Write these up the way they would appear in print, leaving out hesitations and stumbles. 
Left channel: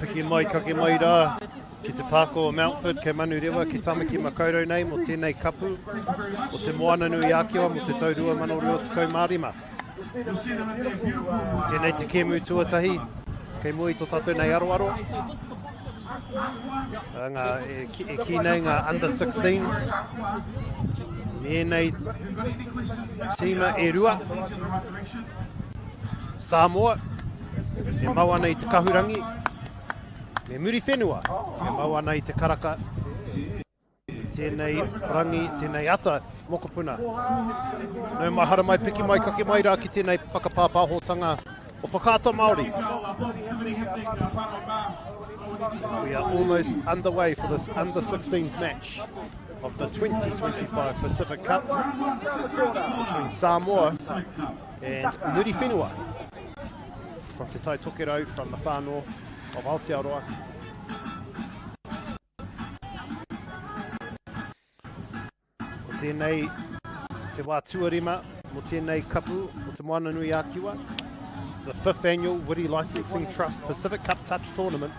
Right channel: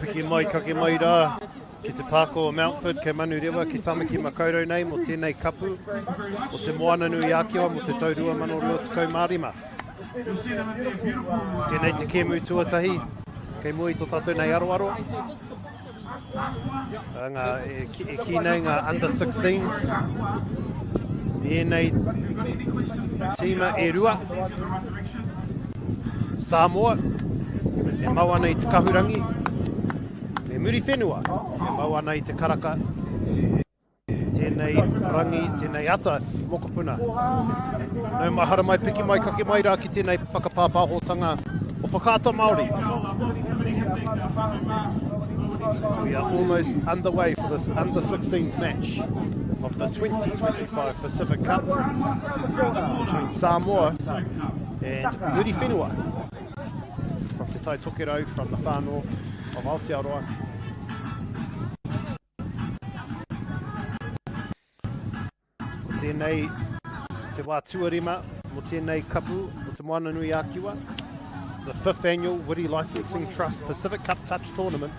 Piki mai, kake mai rā, ki te pāko o Mountfort, kei Manurewa, ki tamaki makaurau nei, mo tēnei kapu, o te moana nui ākiwa, mo te taurua manoro o te kaumārima. Tēnei te kēmu tuatahi, kei mui tō tātou nei aroaro. Ngā, e ki nei ngā under 16s, nei tīma e rua, Samoa, e mau ana i te kahurangi, me muri whenua, e mau ana i te karaka, tēnei rangi, tēnei ata, mokopuna. Nau mahara mai, piki mai, kake mai rā ki tēnei whakapāpāhotanga o whakaata Māori. So we are almost underway for this under 16s match of the 2025 Pacific Cup between Samoa and Muri Whenua from Te Tai Tokerau, from the far north of Aotearoa. Ko tēnei te wā tuarima mo tēnei kapu o te moana nui ākiwa. It's the 5th annual Wiri Licensing Trust Pacific Cup Touch Tournament,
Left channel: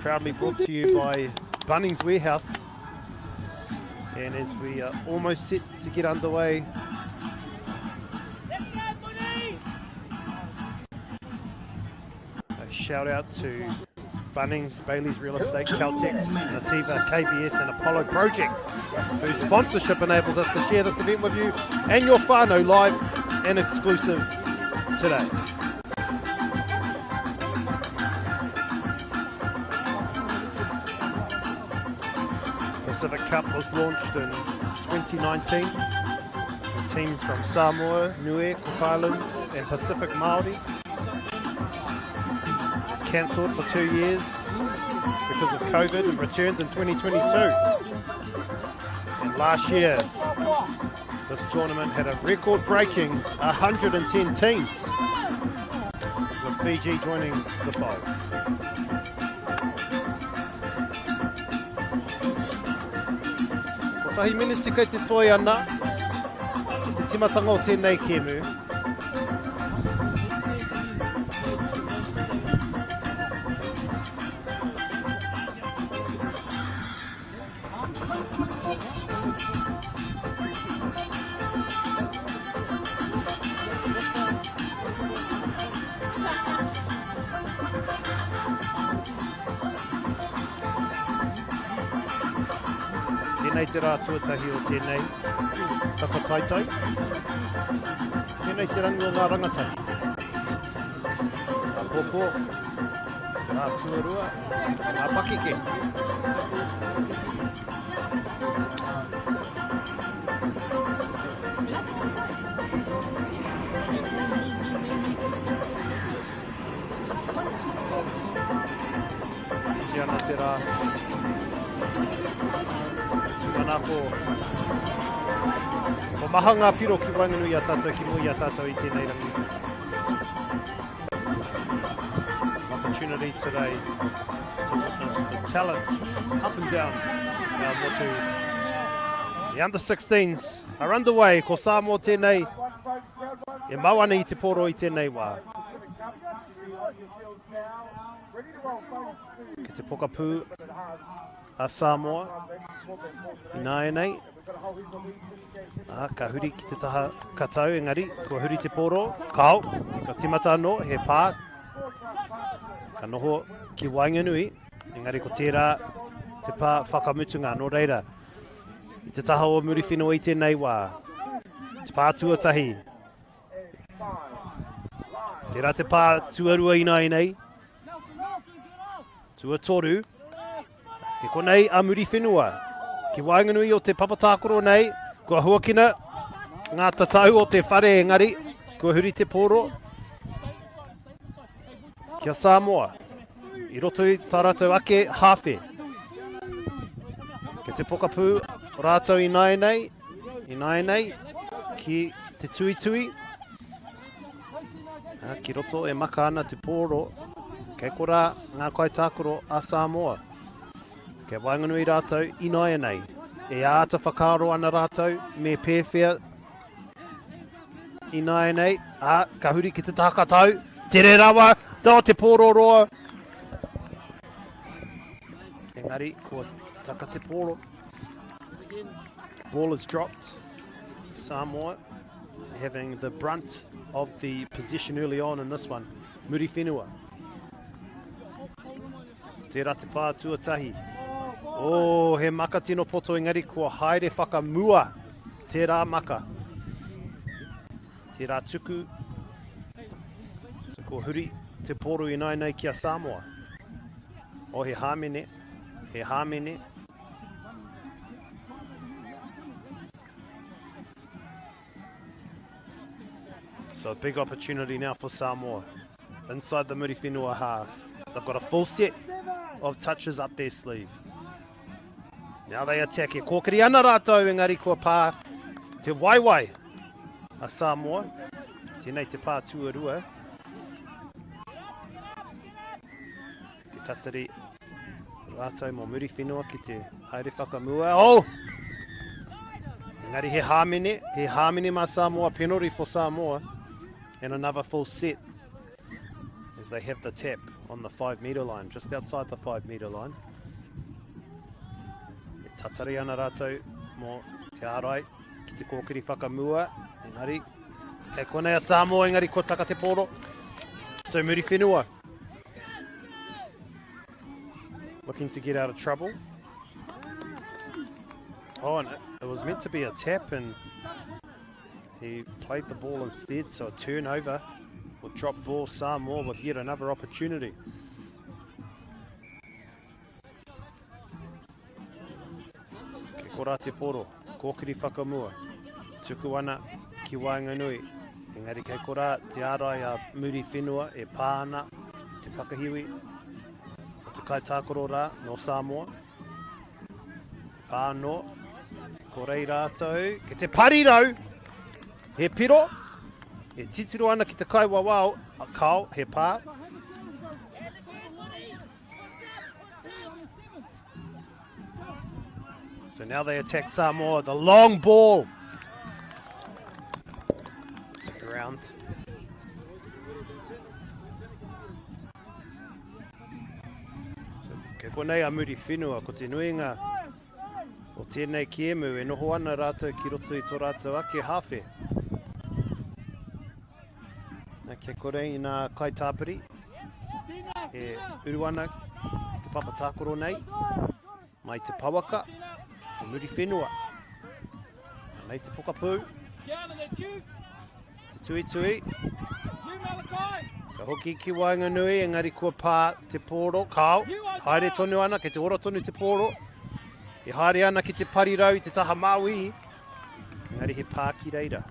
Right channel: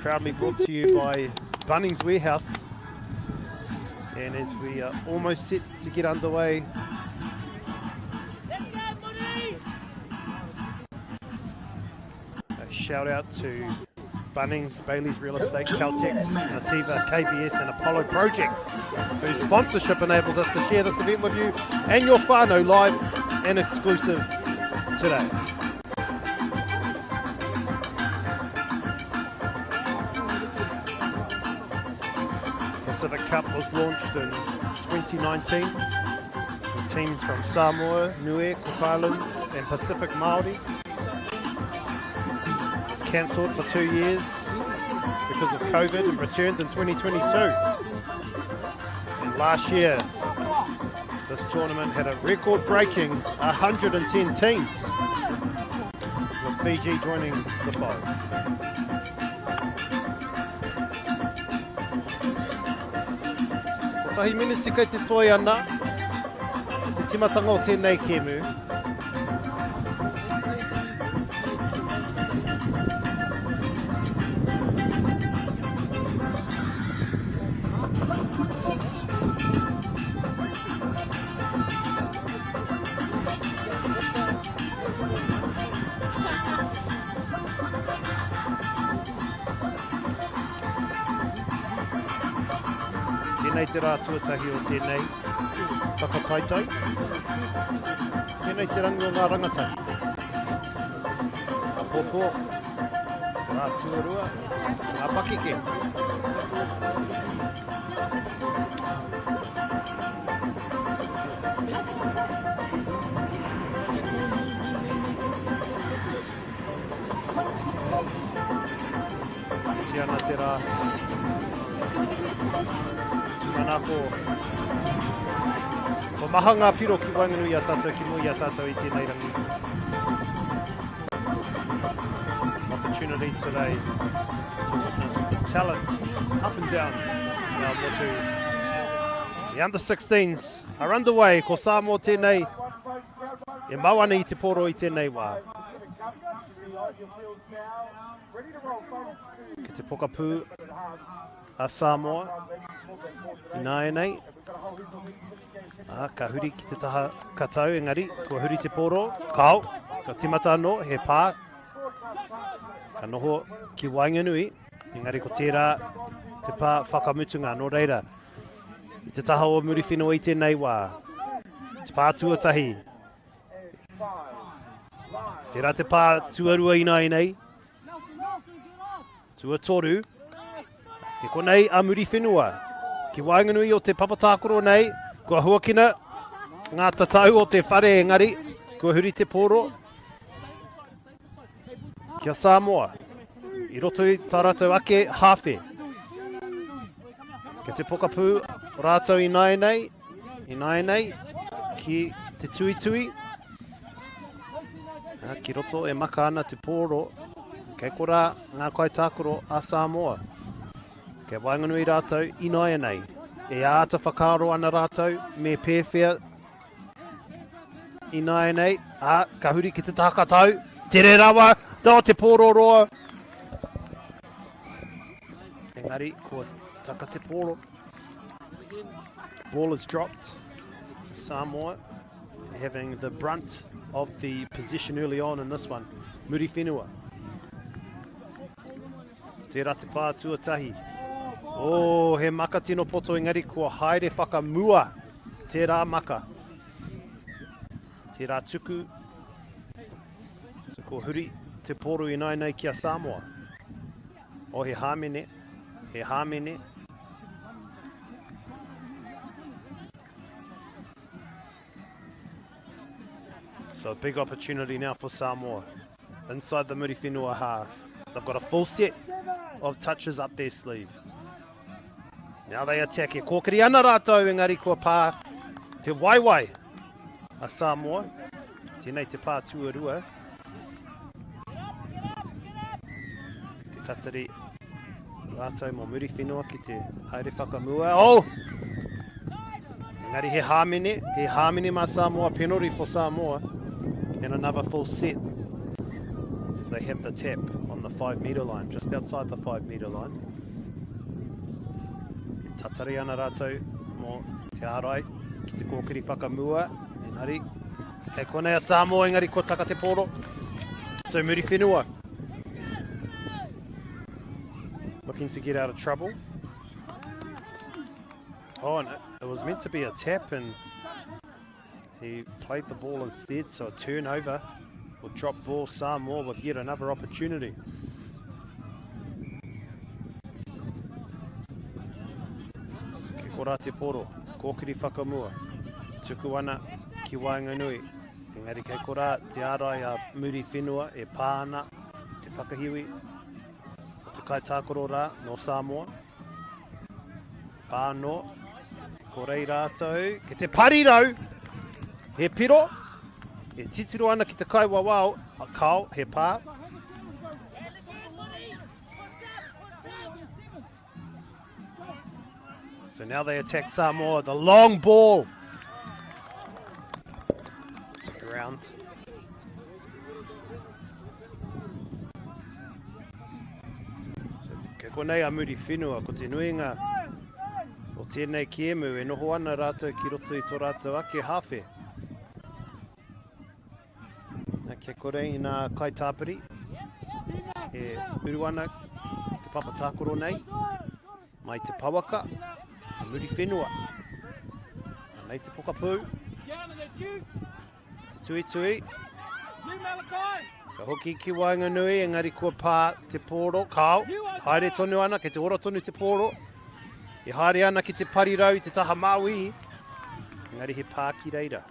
proudly brought to you by Bunnings Warehouse. And as we are almost set to get underway, a shout out to Bunnings, Bailey's Real Estate, Caltex, Nativa, KBS and Apollo Projects, whose sponsorship enables us to share this event with you and your whānau live and exclusive today. Pacific Cup was launched in 2019 with teams from Samoa, Niue, Cook Islands and Pacific Māori. It was cancelled for 2 years because of COVID and returned in 2022. And last year, this tournament had a record-breaking 110 teams, with Fiji joining the fold. Tahi minutes kei te toi ana, te timatanga o tēnei kēmu. Tēnei te rā tuatahi o tēnei whakataitai. Tēnei te rangi o ngā rangatahi. Ngā pōpō, te rā tuarua, ngā pakeke. Tiana te rā. Manako ko maha ngā piro ki wanganui a tātou ki mui a tātou i tēnei rangi. An opportunity today to witness the talent up and down our motu. The under 16s are underway ko Samoa tēnei e mau ana i te poro i tēnei wā. Ki te pokapū a Samoa i nāe nei. Ka huri ki te taha katau, engari, ko huri te poro, kau, ka timata anō, he pā, ka noho ki Wainganui, engari ko tērā te pā whakamutunga, no reira. I te taha o muri whenua i tēnei wā, te pā tuatahi. Tērā te pā tuarua i nāe nei, tuatoru, ke konei a muri whenua. Ki Wainganui o te papatākoro nei, kua huakina ngā tatau o te whare engari, kua huri te poro. Kia Samoa. I roto i tā rātou ake hawhe. Ke te pokapū rātou i nai nei, ki te tui tui. Ki roto e maka ana te pōro, kei kora ngā kai tākoro a Samoa. Kei wainganui rātou i nei. E āta whakaro ana rātou, me pēwhia i nei. Ka huri ki te tākatau, tere rawa, tō te pōro roa. Engari, kua taka te pōro. Ball is dropped. Samoa having the brunt of the position early on in this one. Muri whenua. Tērā te pā tuatahi. Oh, he maka tino poto engari kua haere whakamua. Tērā maka. Tērā tuku. So kua huri te pōro i nei kia Samoa. Oh, he hāmene. He hāmene. So a big opportunity now for Samoa. Inside the Muri Whenua half. They've got a full set of touches up their sleeve. Now they attack it. Kōkiri ana rātou engari kua pā te waiwai a Samoa. Tēnei te pā tuarua. Te tatari rātou mo Muri Whenua ki te haere whakamua. Oh! Engari he hāmene ma Samoa, penalty for Samoa. And another full set as they have the tap on the 5 metre line, just outside the 5 metre line. Tatari ana rātou mo te ārai ki te kōkiri whakamua. Engari, kei konei a Samoa, engari ko taka te pōro. So Muri Whenua looking to get out of trouble. Oh, and it was meant to be a tap and he played the ball instead, so a turnover for drop ball. Samoa with yet another opportunity. Ke kora te poro, kōkiri whakamua, tuku ana ki Wainganui. Engari kei kora te ārai a Muri Whenua e pāna te pakahiwi o te kai tākoro rā no Samoa. Pāno, ko rei rātou, ke te parirau. He piro, he titiro ana ki te kai wawao, a kao, he pā. So now they attack Samoa, the long ball. To ground. So ke konei a Muri Whenua, ko te nuinga o tēnei kiemu, e noho ana rātou ki roto i tō rātou ake hawhe. Ke kore i nā kai tāpiri, e uru ana ki te papa tākoro nei, mai te pawaka, a Muri Whenua. Nei te pokapū, te tui tui, ka hoki ki Wainganui, engari kua pā te pōro, kao, haere tonu ana, ke te ora tonu te pōro, e haere ana ki te parirau i te taha Maui, engari he pā ki reira.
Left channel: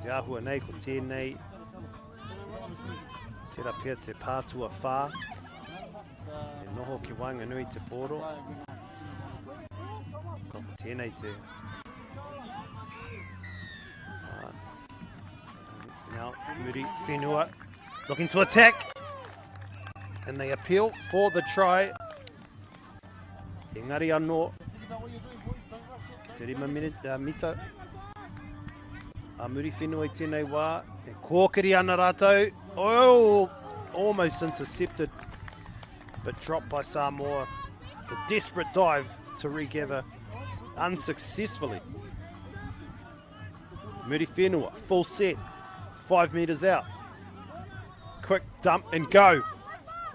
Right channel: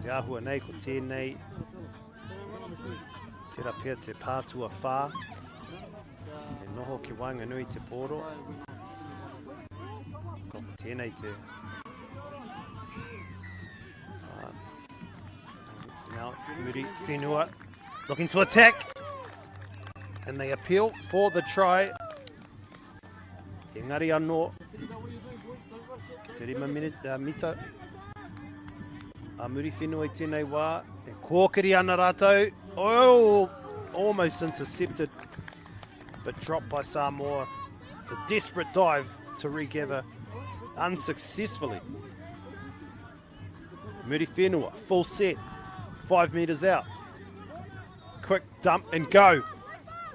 Te ahua nei, ko tēnei, tērā pia te pātua whā, e noho ki Wainganui te pōro, ko tēnei te now Muri Whenua looking to attack, and they appeal for the try. Engari anō, ki te 5 mita, a Muri Whenua i tēnei wā, e kōkiri ana rātou. Oh, almost intercepted, but dropped by Samoa. The desperate dive to regather unsuccessfully. Muri Whenua, full set, 5 metres out. Quick dump and go.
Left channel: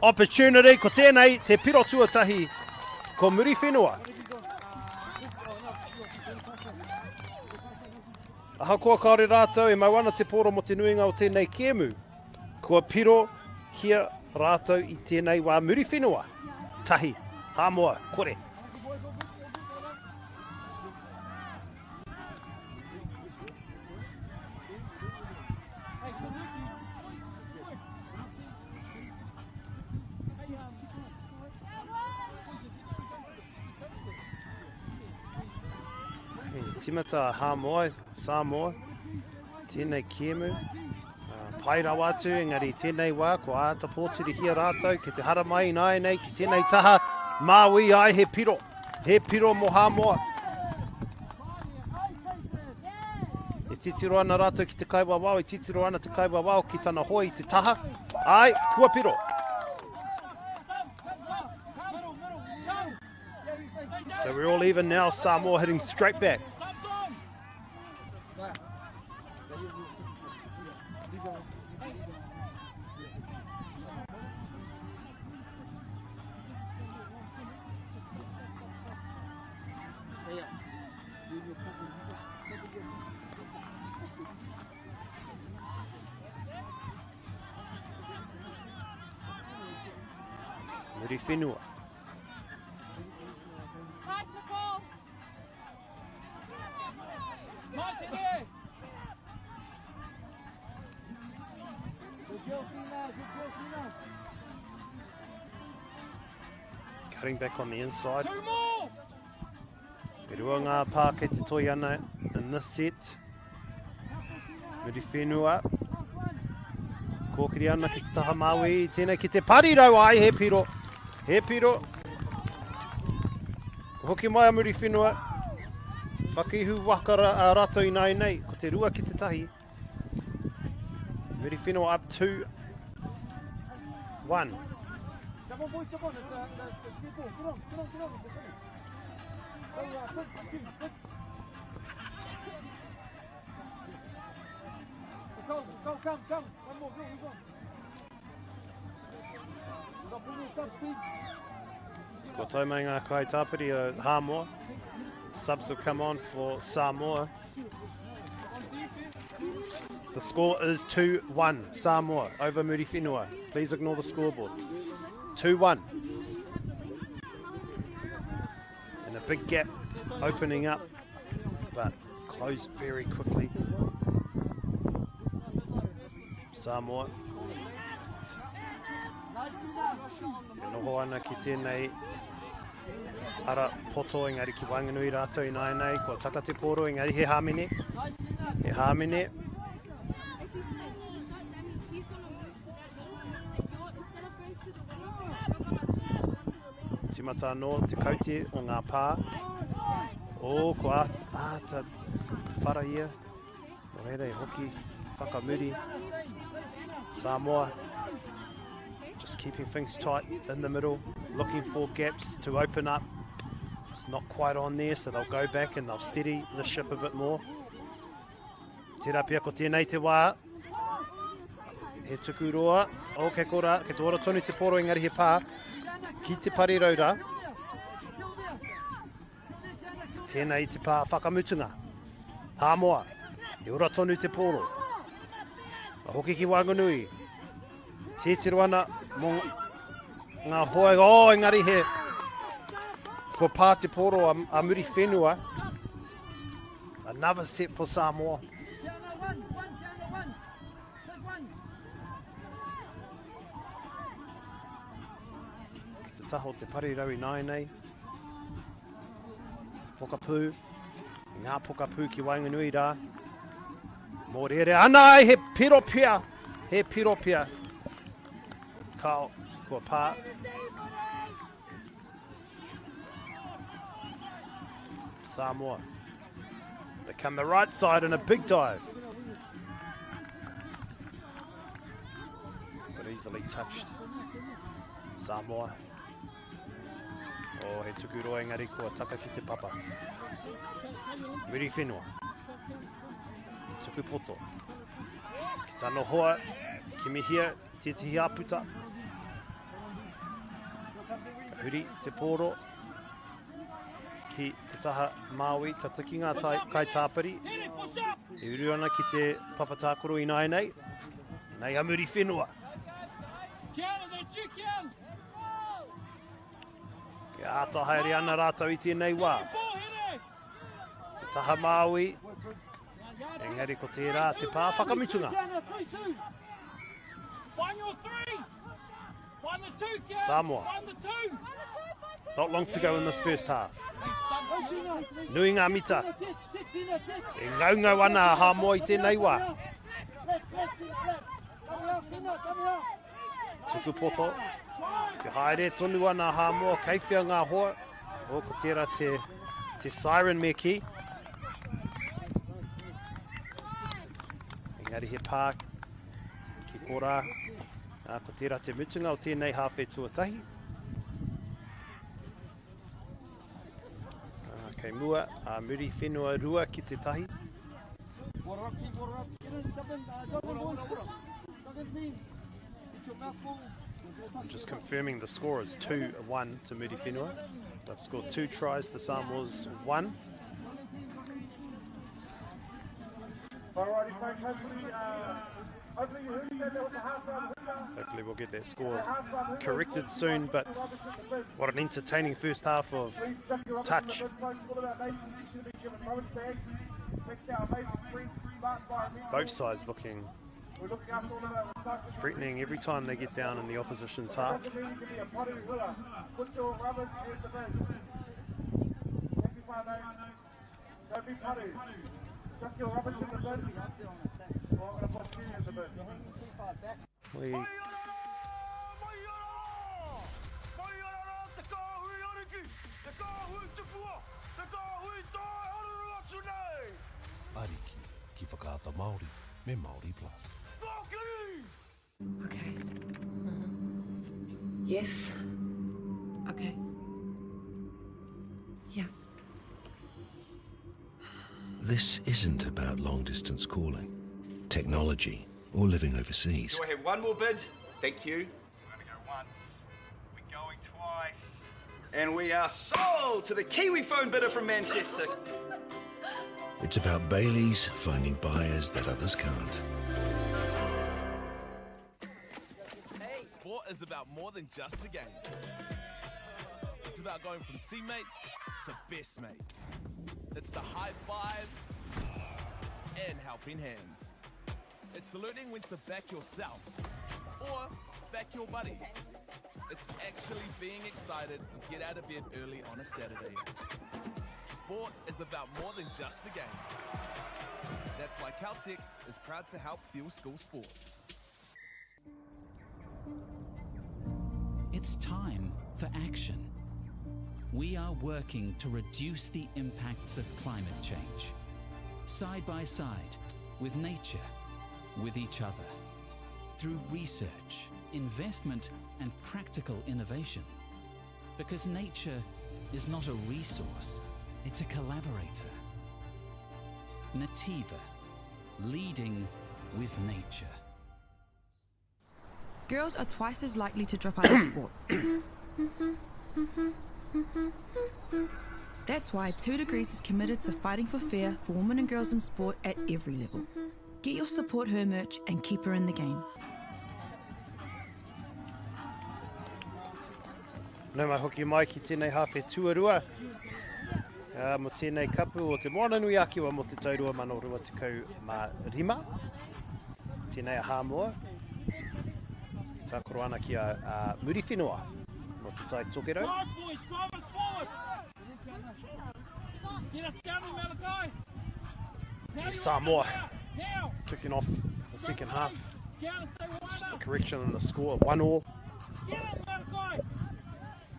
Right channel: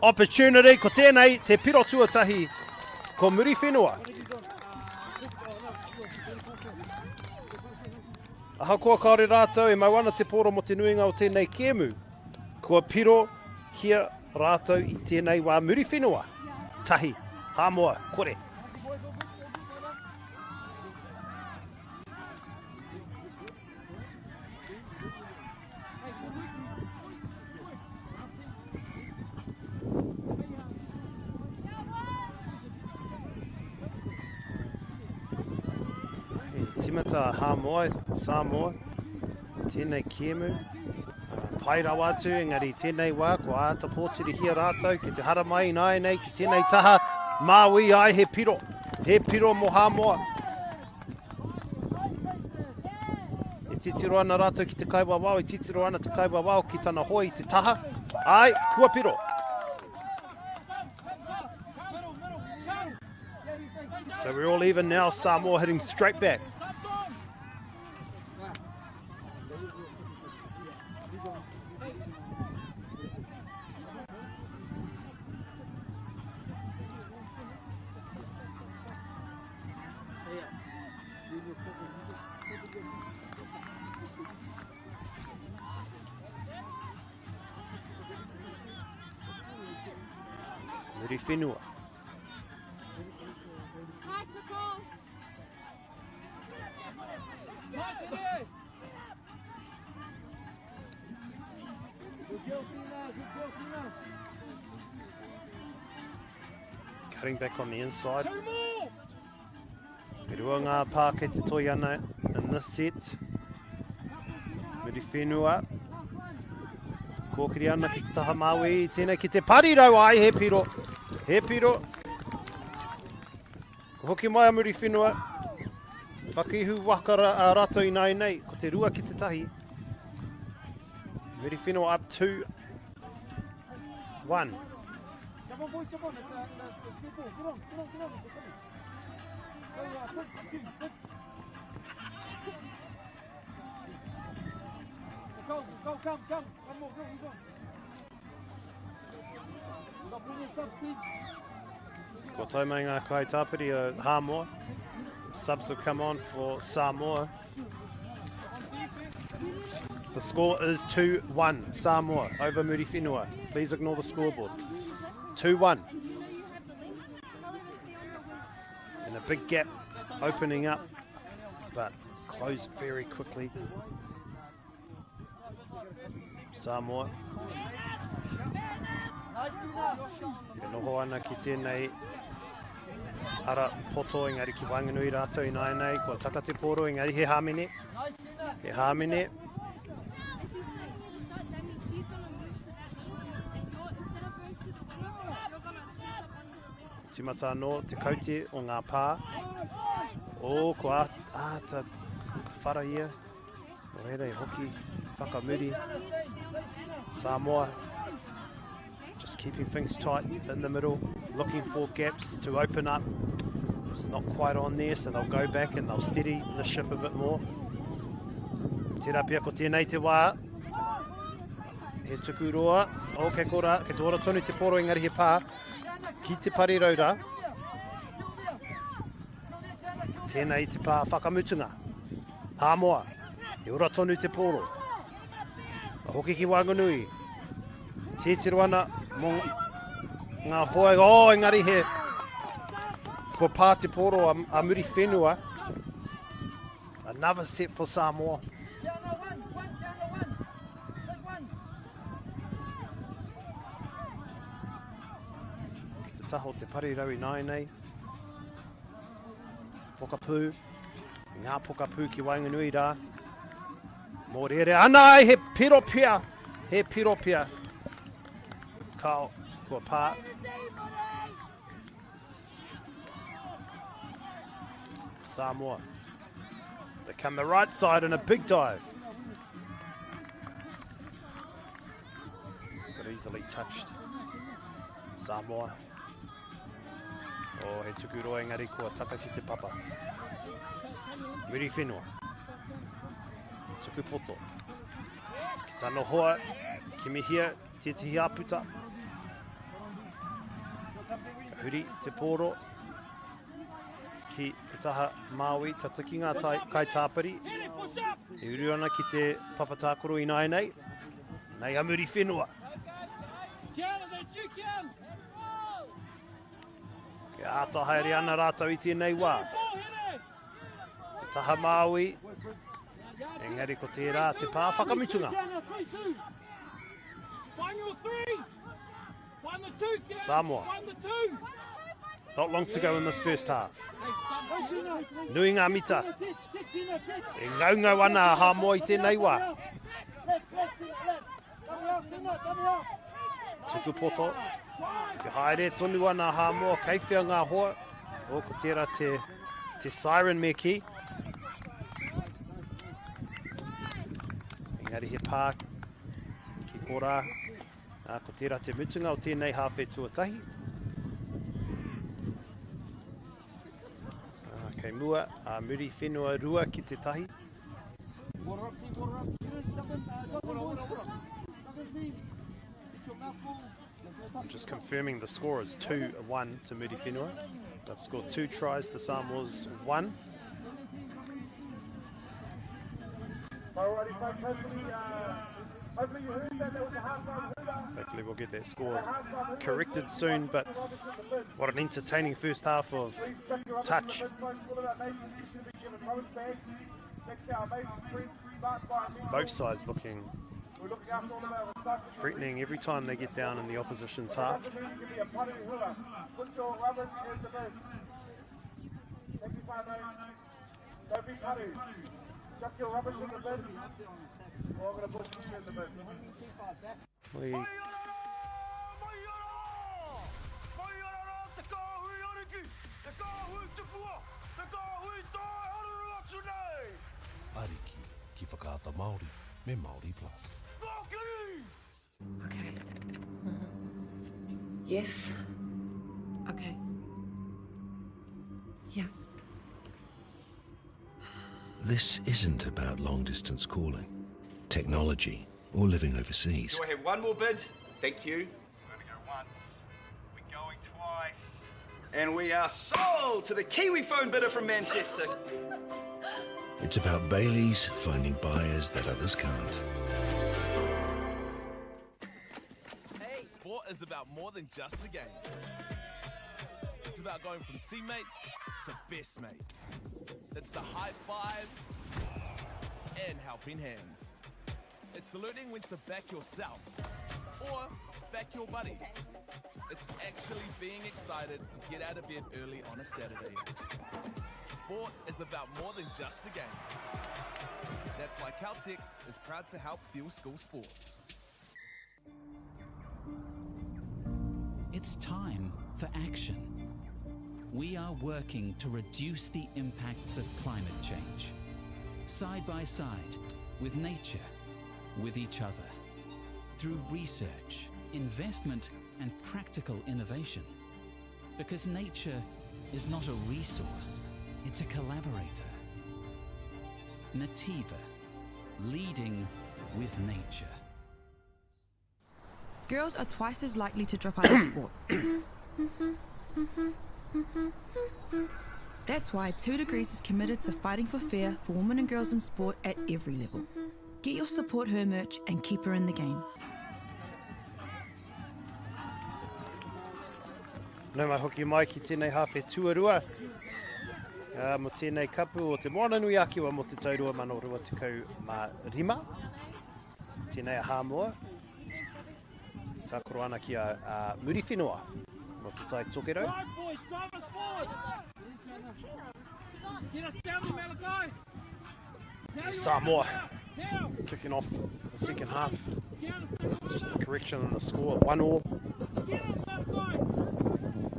Opportunity, ko tēnei, te piro tuatahi, ko Muri Whenua. Aha kua kaore rātou e mauana te pōro mo te nuinga o tēnei kēmu. Kua piro hia rātou i tēnei wā Muri Whenua. Tahi, hāmoa, kore. Timata Hamoa, Samoa, tēnei Kemu. Pai rawa atu, engari tēnei wā, ko āta pōturi hia rātou, ki te hara mai nai nei, ki tēnei taha, Māui ai he piro mo Hamoa. E titiro ana rātou ki te kaiwa wao, e titiro ana te kaiwa wao ki tana hoi te taha, ai, kua piro. So we're all even now, Samoa hitting straight back. Muri whenua. Cutting back on the inside. Te rua ngā pā kei te toi ana in this set. Muri whenua. Kōkiri ana ki te taha Māui, tēnei ki te parirau ai, he piro. He piro. Ko hoki mai a muri whenua. Whakihu wakara a rato I nei, ko te rua ki te tahi. Muri whenua up 2-1. Come on, boys, come on. It's good ball. Get on. Go, come. One more, go. Bring yourself, Steve. Ko tau mai ngā kai tāpiri o Hamoa. Subs have come on for Samoa. The score is 2-1, Samoa over Muri Whenua. Please ignore the scoreboard. 2-1. And a big gap opening up, but closed very quickly. Samoa. Ka noho ana ki tēnei ara poto engari ki wanganui rātou I nei, kua taka te poro engari he hāmene. He hāmene. Timata anō te kaute o ngā pā. O, ko āta whara ia. No reira hoki whakamuri. Samoa. Just keeping things tight in the middle, looking for gaps to open up. It's not quite on there, so they'll go back and they'll steady the ship a bit more. Tērā pia ko tēnei te wā. He tuku roa. O ke kora, ke tōra tonu te poro engari he pā. Ki te parirauda. Tēnei te pā whakamutunga. Hamoa. He ora tonu te poro. Hoki ki Wanganui. Tētiro ana mō ngā hoa. O, engari he. Ko pā te poro a Muri Whenua. Another set for Samoa. Ki te taho te parirau I nei. Te pokapū. Ngā pokapū ki Wanganui rā. Mō rere ana he piropia. He piropia. Kao kua pā. Samoa. They come the right side in a big dive. But easily touched. Samoa. O he tuku roa engari kua taka ki te papa. Muri Whenua. Tuku poto. Ki tano hoa. Ki mihia. Tētihi aputa. Ka huri te poro. Ki te taha Māui, tataki ngā kai tāpiri. E uru ana ki te papatākoro I nei. Nei a Muri Whenua. Ke āta haere ana rātou I tēnei wā. Te taha Māui. Engari ko tērā te pā whakamutunga. Samoa. Not long to go in this first half. Nui ngā mita. E ngaunga wana a Hamoa I tēnei wā. Tuku poto. Te haere tonu ana a Hamoa, keiwhia ngā hoa. O, ko tērā te siren me ki. Engari he pā ki kora. Ko tērā te mutunga o tēnei hawhe tuatahi. Kei mua, muri whenua rua ki te tahi. I'm just confirming the score is 2-1 to Muri Whenua. They've scored 2 tries, the Samoa's 1. Hopefully we'll get that score corrected soon, but what an entertaining first half of touch. Both sides looking threatening every time they get down in the opposition's half. Ariki ki whakaata Māori me Māori Plus. Okay. Yes. Okay. Yeah. This isn't about long-distance calling, technology, or living overseas. Do I have one more bid? Thank you. We're going to go one. We're going twice. And we are sold to the Kiwi phone bidder from Manchester. It's about Bailey's finding buyers that others can't. Sport is about more than just the game. It's about going from teammates to best mates. It's the high fives and helping hands. It's learning when to back yourself or back your buddies. It's actually being excited to get out of bed early on a Saturday. Sport is about more than just the game. That's why Caltex is proud to help fuel school sports. It's time for action. We are working to reduce the impacts of climate change, side by side, with nature, with each other, through research, investment, and practical innovation. Because nature is not a resource, it's a collaborator. Nativa, leading with nature. Girls are twice as likely to drop out of sport. That's why 2 Degrees is committed to fighting for fair for women and girls in sport at every level. Get your Support Her merch and keep her in the game. Nau mai hoki mai ki tēnei hawhe tuarua. Mo tēnei kapu o te moana nui akiwa mo te taurua Manurewa tekau mā rima. Tēnei a Hamoa. Tā koro ana ki a Muri Whenua mo te tai tokerau. Samoa kicking off the second half. It's just the correction in the score, 1-1.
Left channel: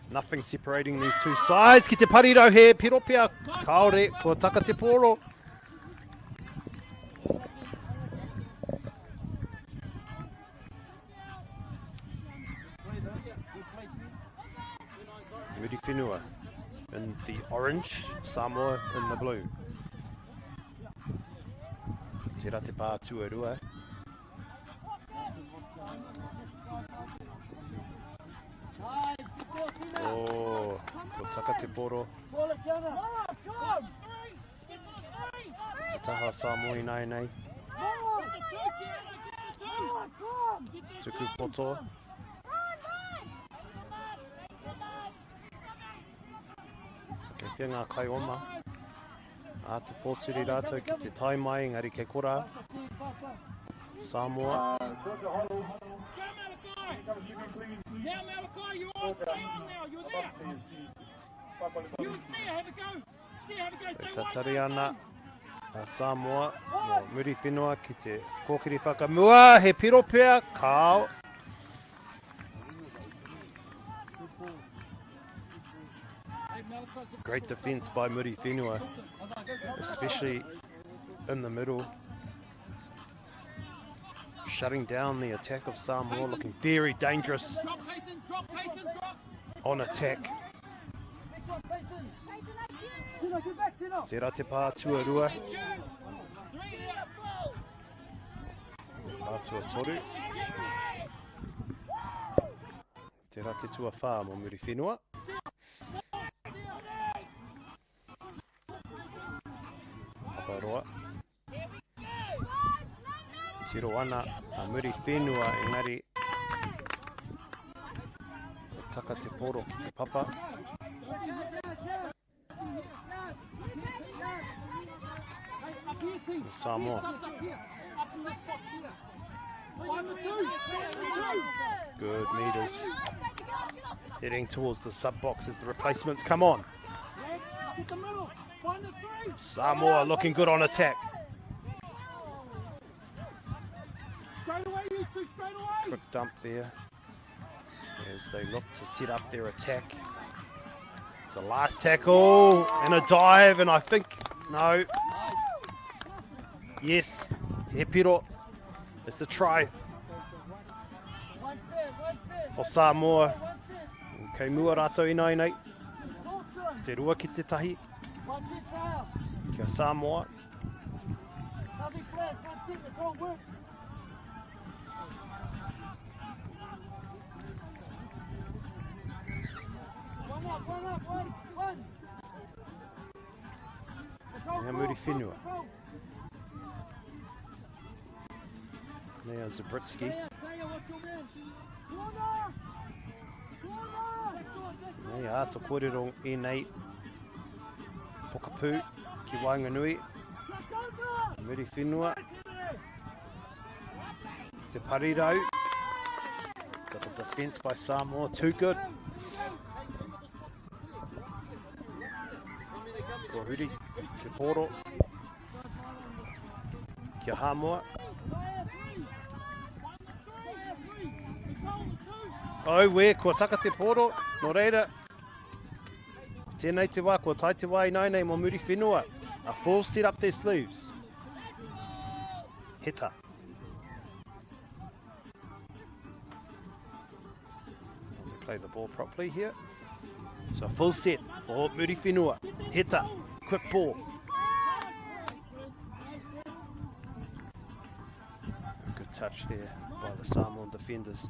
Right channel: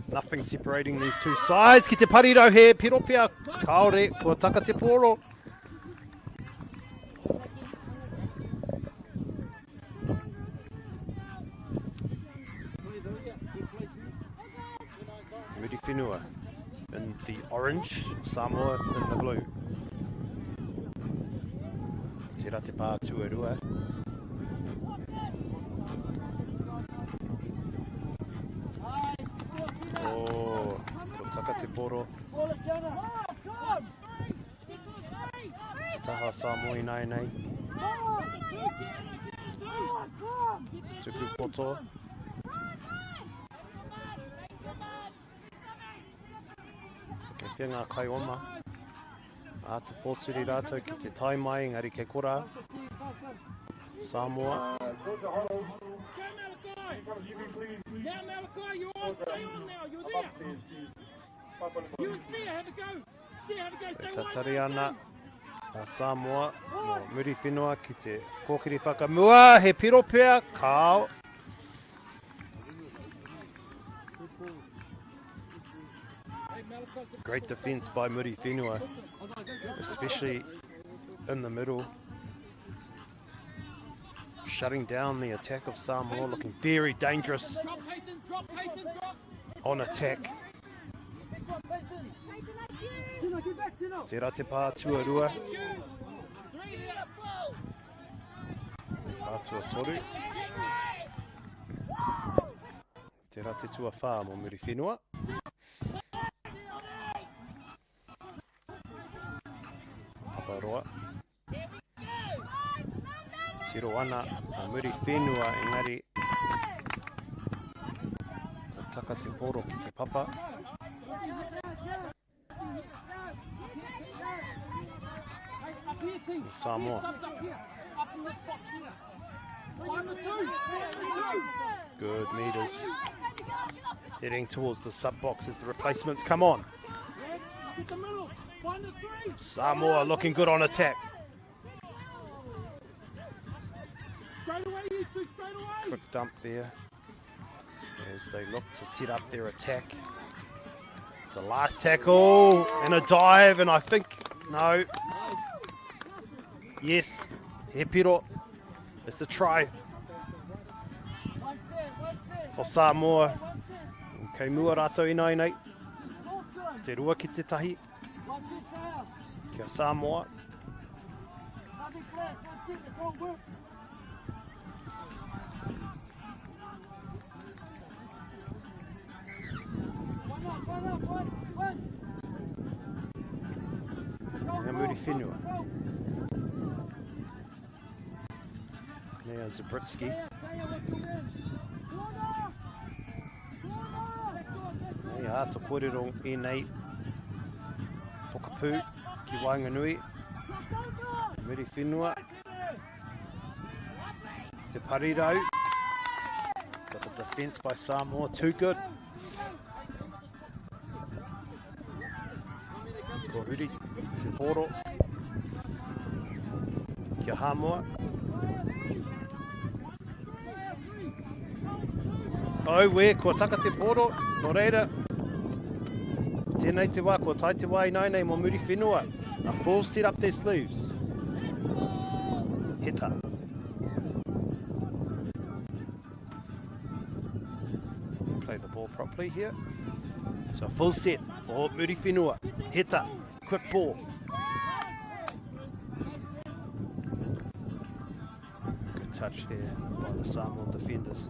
Nothing separating these two sides. Ki te pariro he piropia, kaore kua taka te poro. Muri Whenua in the orange, Samoa in the blue. Tērā te pā tuarua. Oh, ko taka te poro. Te taha Samoa nai nei. Tuku poto. Kei whia ngā kai oma. A te pōturi rātou ki te tai mai, ngari ke kora. Samoa. Now, Malachi, you're on now. You're there. You see it. Have a go. Tatari ana a Samoa no muri whenua ki te kōkiri whakamua, he piro pea, kao. Great defence by Muri Whenua, especially in the middle. Shutting down the attack of Samoa, looking very dangerous on attack. Tērā te pā tuarua. Pātua toru. Tērā te tua whā mo Muri Whenua. Paparoa. Tiro ana a Muri Whenua, engari ka taka te poro ki te papa. Samoa. Good meters. Heading towards the sub box as the replacements come on. Samoa looking good on attack. Quick dump there as they look to set up their attack. It's a last tackle and a dive, and I think, no. Yes, he piro. It's a try for Samoa. Kei mua rātou ina nei. Te rua ki te tahi. Kia Samoa. Nea Muri Whenua. Nea Zabritsky. Nea ato kōrero e nei pokapū ki Wainganui. Muri Whenua. Te parirau. Got the defence by Samoa, too good. Ko huri, te poro. Kia Hamoa. Oh, where, ko taka te poro, no reira. Tēnei te wā, ko tai te wā i nei mo Muri Whenua. A full set up their sleeves. Heta. Play the ball properly here. So a full set for Muri Whenua. Heta. Quick ball. Good touch there by the Samoan defenders.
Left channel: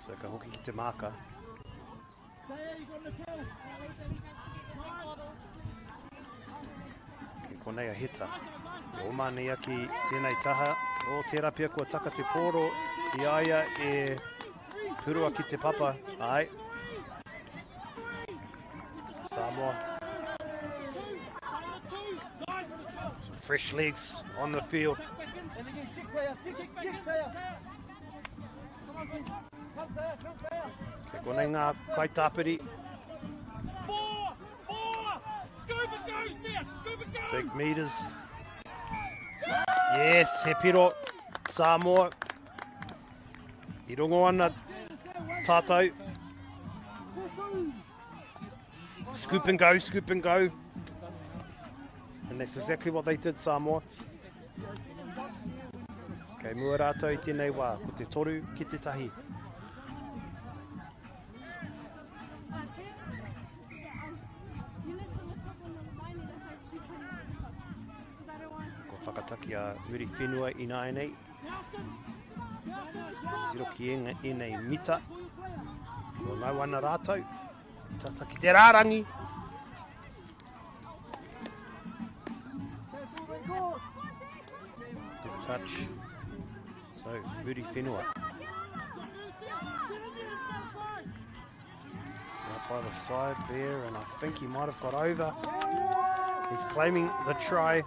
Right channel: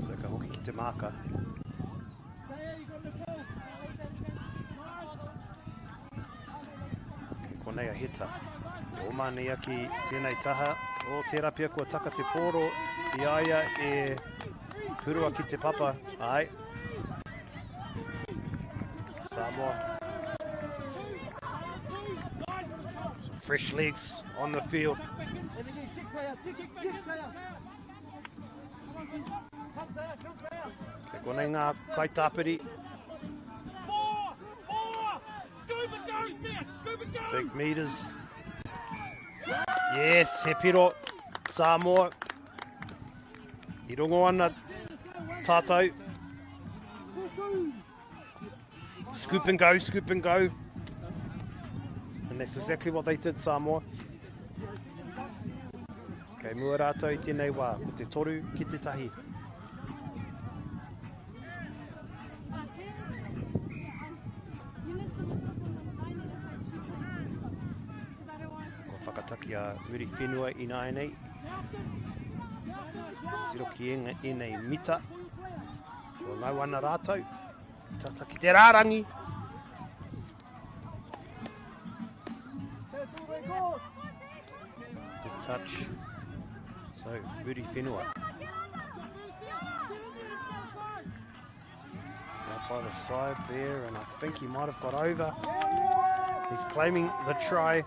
So ka hoki ki te maka. Ke konei a Heta. E o mani aki tēnei taha. O tērā pia kua taka te poro. I aia e purua ki te papa. Ai. Samoa. Some fresh legs on the field. Ke konei ngā kaitapiri. Big meters. Yes, he piro. Samoa. I rongo ana tātou. Scoop and go, scoop and go. And that's exactly what they did, Samoa. Kei mua rātou I tēnei wā, ko te toru ki te tahi. Ko whakataki a Muri Whenua I nei. Tiro ki e nei mita. Ko ngau ana rātou. Tata ki te rārangi. Good touch. So, Muri Whenua. Out by the side there, and I think he might have got over. He's claiming the try,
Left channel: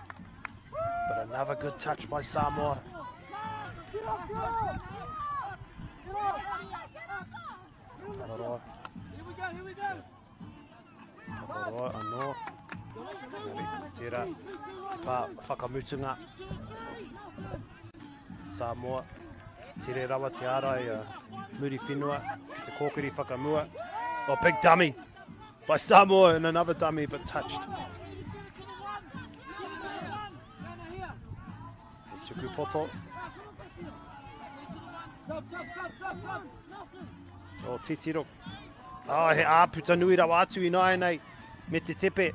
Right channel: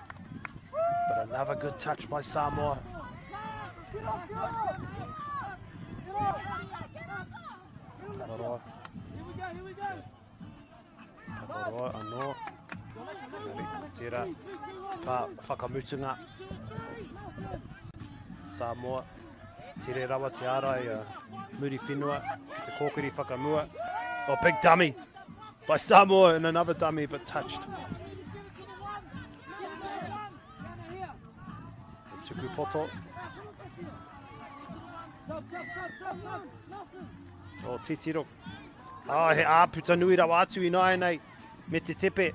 but another good touch by Samoa. Paparoa. Paparoa anō. Engari, tērā, te pā whakamutunga. Samoa, tere rawa te ārai muri whenua, te kōkiri whakamua. Oh, big dummy by Samoa and another dummy, but touched. Tuku poto. Oh, titiro. Oh, he āputa nui rawa atu I nai nei. Me te tepe,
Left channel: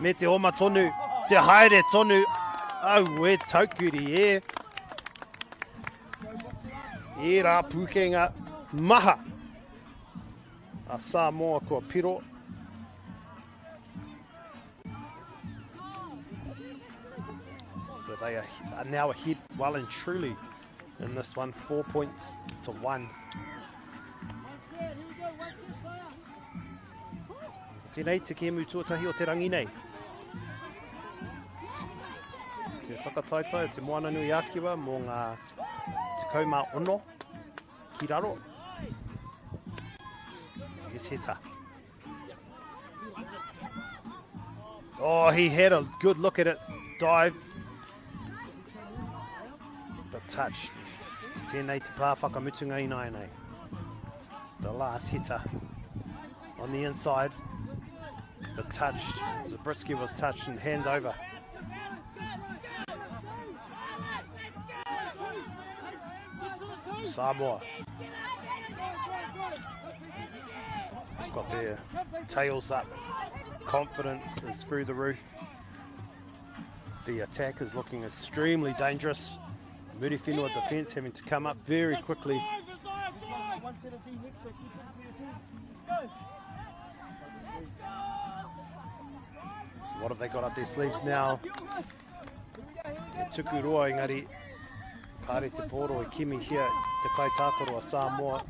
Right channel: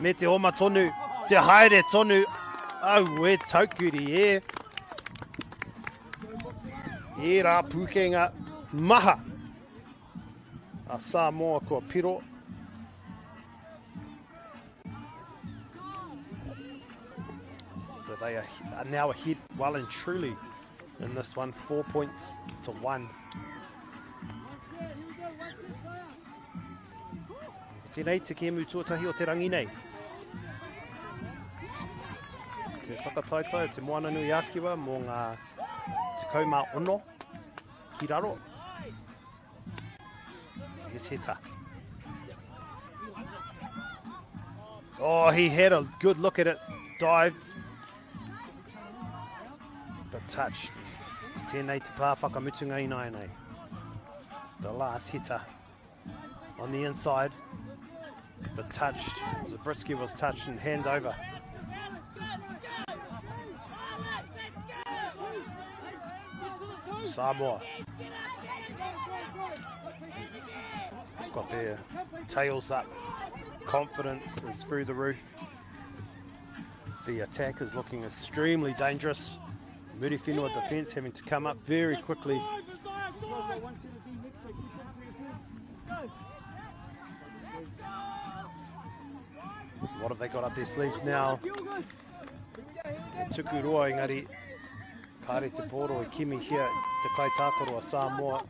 me te oma tonu, te haere tonu. Oh, we taukuri e. E rā pūkenga maha. A Samoa kua piro. So they are now ahead well and truly in this one, 4 points to 1. Tēnei te kēmu tuatahi o te rangi nei. Te whakataitai o te moana nui ākiwa mō ngā te kaumā ono ki raro. Here's Heta. Oh, he had a good look at it, dived, but touched. Tēnei te pā whakamutunga I nai nei. The last Heta on the inside, but touched. Zabriskie was touched and hand over. Samoa got their tails up. Confidence is through the roof. The attack is looking extremely dangerous. Muri Whenua defence having to come up very quickly. What have they got up their sleeves now? Te tuku roa engari. Kāre te poro I kimi here, te kai tākoro a Samoa.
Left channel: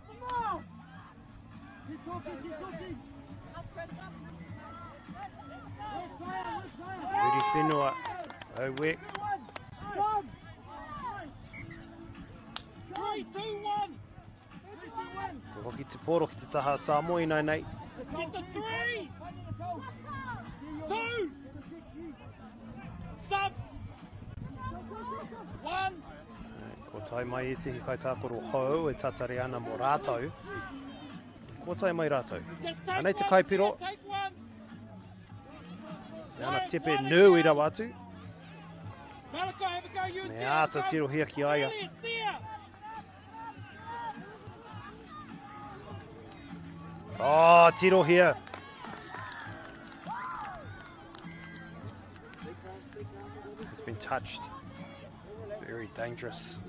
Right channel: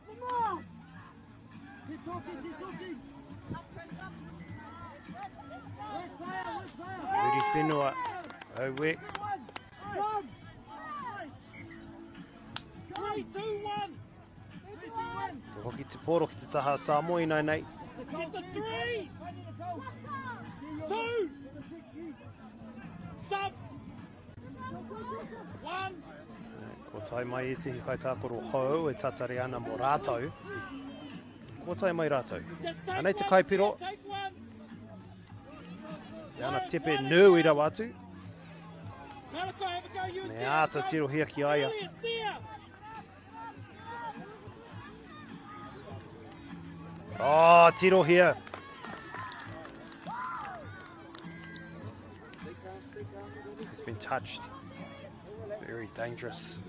Muri Whenua, au we. Ko hoki te poro ki te taha Samoa I nai nei. Ko tai mai e te kai tākoro hou e tatare ana mō rātou. Ko tai mai rātou. Anei te kaipiro. E ana tepe nui rawa atu. Me āta tiro hia ki aia. Oh, tiro hia. Has been touched. Very dangerous.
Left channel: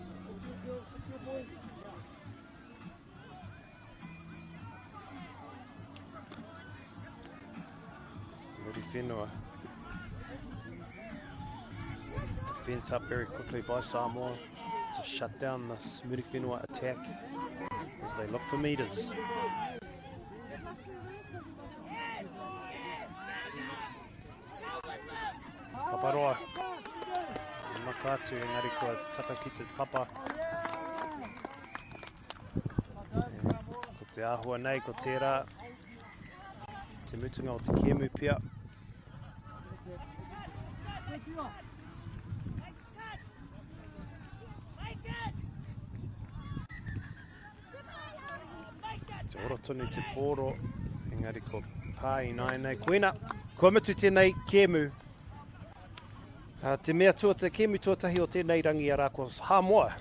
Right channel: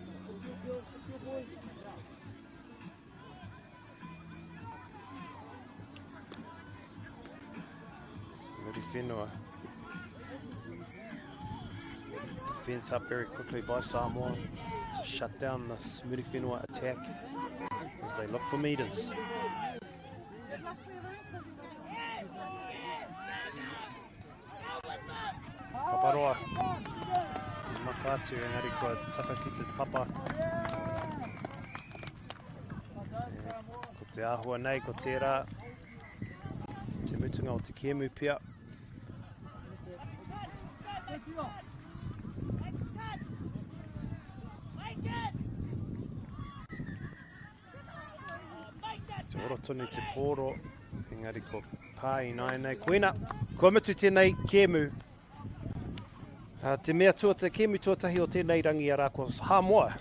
Muri Whenua. Defence up very quickly by Samoa to shut down this Muri Whenua attack as they look for meters. Paparoa. Makatu engari kua taka ki te papa. Ko te āhua nei, ko tērā. Te mutunga o te kēmu pia. Te oro tonu te pōro. Engari ko pā I nai nei. Koina, kua mutu tēnei kēmu. Te mea tua te kēmu tuatahi o tēnei rangi ara ko Samoa.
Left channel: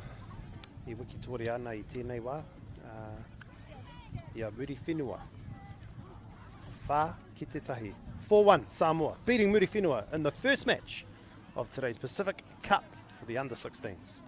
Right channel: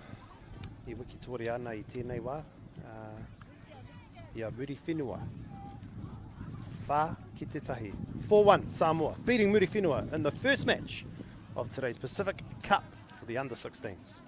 I wiki tuari ana I tēnei wā. Ia Muri Whenua. Whā ki te tahi. 4-1 Samoa, beating Muri Whenua in the first match of today's Pacific Cup for the under-16s.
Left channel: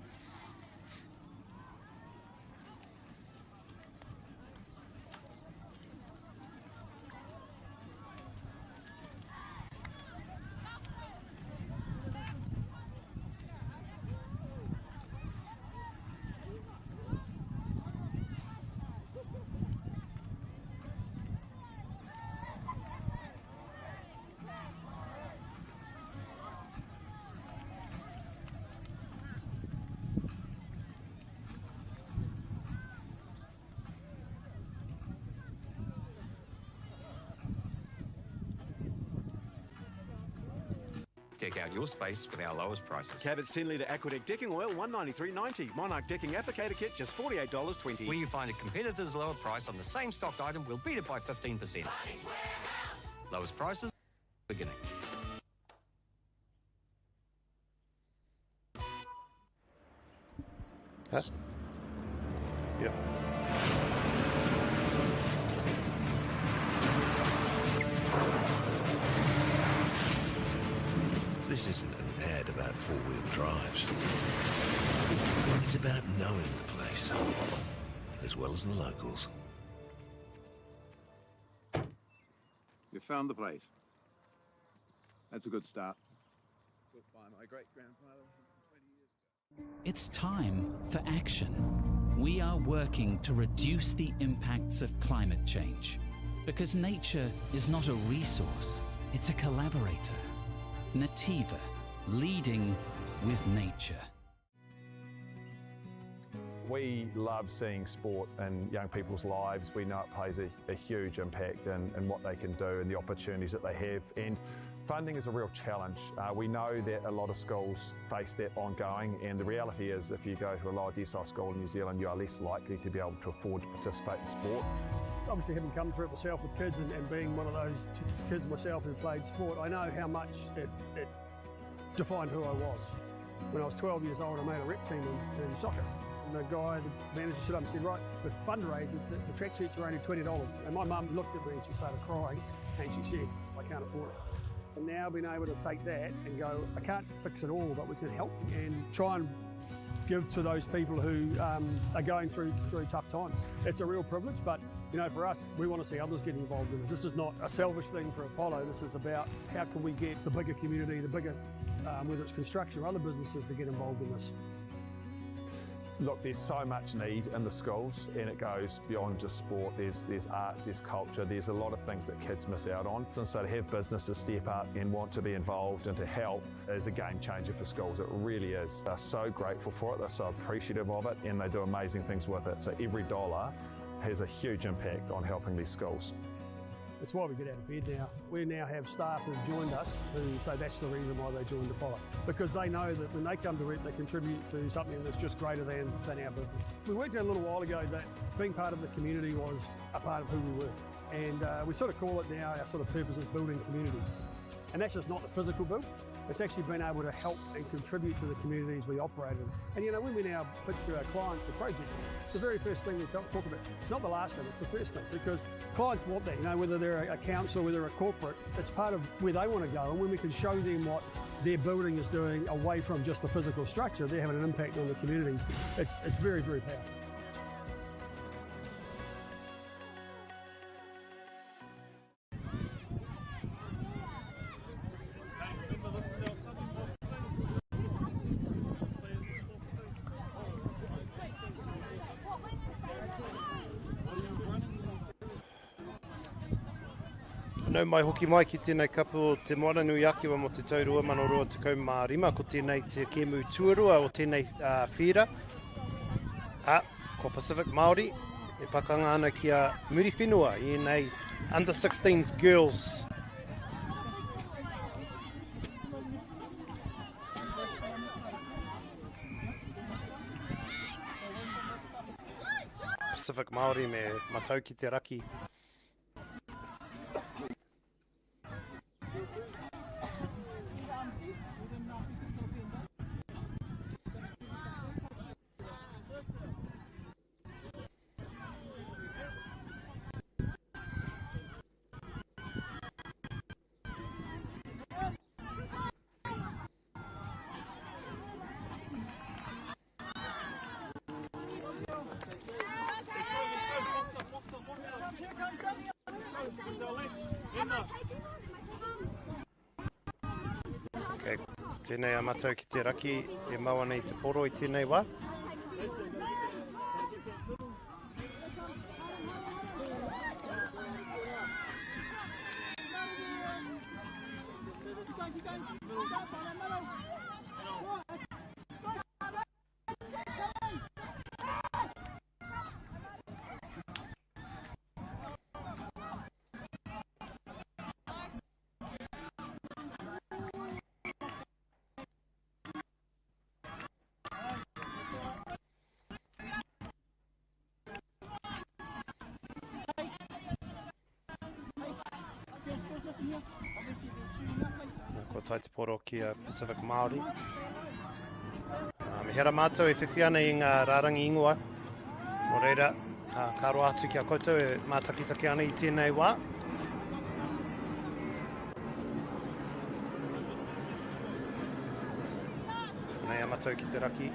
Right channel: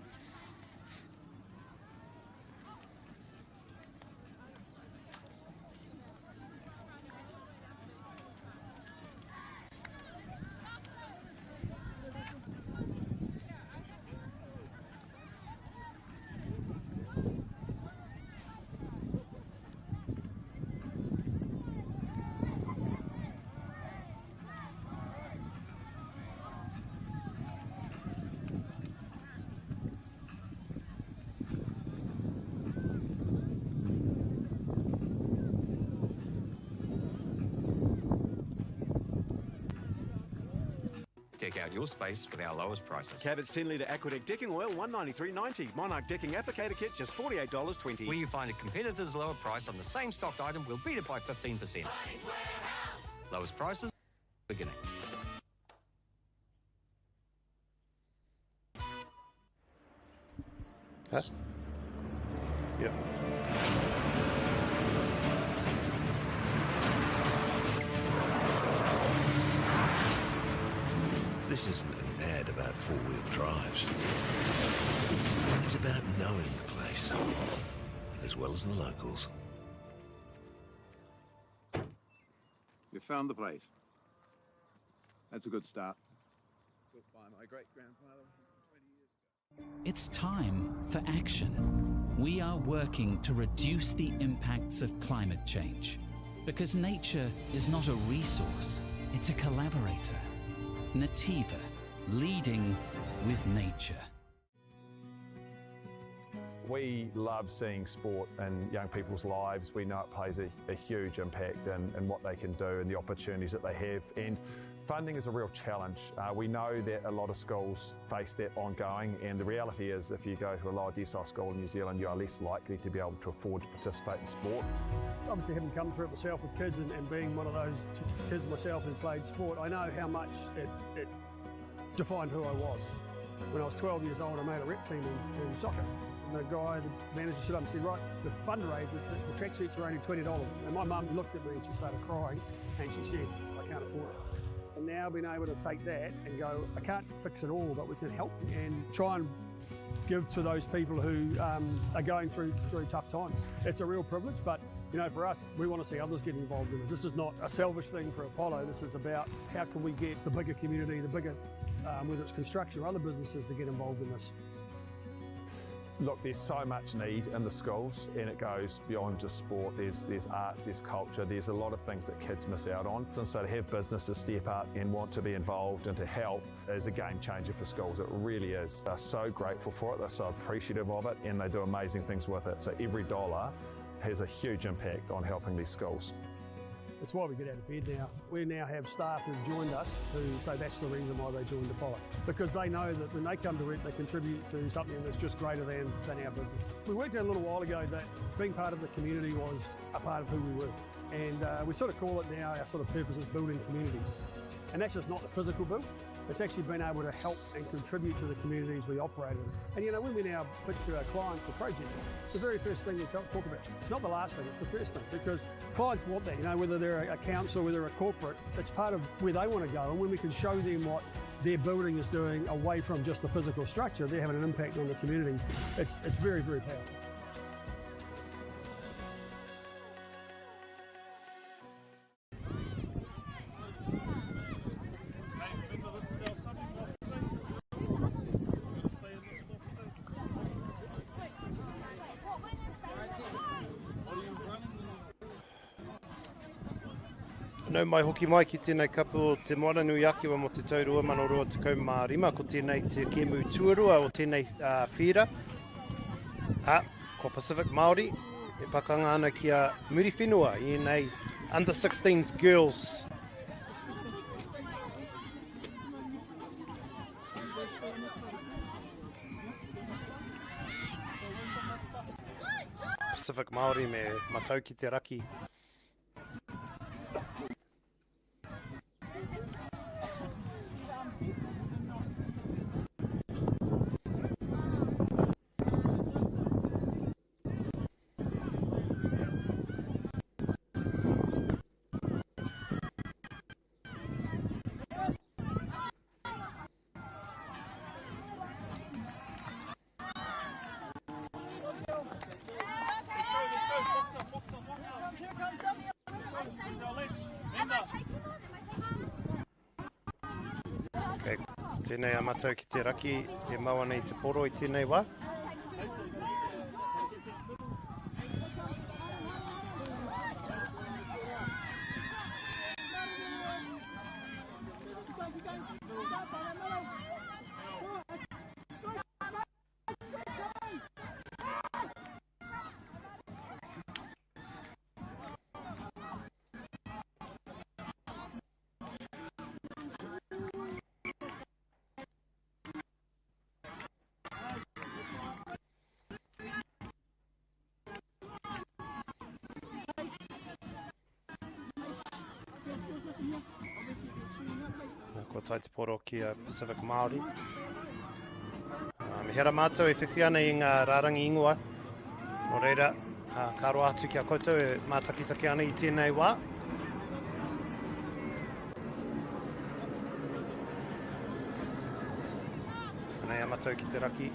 Deck out your space with our lowest prices. Cabot's 10-litre Aquadeck decking oil, $193.90. Monarch decking applicator kit, just $48.20. Where you find a competitor's lower price on the same stocked item, we'll beat it by 15%. Lowest prices, beginning. Huh? Yeah. This isn't an ad about four-wheel drives. It's about knowing the place, as well as the locals. You found the place. That's a good start. Built by my great-grandfather 20 years ago. It's time for action. We are working to reduce the impacts of climate change, because nature is not a resource, it's a collaborator. Nativa, leading with nature. We love seeing sport in young people's lives. We know it plays a huge impact in what they can do and the opportunities that they have. And funding is a real challenge. We know that a lot of schools face that ongoing, and the reality is if you go to a lower decile school in New Zealand, you are less likely to be able to afford to participate in sport. Obviously, having come through it myself with kids and being one of those kids myself who played sport, I know how much it defined who I was. When I was 12 years old, I made a rep team in soccer. And the guy, the manager, stood up and said, right, with fundraising, the track suits are only $20. And my mum looked at me and she started crying and she said, I can't afford it. And now being able to take that and go, I can't fix it all, but we can help and try and give to those people who are going through tough times. It's a real privilege, but you know, for us, we want to see others get involved in this. This is not a selfish thing for Apollo. This is about how can we get the bigger community, the bigger, whether it's construction or other businesses, to get involved in this. Look, there's so much need in the schools, and it goes beyond just sport. There's arts, there's culture, there's a lot of things that kids miss out on. And so to have businesses step up and want to be involved and to help is a game changer for schools. It really is. They're so grateful for it, they're so appreciative of it, and they do amazing things with it. So every dollar has a huge impact on helping these schools. That's why we get out of bed now. We now have staff who've joined us who say that's the reason why they joined Apollo. Because they know that when they come to work, they contribute to something that's just greater than our business. We worked out a little while ago that being part of the community was a part of who we were. And we sort of call it now, our sort of purpose is building communities. And that's just not the physical build. It's actually been able to help and contribute to the communities we operate in. And you know, when we now pitch to our clients for projects, it's the very first thing we talk about. It's not the last thing, it's the first thing, because clients want that, you know, whether they're a council, whether they're a corporate, it's part of where they want to go. And when we can show them what their building is doing away from just the physical structure, they're having an impact on the communities. It's very, very powerful. Nau mai hoki mai ki tēnei kapu o te moana nui akiwa mo te taurua Manurewa tekau mā rima ko tēnei te kemu tuarua o tēnei whira. Ko Pacific Māori e pakanga ana ki a muri whenua I nei under 16s girls. Pacific Māori me matau ki te raki. Okay, tēnei a matau ki te raki e maua nei te poro I tēnei wā. Ko tai te poro ki a Pacific Māori. Me hera mātou e whiwhia nei i ngā rārangi ingoa. Nō reira, ka roa atu ki a koutou e mātakitaki ana i tēnei wā. Nei a mātou ki te raki.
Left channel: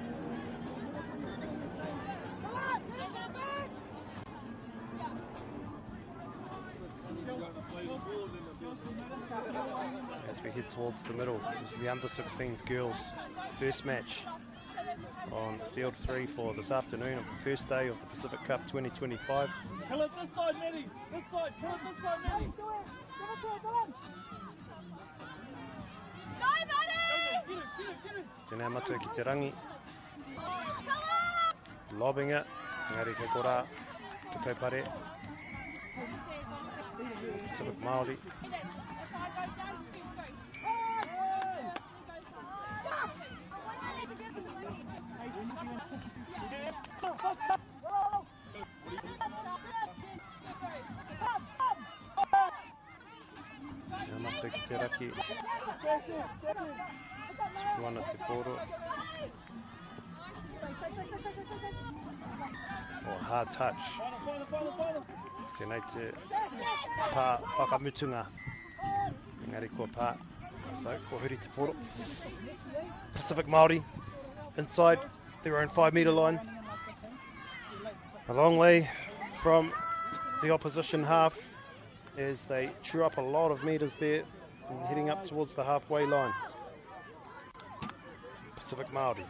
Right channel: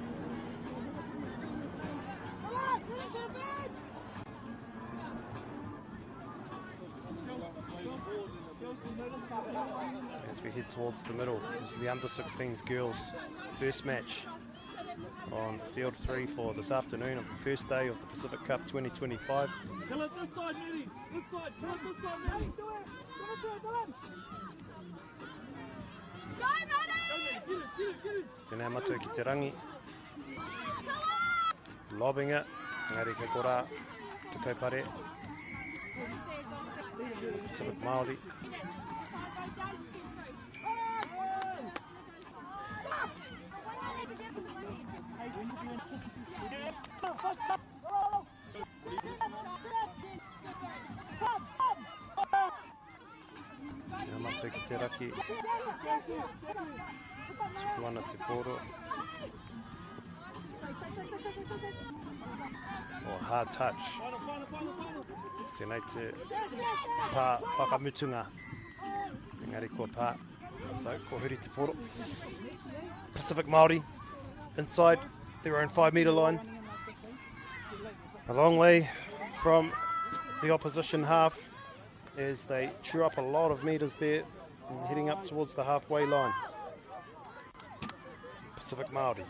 As we head towards the middle, this is the under-16s girls' first match on field 3 for this afternoon of the first day of the Pacific Cup 2025. Hello, this side, Nettie. This side. Come on, this side, Nettie. Tēnei matua ki te rangi. Lobbing it. Ngari kei kora. Te kaupare. Pacific Māori. Ia matua ki te raki. Tuku ana te poro. Or hard touch. Tēnei te pā whakamutunga. Engari kua pā. So, ko huri te poro. Pacific Māori inside their own 5 metre line. A long way from the opposition half as they chew up a lot of metres there and heading up towards the halfway line. Pacific Māori.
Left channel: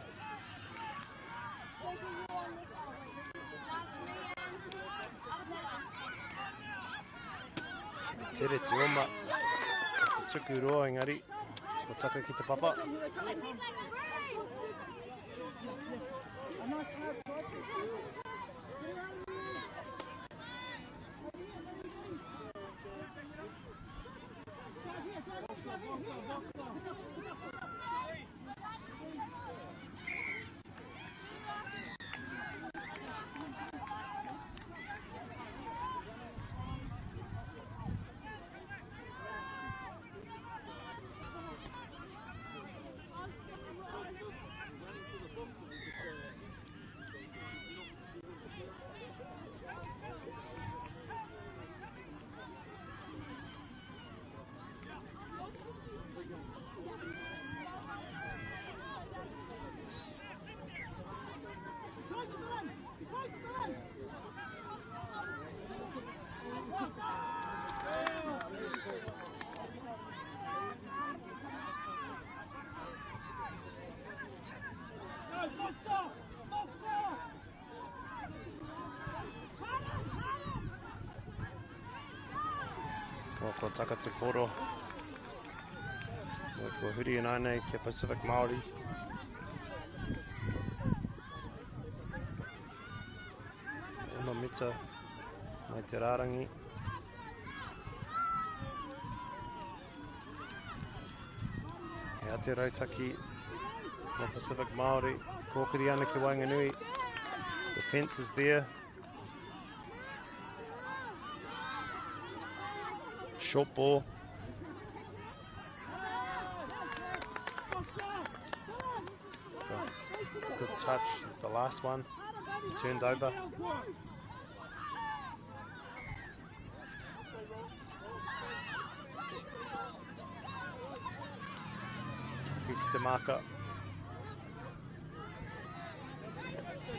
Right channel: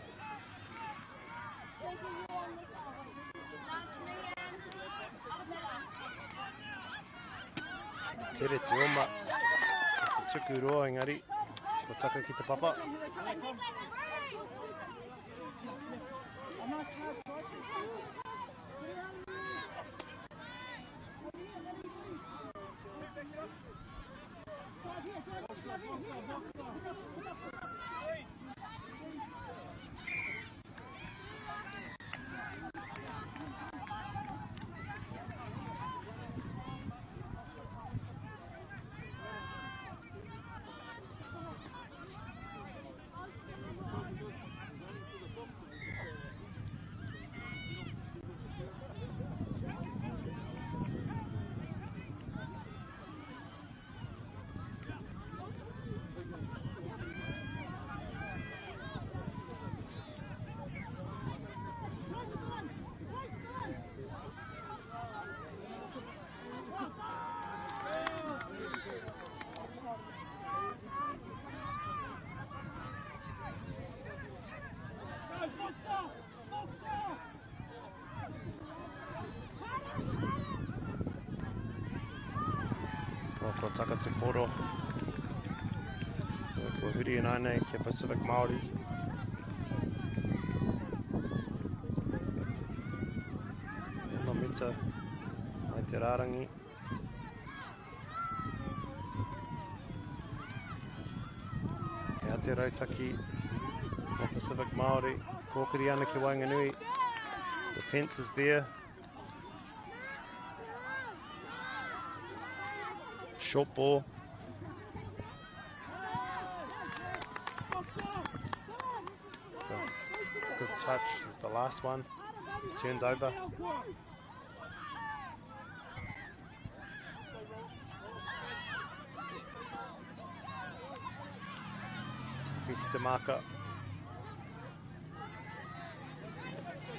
Tere te oma, te tuku roa engari, ko taka ki te papa. Ko taka te poro. Ko huri and aine ki Pacific Māori. Ono mita mai te rārangi. Hea te rautaki o Pacific Māori. Kōkiri ana ki Wainganui. The fence is there. Short ball. Good touch. It was the last one. Turned over. Ki te maka.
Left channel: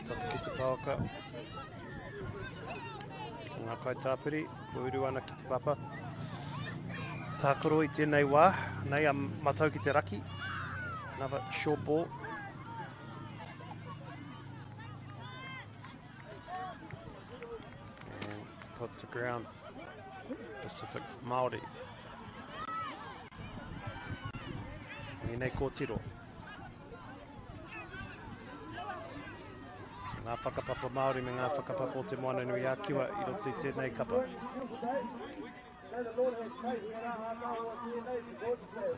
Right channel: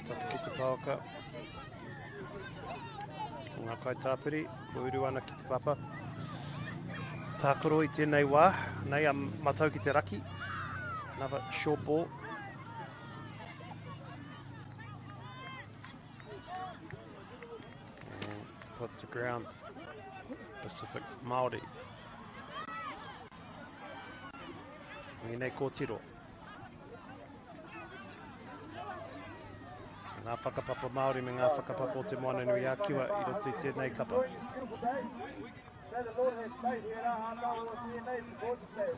Tata ki te pauka. Ngā kai tāpiri. Ko uru ana ki te papa. Tākoro i tēnei wā, nei a matau ki te raki. Another short ball. And put to ground. Pacific Māori. Nei kōtiro. Ngā whakapapa Māori me ngā whakapapa o te moana nui a kiwa I roto I tēnei kapa.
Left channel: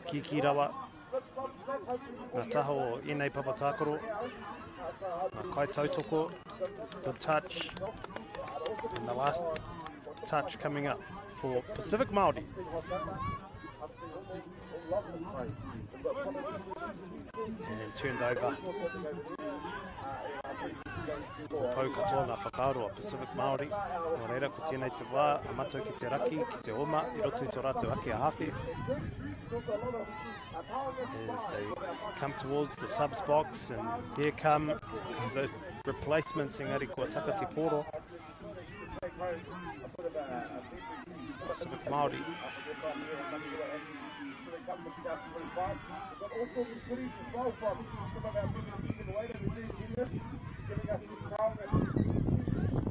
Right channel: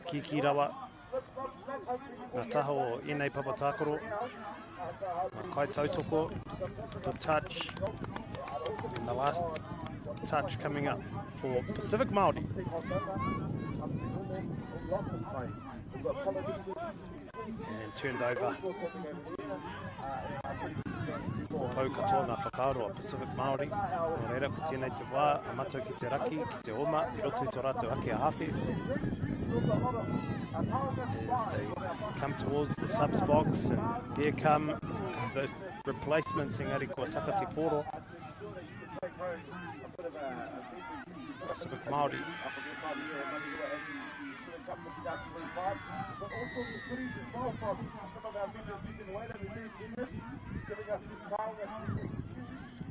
Kiki rawa. Ngā taho o Enei Papa Tākoro. Ngā kai tautoko. The touch. And the last touch coming up for Pacific Māori. And turned over. Pau katoa ngā whakaaro a Pacific Māori. Nō reira, ko tēnei te wā, a matou ki te raki, ki te oma, I roto I tō rātou ake a hawhi. As they come towards the subs box, and there come the replacements, engari kua taka te poro. Pacific Māori.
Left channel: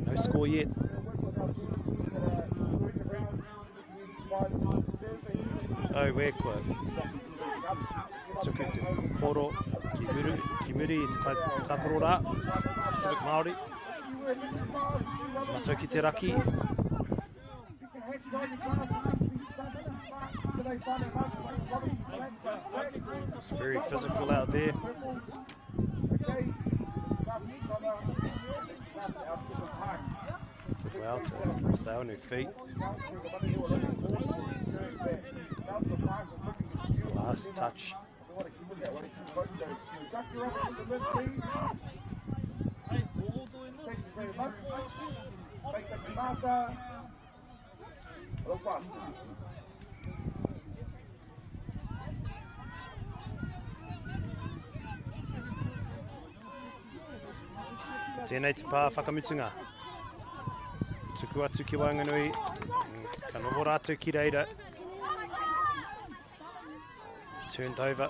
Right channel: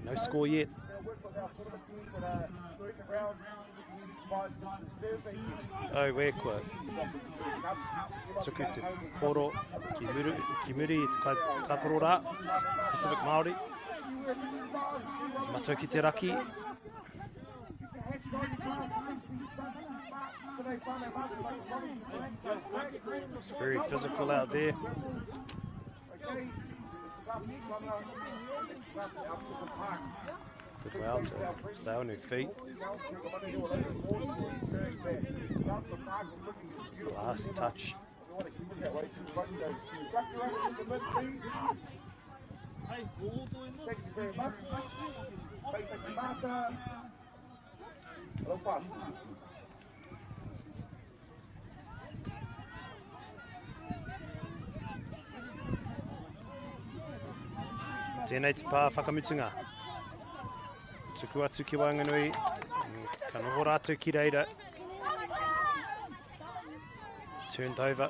No score yet. Oh, where kua tuku te poro ki muri I te kai tākoro rā. Pacific Māori. Matou ki te raki. It's very physical out there. Did well to stay on their feet. It's the last touch. Hey, we're all doing this. Tēnei te pā whakamutunga. Tuku atu ki Wainganui, ka noho rātou ki reira. Turned over.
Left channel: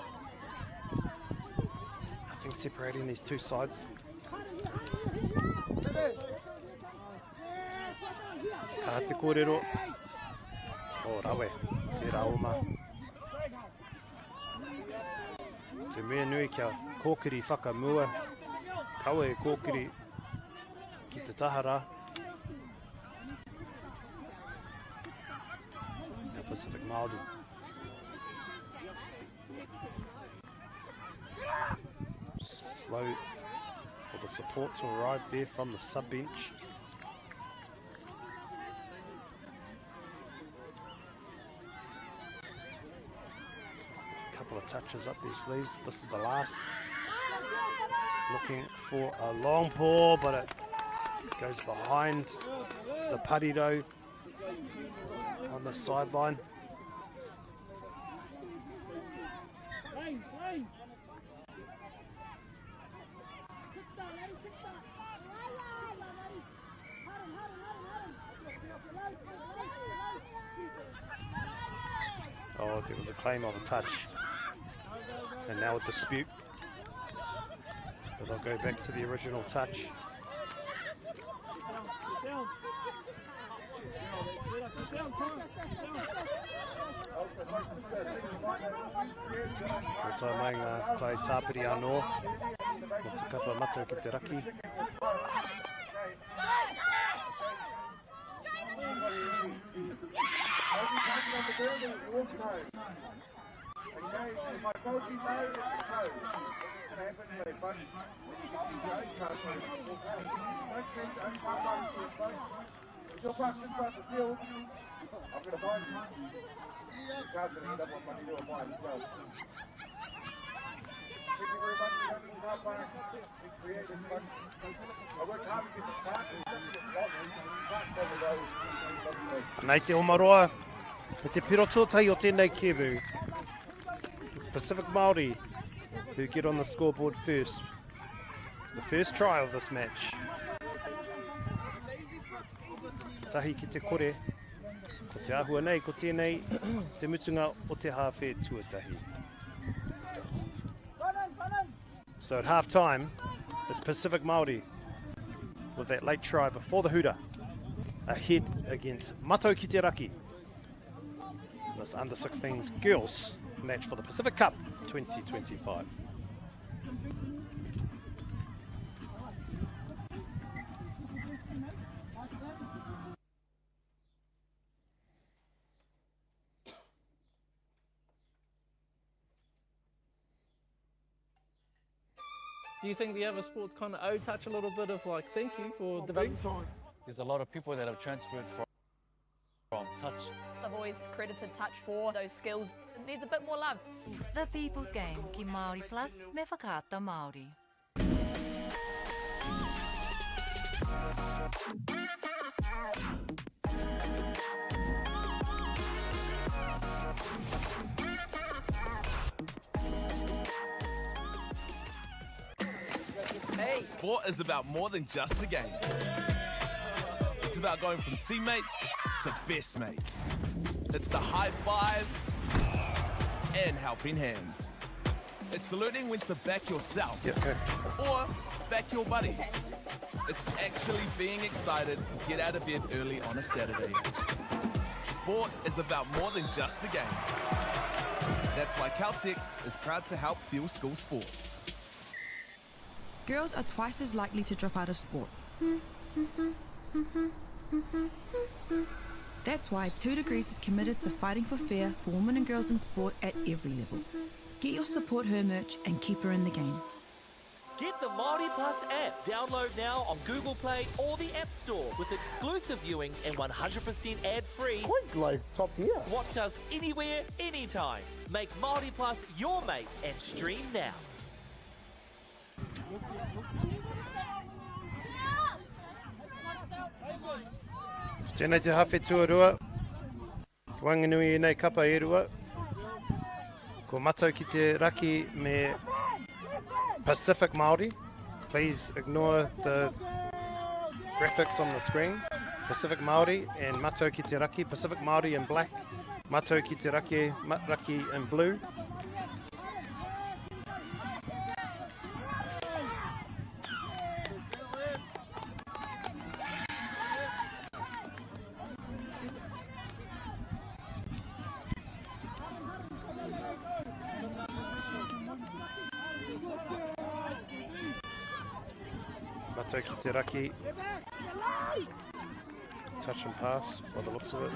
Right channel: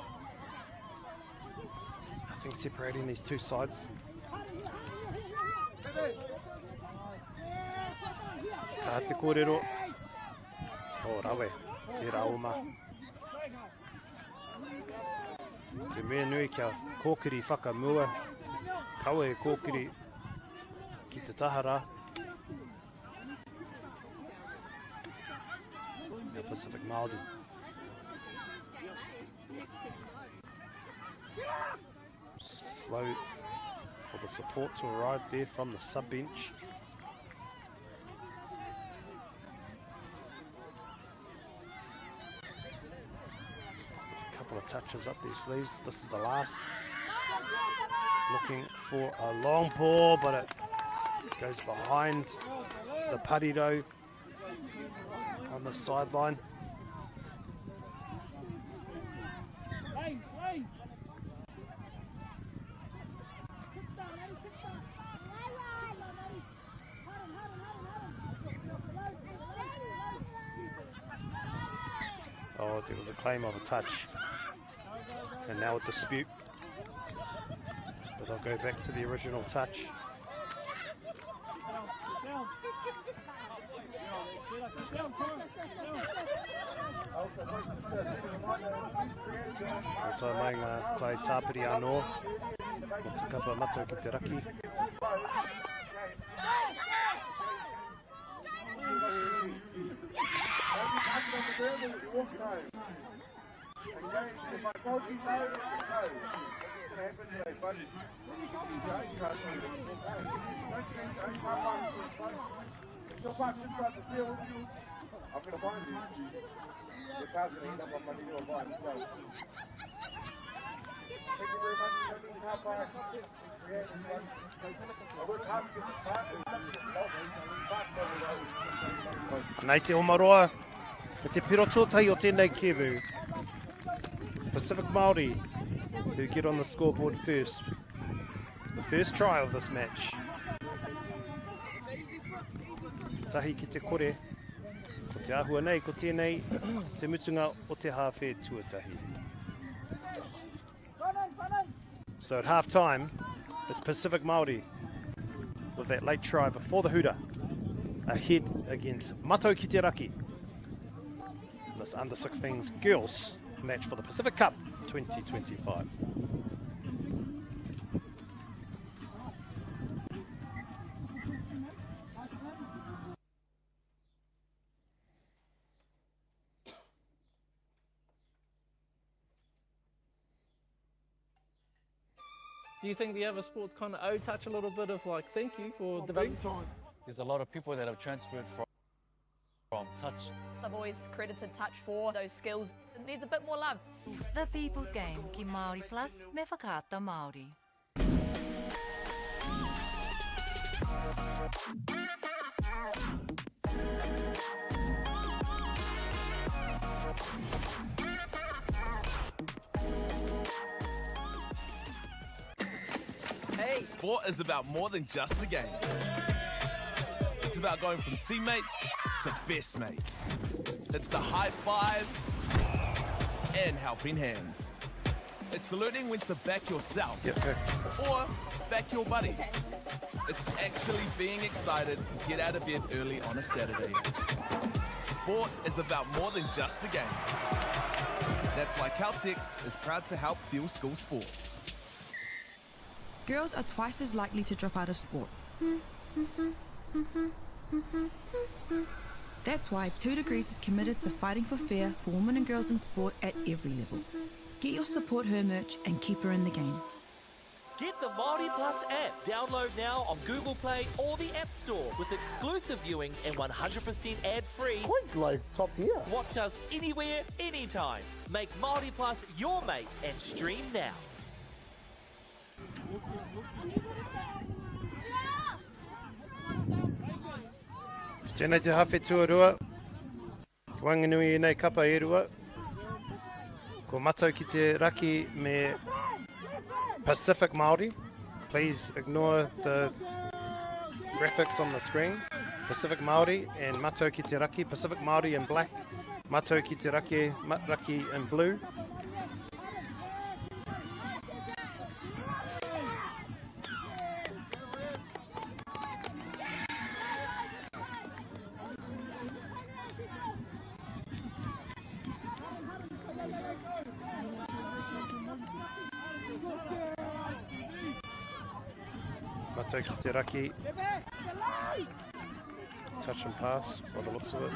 Nothing separating these two sides. Ka te kōrero. O rawe, te raoma. Te mea nui kia kōkiri whakamua. Kaua e kōkiri ki te tahara. Now Pacific Māori. Slow for the support to arrive there from the sub bench. A couple of touches up their sleeves. This is the last. Looking for a long ball, but it goes behind the pariro on the sideline. Oh, there was a claim of a touch. And now a dispute. But they'll go back to the original touch. Ko tai mai ngā kai tāpiri anō. Ko te kapa matou ki te raki. Nei te omaroa, me te pirototai o tēnei kebu. It's Pacific Māori who get on the scoreboard first. The first try of this match. Te tahi ki te kore, ko te ahua nei, ko tēnei, te mutunga o te hawhe tuatahi. So at half time, it's Pacific Māori with that late try before the hooter, ahead against Matou ki te raki. This under 16s girls match for the Pacific Cup 2025. Do you think the other sports kind of owe touch a little bit of like thank you for development? There's a lot of people that have transferred from touch. I've always credited touch for those skills. It needs a bit more love. The People's Game, ki Māori Plus, me whakaata Māori. Hey. Sport is about more than just the game. It's about going from teammates to best mates. It's the high fives and helping hands. It's learning when to back yourself or back your buddies. It's actually being excited to get out of bed early on a Saturday. Sport is about more than just the game. That's why Caltex is proud to help fuel school sports. Girls are twice as likely to drop out of sport. That's why 2 Degrees is committed to fighting for fair for women and girls in sport at every level. Get your Support Her merch and keep her in the game. Get the MAORI Plus app. Download now on Google Play or the App Store with exclusive viewings and 100% ad-free. Quite like top tier. Watch us anywhere, anytime. Make MAORI Plus your mate and stream now. Tēnei te hawhi tuarua. Ki wanganui nei kapa e rua. Ko matau ki te raki me Pacific Māori. Please ignore the graphics on the screen. Pacific Māori and matau ki te raki. Pacific Māori in black. Matau ki te raki in blue. Matau ki te raki. Touch and pass by the looks of it.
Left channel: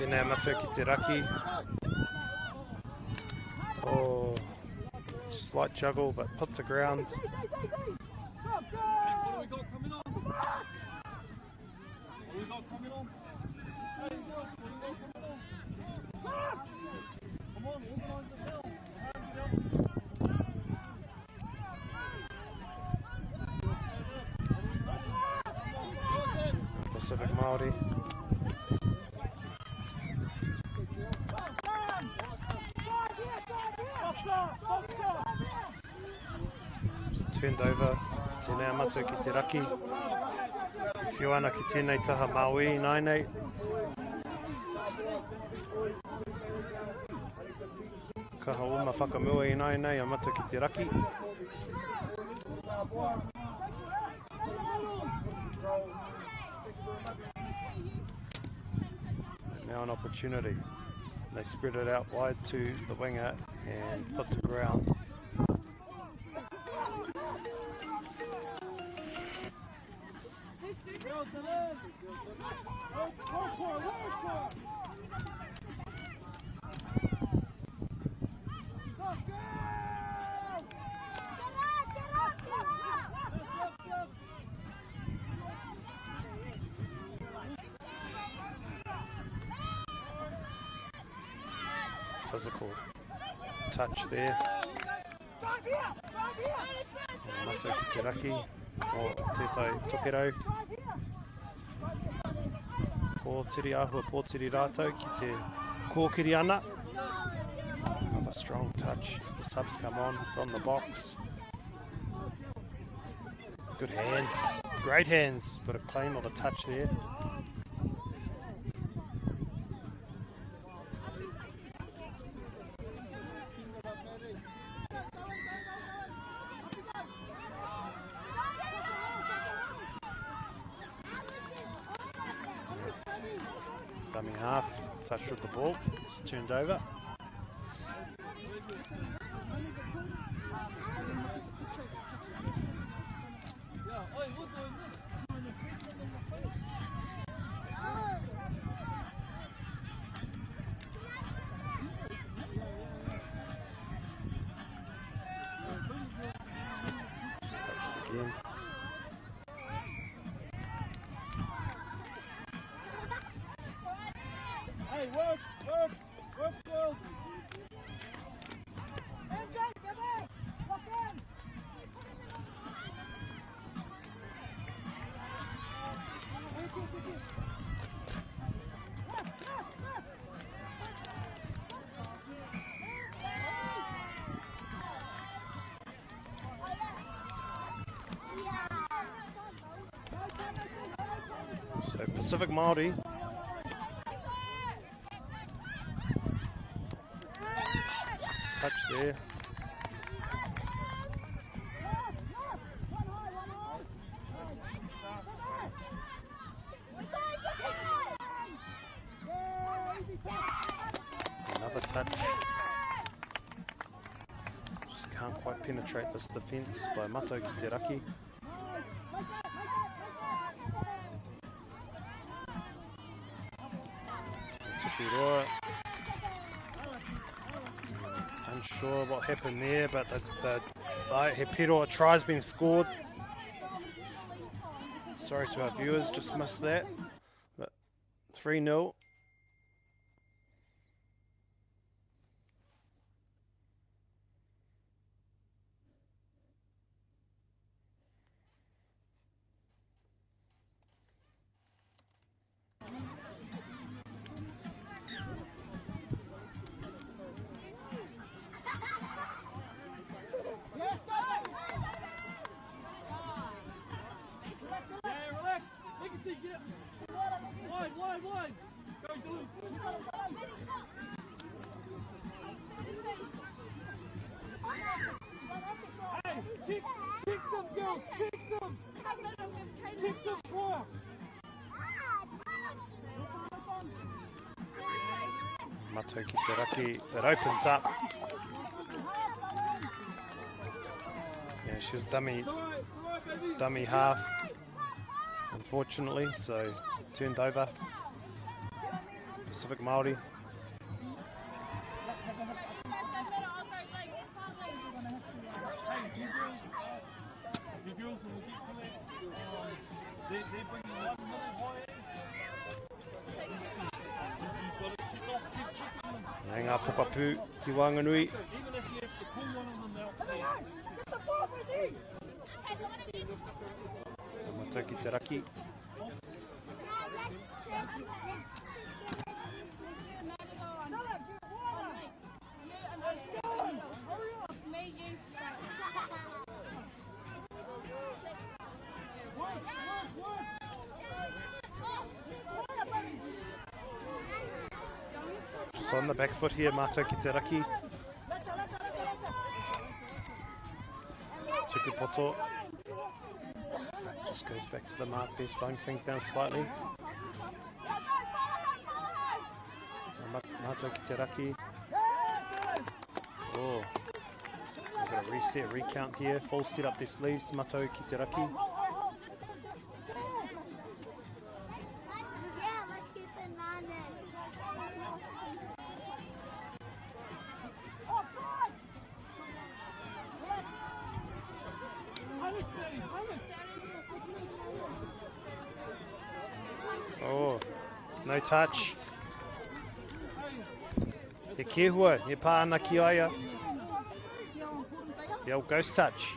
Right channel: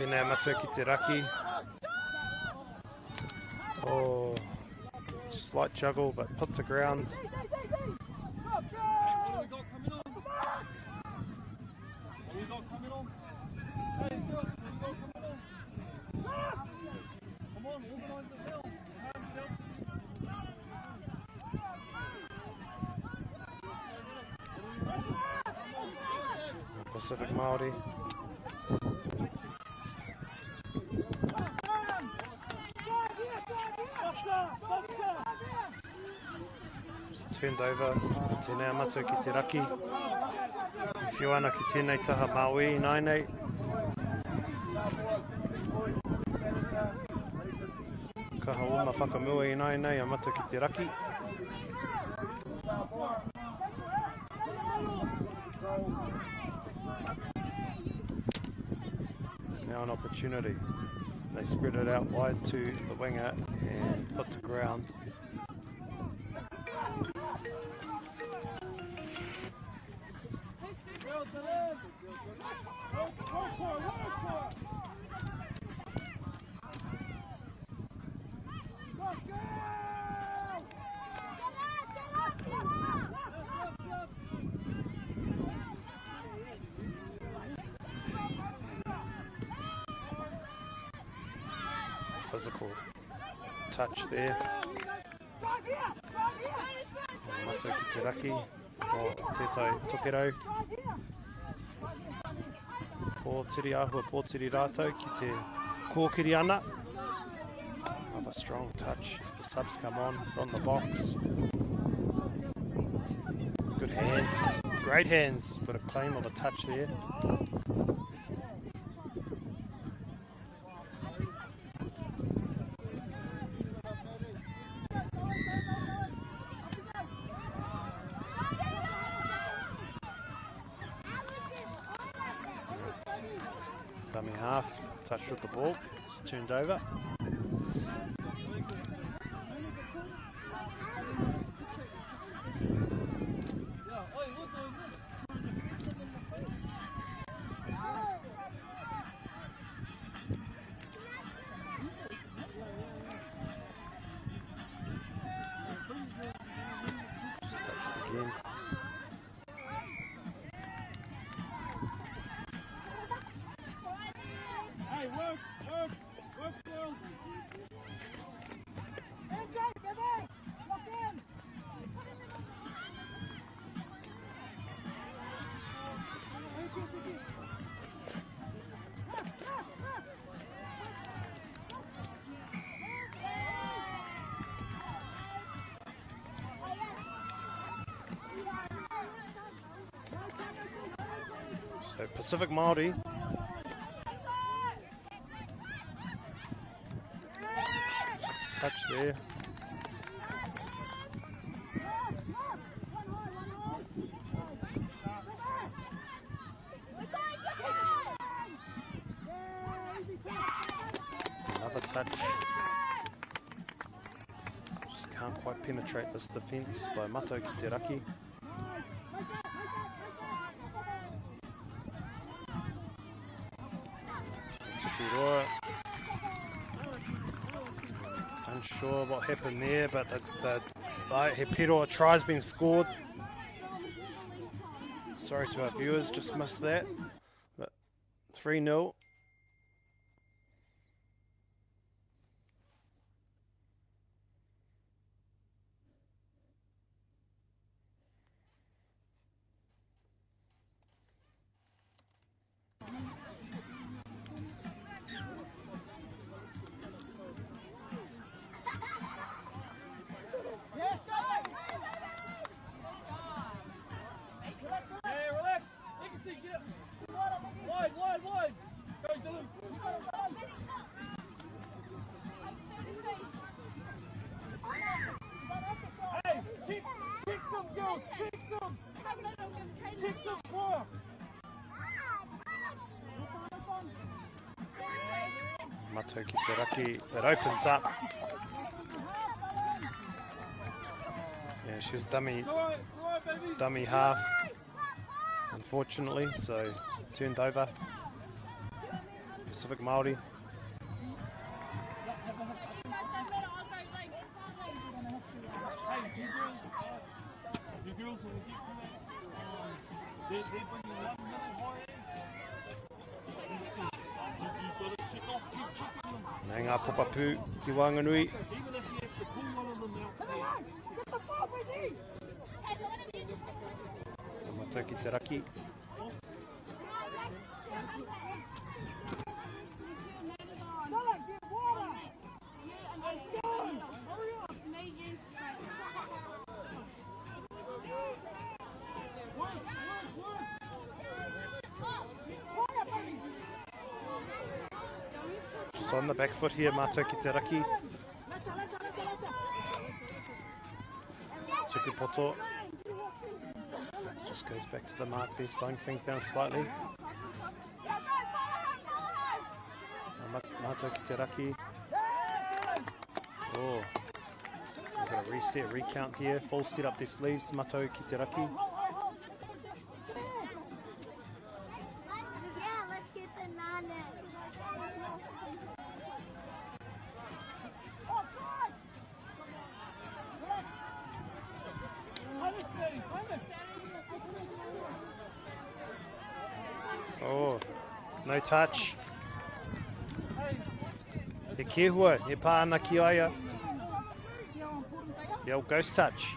Tēnei matau ki te raki. Oh, slight juggle, but put to ground. Pacific Māori. Just turned over. Tēnei matau ki te raki. Whiu ana ki tēnei taha Maui nainei. Kaha uma whakamua I nainei a matau ki te raki. And now an opportunity. They spread it out wide to the winger and put to ground. Physical touch there. Mato ki te raki o tētai tokerau. Pōtiri ahua, pōtiri rātou ki te kōkiri ana. Another strong touch as the subs come on from the box. Good hands, great hands, but a claim of a touch there. Dummy half, touch with the ball, it's turned over. Just touched again. Hey, work, girls. So Pacific Māori touch there. Another touch. Just can't quite penetrate this defence by Mato ki te raki. Tupiroa. Unsure what happened there, but the he Piroa try's been scored. Sorry to our viewers, just missed that. But 3-0. Wide. Go, Dylan. Hey, check them, girls. Check them. Check them, work. Mato ki te raki, it opens up. Yeah, she was dummy half, unfortunately, so turned over. Pacific Māori. Nē ngā pokapū ki Whanganui. Mato ki te raki. Just on the back foot here, Mato ki te raki. Tukupoto. Just goes back to the mark there, slowing things down slightly. Mato ki te raki. Oh, we've got a reset, recount here. Full set up their sleeves, Mato ki te raki. Oh, no touch. He kehua, he pāna ki aia. The old ghost touch.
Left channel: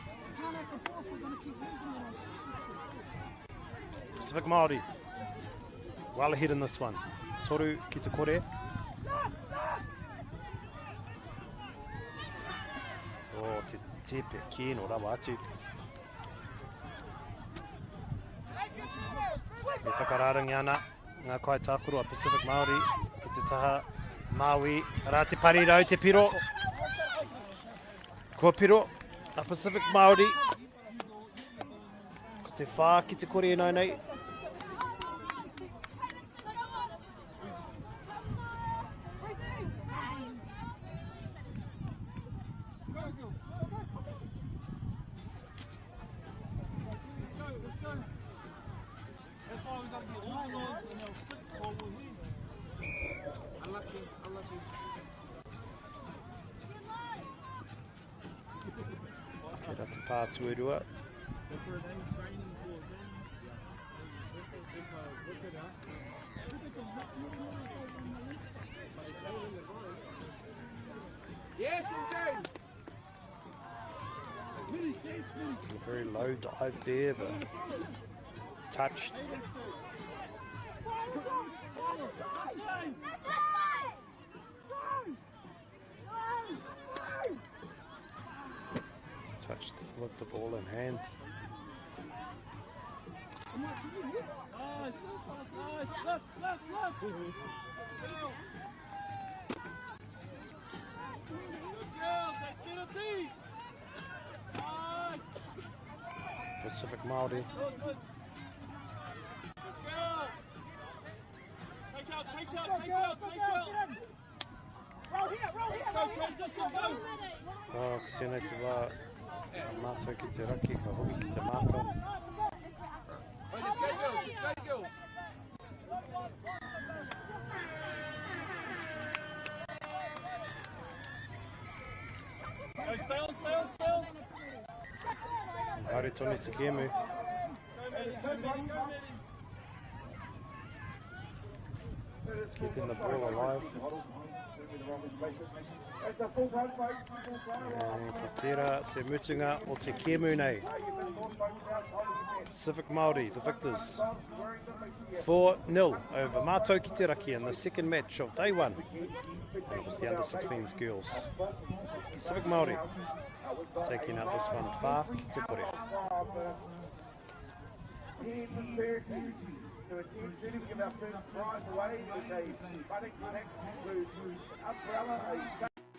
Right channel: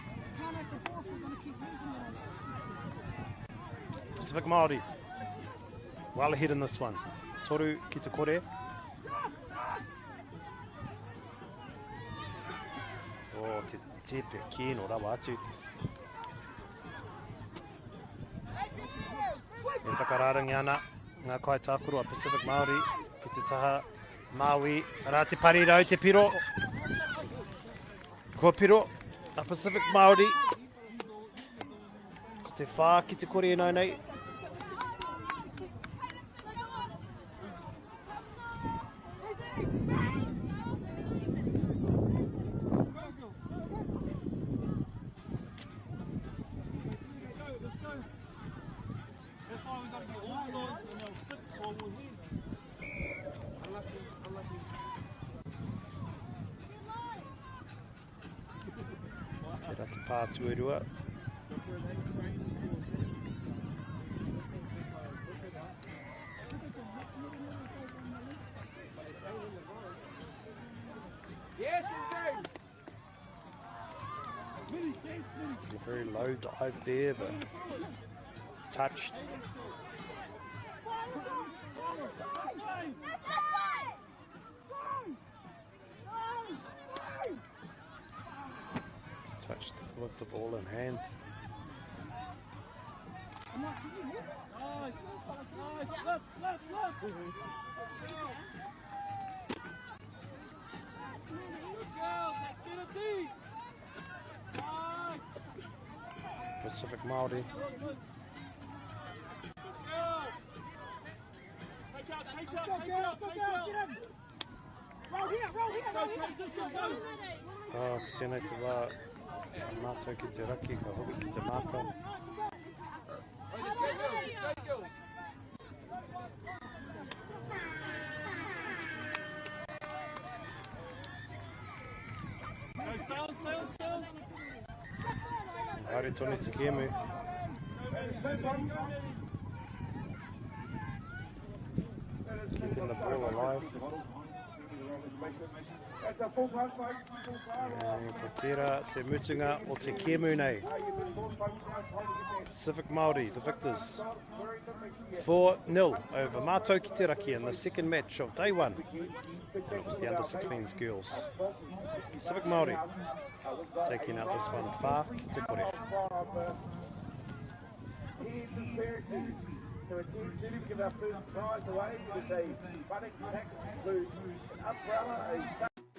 Pacific Māori. Well ahead in this one. Toru ki te kore. Oh, te tepe kino rawa atu. E whakararangi ana ngā kai tākuro a Pacific Māori ki te taha Maui. Rā te parirau te piro. Ko piro a Pacific Māori. Ko te whā ki te kore nai nei. Tērā te pātuerua. A very low dive there, but touched. Touched with the ball in hand. Pacific Māori. Oh, ka tēnei te wā. Mātou ki te raki, ka hoki ki te māka. Haere tonu te kēmu. Keeping the ball alive. Ko tērā te mutunga o te kēmu nei. Pacific Māori, the victors. 4-0 over Mātou ki te raki in the second match of day one. And it was the under-16s girls. Pacific Māori taking out this one. Whā ki te kore.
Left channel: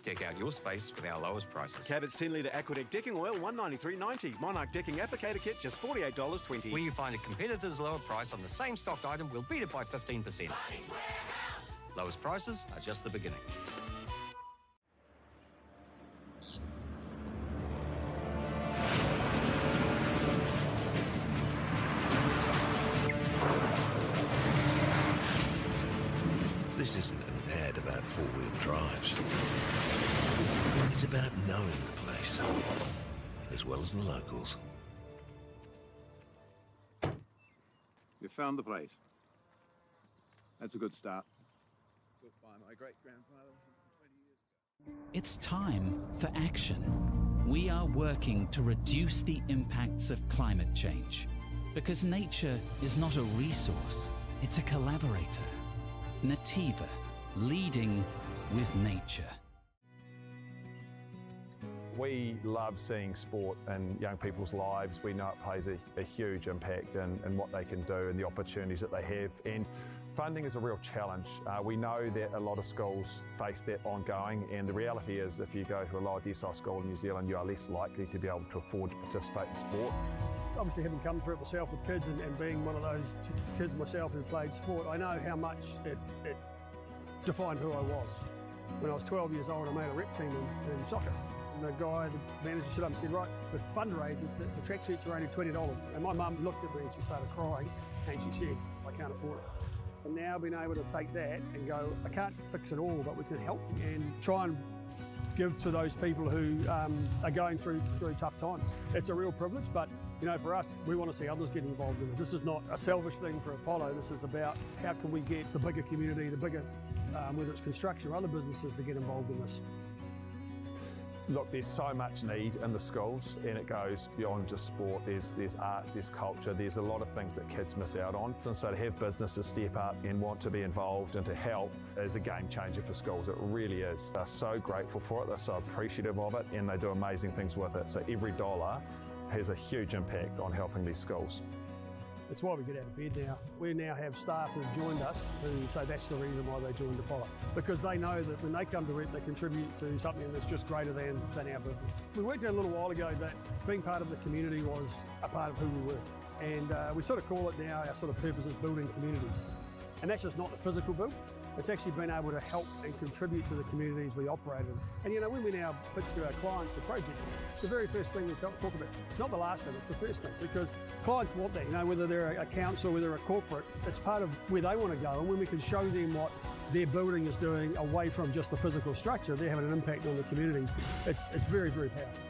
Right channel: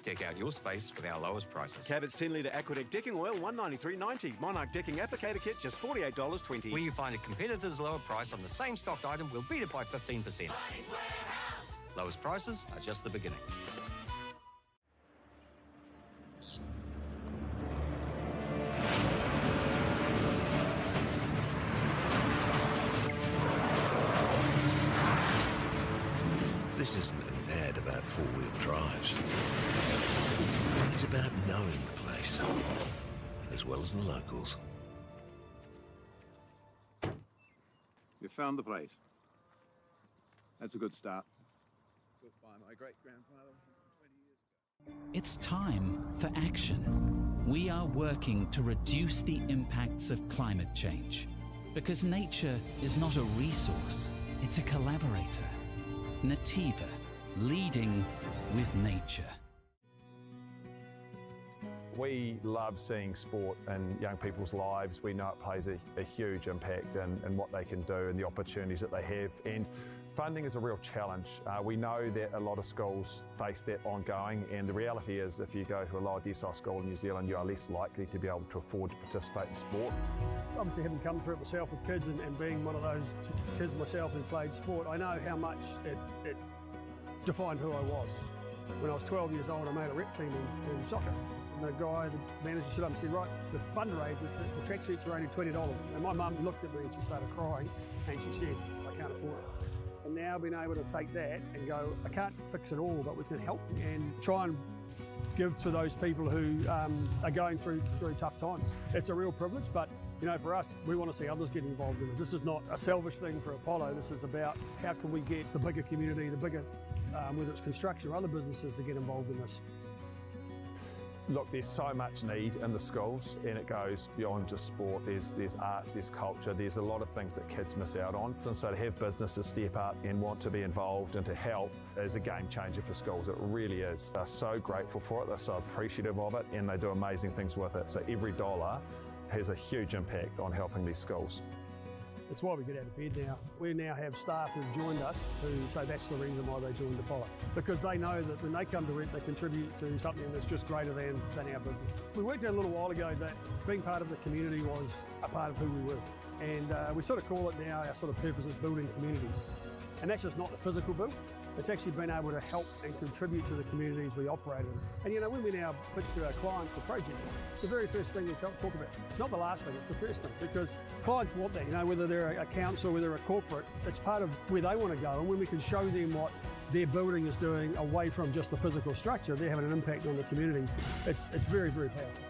Deck out your space with our lowest prices. Cabot's 10-litre Aquadeck decking oil, $193.90. Monarch decking applicator kit, just $48.20. Where you find a competitor's lower price on the same stocked item, we'll beat it by 15%. Lowest prices are just the beginning. This isn't an ad about four-wheel drives. It's about knowing the place, as well as the locals. You found the place. That's a good start. Built by my great-grandfather 20 years ago. It's time for action. We are working to reduce the impacts of climate change, because nature is not a resource, it's a collaborator. Nativa, leading with nature. We love seeing sport in young people's lives. We know it plays a huge impact in what they can do and the opportunities that they have. And funding is a real challenge. We know that a lot of schools face that ongoing, and the reality is if you go to a lower decile school in New Zealand, you are less likely to be able to afford to participate in sport. Obviously, having come through it myself with kids and being one of those kids myself who played sport, I know how much it defined who I was. When I was 12 years old, I made a rep team in soccer. And the guy, the manager, stood up and said, right, the fundraise, the track suits are only $20. And my mum looked at me and she started crying and she said, I can't afford it. And now being able to take that and go, I can't fix it all, but we can help and try and give to those people who are going through tough times. It's a real privilege, but you know, for us, we want to see others get involved in it. This is not a selfish thing for Apollo. This is about how can we get the bigger community, the bigger, whether it's construction or other businesses, to get involved in this. Look, there's so much need in the schools, and it goes beyond just sport. There's arts, there's culture, there's a lot of things that kids miss out on. And so to have businesses step up and want to be involved and to help is a game changer for schools. It really is. They're so grateful for it, they're so appreciative of it, and they do amazing things with it. So every dollar has a huge impact on helping these schools. That's why we get out of bed now. We now have staff who've joined us who say that's the reason why they joined Apollo. Because they know that when they come to it, they contribute to something that's just greater than our business. We worked out a little while ago that being part of the community was a part of who we were. And we sort of call it now, our sort of purpose is building communities. And that's just not the physical build. It's actually been able to help and contribute to the communities we operate in. And you know, when we now pitch to our clients for projects, it's the very first thing we talk about. It's not the last thing, it's the first thing, because clients want that, you know, whether they're a council, whether they're a corporate, it's part of where they want to go. And when we can show them what their building is doing away from just the physical structure, they're having an impact on the communities. It's very, very powerful.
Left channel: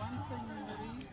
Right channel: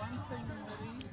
One thing, Mary,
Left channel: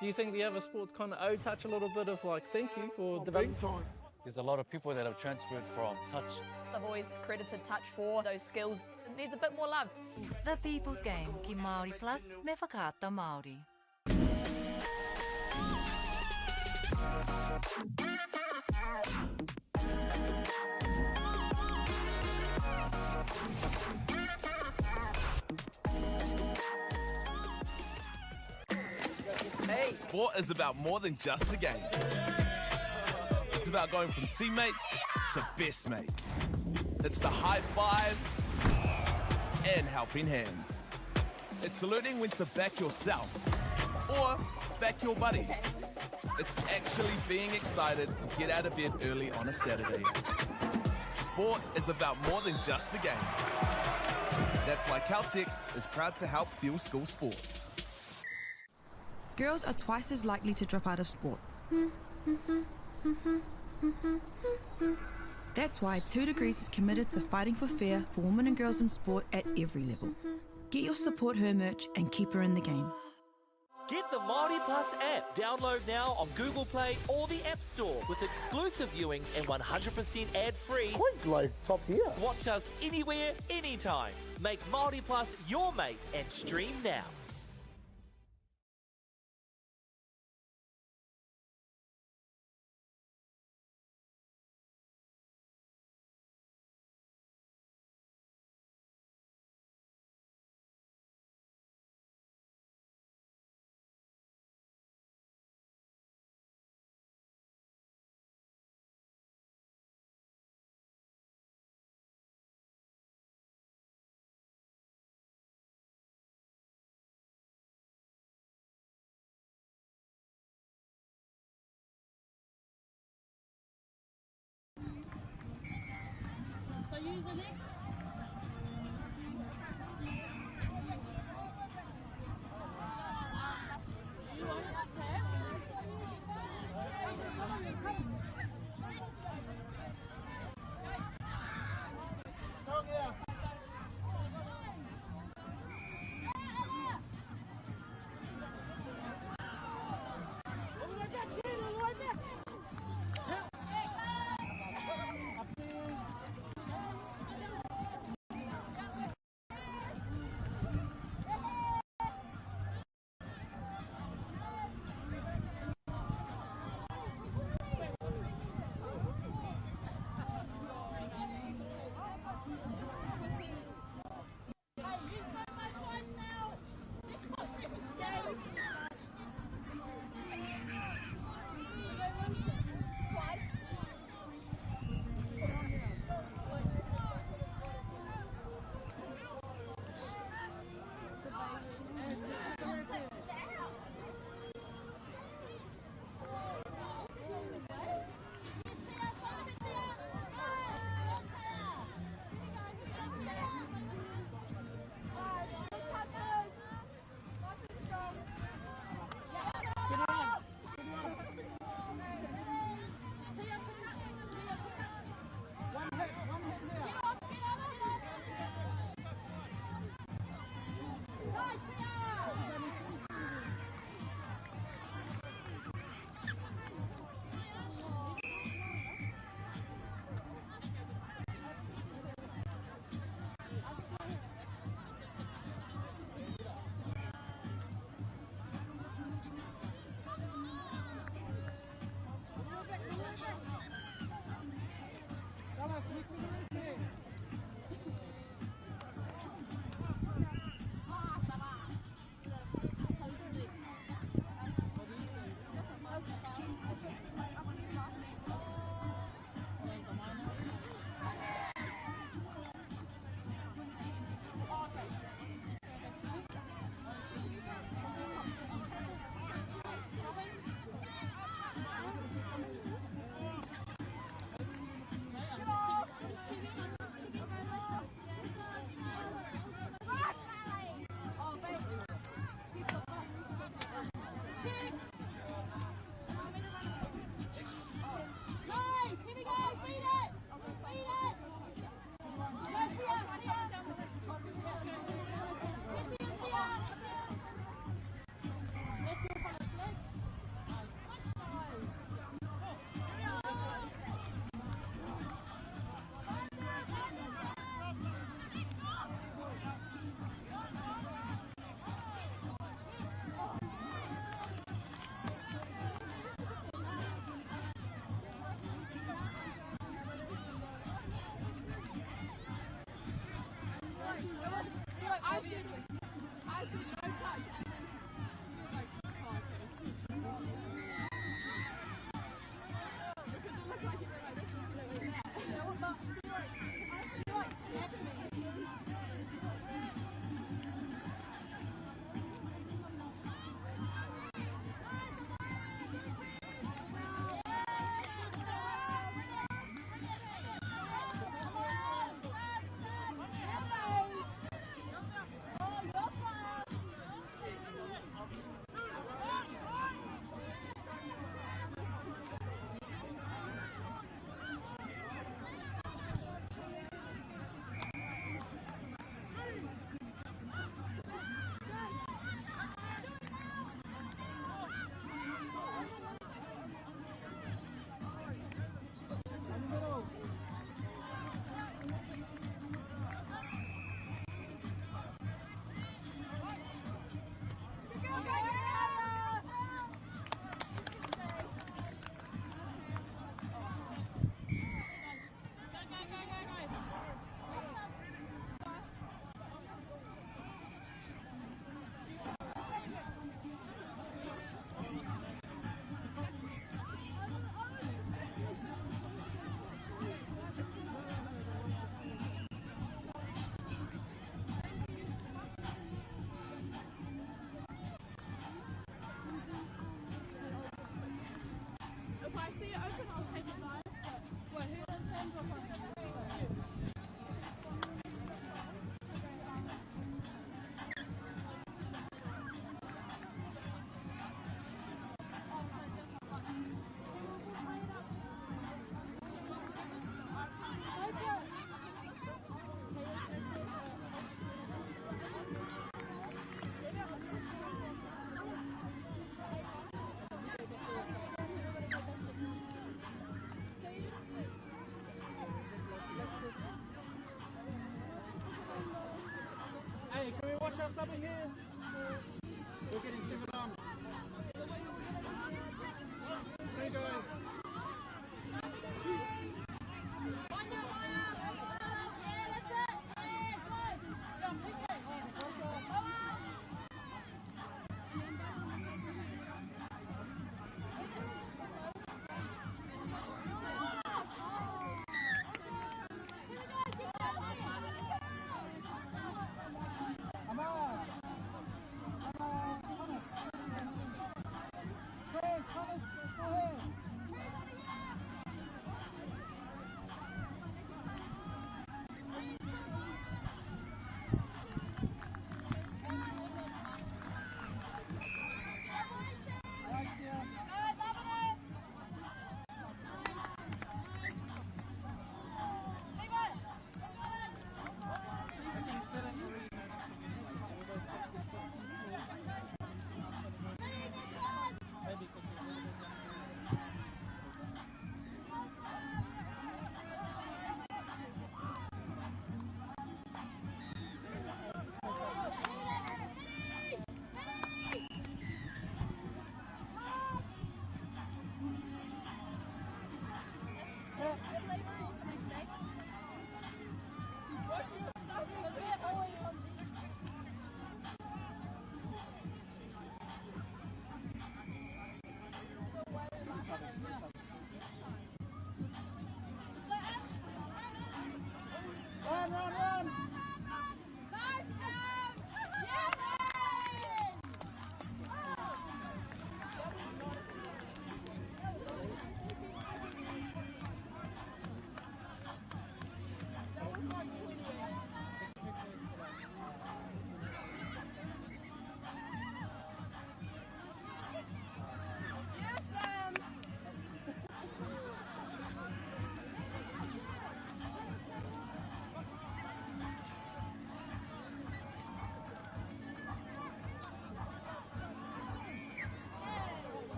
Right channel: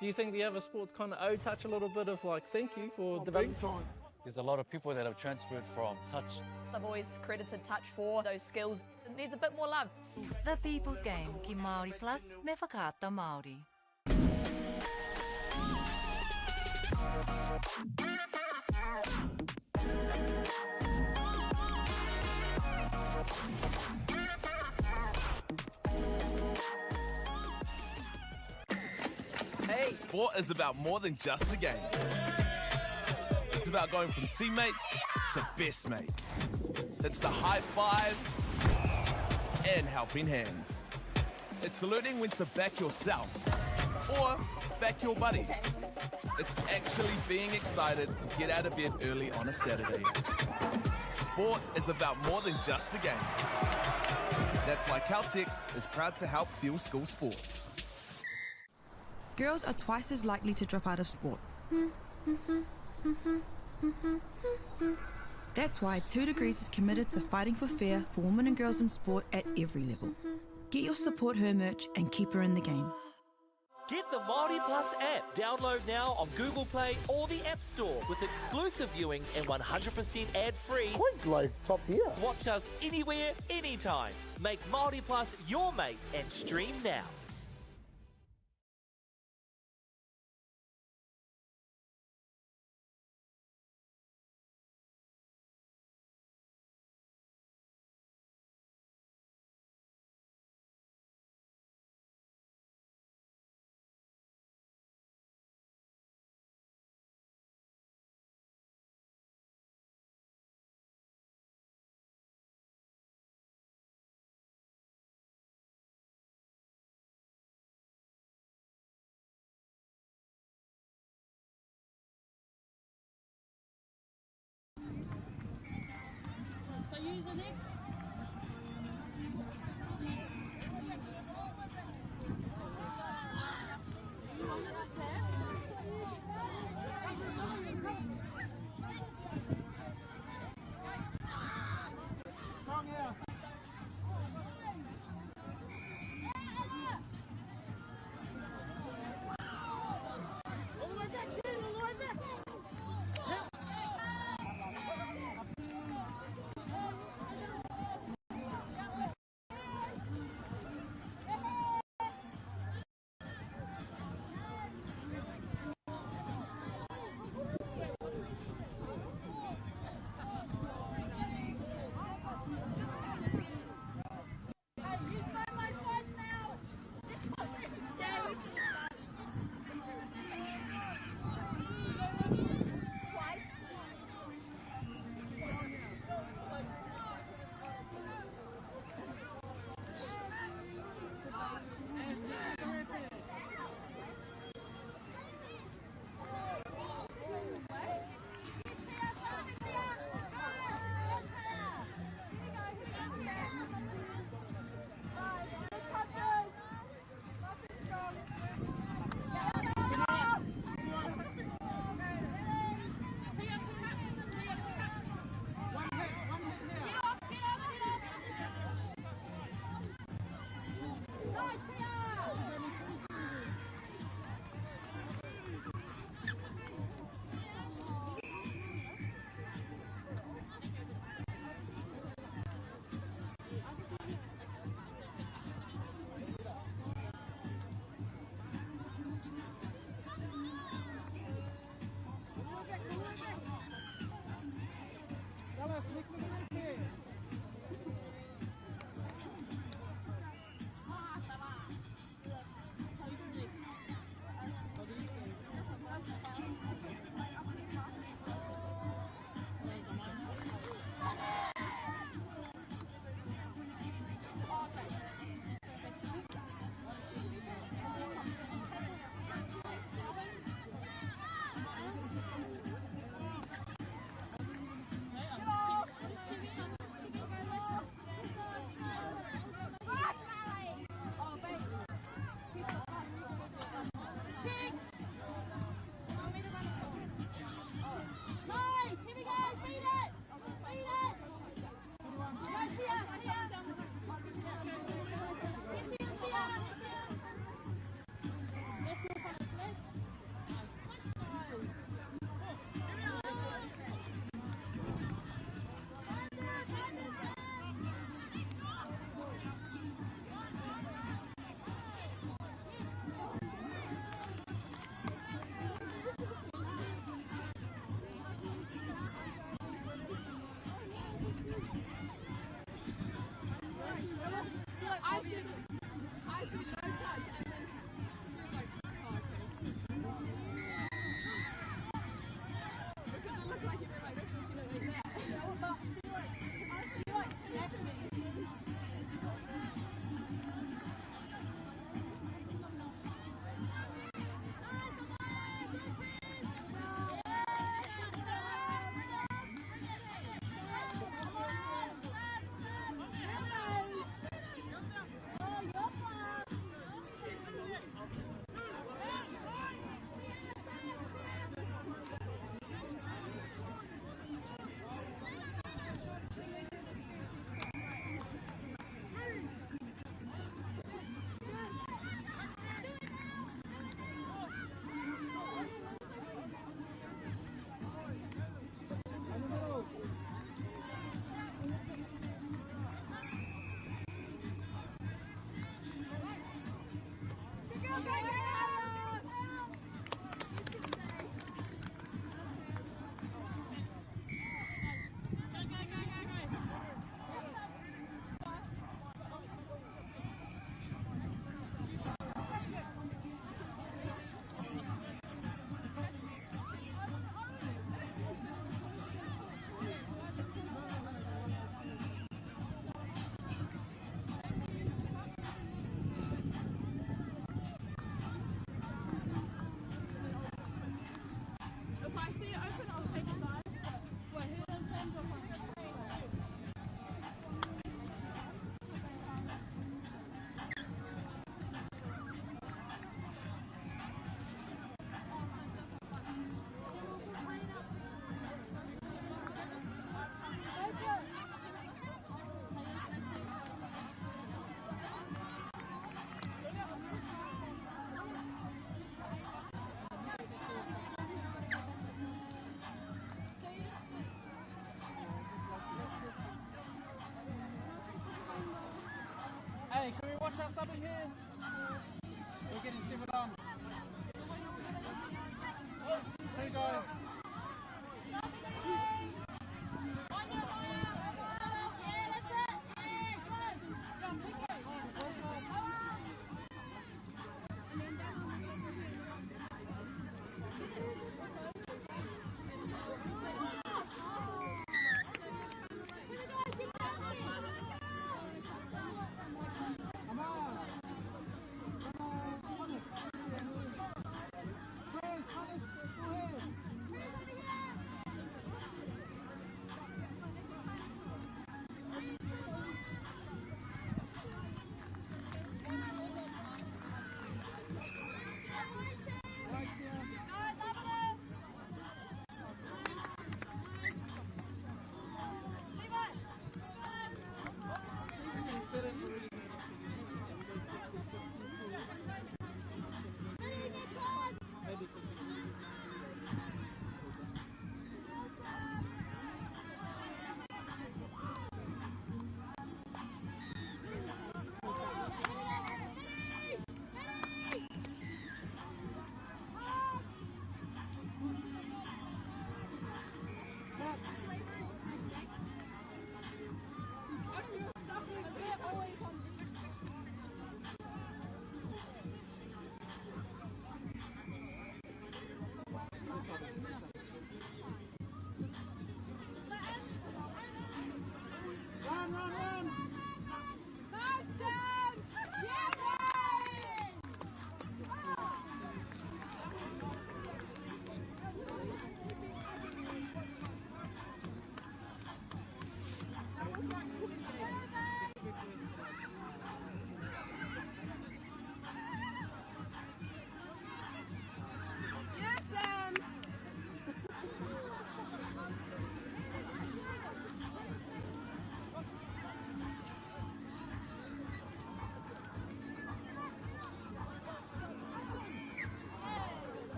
Do you think the other sports kind of owe touch a little bit of like thank you for development? There's a lot of people that have transferred from touch. I've always credited touch for those skills. It needs a bit more love. The People's Game, ki Māori Plus, me whakaata Māori. Hey! Sport is about more than just a game. It's about going from teammates to best mates. It's the high fives and helping hands. It's learning when to back yourself or back your buddies. It's actually being excited to get out of bed early on a Saturday. Sport is about more than just the game. That's why Caltex is proud to help fuel school sports. Girls are twice as likely to drop out of sport. That's why 2 Degrees is committed to fighting for fair for women and girls in sport at every level. Get your support her merch and keep her in the game. Get the MāORI Plus app. Download now on Google Play or the App Store with exclusive viewings and 100% ad-free. Quite like top tier. Watch us anywhere, anytime. Make MāORI Plus your mate and stream now.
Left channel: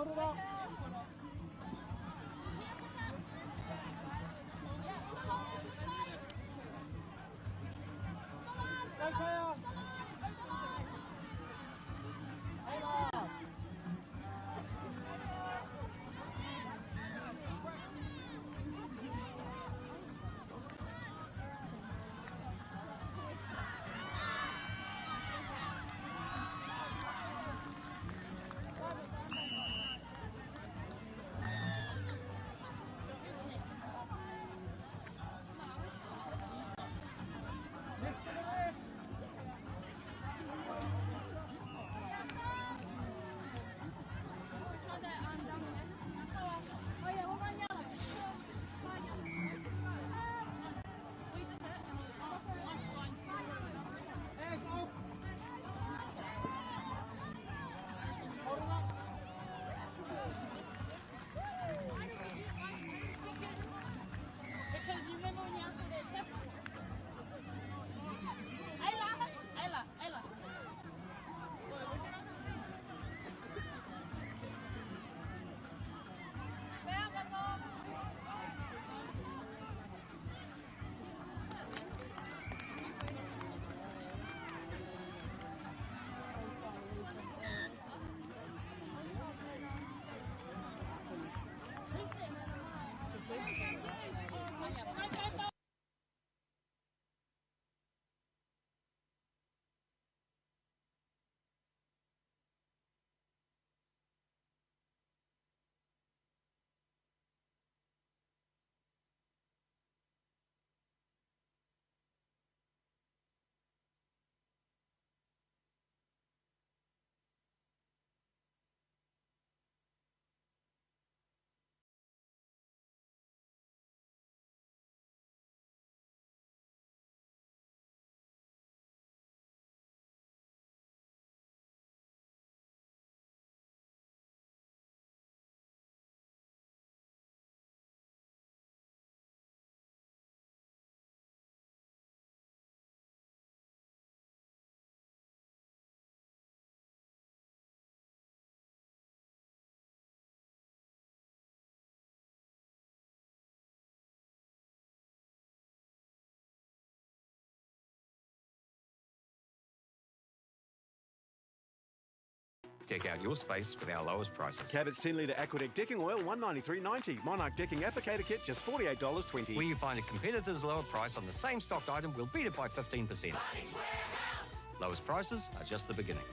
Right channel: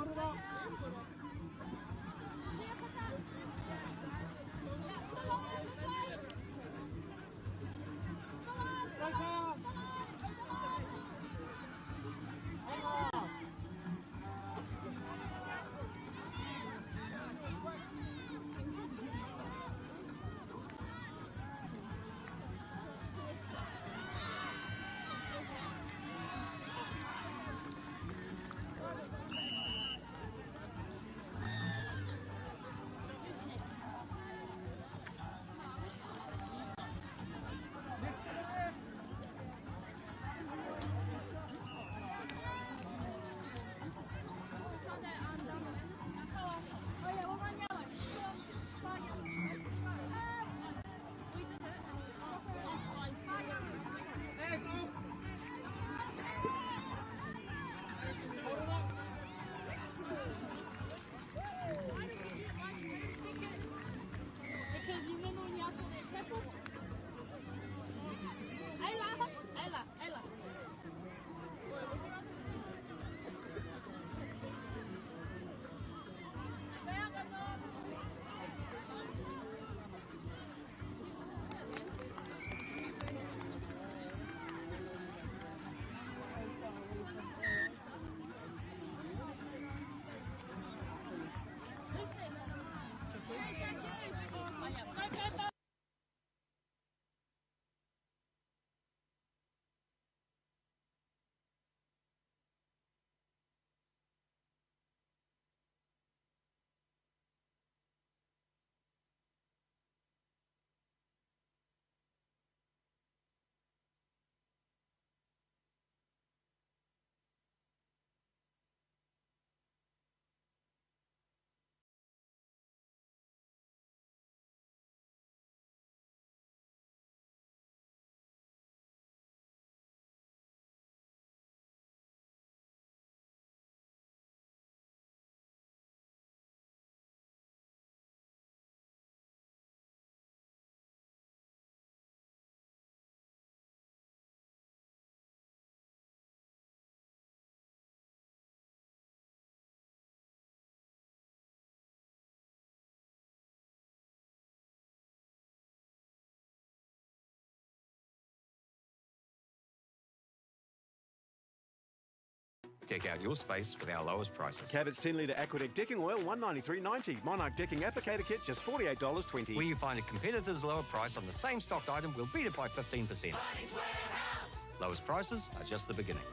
Hold it up. Go, Kaya. Deck out your space with our lowest prices. Cabot's 10 litre Aquadeck decking oil, $193.90. Monarch decking applicator kit, just $48.20. Where you find a competitor's lower price on the same stocked item, we'll beat it by 15%. Lowest prices are just the beginning.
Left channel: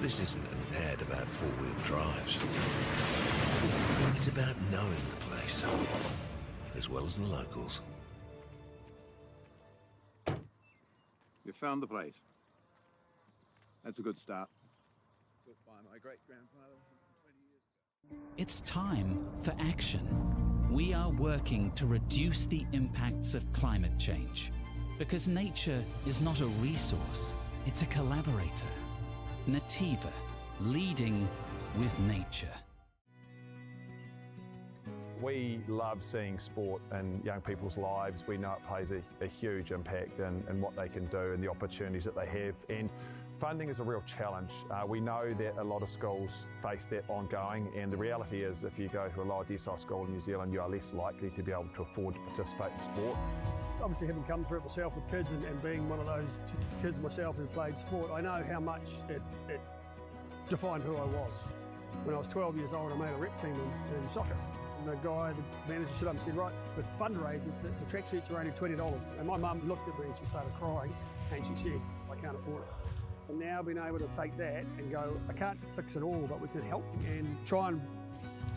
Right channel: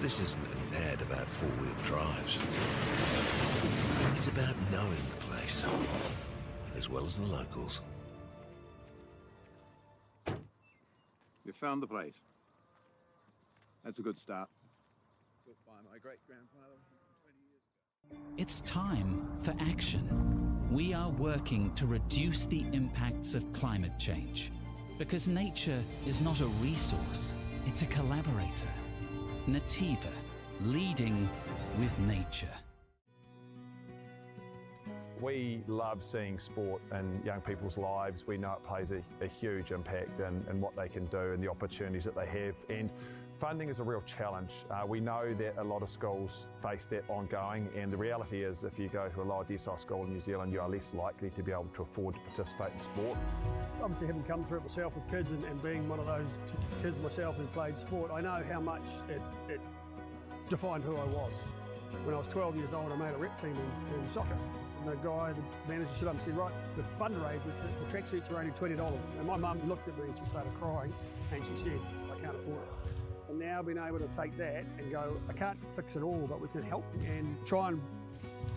This isn't an ad about four-wheel drives. It's about knowing the place, as well as the locals. You found the place. That's a good start. Built by my great-grandfather 20 years ago. It's time for action. We are working to reduce the impacts of climate change, because nature is not a resource, it's a collaborator. Nativa, leading with nature. We love seeing sport in young people's lives. We know it plays a huge impact in what they can do and the opportunities that they have. And funding is a real challenge. We know that a lot of schools face that ongoing, and the reality is if you go to a lower decile school in New Zealand, you are less likely to be able to afford to participate in sport. Obviously, having come through it myself with kids and being one of those kids myself who played sport, I know how much it defined who I was. When I was 12 years old, I made a rep team in soccer. And the guy, the manager, stood up and said, right, the fundraise, the tracksuits are only $20. And my mum looked at me and she started crying and she said, I can't afford it. And now being able to take that and go, I can't fix it all, but we can help and try and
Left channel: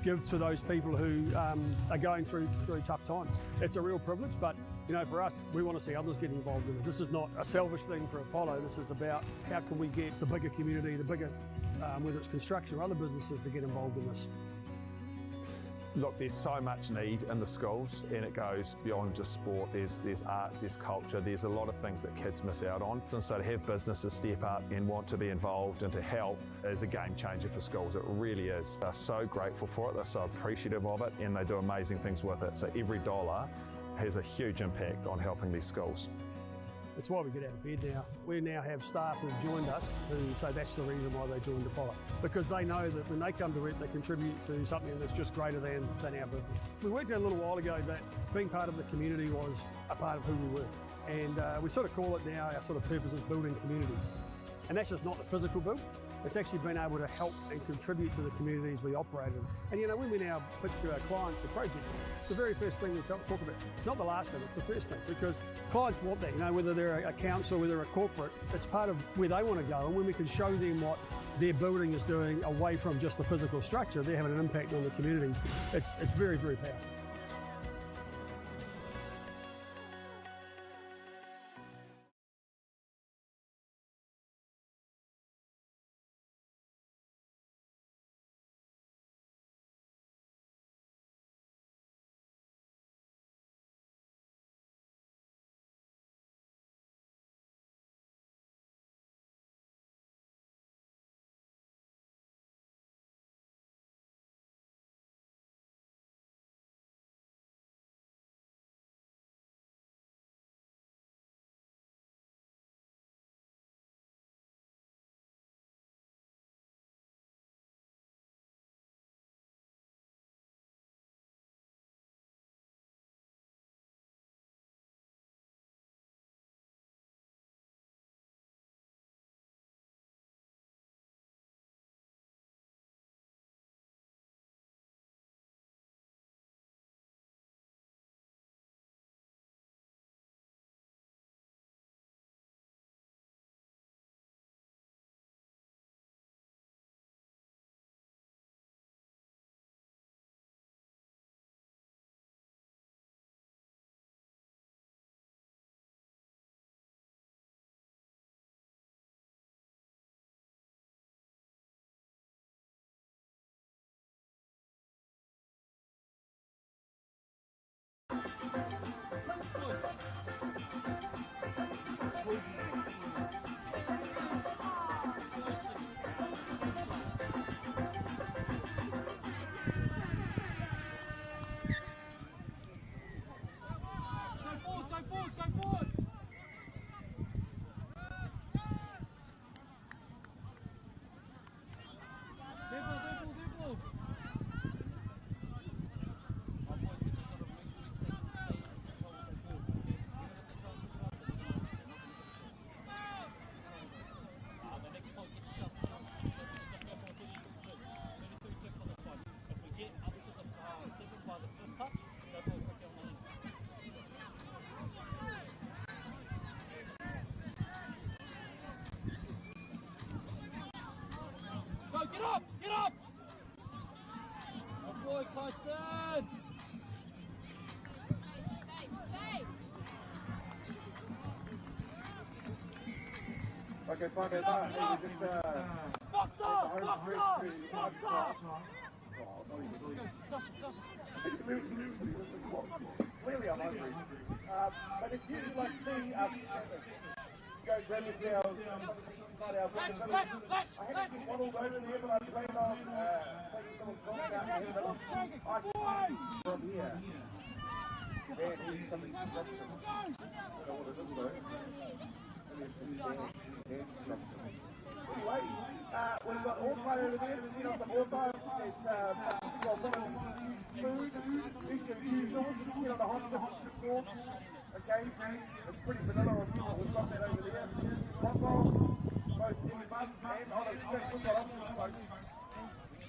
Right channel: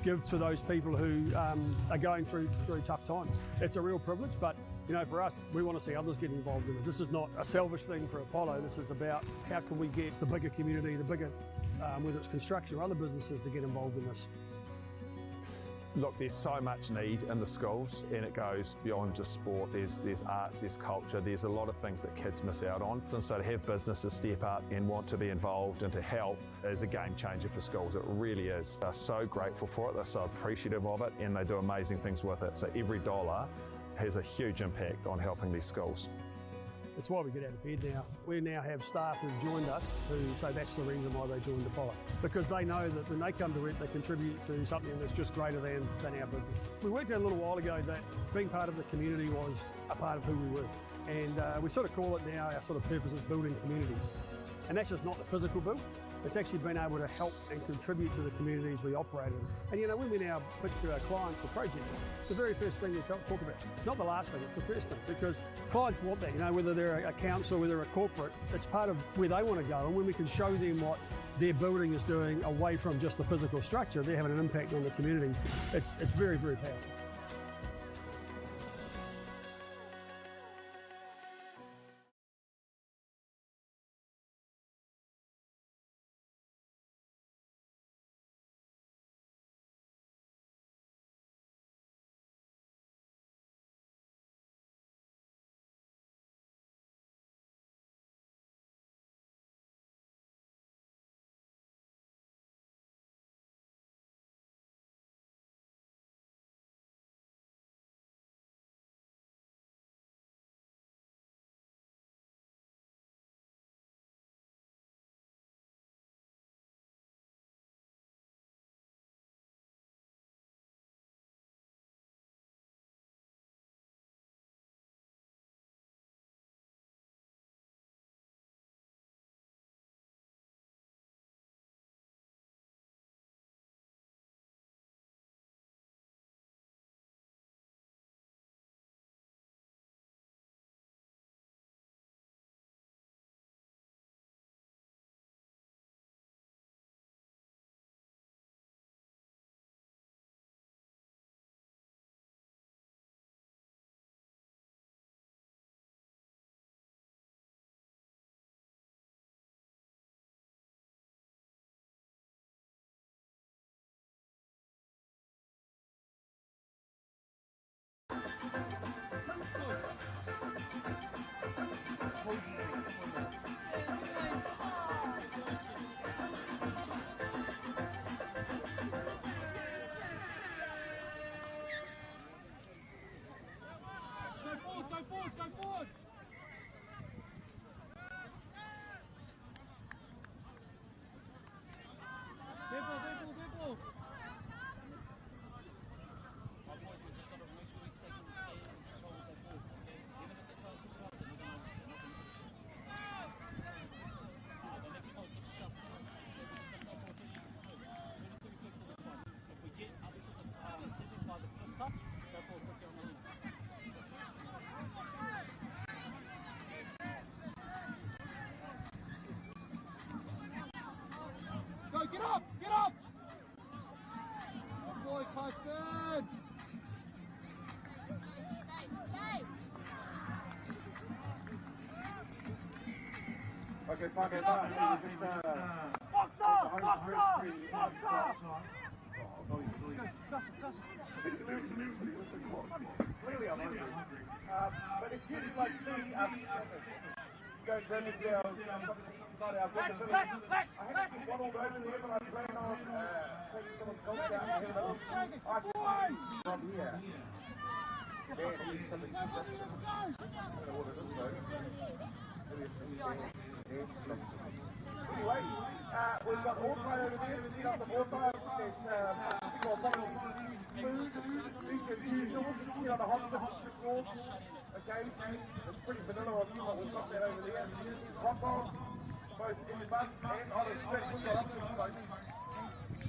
give to those people who are going through tough times. It's a real privilege, but you know, for us, we want to see others get involved in this. This is not a selfish thing for Apollo. This is about how can we get the bigger community, the bigger, whether it's construction or other businesses, to get involved in this. Look, there's so much need in the schools, and it goes beyond just sport. There's arts, there's culture, there's a lot of things that kids miss out on. And so to have businesses step up and want to be involved and to help is a game changer for schools. It really is. They're so grateful for it, they're so appreciative of it, and they do amazing things with it. So every dollar has a huge impact on helping these schools. It's why we get out of bed now. We now have staff who've joined us who say that's the reason why they joined Apollo. Because they know that when they come to it, they contribute to something that's just greater than our business. We worked out a little while ago that being part of the community was a part of who we were. And we sort of call it now, our sort of purpose is building communities. And that's just not the physical build. It's actually been able to help and contribute to the communities we operate in. And you know, when we now pitch to our clients for projects, it's the very first thing we talk about. It's not the last thing, it's the first thing, because clients want that, you know, whether they're a council, whether they're a corporate, it's part of where they want to go. And when we can show them what their building is doing away from just the physical structure, they're having an impact on the communities. It's very, very powerful. Okay, fine, okay, fine. Box off! Box off! Box off! Really unhungry. But if you like go Anyway, we've got all kind of events, you know, all kind of food, usual, you know, the hot sauce, okay, it's pretty vanilla of people who've got that over there. Hot roll, both in the bun and hot and sweat, get up there, folks.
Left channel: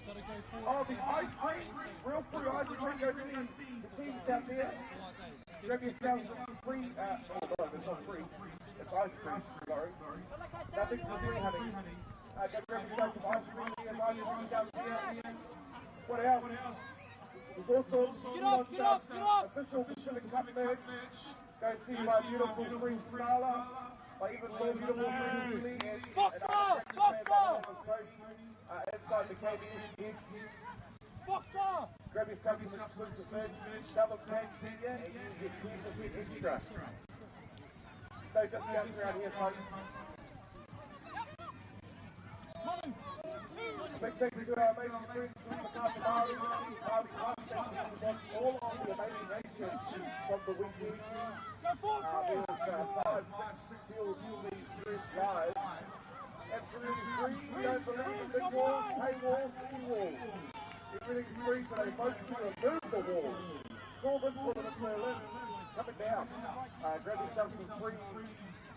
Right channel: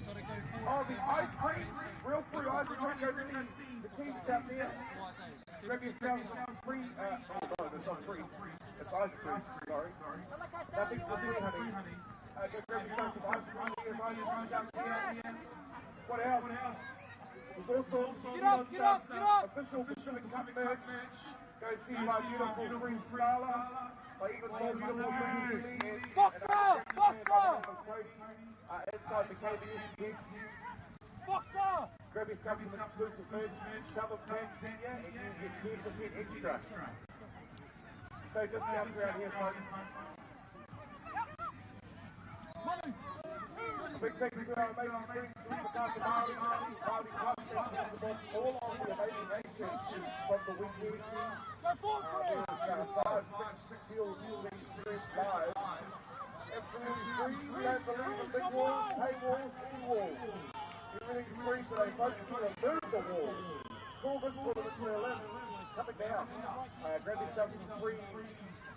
Oh, the ice cream, real free ice cream, go to the kids out there. Grab your sandwich, free, it's ice cream, sorry. Nothing free, honey. What else? There's also get up! Official club match. Go to beautiful free Scala. Boxer! Inside the cabin. Boxer! Grab your supplements, switch the first, double tag, and use your gear to hit extra. Stay just down around here, folks. Big thank you to our amazing team, MāORI, all of the amazing nations from the weekend. Six fields to the first live. Absolutely free, don't believe in big walls, high walls, any walls. Everything's free, so they vote to remove the wall. Call them for the list. Coming down. Grab yourself some free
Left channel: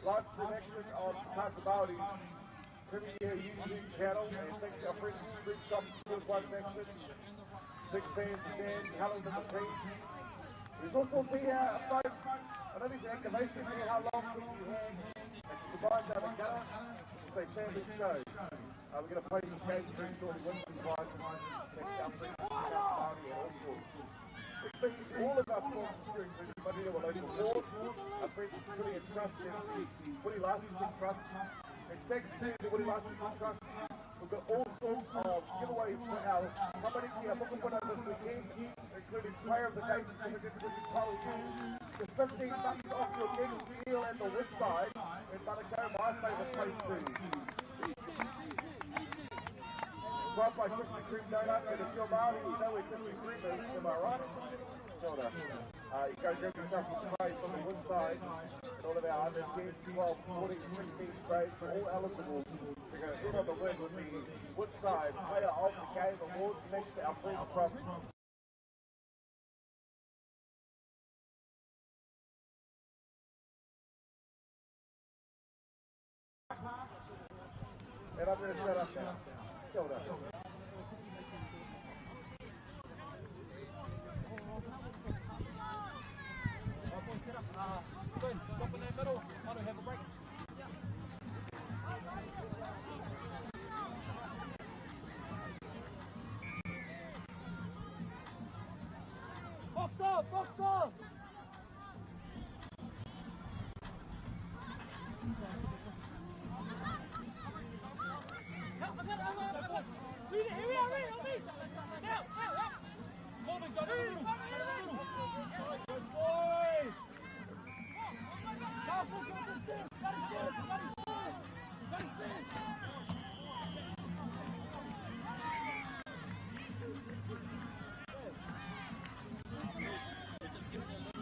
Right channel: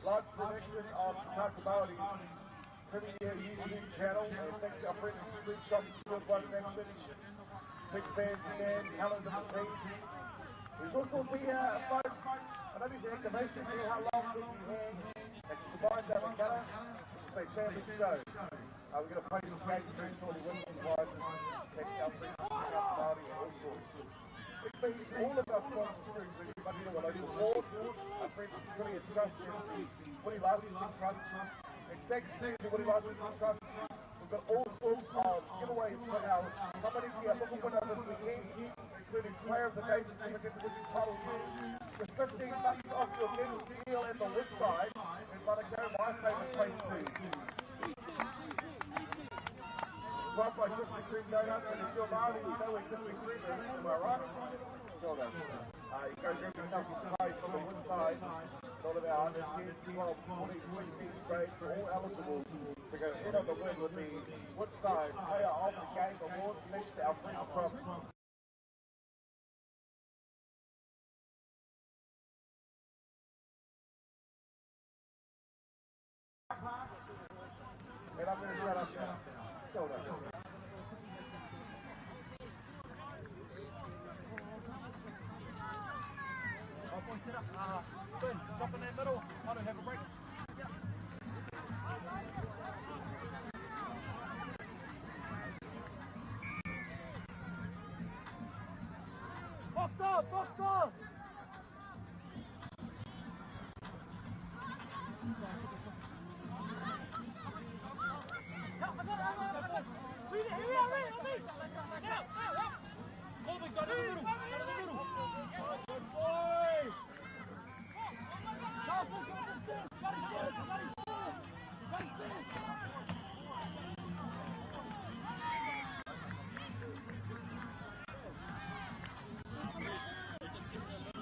live selection of MāORI. Premier YouTube channel, and thanks to our friends at Street Substitute One Connection. Big fans of Dan, Helen and the team. There's also the folks, I know there's an activation here, how long will you hear? And to combine that together, say family show. We're going to play some games here for the women's prizes. Thanks to our friends at MāORI and all sorts. Big thank you to all of our sponsors, Manurewa Local Board, our friends at Willie Trust, Willie Licensing Trust. Thanks to the Willie Licensing Trust. We've got all sorts of giveaways from our company, our second one this weekend, including player of the game, the 15 bucks off your next deal at the website, and by the game, my favourite place too. Brought by Krispy Kreme Donut, and if you're Māori, you know where Krispy Kreme is, am I right? Well done. You go grab yourself some space on the website. All of our 10, 12, 40, 16 grades are all eligible to go head on the web with the Woodside Player of the Game Awards next to our friends from and I'm going to shut up now. Hold on. Glenn, stop in that middle. Want to have a break? Box off! Box off! Good boy! Just give me a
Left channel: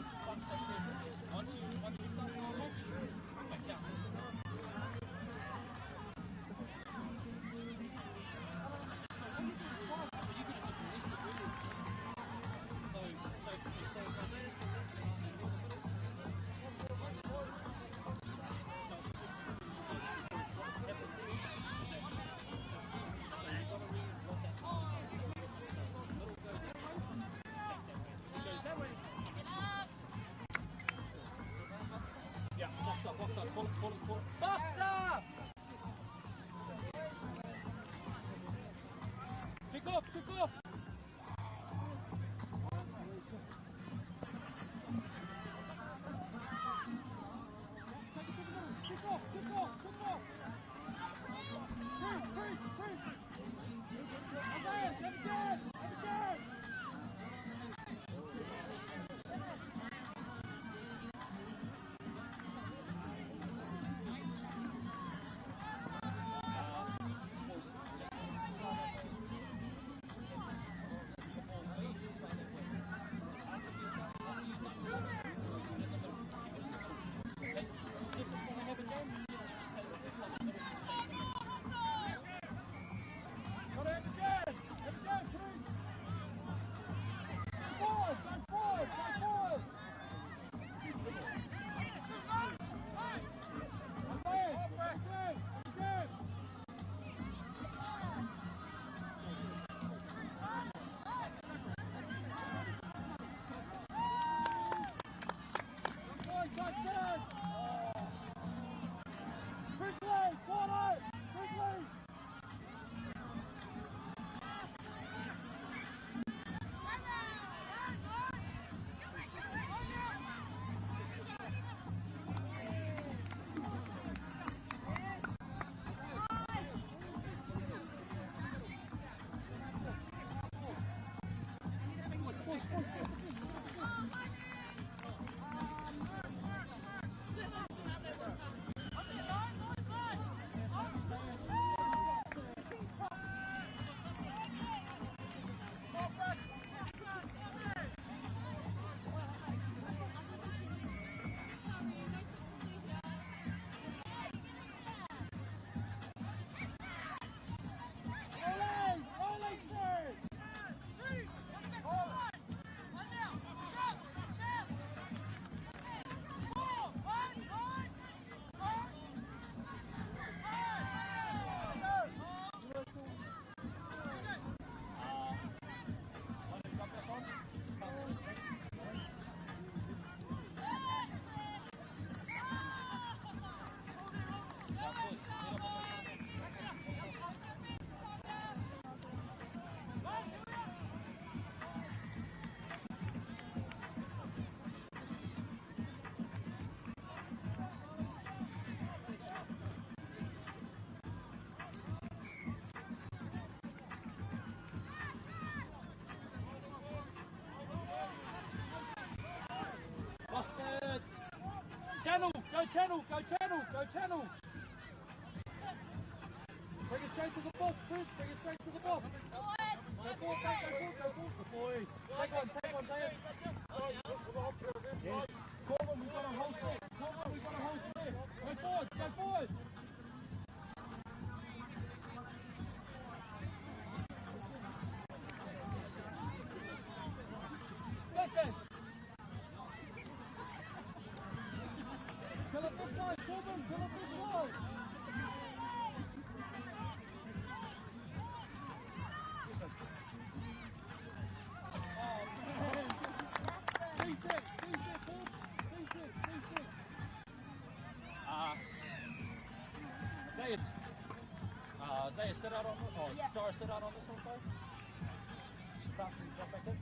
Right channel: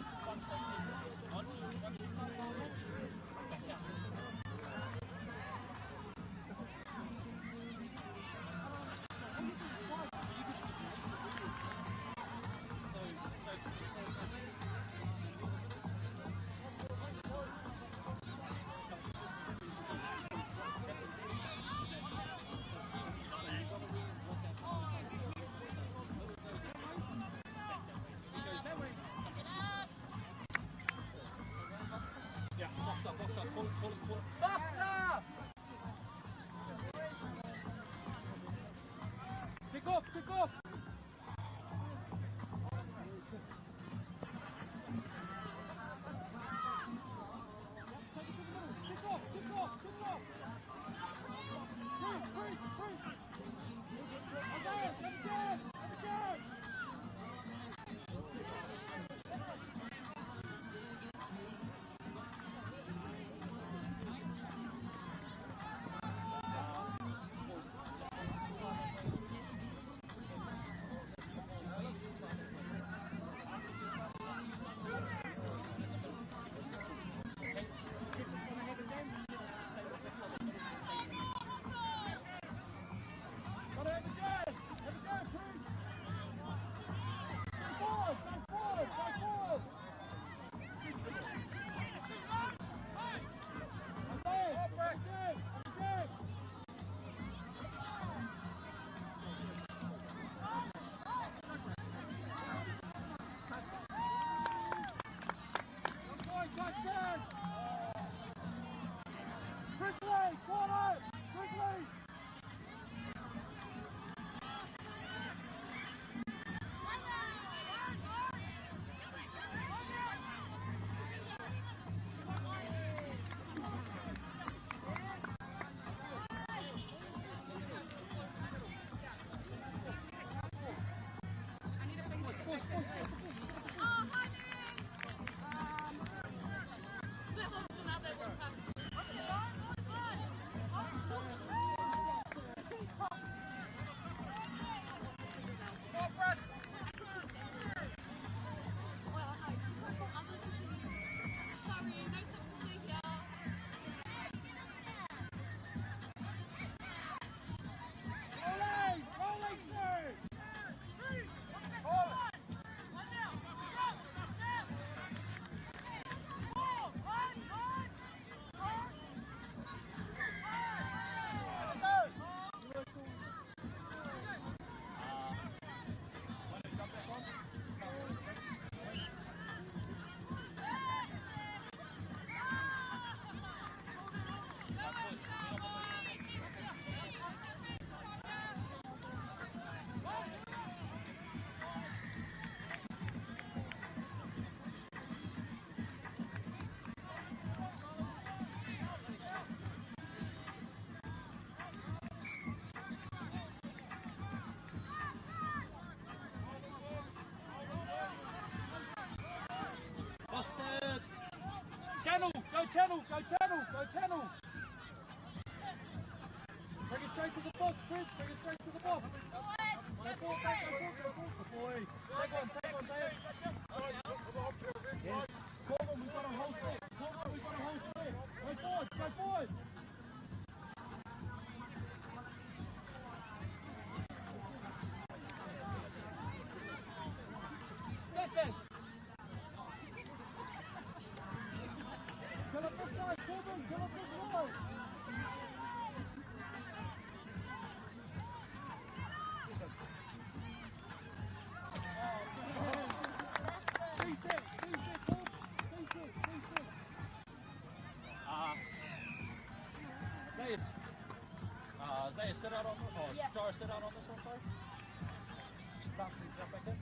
channel, go channel, go channel. Bring it straight to the box, Chris, bring it straight to the box. Go forward, mate, go forward, go forward. Good boy. Take on, Dave. Yes. Corbin, we've got a whole set. Corbin, we've got a whole set. Go forward, go forward. Back. Pull up this side, Corbin, pull up this side. Zaya, sit out on this, Dara, sit out on this one, sorry. Jump back in.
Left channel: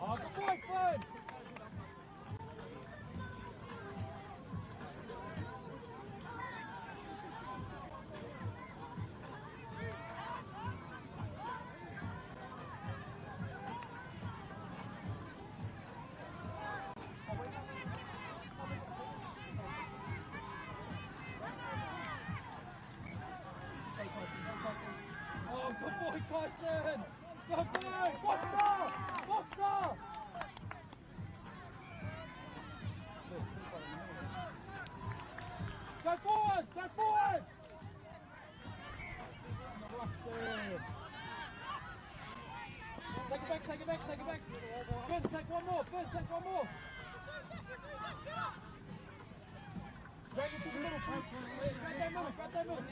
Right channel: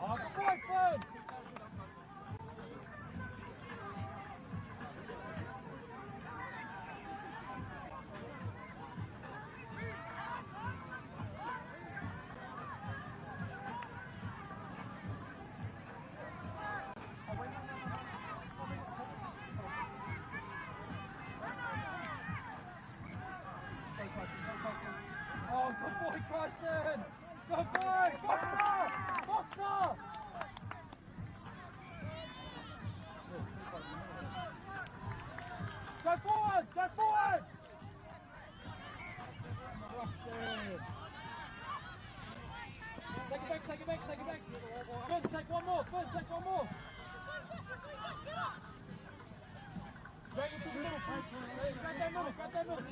Oh, good boy, Fred! Oh, good boy, Carson! Good boy! Boxer! Boxer! Go forward! Go forward! Take it back, take it back, take it back. Finn, take one more. Finn, take one more. Drag it to the middle, Chris. Grab that middle, grab that middle.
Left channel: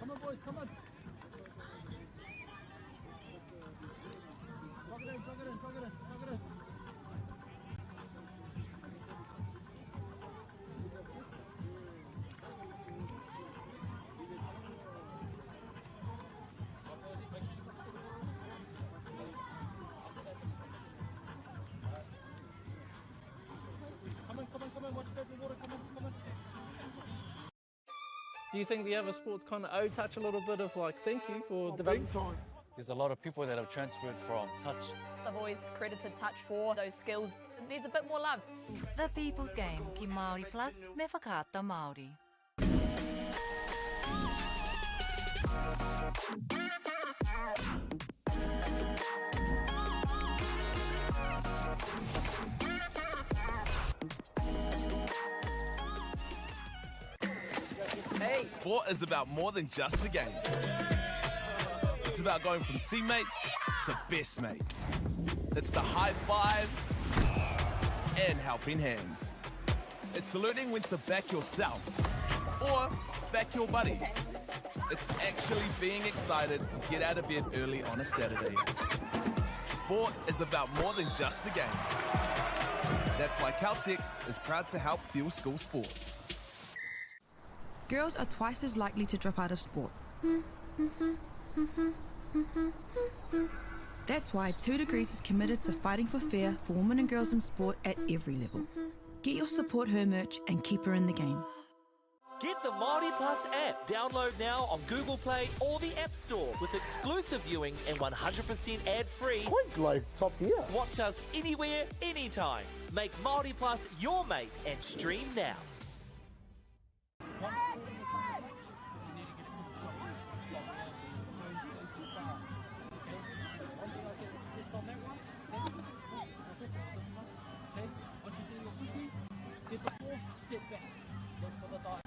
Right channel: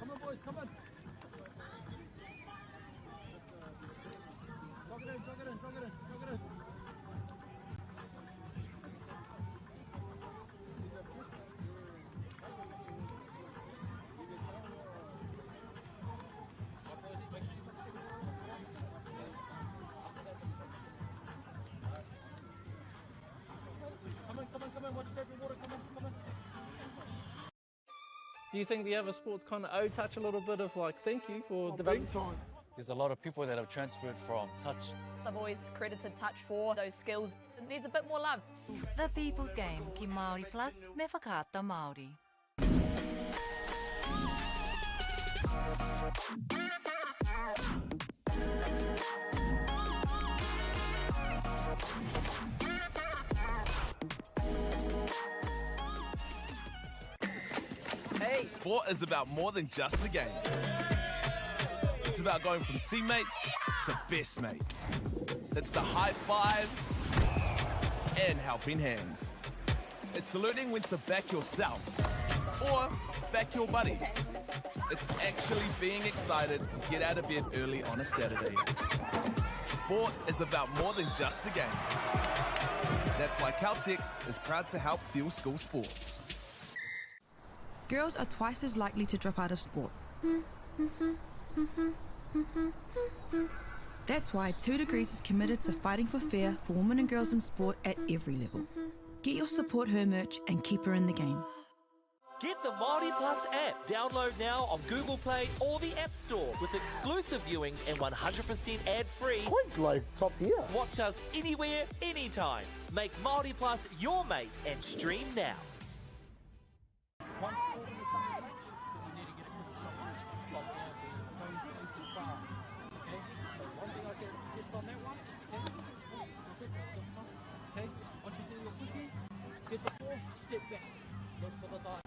Come on, boys, come on. Drag it in, drag it in, drag it in, drag it in. Come on, watch your baby water, come on. Do you think the other sports kind of touch a little bit of like thank you for development? There's a lot of people that have transferred from touch. I've always credited touch for those skills. It needs a bit more love. The People's Game, ki MāORI Plus, me whakaata Māori. Hey. Sport is about more than just the game. It's about going from teammates to best mates. It's the high fives and helping hands. It's learning when to back yourself or back your buddies. It's actually being excited to get out of bed early on a Saturday. Sport is about more than just the game. That's why Caltex is proud to help fuel school sports. Girls are twice as likely to drop out of sport. That's why 2 Degrees is committed to fighting for fair for women and girls in sport at every level. Get your support her merch and keep her in the game. Get the MāORI Plus app. Download now on Google Play or the App Store with exclusive viewings and 100% ad-free. Quite like top tier. Watch us anywhere, anytime. Make MāORI Plus your mate and stream now. Step back. Look for the dark.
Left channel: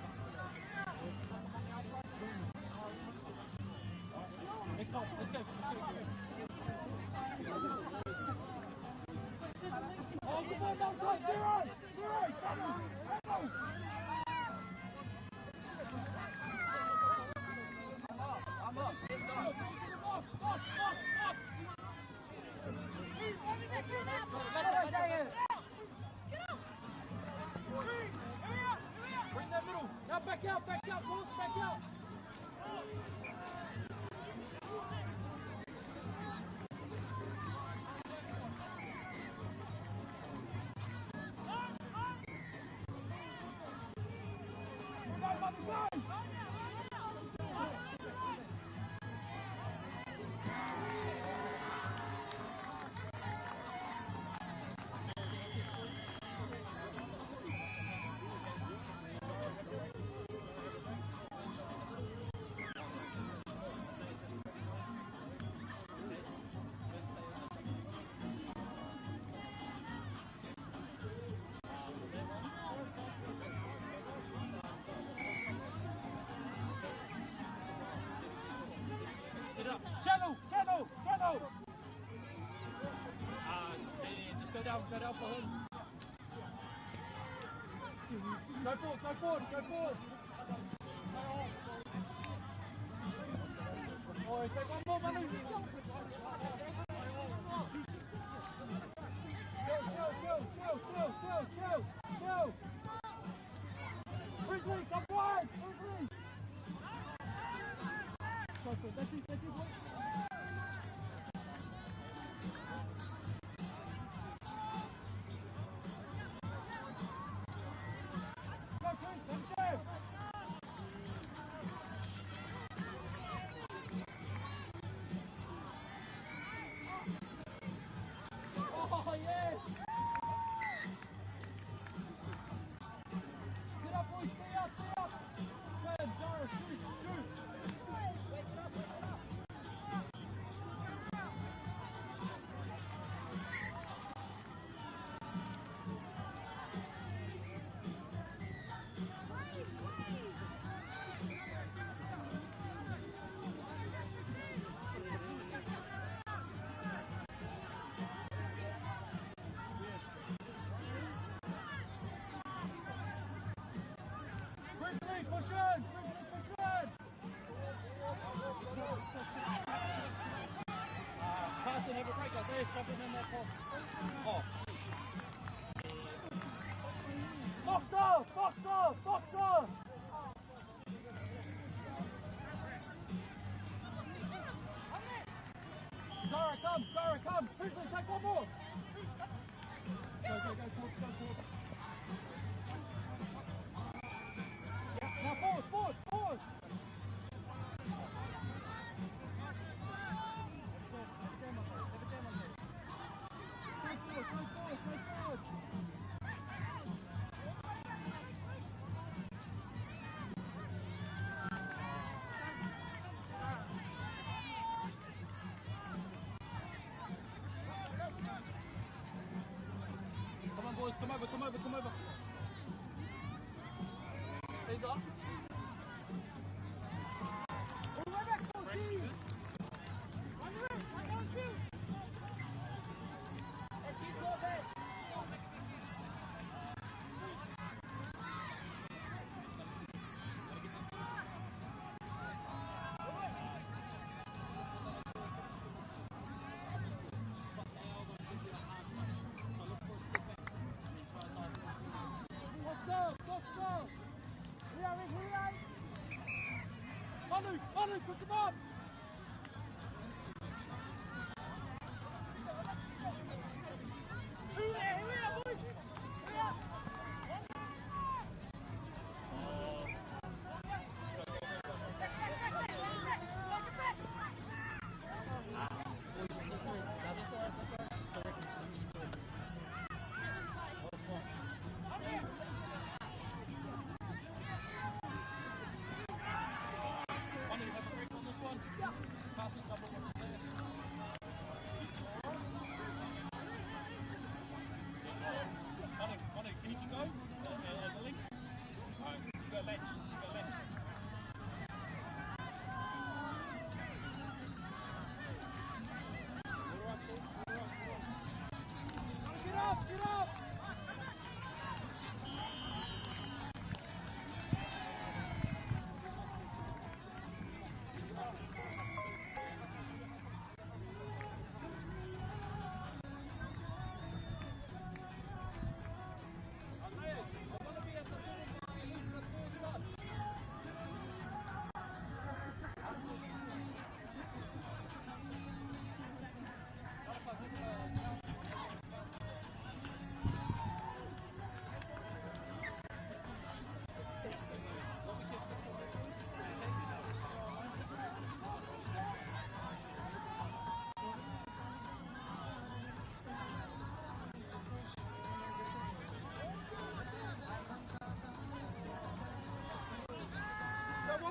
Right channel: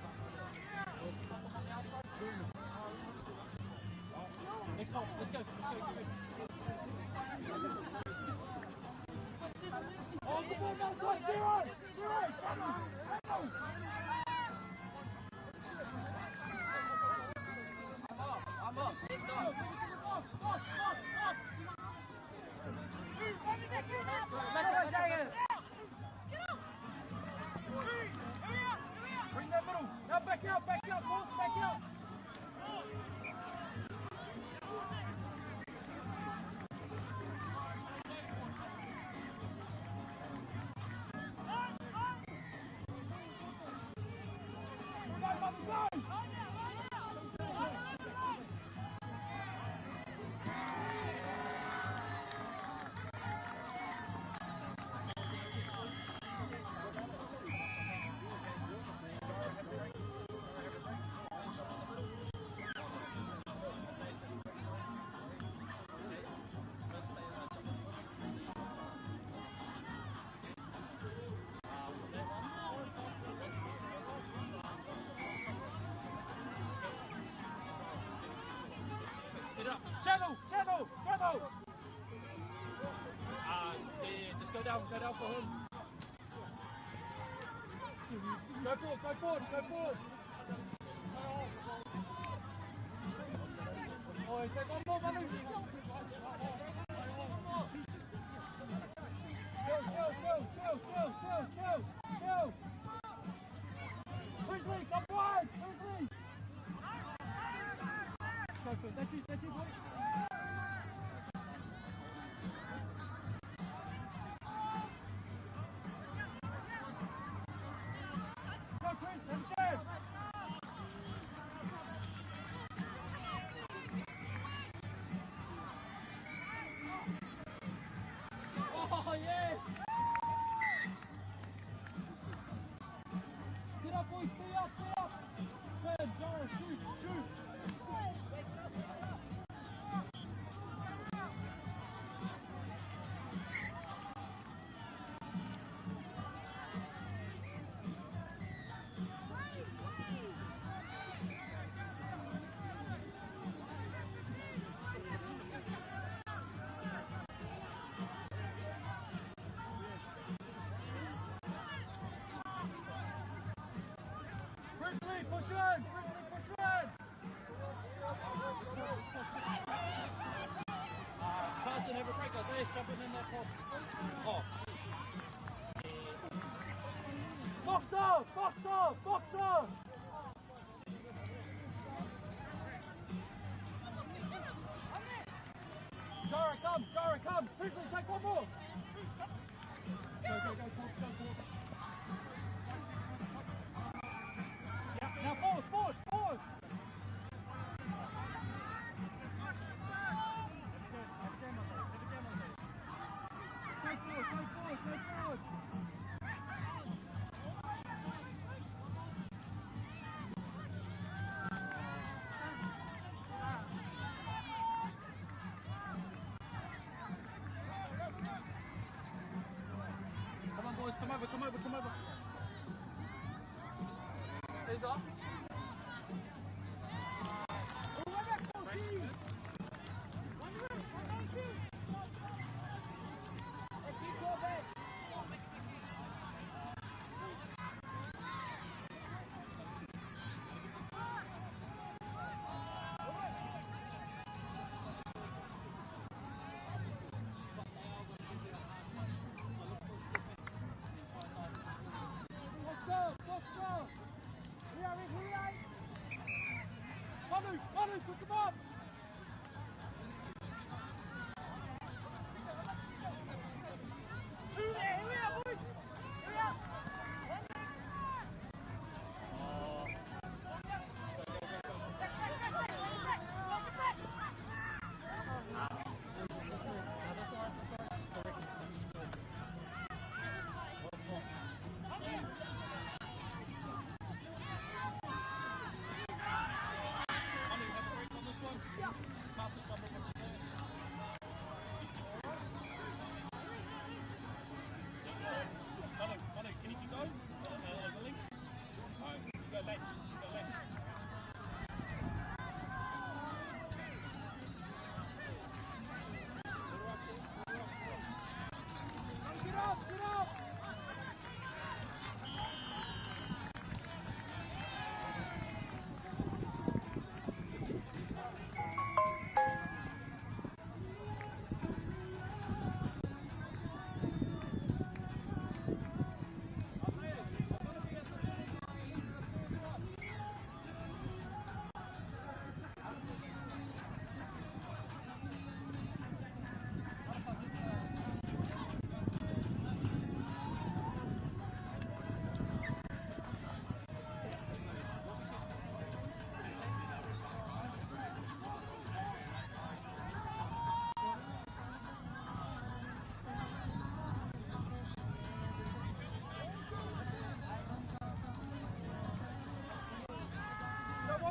Next one. Let's go. Oh, come on, now, go. Zero. Come on. I'm up. Bring that middle. Now back out, boys, back out. Go! Shadow! Just go down for him. Go forward. Oh, take one more, Manu. Chill. Grizzly, come wide, Grizzly. Go for it, that's it, boy. Oh, yes! Get up, boys, stay up! Good, Zara, shoot! Wake it up! Push one! Carson, have a break. I was stuck in that top. Oh. Box off! Dara, come! Crystal, take one more! Go. Now forward! Go forward! Come on, boys, come over. Hands off. Manu, pick him up!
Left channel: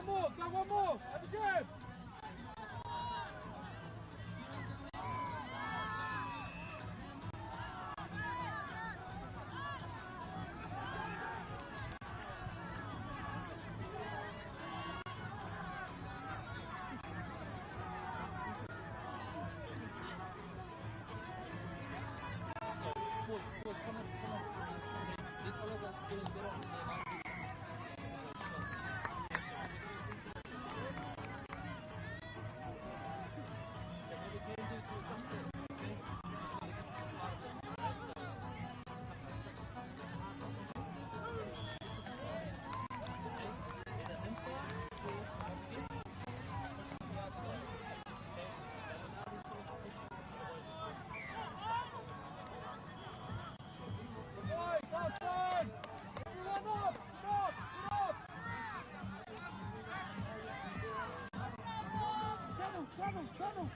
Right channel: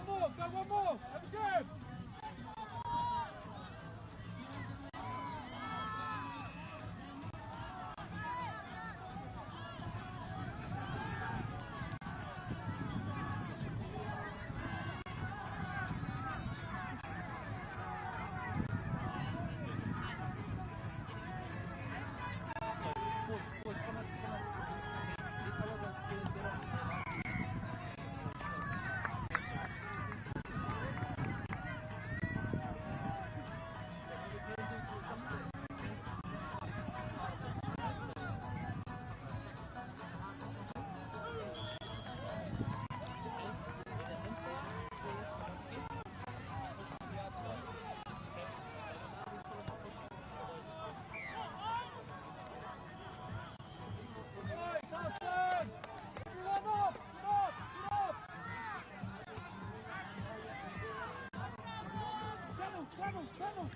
Go one more. Have a game. Channel.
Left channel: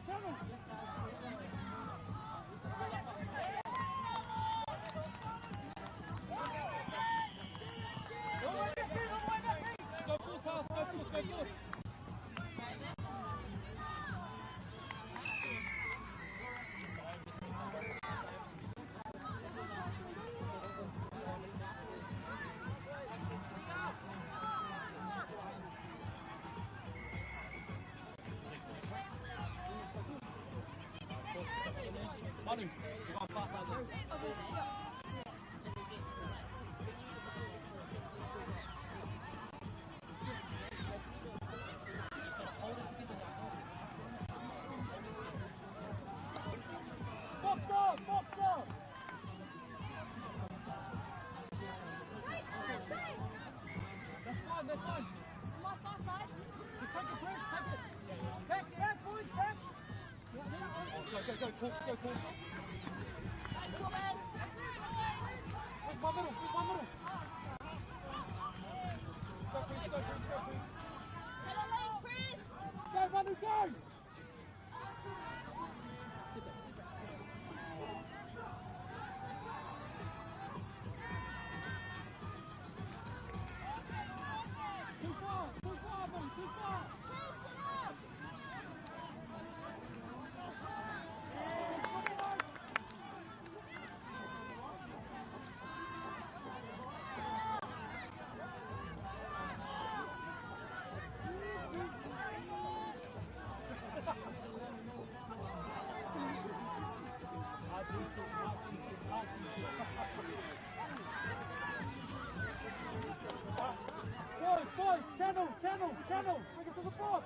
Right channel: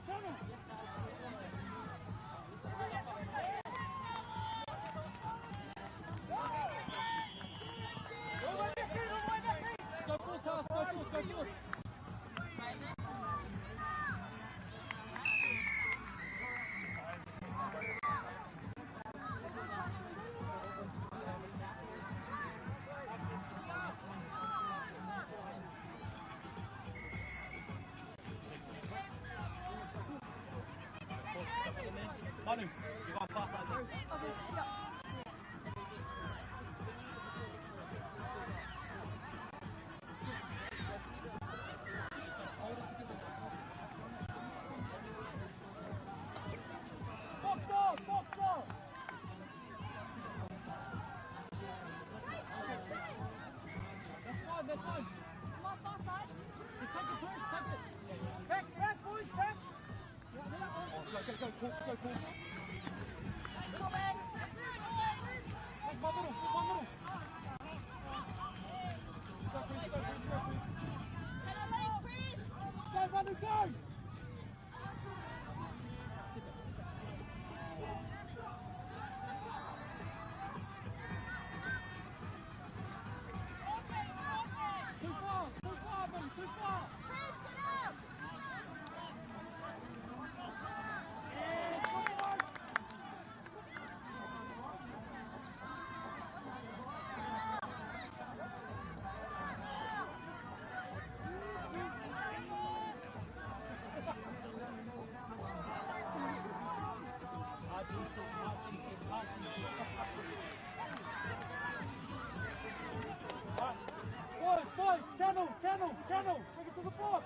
Go. Box up! That's fine. Come on, far side. Just take it. Back, boys, back. Go, cool. Middle, man. Where's my middle? Go, Chris. Go, Manu, go! Too far! Boys, channel, bring it to the box.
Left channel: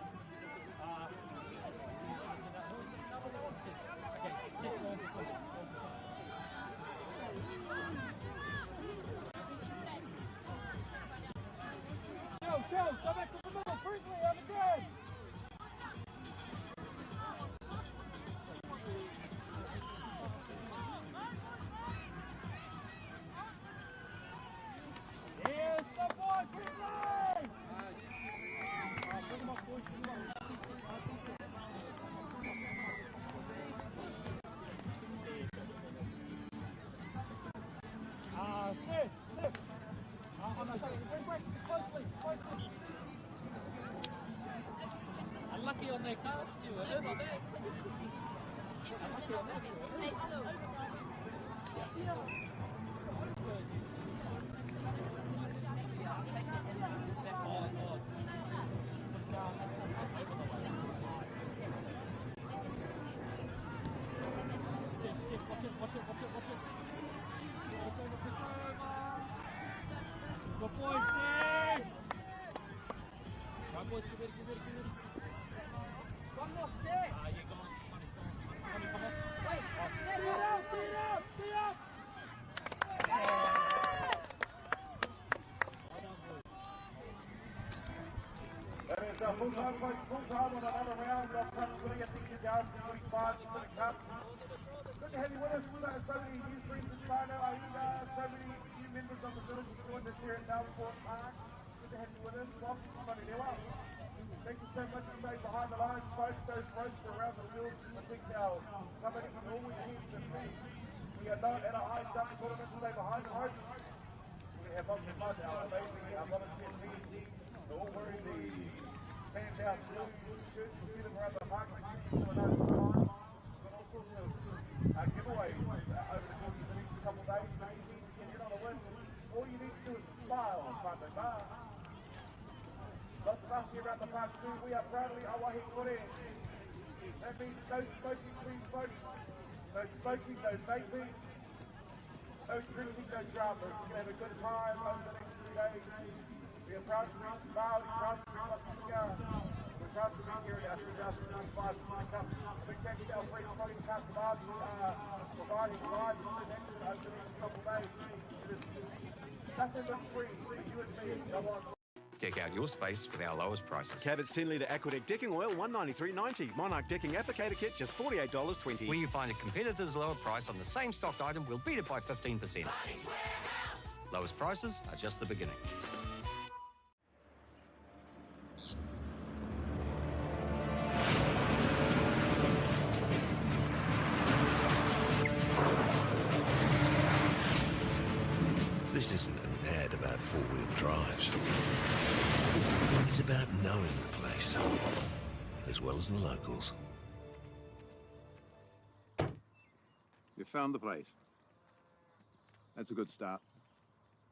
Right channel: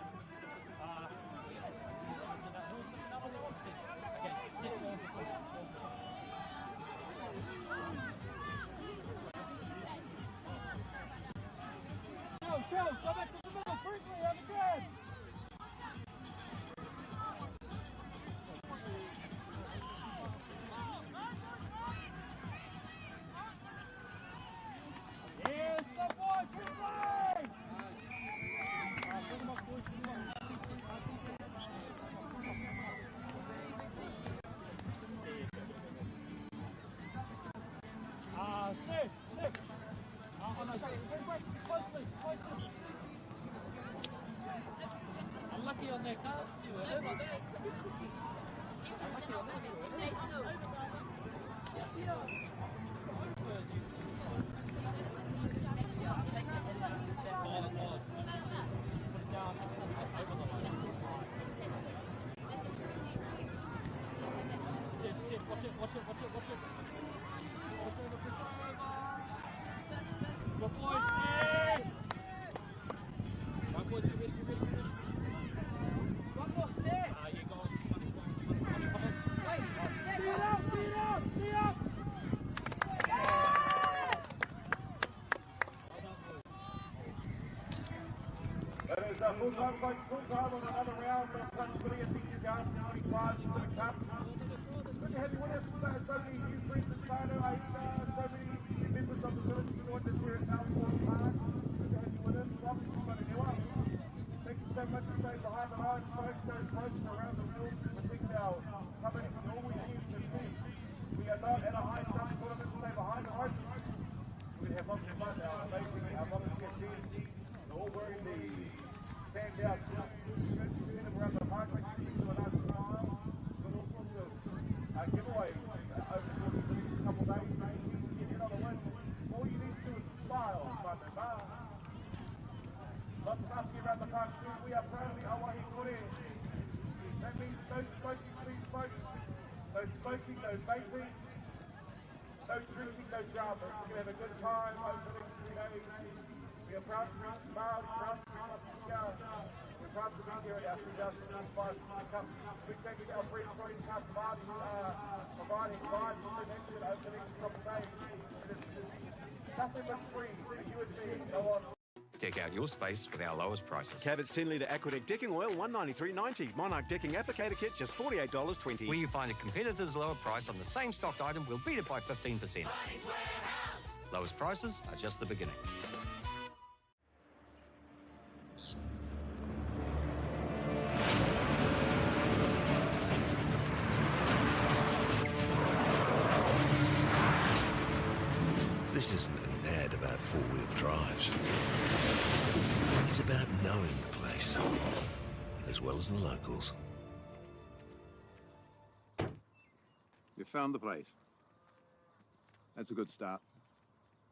Chill, go back to the middle, Priestley, have a game. Here's the boy, Priestley! Bring him up, boys, sit. On the side, wait, closely. Unlucky on their cars, you were there, Unlucky on that. Watch it. Good boys, Steve! One boys, give it. One more set! You go on. Stay up! Well done, boys. That is a full-time on another round. That's going to get things you guys for the cup. Good to have you with us. So many new friends in China. So many members of the village joined us here at Mountfort Park. Good to have you with us. Manurewa. Thank you so much for staying behind the lines, folks. Those folks around the world protect our company from always getting the food. We are not at a high jump tournament. Stay behind the ropes. We have lots of fun now. Amazing volunteer teams. They're all wearing the we are proudly away Kore. That means no smoking, please smoke. No smoking, no vaping. No drinking, no drama. We're going to have a good time over the next 2 days. We are proud to be proud to be we're proud to be here at our 2005 Big thank you to our friends, colleagues, cast of artists, providing live connections over the next 2 days. Nothing but free for you and me. Go on. Deck out your space with our lowest prices. Cabot's 10 litre Aquadeck decking oil, $193.90. Monarch decking applicator kit, just $48.20. Where you find a competitor's lower price on the same stocked item, we'll beat it by 15%. Lowest prices are just the beginning. This isn't an ad about four-wheel drives. It's about knowing the place, as well as the locals. You found the place. That's a good start.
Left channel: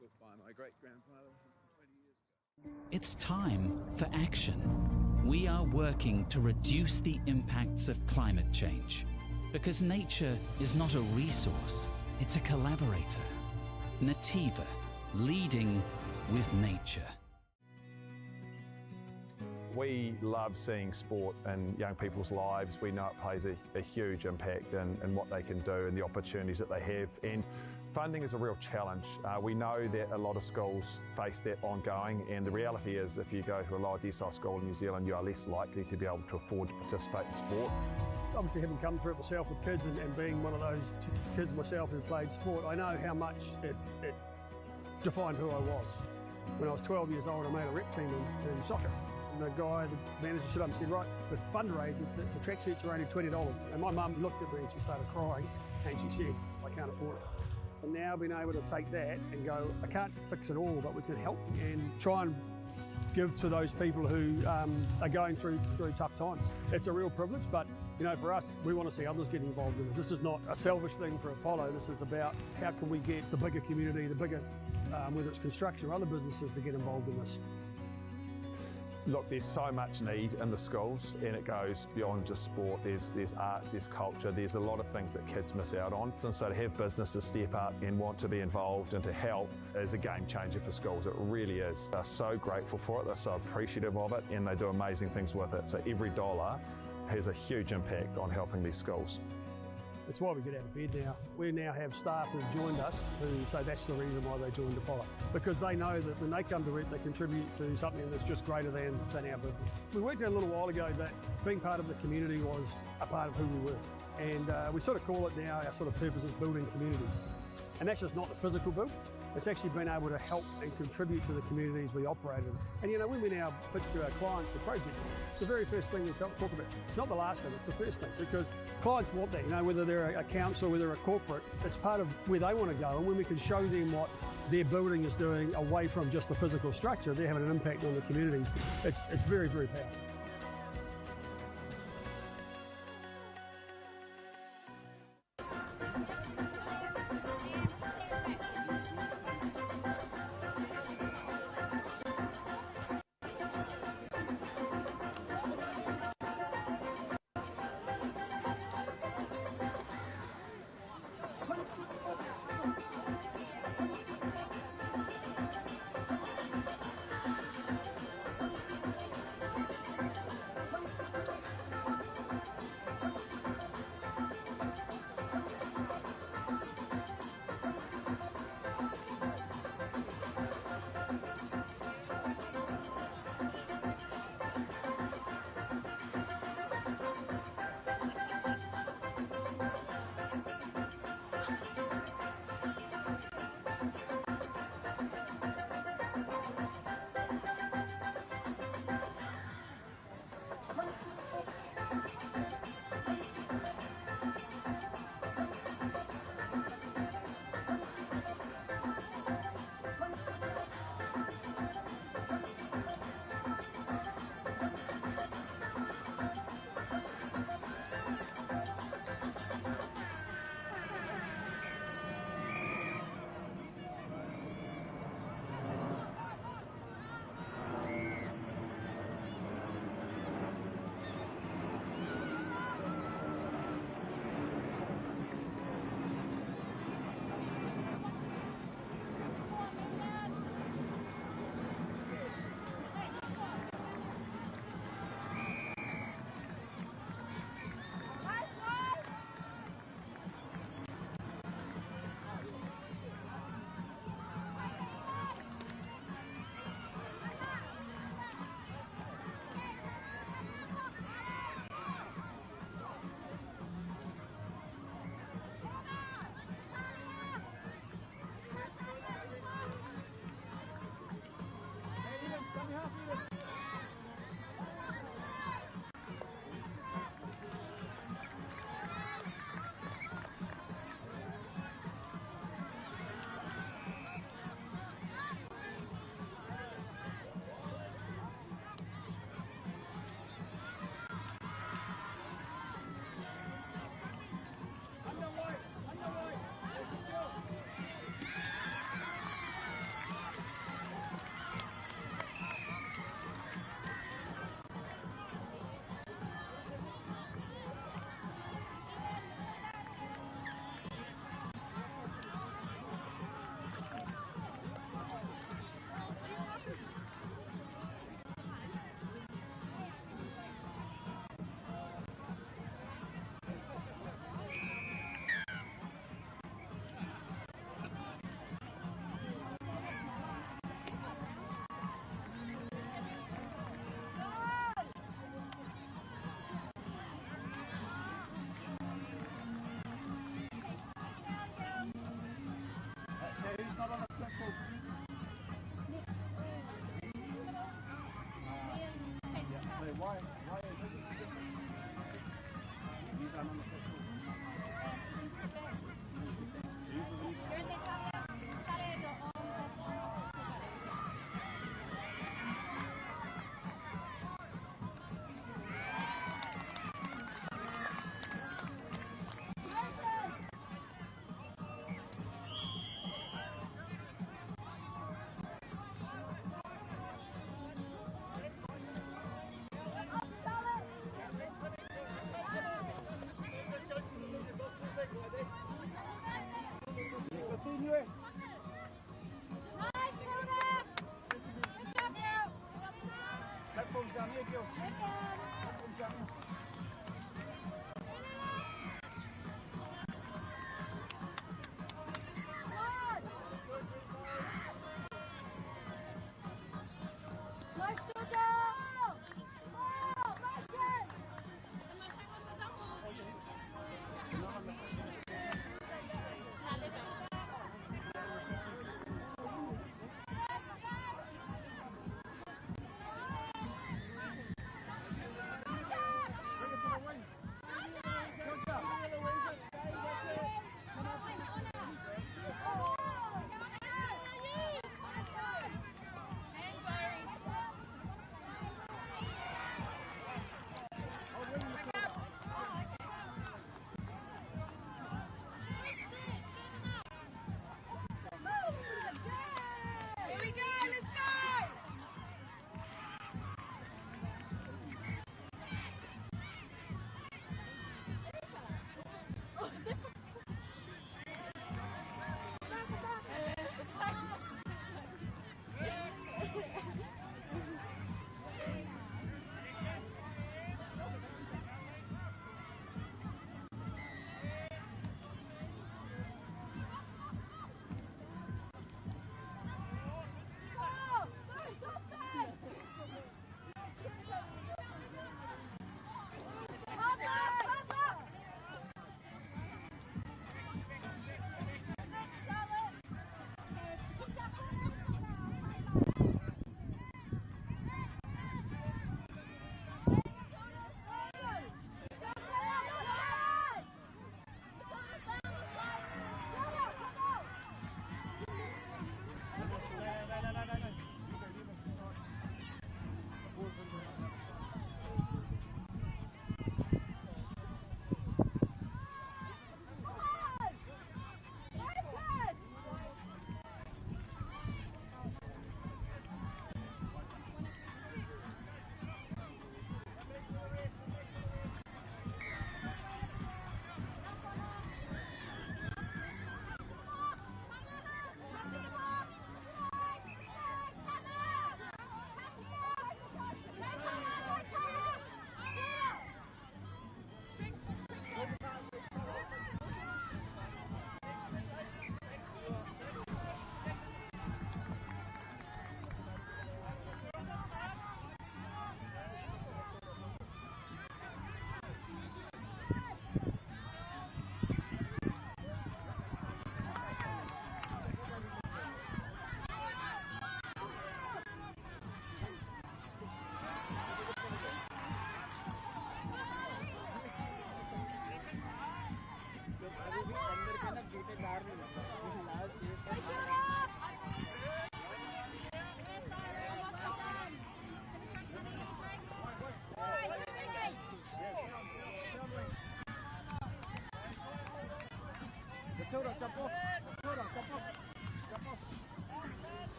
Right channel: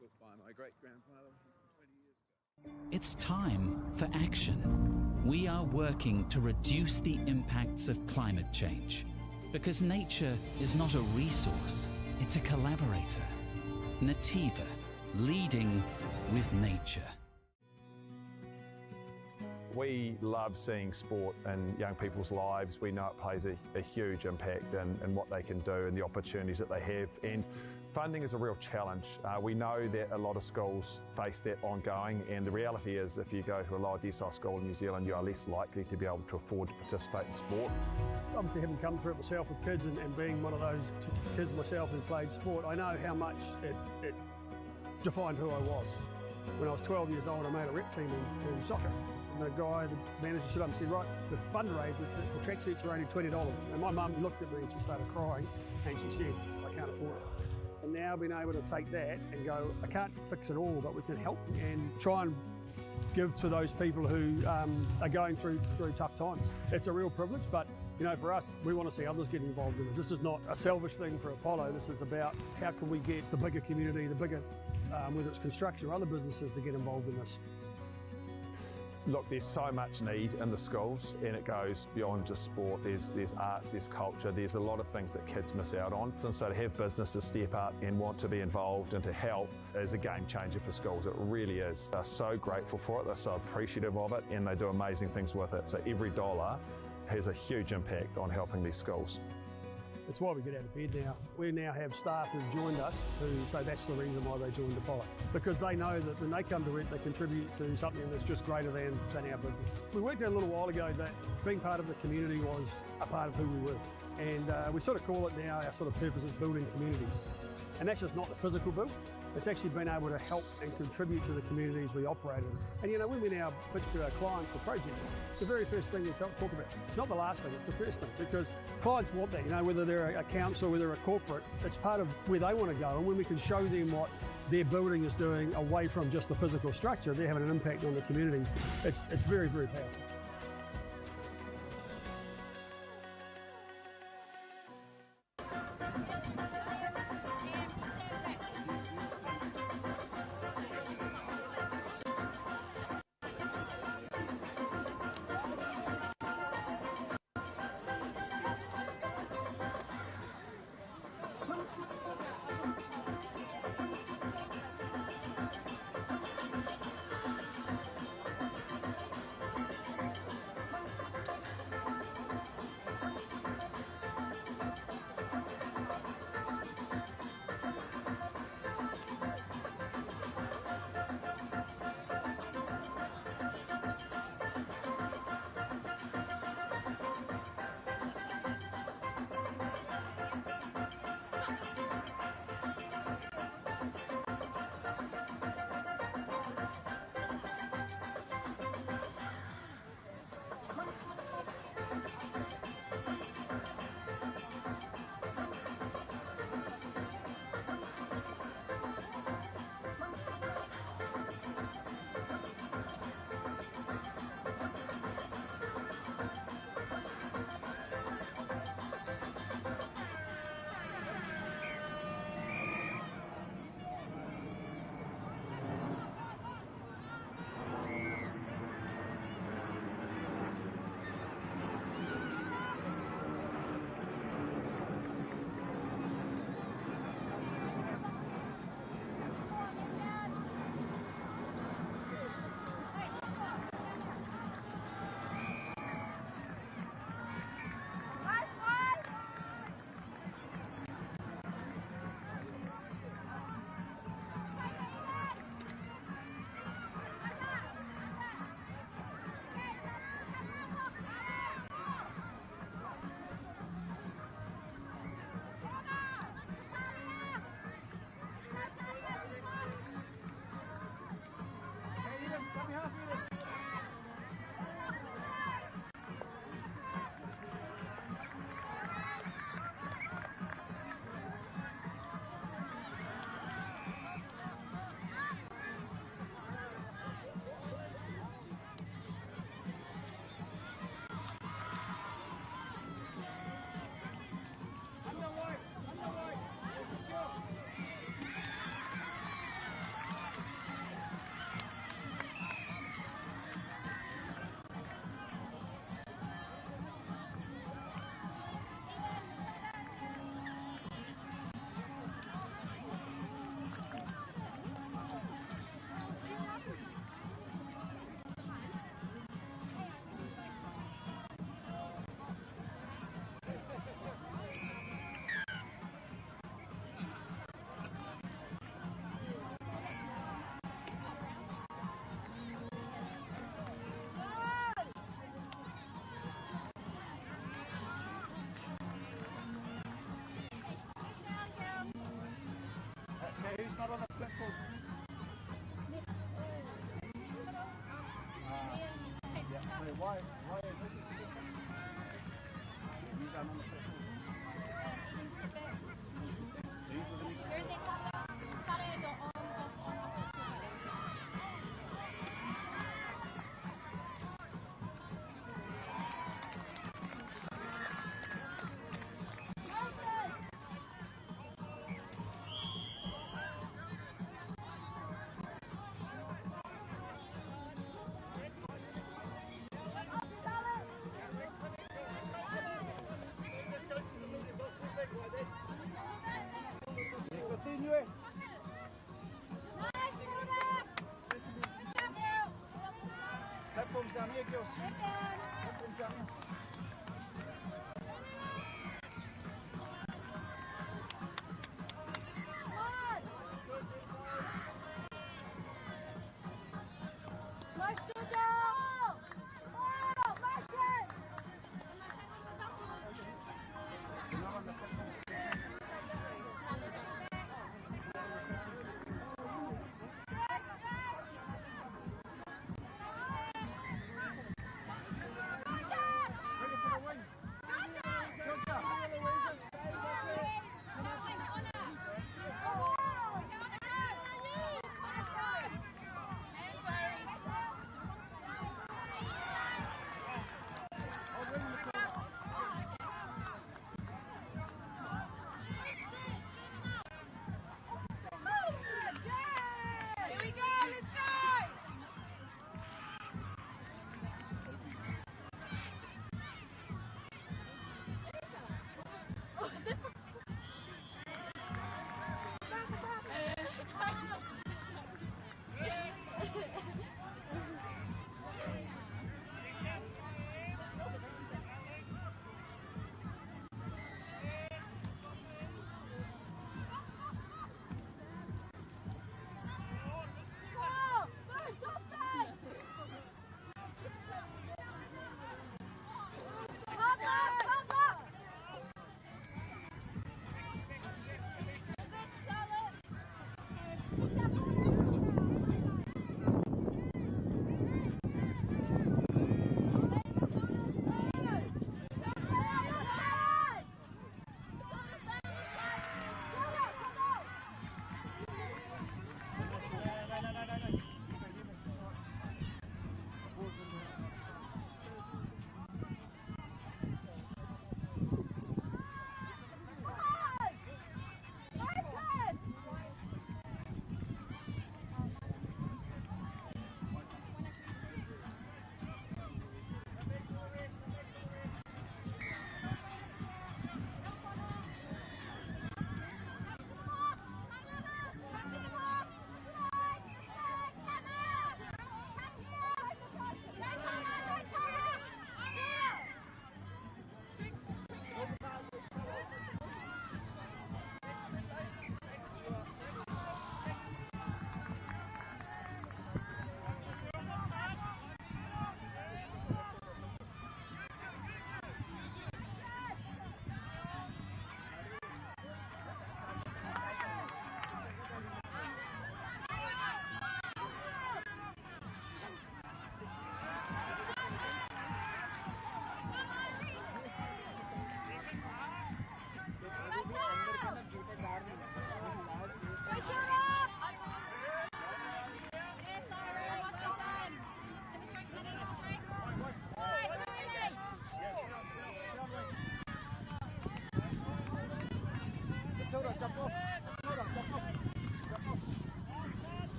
Built by my great-grandfather 20 years ago. It's time for action. We are working to reduce the impacts of climate change, because nature is not a resource, it's a collaborator. Nativa, leading with nature. We love seeing sport in young people's lives. We know it plays a huge impact in what they can do and the opportunities that they have. And funding is a real challenge. We know that a lot of schools face that ongoing, and the reality is if you go to a lower decile school in New Zealand, you are less likely to be able to afford to participate in sport. Obviously, having come through it myself with kids and being one of those kids myself who played sport, I know how much it defined who I was. When I was 12 years old, I made a rep team in soccer. And the guy, the manager, stood up and said, right, the fundraise, the tracksuits are only $20. And my mum looked at me and she started crying and she said, I can't afford it. And now being able to take that and go, I can't fix it all, but we can help and try and give to those people who are going through tough times. It's a real privilege, but you know, for us, we want to see others get involved in it. This is not a selfish thing for Apollo. This is about how can we get the bigger community, the bigger, whether it's construction or other businesses, to get involved in this. Look, there's so much need in the schools, and it goes beyond just sport. There's arts, there's culture, there's a lot of things that kids miss out on. And so to have businesses step up and want to be involved and to help is a game changer for schools. It really is. They're so grateful for it, they're so appreciative of it, and they do amazing things with it. So every dollar has a huge impact on helping these schools. That's why we get out of bed now. We now have staff who've joined us who say that's the reason why they joined Apollo. Because they know that when they come to it, they contribute to something that's just greater than our business. We worked out a little while ago that being part of the community was a part of who we were. And we sort of call it now, our sort of purpose is building communities. And that's just not the physical build. It's actually been able to help and contribute to the communities we operate in. And you know, when we now pitch to our clients for projects, it's the very first thing we talk about. It's not the last thing, it's the first thing, because clients want that, you know, whether they're a council, whether they're a corporate, it's part of where they want to go. And when we can show them what their building is doing away from just the physical structure, they're having an impact on the communities. It's very, very powerful.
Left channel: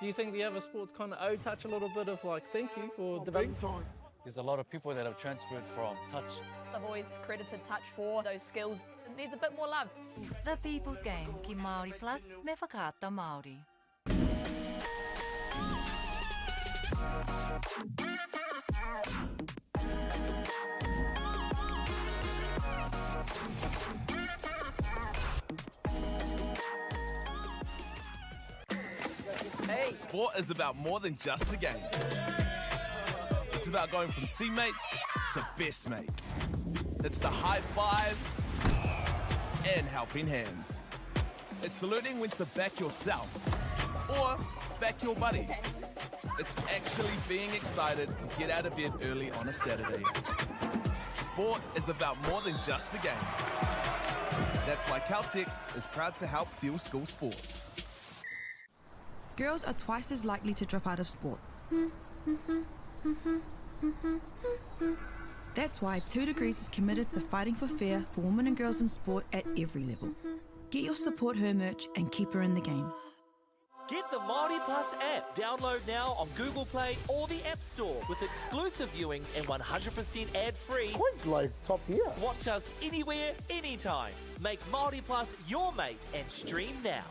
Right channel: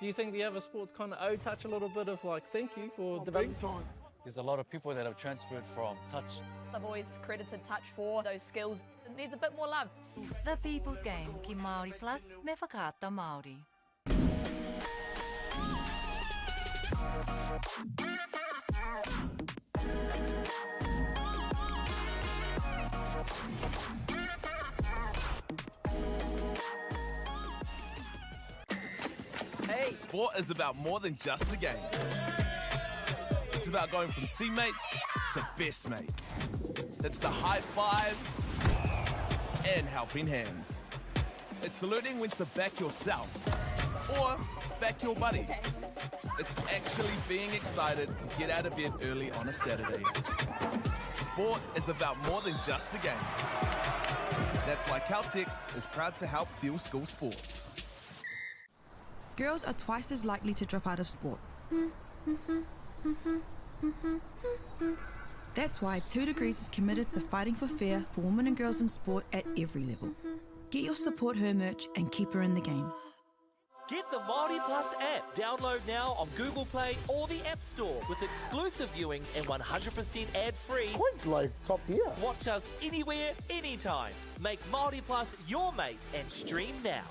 Do you think the other sports kind of touch a little bit of like thank you for development? There's a lot of people that have transferred from touch. I've always credited touch for those skills. It needs a bit more love. The People's Game, ki Māori Plus, me whakaata Māori. Hey. Sport is about more than just the game. It's about going from teammates to best mates. It's the high fives and helping hands. It's learning when to back yourself or back your buddies. It's actually being excited to get out of bed early on a Saturday. Sport is about more than just the game. That's why Caltex is proud to help fuel school sports. Girls are twice as likely to drop out of sport. That's why 2 Degrees is committed to fighting for fair for women and girls in sport at every level. Get your support her merch and keep her in the game. Get the MāORI Plus app. Download now on Google Play or the App Store with exclusive viewings and 100% ad-free. Quite like top tier. Watch us anywhere, anytime. Make MāORI Plus your mate and stream now.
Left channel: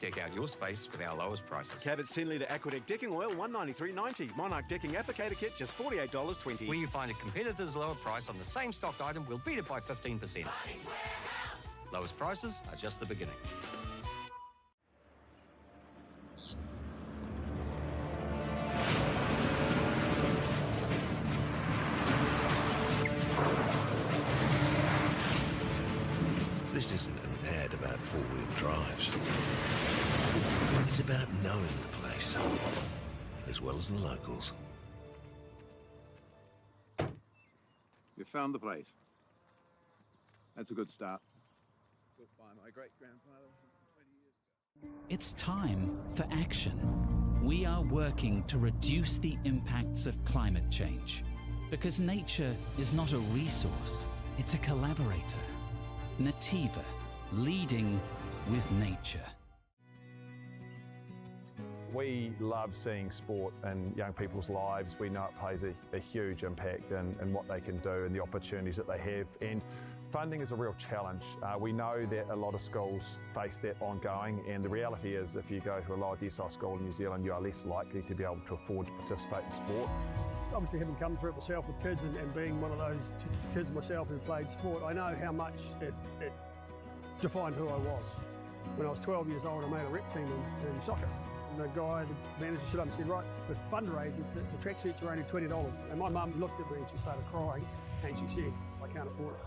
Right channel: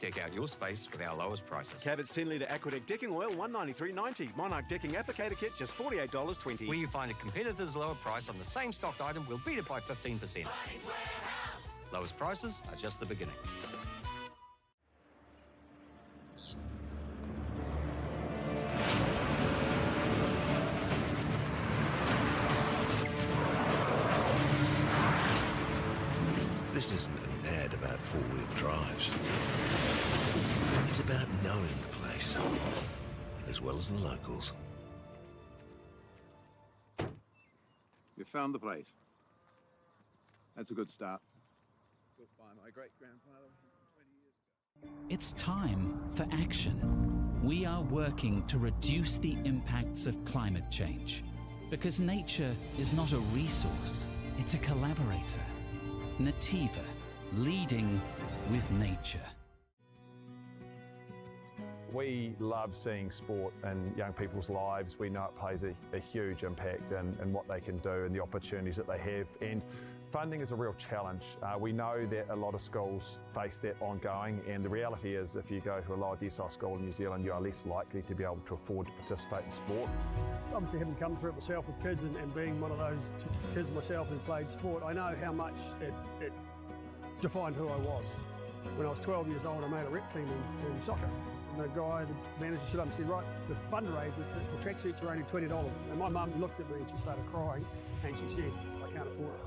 Deck out your space with our lowest prices. Cabot's 10-litre Aquadeck decking oil, $193.90. Monarch decking applicator kit, just $48.20. When you find a competitor's lower price on the same stocked item, we'll beat it by 15%. Lowest prices are just the beginning. This isn't an ad about four-wheel drives. It's about knowing the place, as well as the locals. You found the place. That's a good start. Built by my great-grandfather 20 years ago. It's time for action. We are working to reduce the impacts of climate change. Because nature is not a resource, it's a collaborator. Nativa, leading with nature. We love seeing sport in young people's lives. We know it plays a huge impact in what they can do and the opportunities that they have. And funding is a real challenge. We know that a lot of schools face that ongoing, and the reality is if you go to a lower decile school in New Zealand, you are less likely to be able to afford to participate in sport. Obviously, having come through it myself with kids and being one of those kids myself who played sport, I know how much it defined who I was. When I was 12 years old, I made a rep team in soccer. And the guy, the manager, stood up and said, right, the fundraise, the tracksuits are only $20. And my mum looked at me and she started crying and she said, I can't afford it.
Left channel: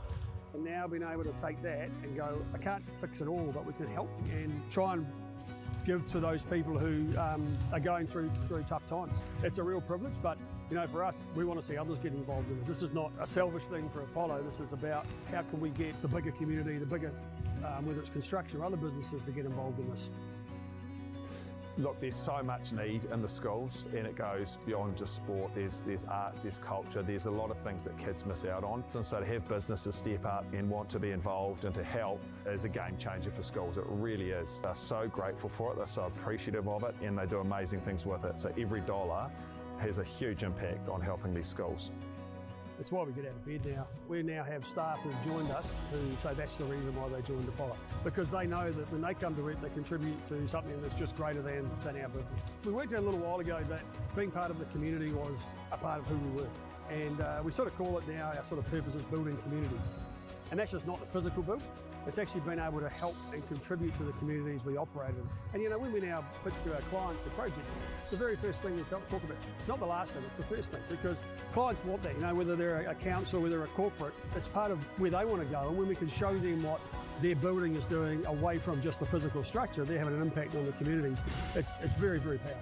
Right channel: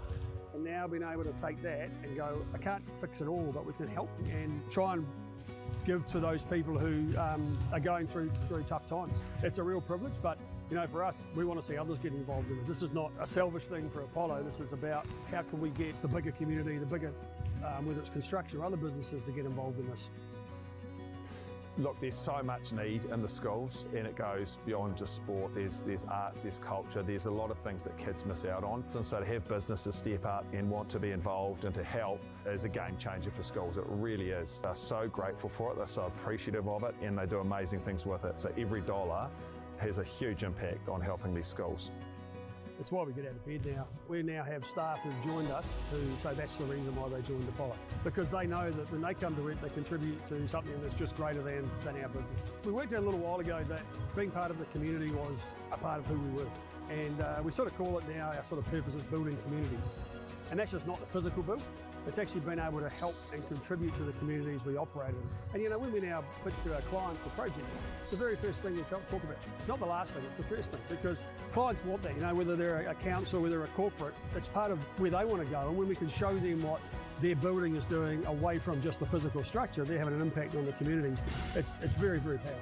And now being able to take that and go, I can't fix it all, but we can help and try and give to those people who are going through tough times. It's a real privilege, but you know, for us, we want to see others get involved in it. This is not a selfish thing for Apollo. This is about how can we get the bigger community, the bigger, whether it's construction or other businesses, to get involved in this. Look, there's so much need in the schools, and it goes beyond just sport. There's arts, there's culture, there's a lot of things that kids miss out on. And so to have businesses step up and want to be involved and to help is a game changer for schools. It really is. They're so grateful for it, they're so appreciative of it, and they do amazing things with it. So every dollar has a huge impact on helping these schools. It's why we get out of bed now. We now have staff who've joined us who say that's the reason why they joined Apollo. Because they know that when they come to it, they contribute to something that's just greater than our business. We worked out a little while ago that being part of the community was a part of who we were. And we sort of call it now, our sort of purpose is building communities. And that's just not the physical build. It's actually been able to help and contribute to the communities we operate in. And you know, when we now pitch to our clients the project, it's the very first thing we talk about. It's not the last thing, it's the first thing, because clients want that, you know, whether they're a council, whether they're a corporate, it's part of where they want to go. And when we can show them what their building is doing away from just the physical structure, they're having an impact on the communities. It's very, very powerful.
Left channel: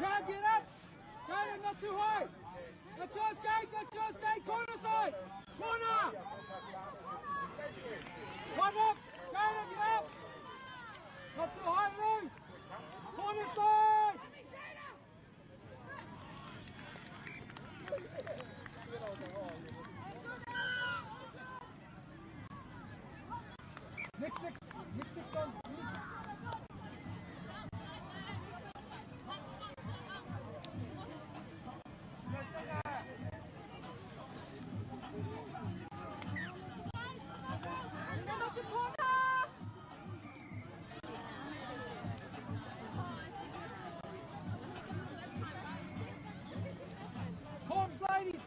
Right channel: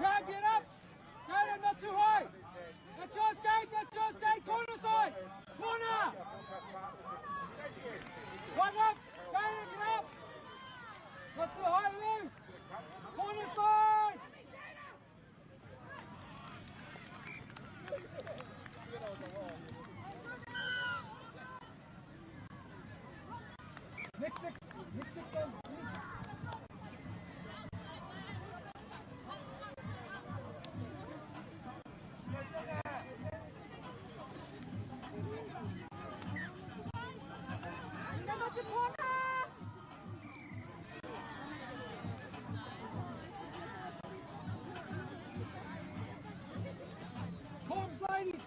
Yeah, get up! Jade, not too high! That's yours, Jade! Corner side! Corner! One up! Jade, get up! Not too high, Lou! Corner side! Next six on, please.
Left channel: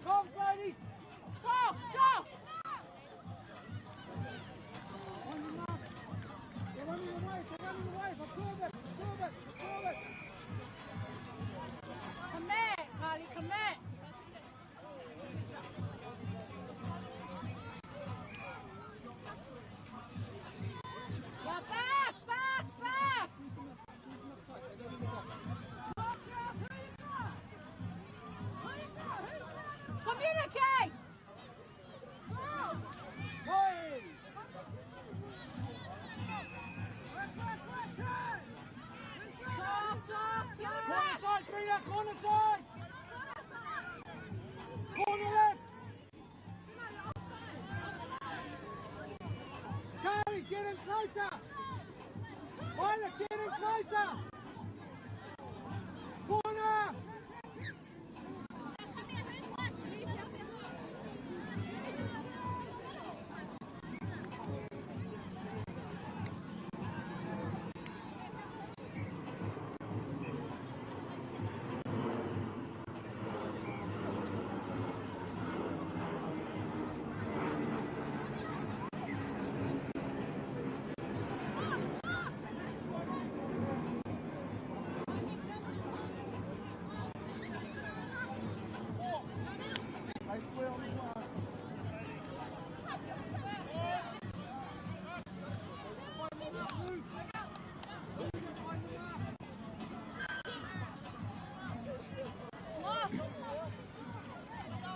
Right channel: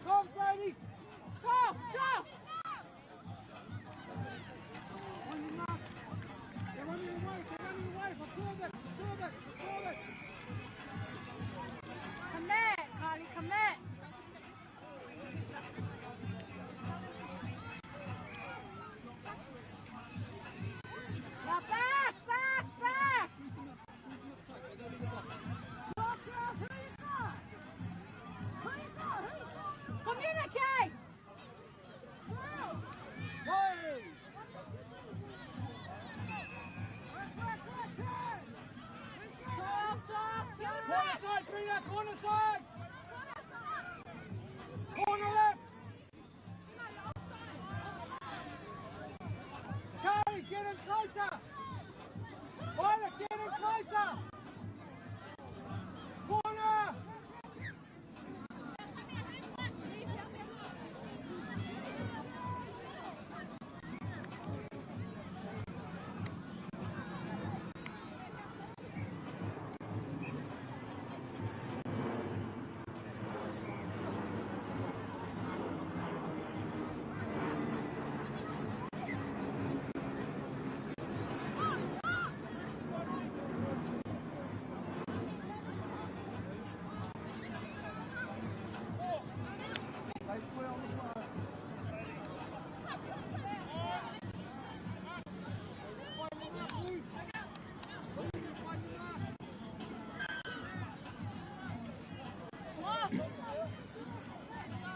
Comms, ladies! Stop! They're running away! Absorb it! Come there, Carly, come there! Now back! Communicate! Hey! Talk! Corner side, Tina! Corner side! Corner left! Carly, get him closer! Violet, get him closer! Corner!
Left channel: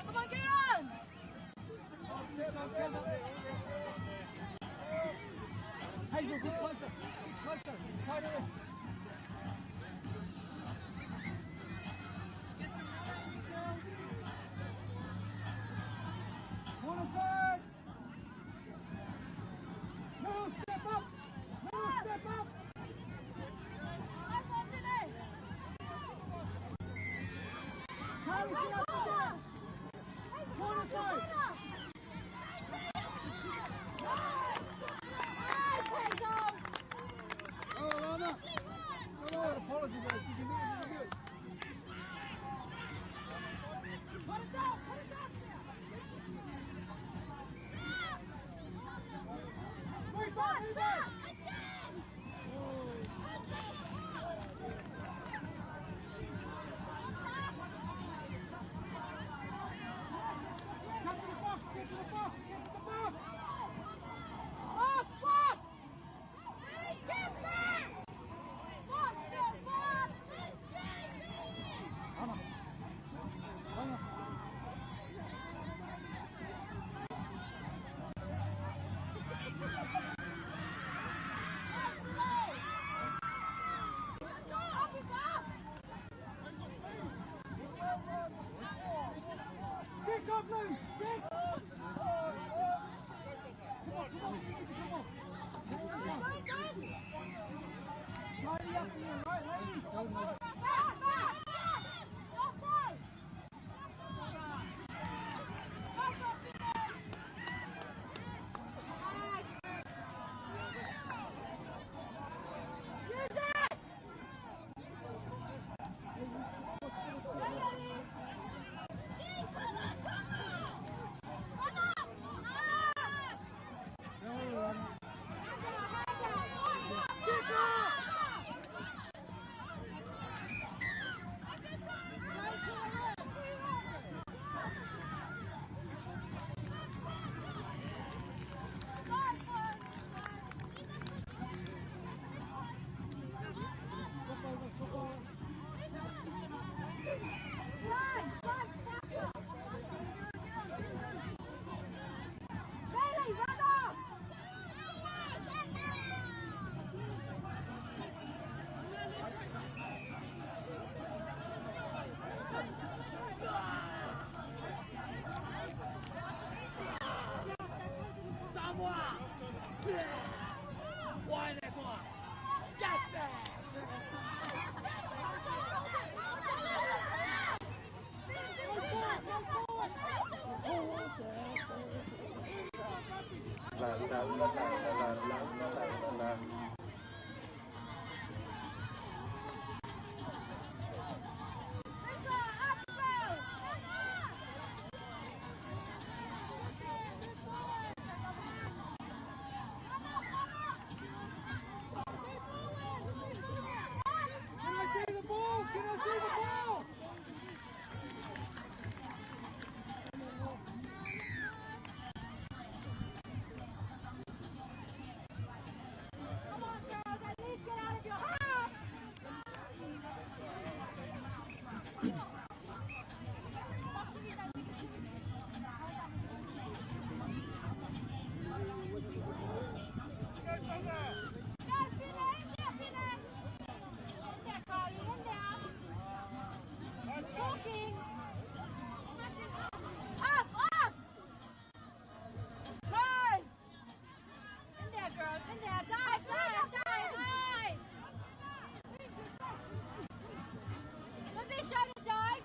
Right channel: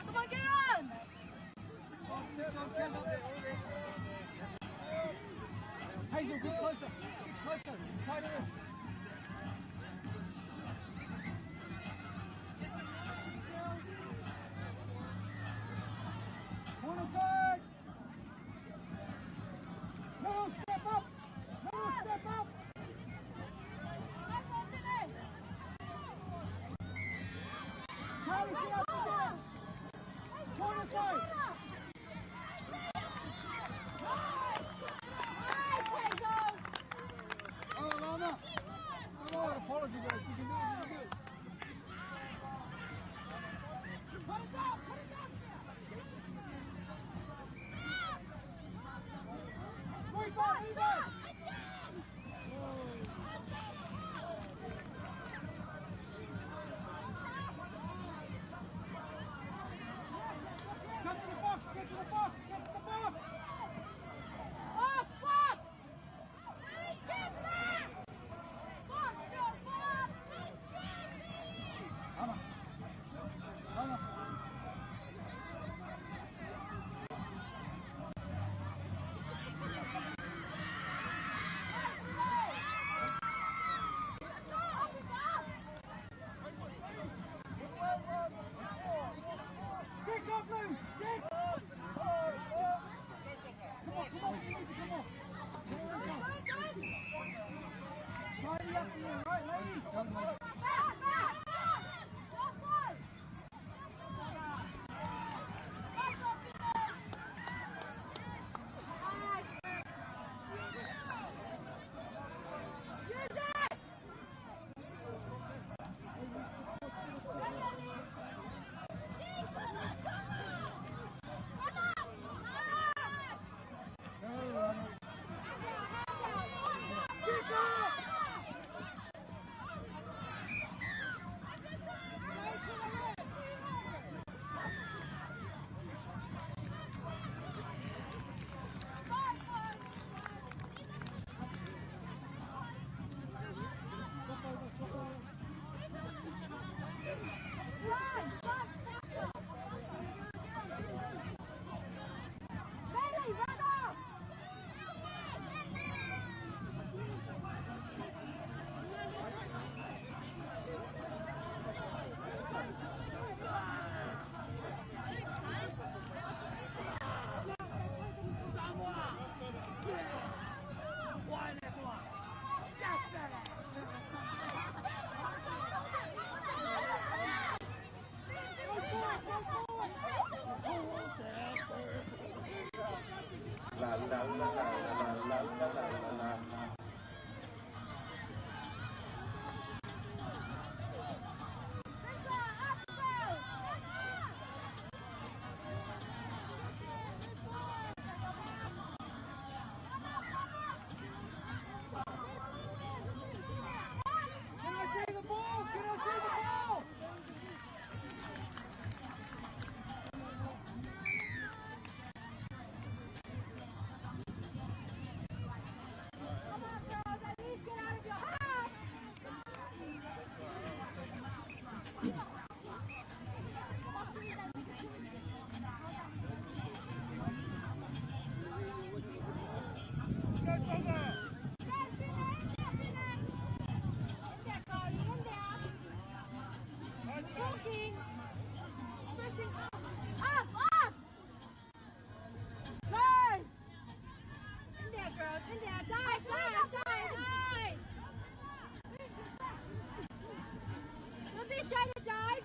Come on, get on! Hazel, sit closer. Tighter. Corner side! No, step up! Carly, get up again! Corner side! I got a policy, guys. You can do it. Put it down! Rebound! Get to the box! Box! Kick off, Lou! Kick! Come on. Tidy up here, right, ladies? Can I see the ball? Can I see the ball? Come on, girls, at least get out of your half. Talking. Up, up. Guys. In there, girls, in there. Dive, dive, dive. Nice. Don't be ashamed to dive.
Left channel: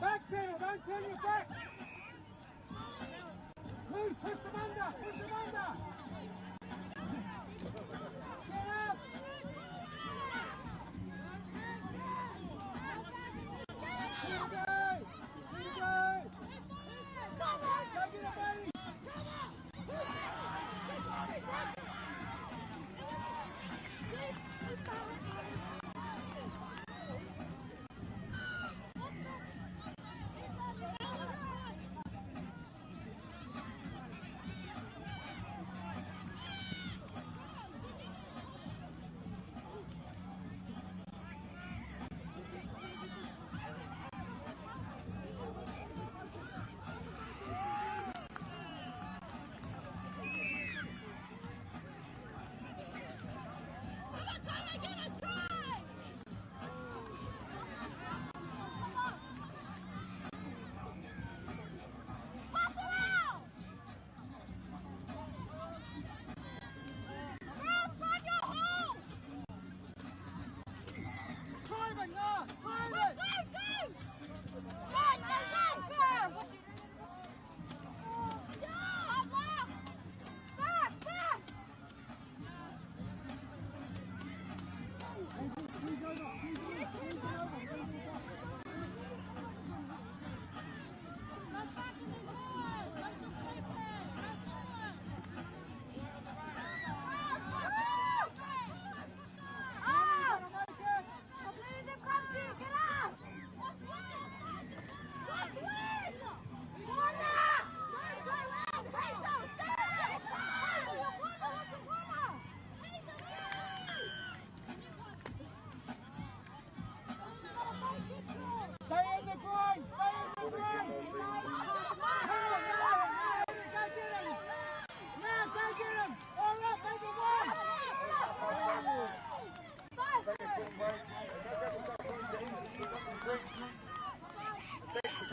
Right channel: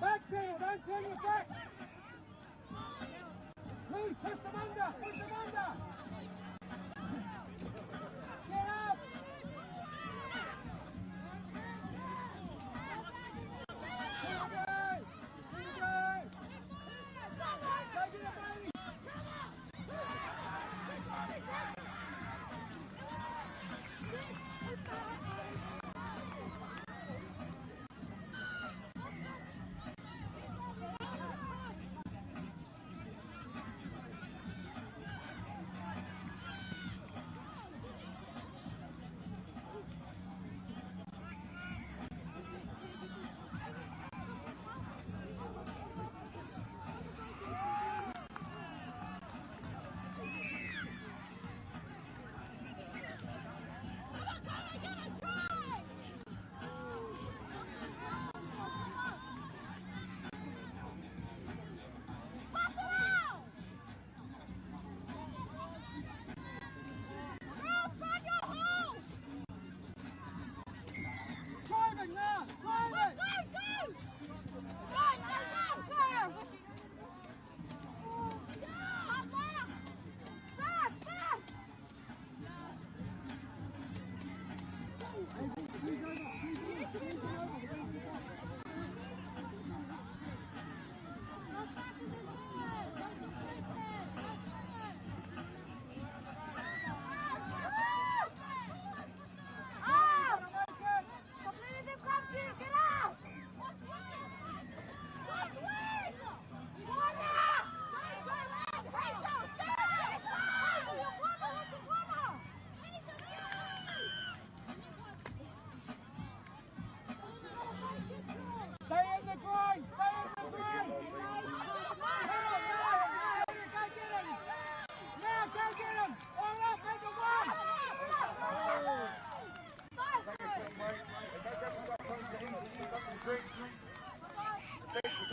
Back channel, don't turn your back. Please push them under, push them under. Get up. Here we go. Here we go. Go get it, baby.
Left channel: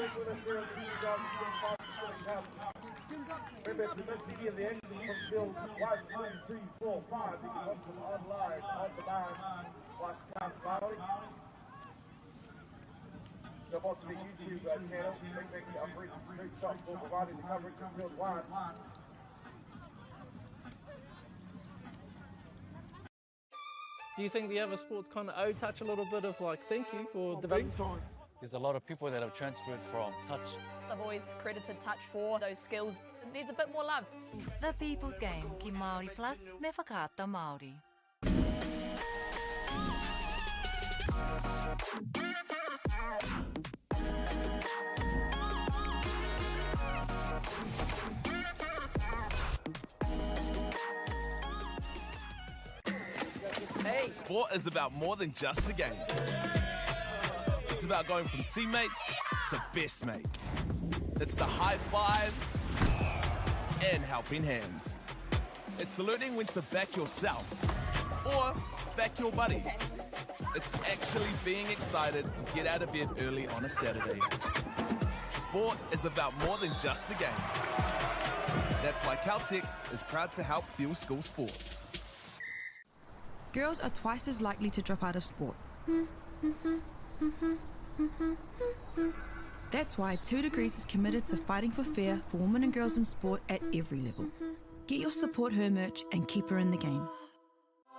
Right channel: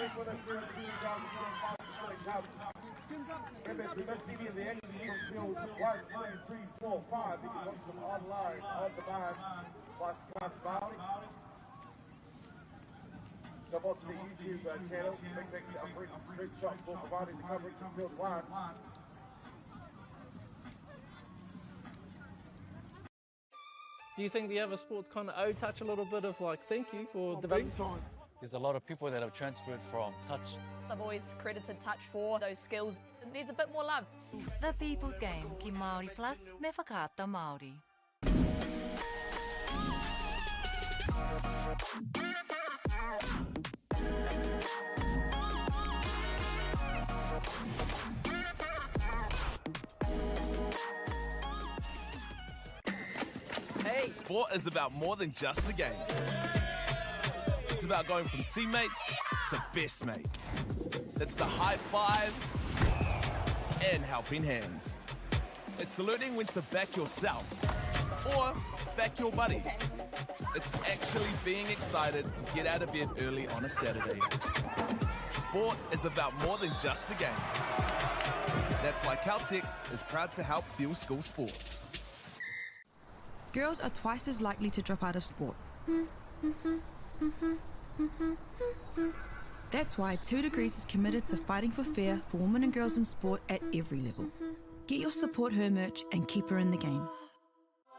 stick with us here at the Remember, if you missed any of the action from field 1, 2, 3, 4, 5, you can watch them online on the bar by MΑORI. So watch the YouTube channel, bring back a brief shot for providing the coverage from field 1. Do you think the other sports kind of owe touch a little bit of like thank you for development? There's a lot of people that have transferred from touch. I've always credited touch for those skills. It needs a bit more love. The People's Game, ki MAORI Plus, me whakaata Māori. Sport is about more than just the game. It's about going from teammates to best mates. It's the high fives and helping hands. It's learning when to back yourself or back your buddies. It's actually being excited to get out of bed early on a Saturday. Sport is about more than just the game. That's why Caltex is proud to help fuel school sports. Girls are twice as likely to drop out of sport. That's why 2 Degrees is committed to fighting for fair for women and girls in sport at every level. Get your Support Her merch and keep her in the game.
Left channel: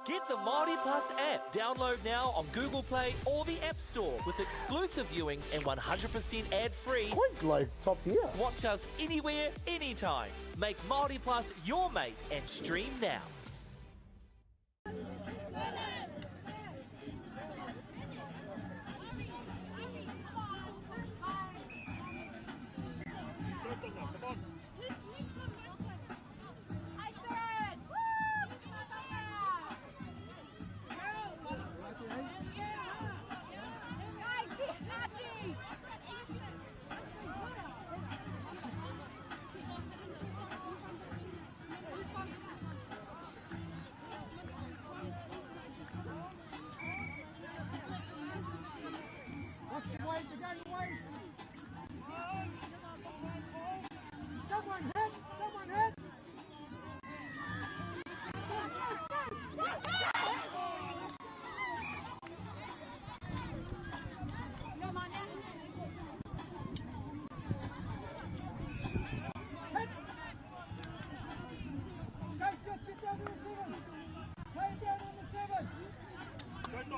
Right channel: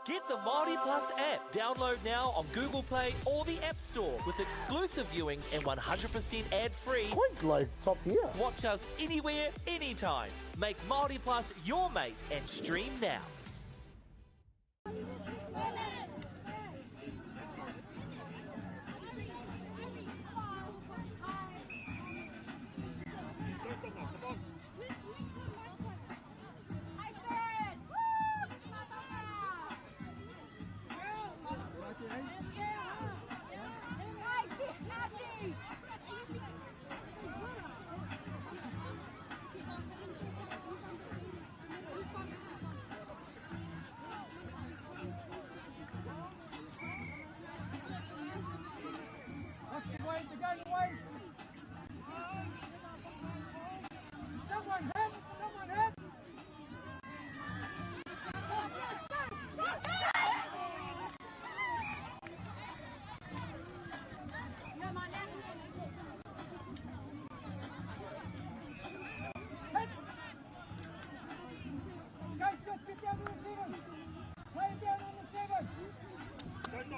Get the MAORI Plus app. Download now on Google Play or the App Store with exclusive viewings and 100% ad-free. Quite like top tier. Watch us anywhere, anytime. Make MAORI Plus your mate and stream now. Let's go,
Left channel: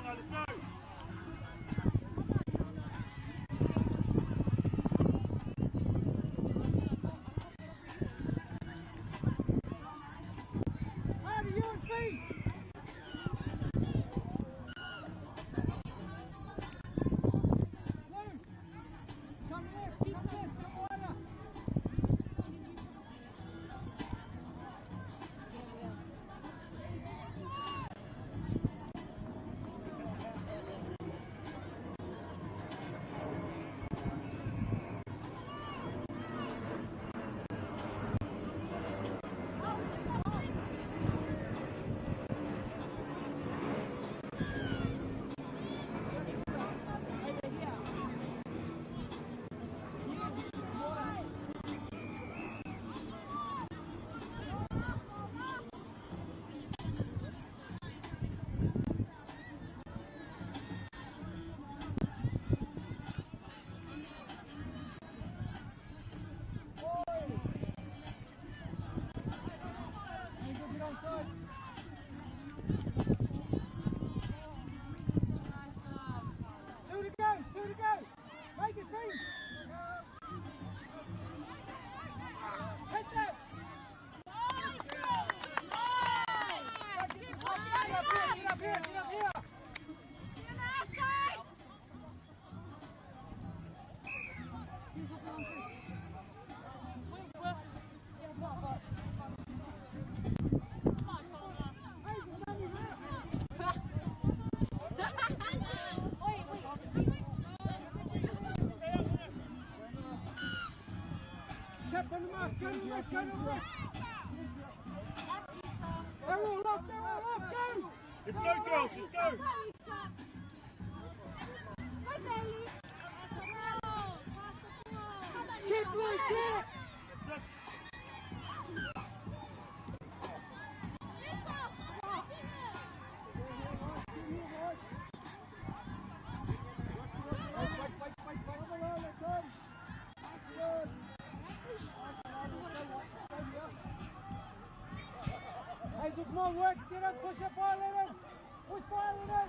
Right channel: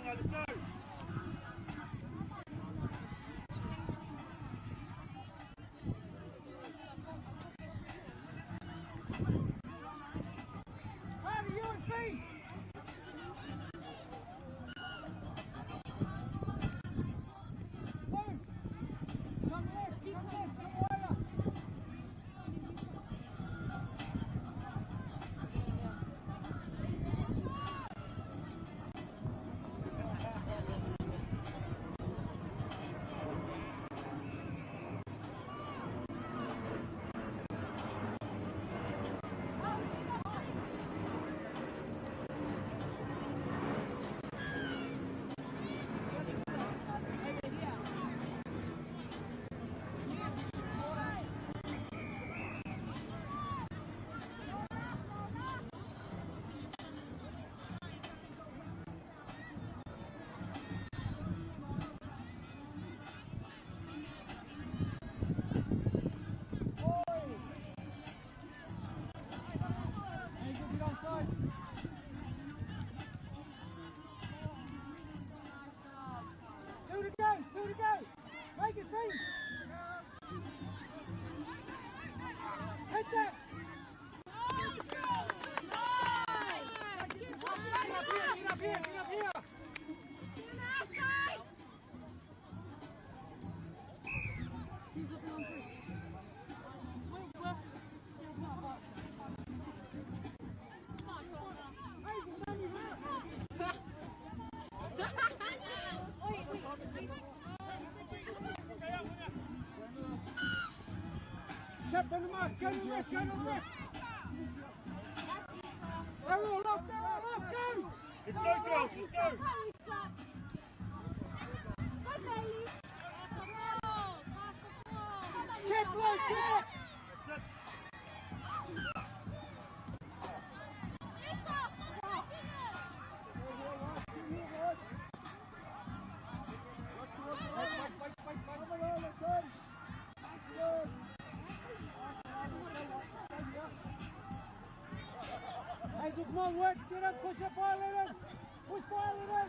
girls, let's go! Hazel, come on, work, get up, push up, Violet in! Push Violet in!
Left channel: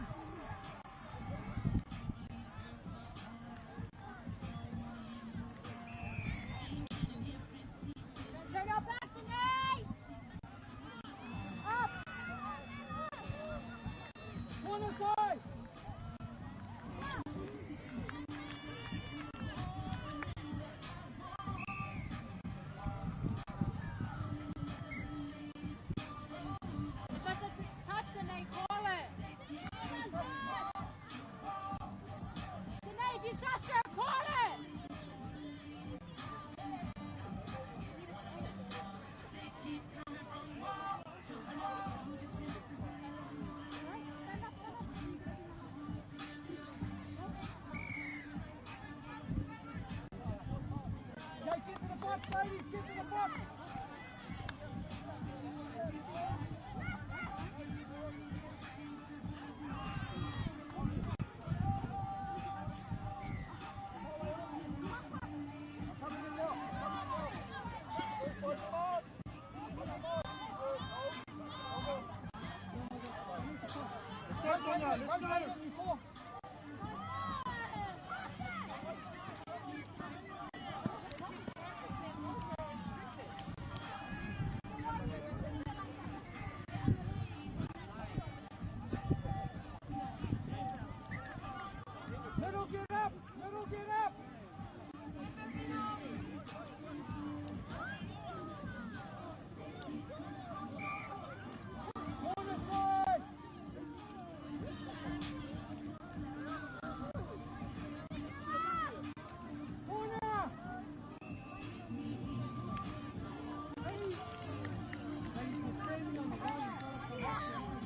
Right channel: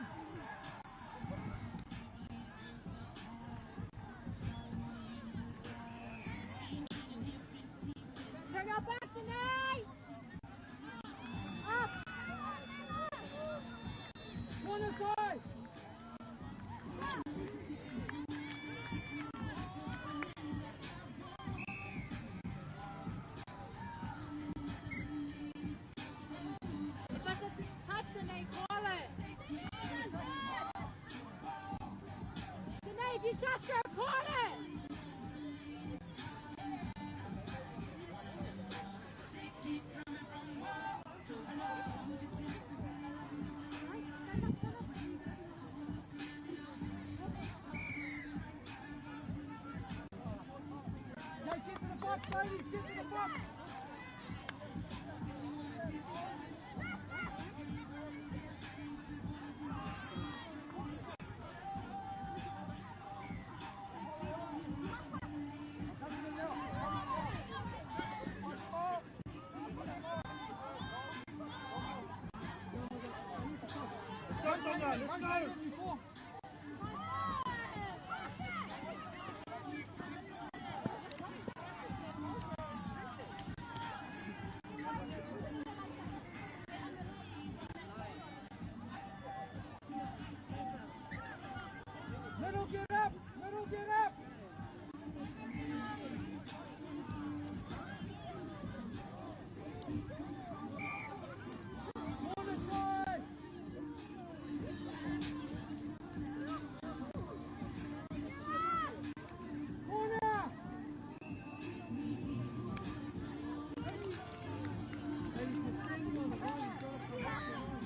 Turn your back to me! Up! Corner side! Touch the knee, call it! The knee, if you touch her, call it! Okay, get to the box, ladies, get to the box! Middle, get up! Middle, get up! Corner side! Corner! Ladies, you're standing on the line, you've got to pull up your line.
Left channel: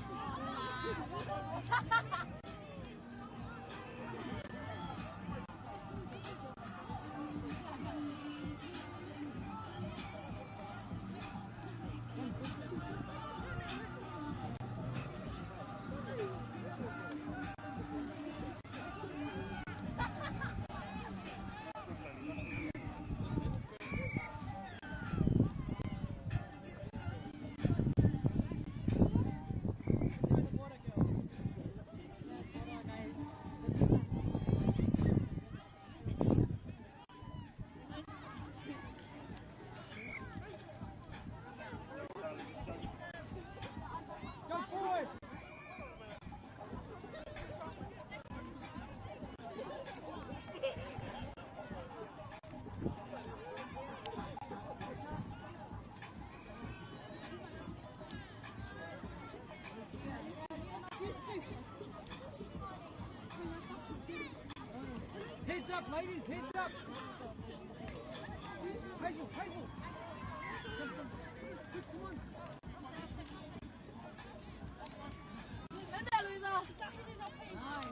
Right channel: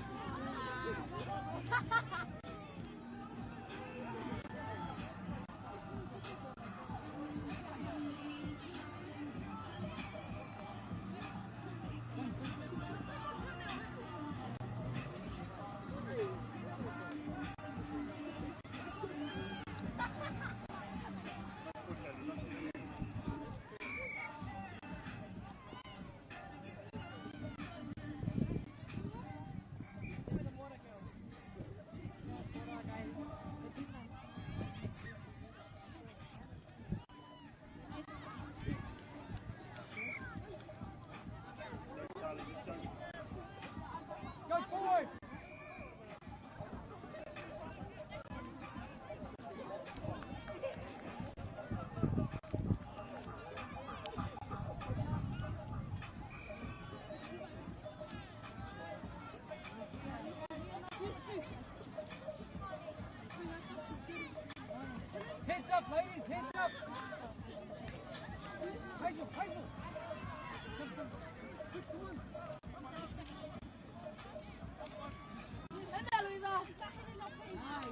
Go forward! Heads up, ladies, heads up! Hazel, Hazel! Come, come. Come on.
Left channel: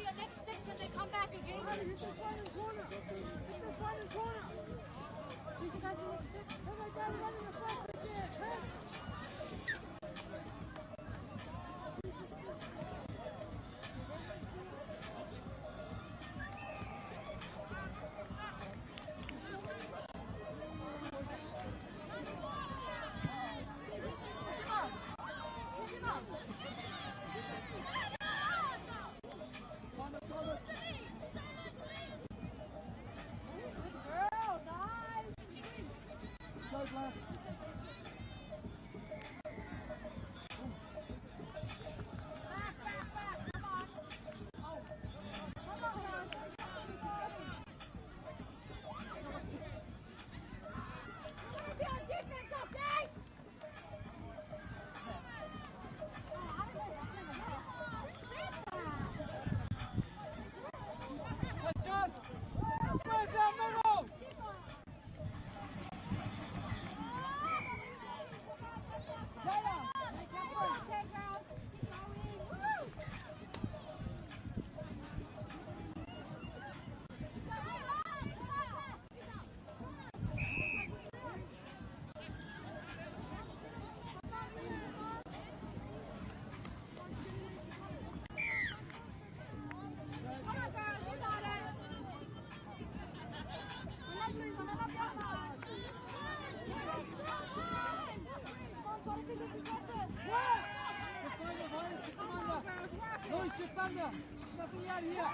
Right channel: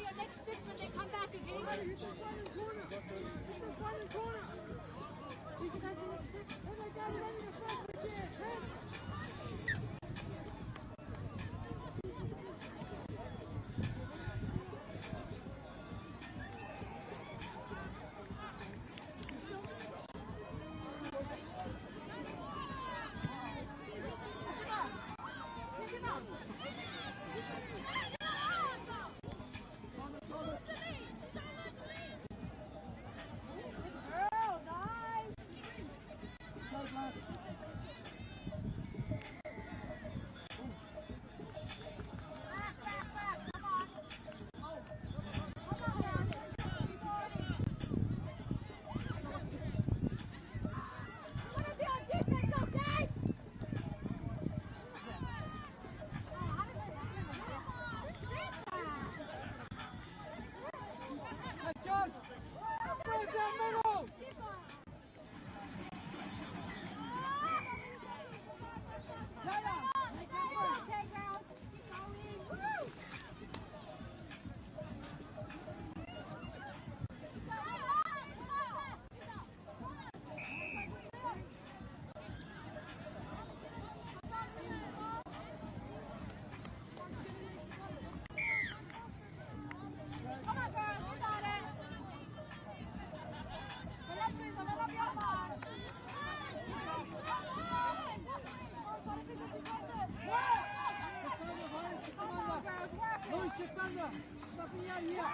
Your next 6 when they come back again. You can find in corner. You can find in corner. You can have the next 6. Oh my God, running the front again. shift over. Nothing right here.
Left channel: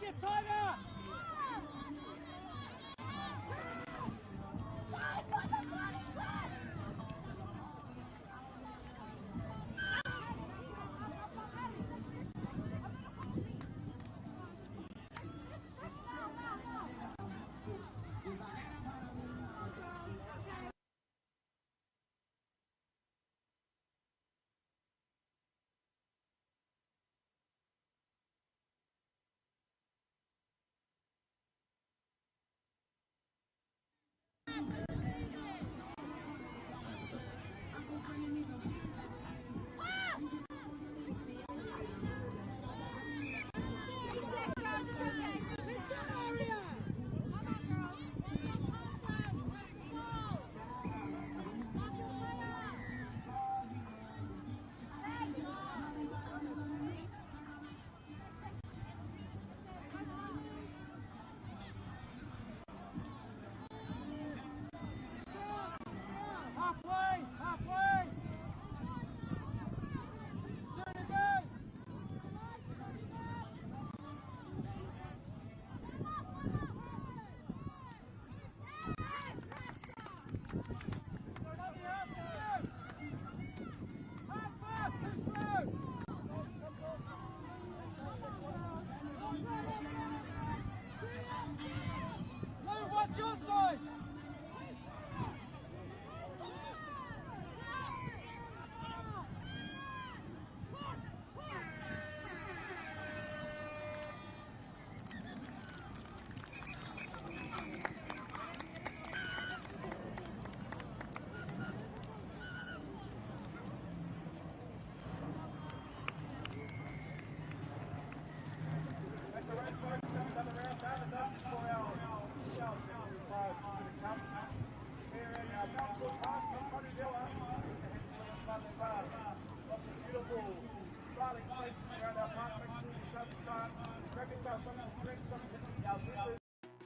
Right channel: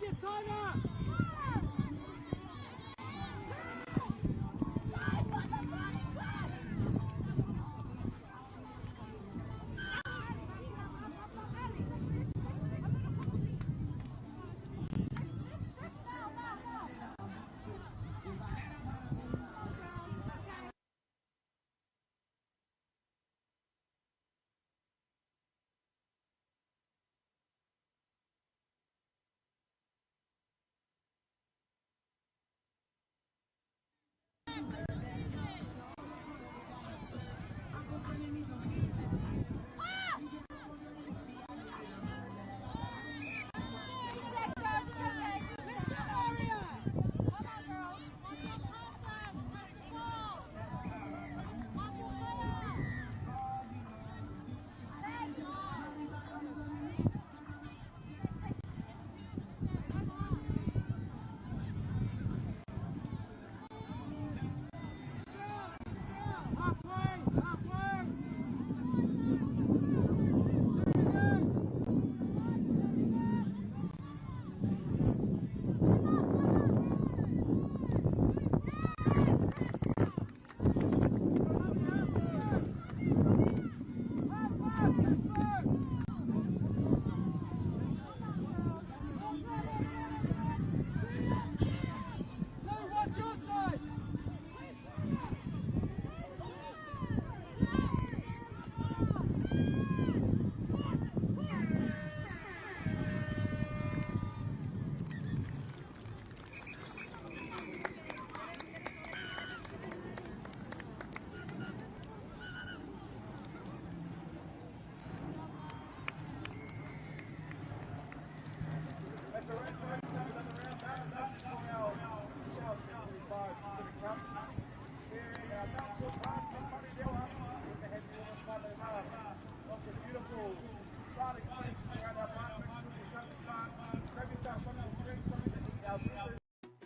Get tighter!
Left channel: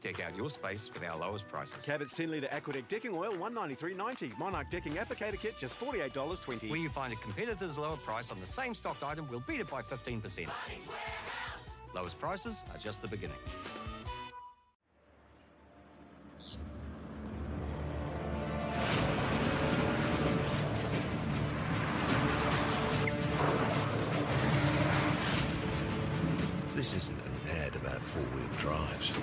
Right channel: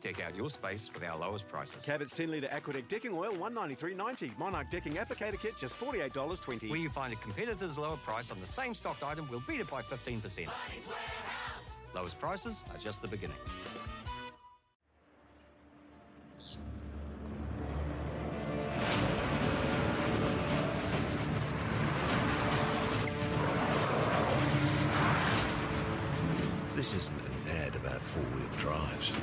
Deck out your space with our lowest prices. Cabot's 10-litre Aquadeck decking oil, $193.90. Monarch decking applicator kit, just $48.20. When you find a competitor's lower price on the same stocked item, we'll beat it by 15%. Lowest prices are just the beginning. This isn't an ad about four-wheel drives.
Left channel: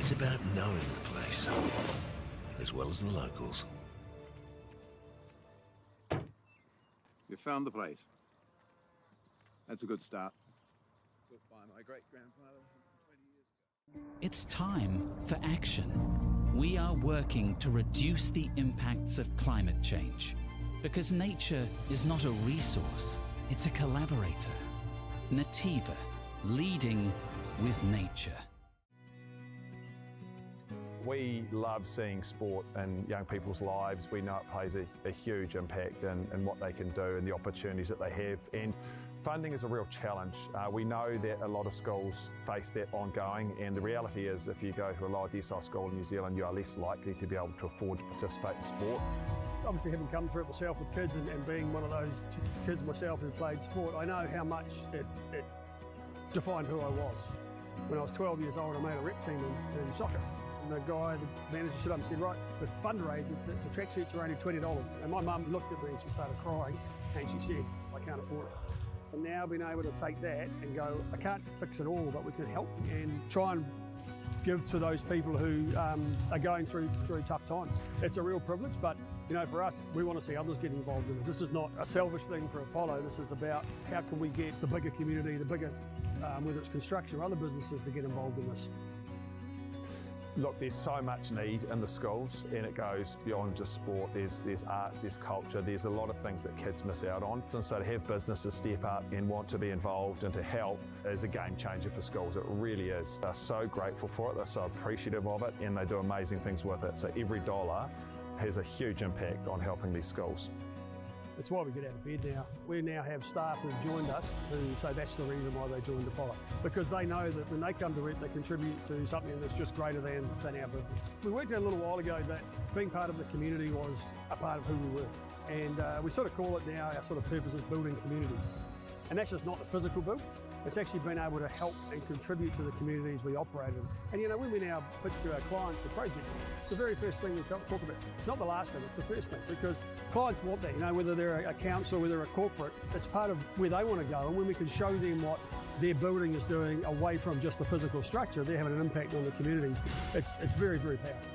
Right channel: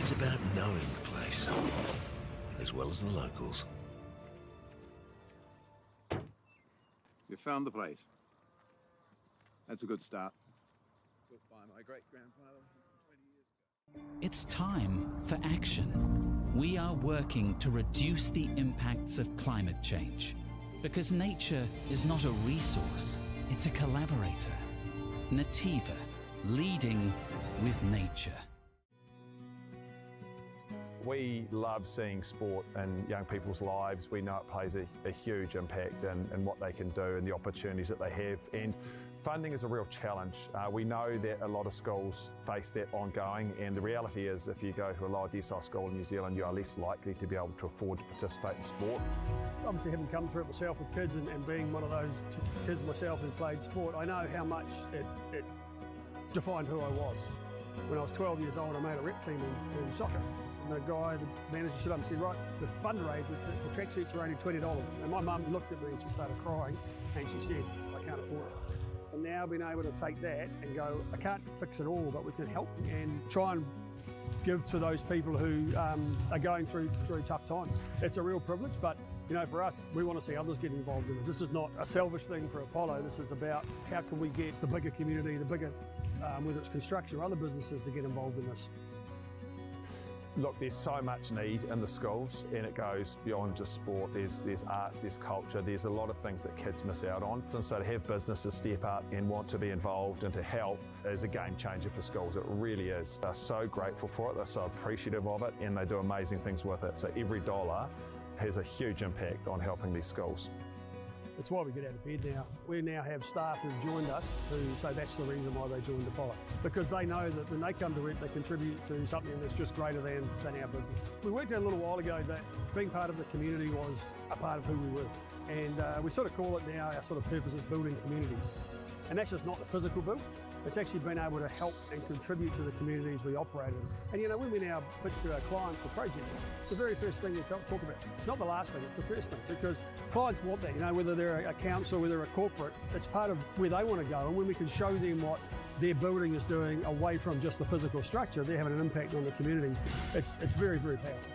It's about knowing the place, as well as the locals. You found the place. That's a good start. Built by my great-grandfather 20 years ago. It's time for action. We are working to reduce the impacts of climate change, because nature is not a resource, it's a collaborator. Nativa, leading with nature. We love seeing sport in young people's lives. We know it plays a huge impact in what they can do and the opportunities that they have. And funding is a real challenge. We know that a lot of schools face that ongoing, and the reality is if you go to a lower decile school in New Zealand, you are less likely to be able to afford to participate in sport. Obviously, having come through it myself with kids and being one of those kids myself who played sport, I know how much it defined who I was. When I was 12 years old, I made a rep team in soccer. And the guy, the manager, stood up and said, right, the fundraise, the tracksuits are only $20. And my mum looked at me and she started crying and she said, I can't afford it. And now being able to take that and go, I can't fix it all, but we can help and try and give to those people who are going through tough times. It's a real privilege, but you know, for us, we want to see others get involved in it. This is not a selfish thing for Apollo. This is about how can we get the bigger community, the bigger, whether it's construction or other businesses, to get involved in this. Look, there's so much need in the schools, and it goes beyond just sport. There's arts, there's culture, there's a lot of things that kids miss out on. And so to have businesses step up and want to be involved and to help is a game changer for schools. It really is. They're so grateful for it, they're so appreciative of it, and they do amazing things with it. So every dollar has a huge impact on helping these schools. That's why we get out of bed now. We now have staff who've joined us who say that's the reason why they joined Apollo. Because they know that when they come to it, they contribute to something that's just greater than our business. We worked out a little while ago that being part of the community was a part of who we were. And we sort of call it now, our sort of purpose is building communities. And that's just not the physical build. It's actually been able to help and contribute to the communities we operate in. And you know, when we now pitch to our clients for projects, it's the very first thing we talk about. It's not the last thing, it's the first thing, because clients want that, you know, whether they're a council, whether they're a corporate, it's part of where they want to go. And when we can show them what their building is doing away from just the physical structure, they're having an impact on the communities. It's very, very powerful.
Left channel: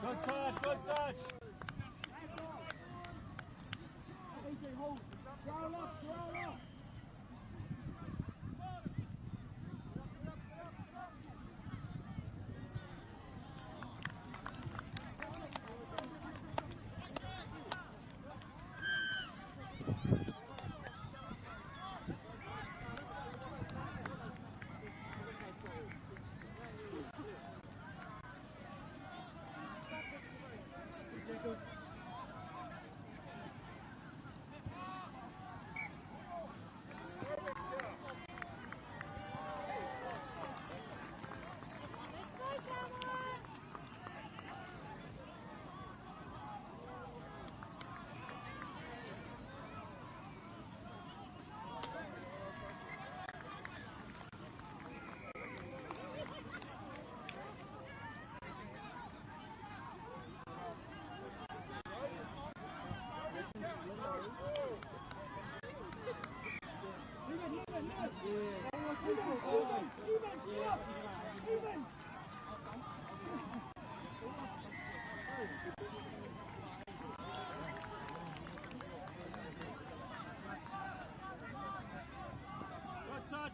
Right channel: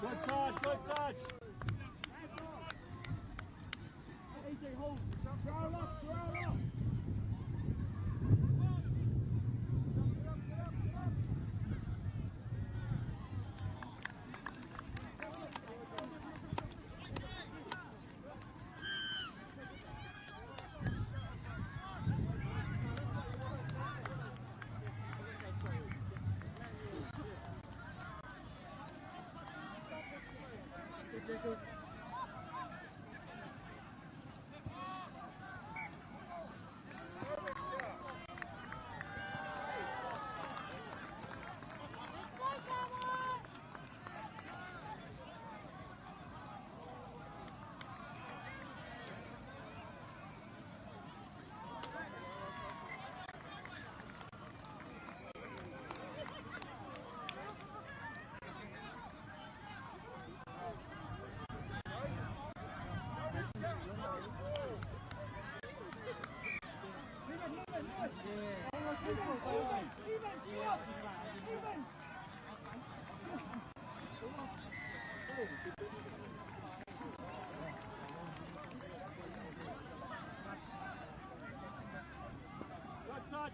Good touch, good touch. AJ, hold. Throw up, throw up.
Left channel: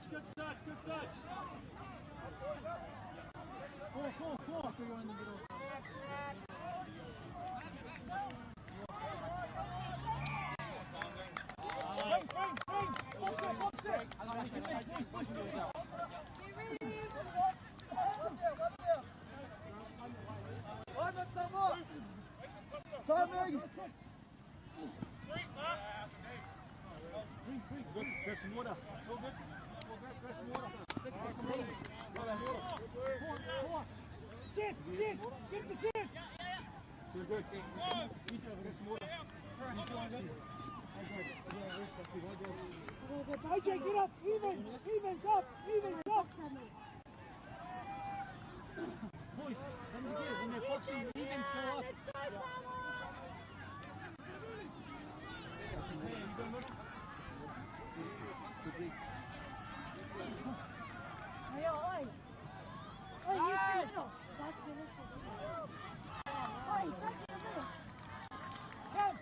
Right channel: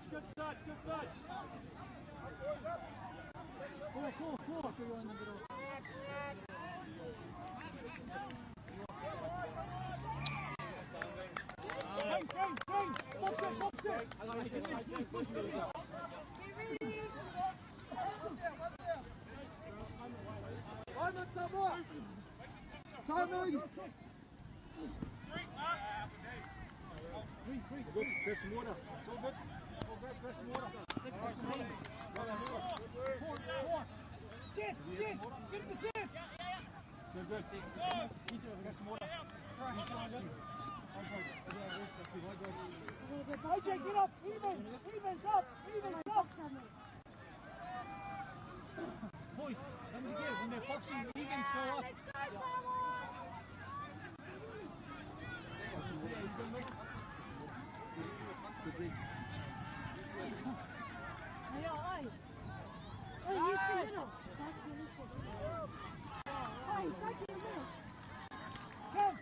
Good touch, good touch. Grab some water. It's all good. Grab some water. Grab some water. Sit. Get the sit. So good. Grab some water. OJ, get up. Evens up. Boys, don't forget when they're boxing, evens go up. Oi, you see little. Hey, watch your little. Come.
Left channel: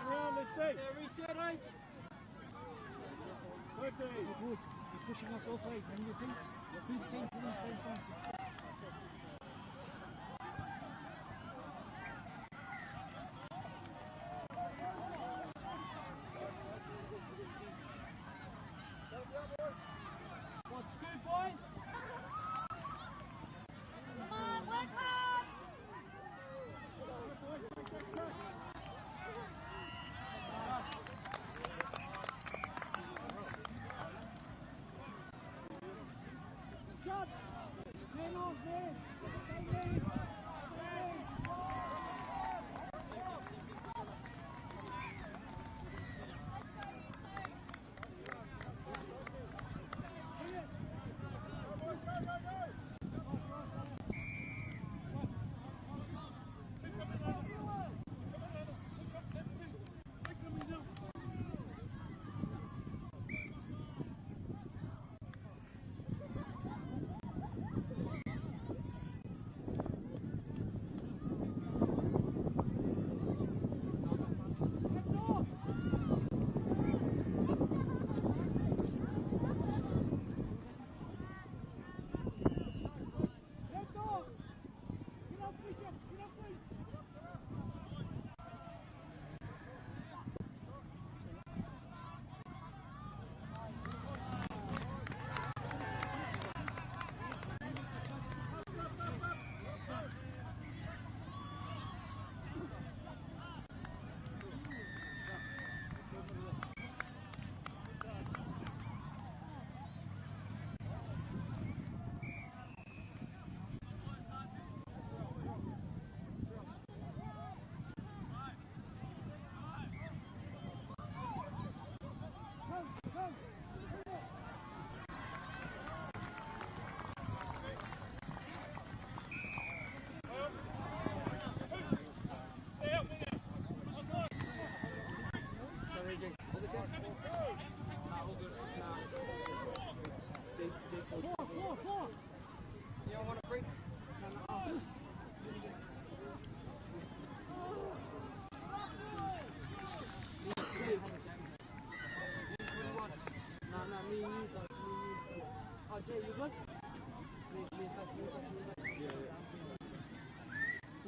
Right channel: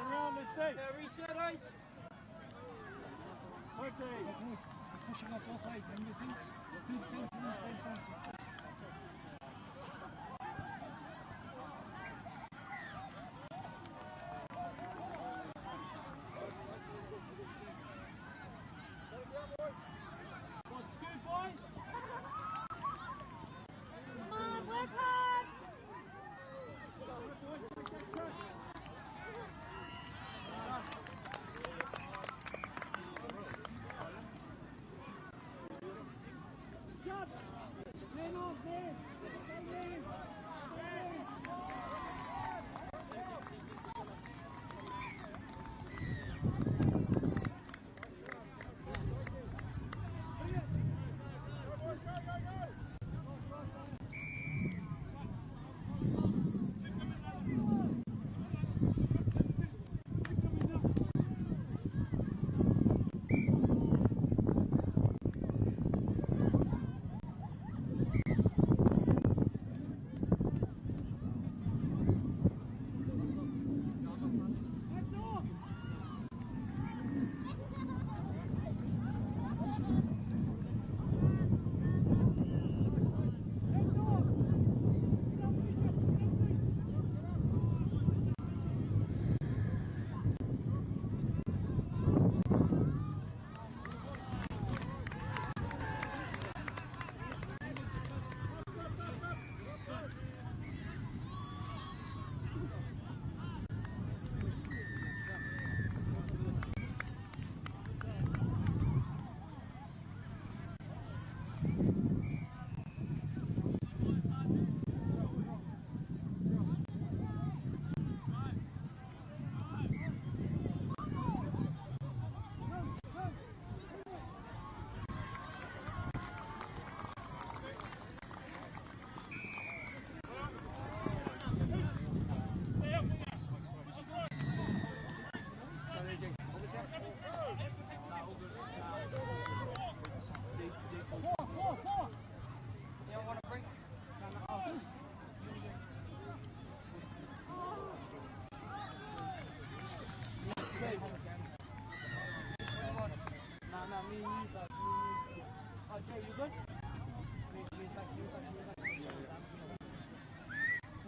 Around the state. Reset, eh? Okay. Pushing us off, eh? When you think, the same thing, stay function. What's good, boy? Come on, work hard! Good job!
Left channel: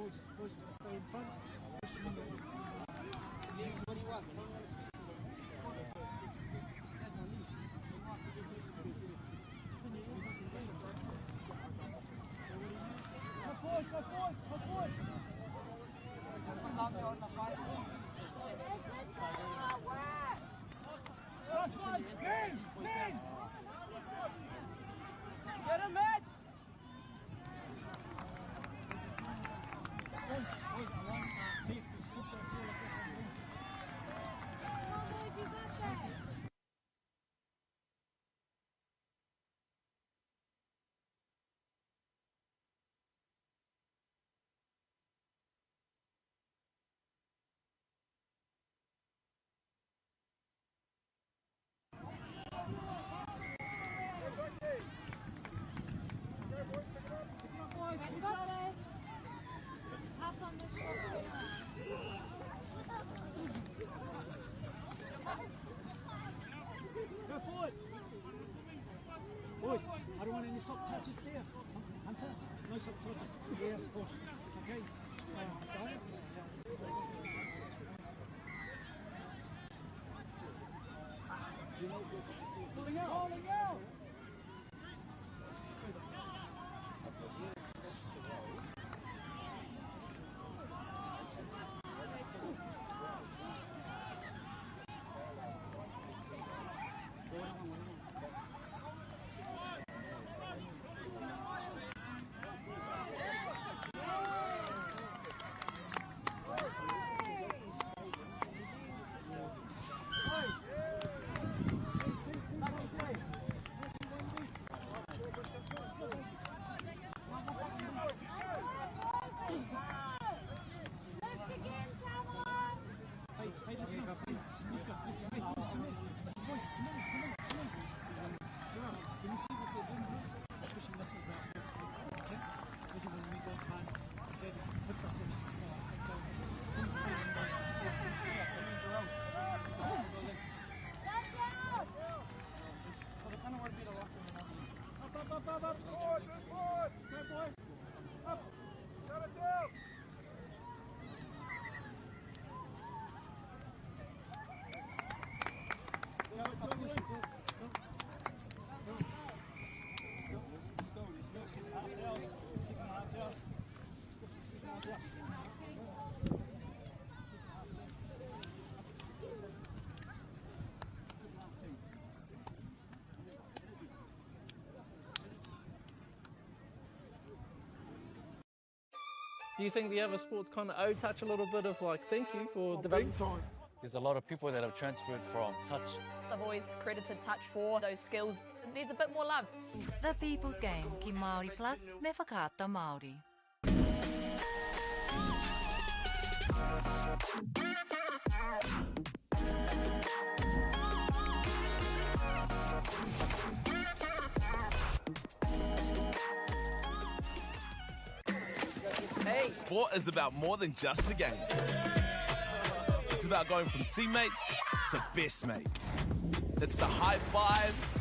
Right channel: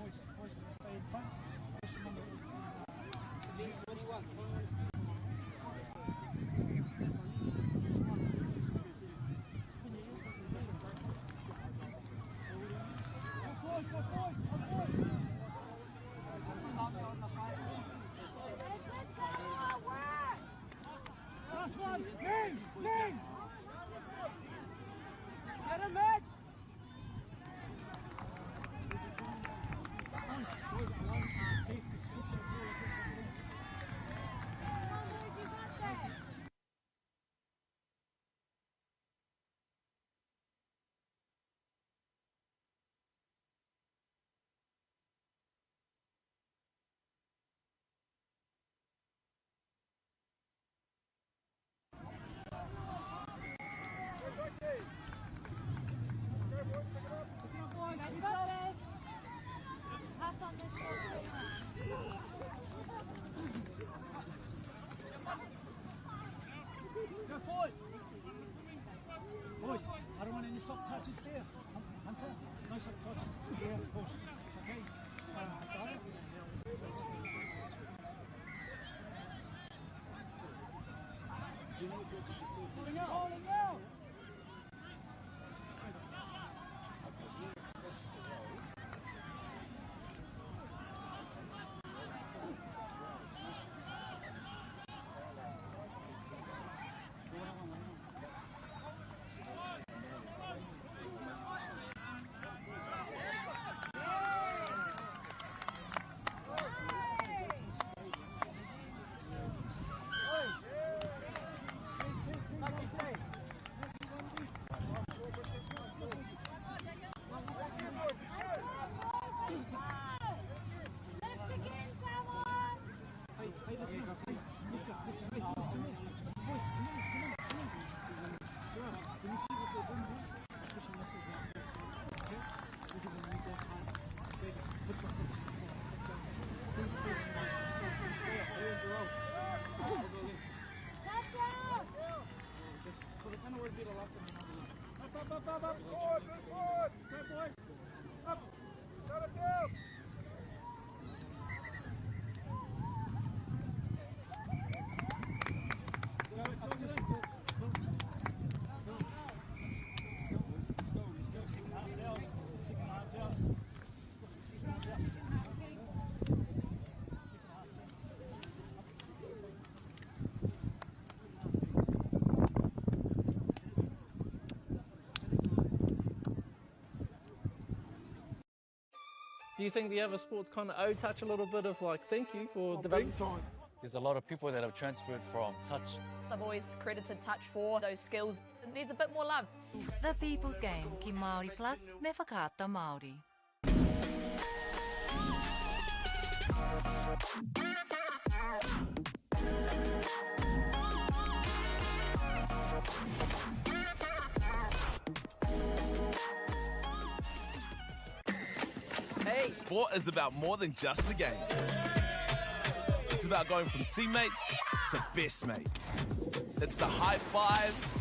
Boys, stay in front. Push them under. What do you want? Last one! Lean! Get him, Matt! Boys, I don't want any soft touches there. Hunter, no soft touches. Yeah, push. Okay. Sorry. Pulling out! Do you think the other sports kind of owe touch a little bit of like thank you for development? There's a lot of people that have transferred from touch. I've always credited touch for those skills. It needs a bit more love. The People's Game, ki Māori Plus, me whakaata Māori. Hey! Sport is about more than just the game. It's about going from teammates to best mates. It's the high fives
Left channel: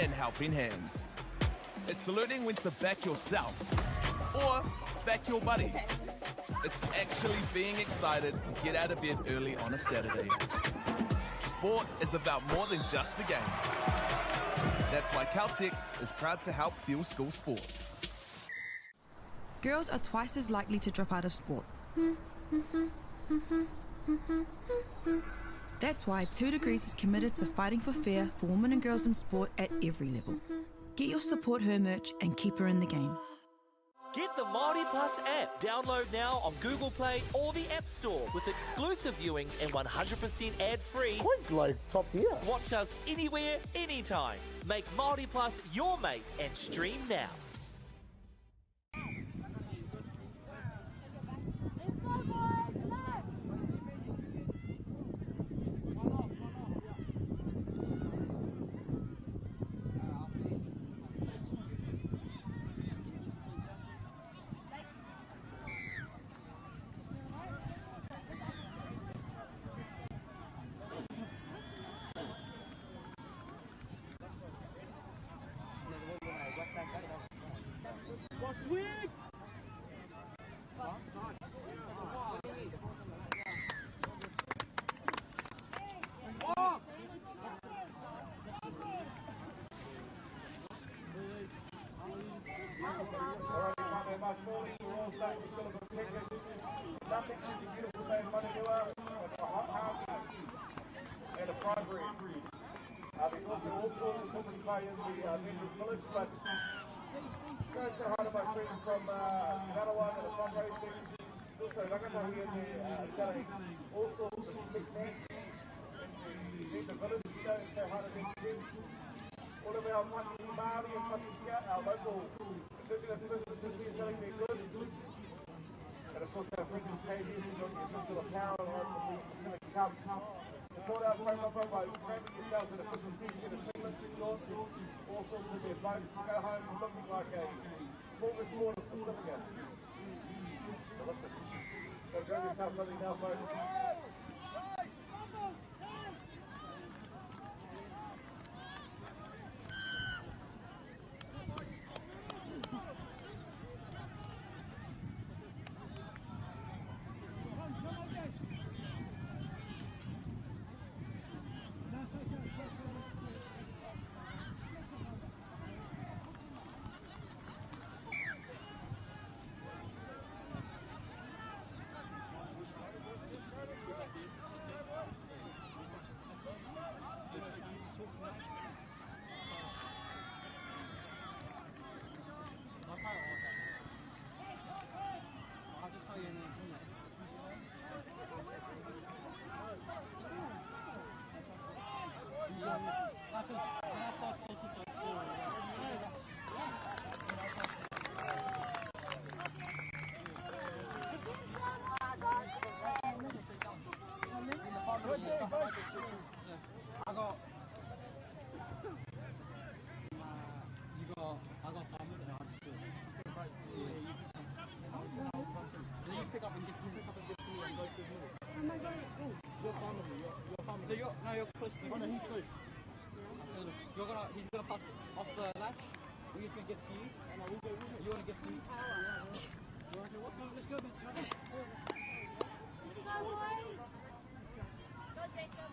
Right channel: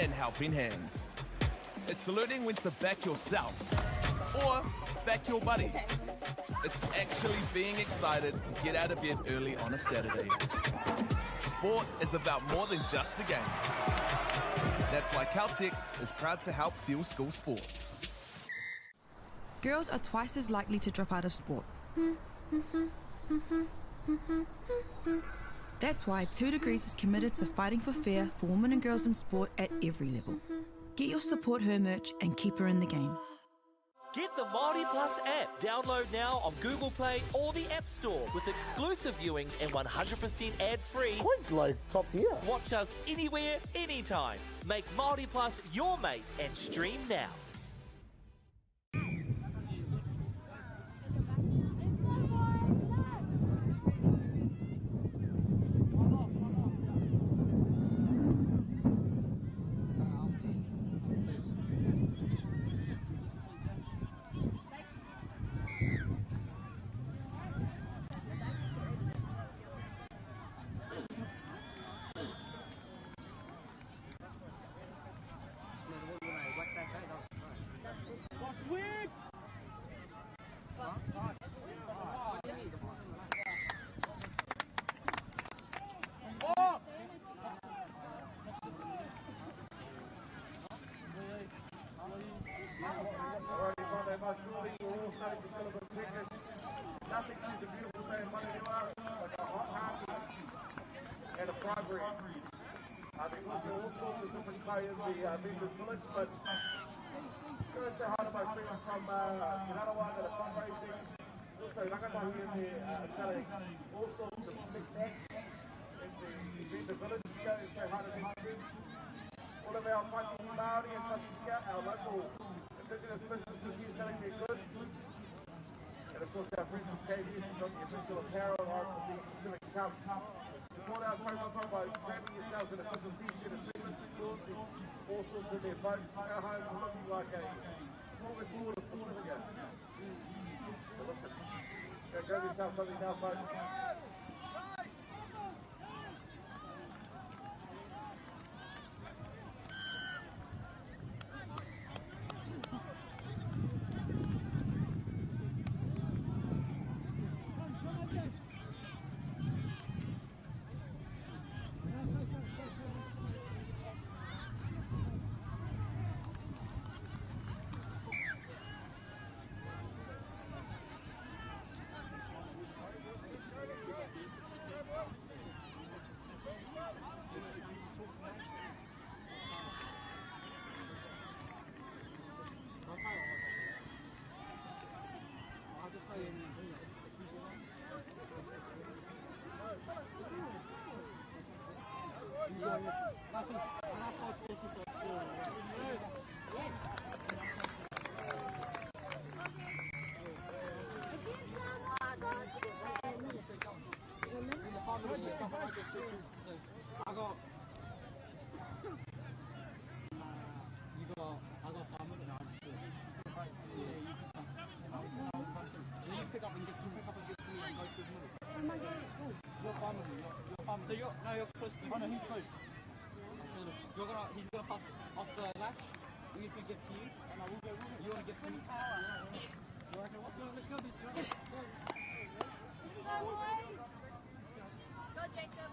and helping hands. It's learning when to back yourself or back your buddies. It's actually being excited to get out of bed early on a Saturday. Sport is about more than just the game. That's why Caltex is proud to help fuel school sports. Girls are twice as likely to drop out of sport. That's why 2 Degrees is committed to fighting for fair for women and girls in sport at every level. Get your Support Her merch and keep her in the game. Get the MAORI Plus app. Download now on Google Play or the App Store with exclusive viewings and 100% ad-free. Quite like top tier. Watch us anywhere, anytime. Make MAORI Plus your mate and stream now. All of our Maki Māori and our local indigenous businesses are going to be good. And of course our Christmas KBS has got the official apparel of the Pacific Cup. Support our Whainapa by Matthew the Cows and a Christmas gift to the team launching all sorts of their boats to go home looking like a small Pacifica. So grab yourself something nice over. So you're close. Oh no, he's close. Yeah. He's gonna pass off the left. We can get to you, and I will go with it. You wanna get to me? You wanna go? Let's go. Go, Jacob.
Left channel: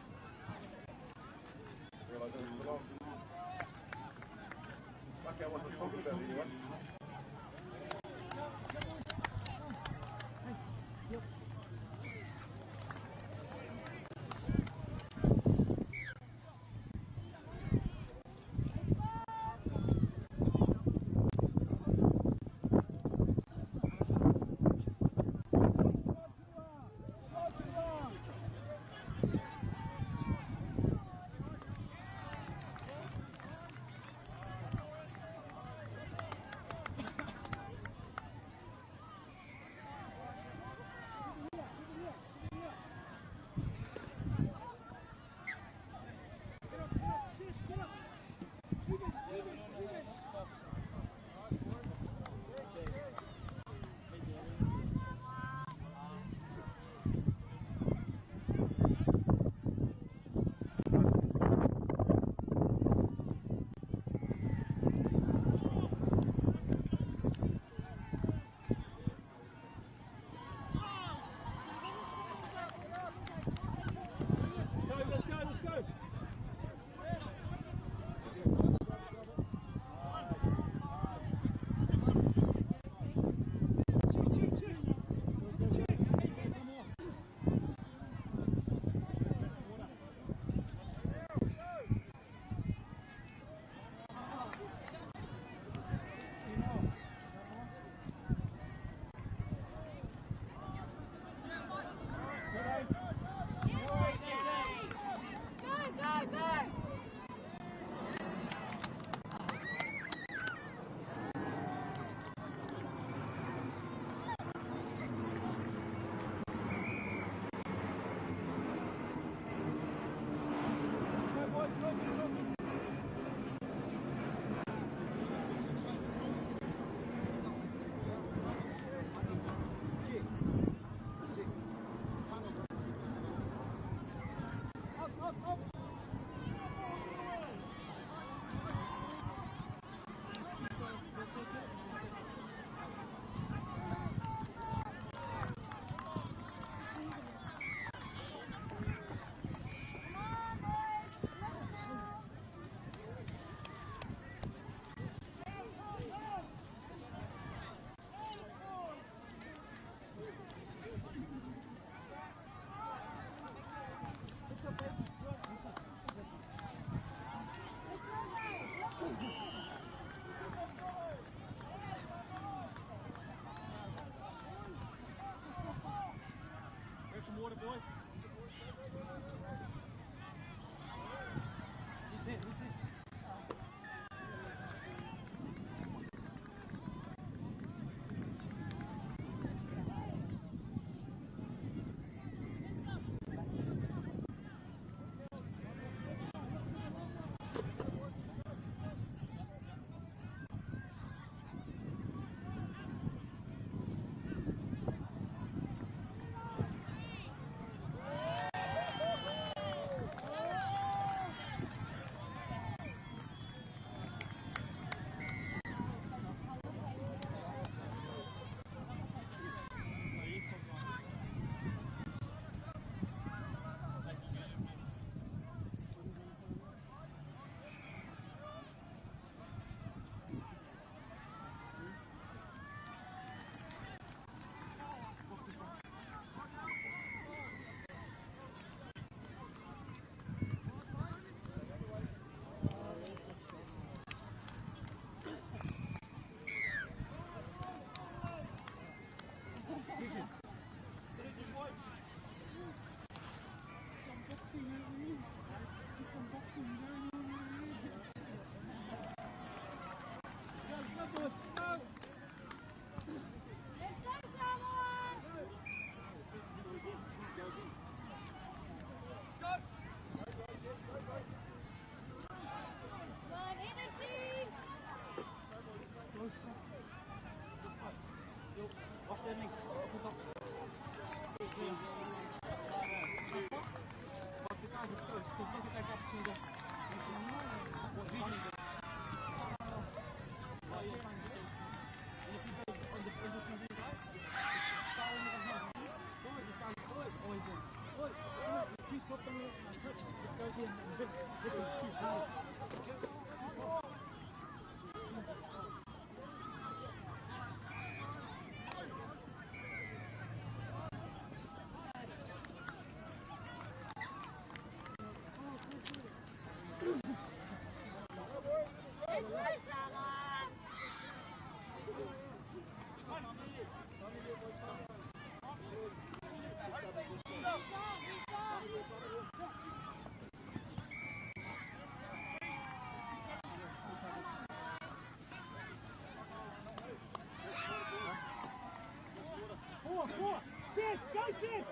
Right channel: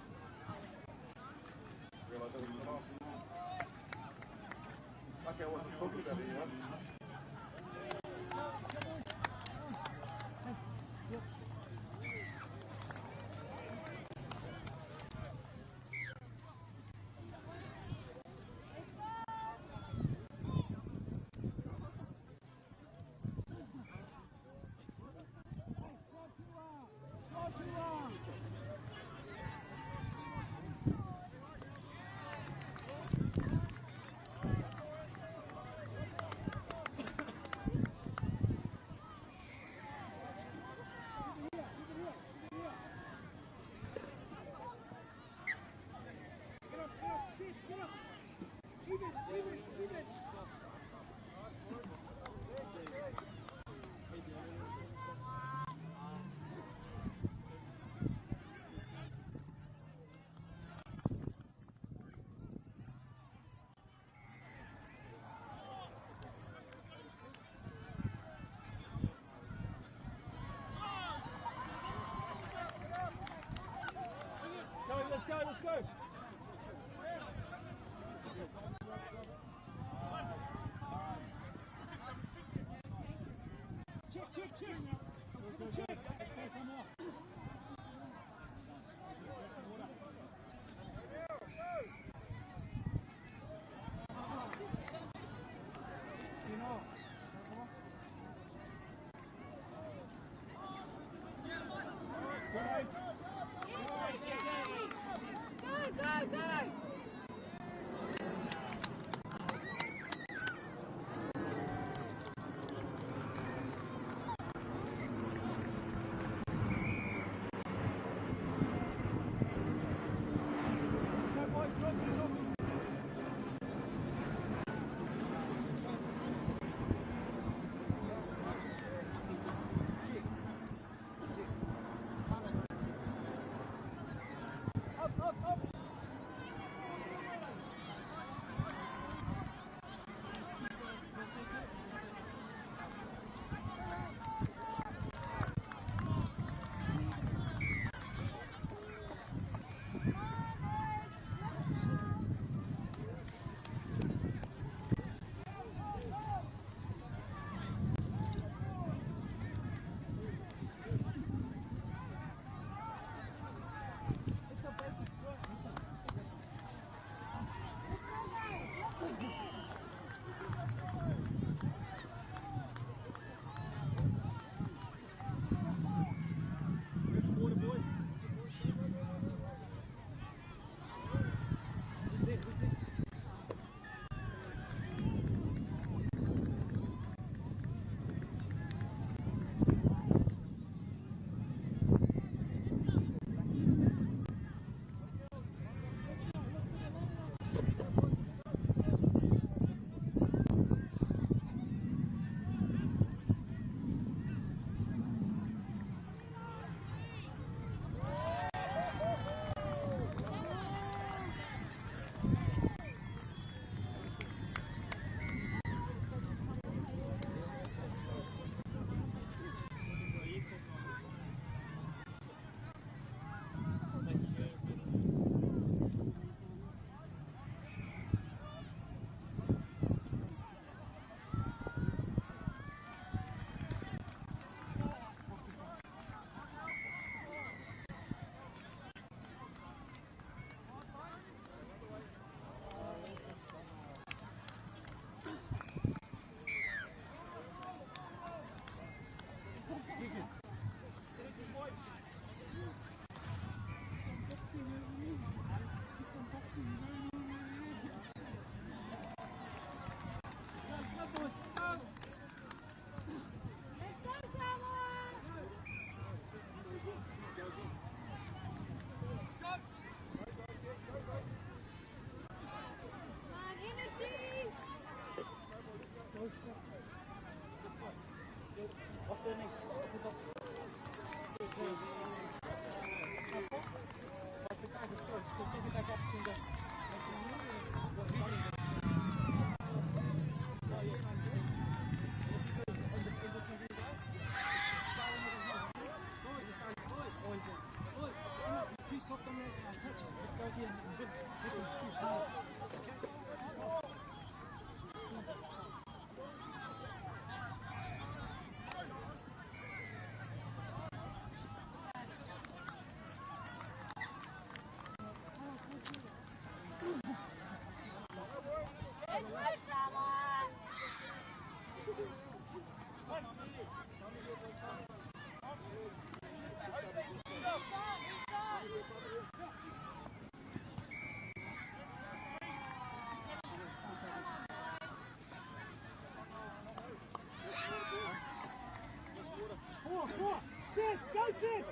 Sit! Go sit!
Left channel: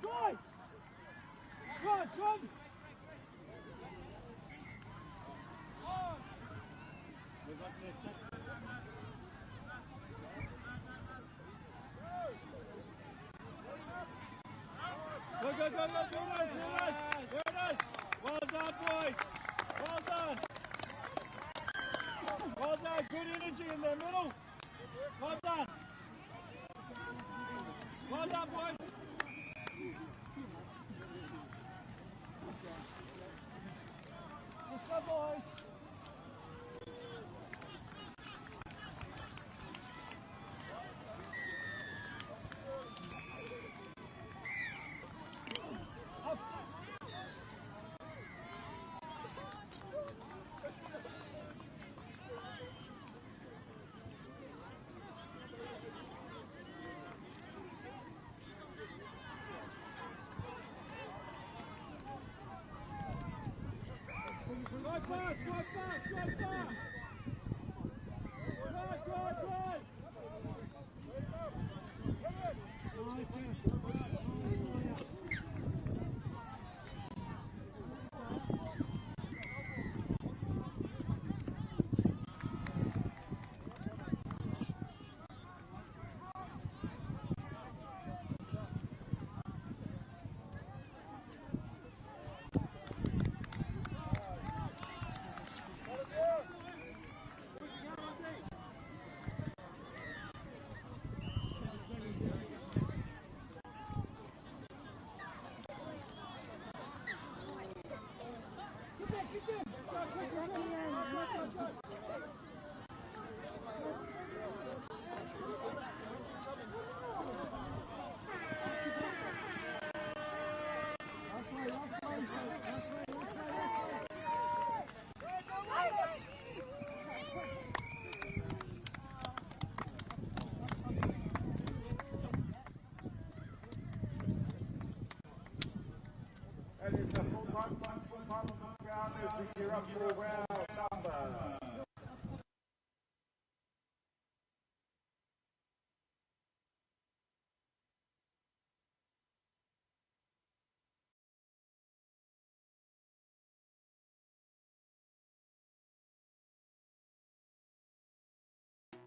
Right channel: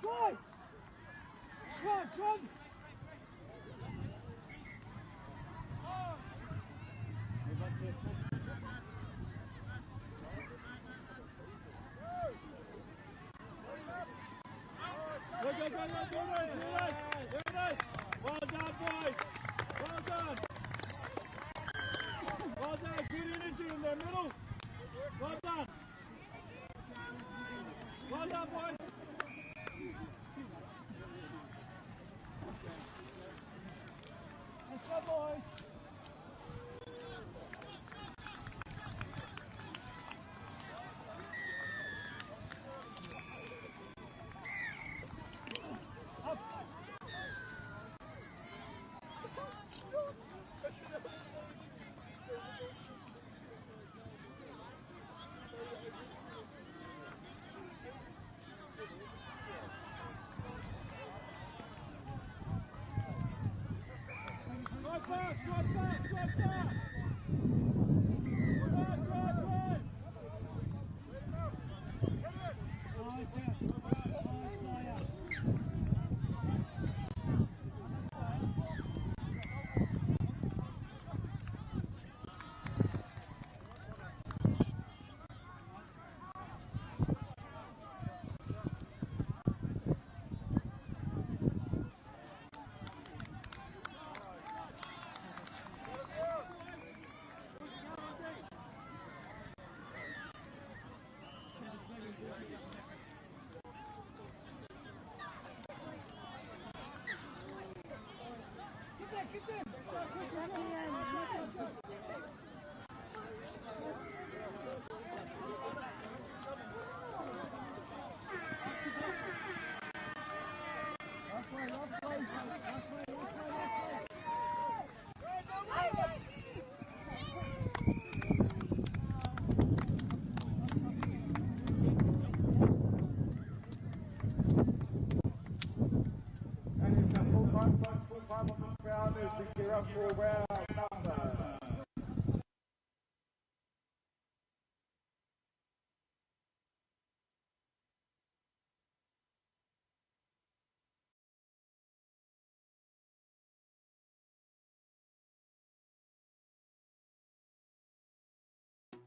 Drive! Run! Run! Go, go, go, go, go, Rulers! Rulers! Well done, boys! Well done! Well done! Good energy in the middle! Well done! Well done, boys!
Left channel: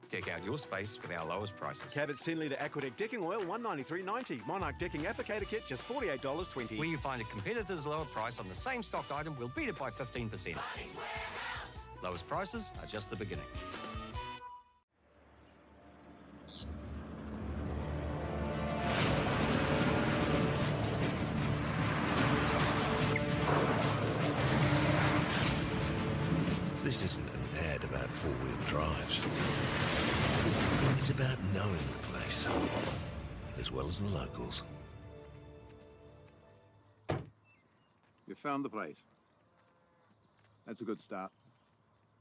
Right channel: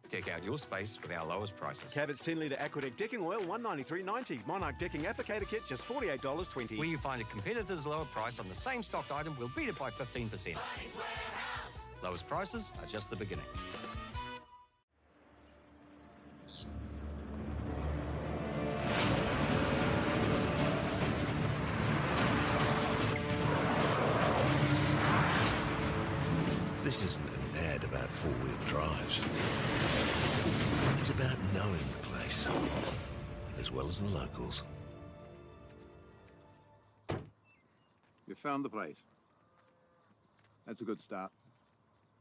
Deck out your space with our lowest prices. Cabot's 10-litre Aquadeck decking oil, $193.90. Monarch decking applicator kit, just $48.20. When you find a competitor's lower price on the same stocked item, we'll beat it by 15%. Lowest prices are just the beginning. This isn't an ad about four-wheel drives. It's about knowing the place, as well as the locals. You found the place. That's a good start.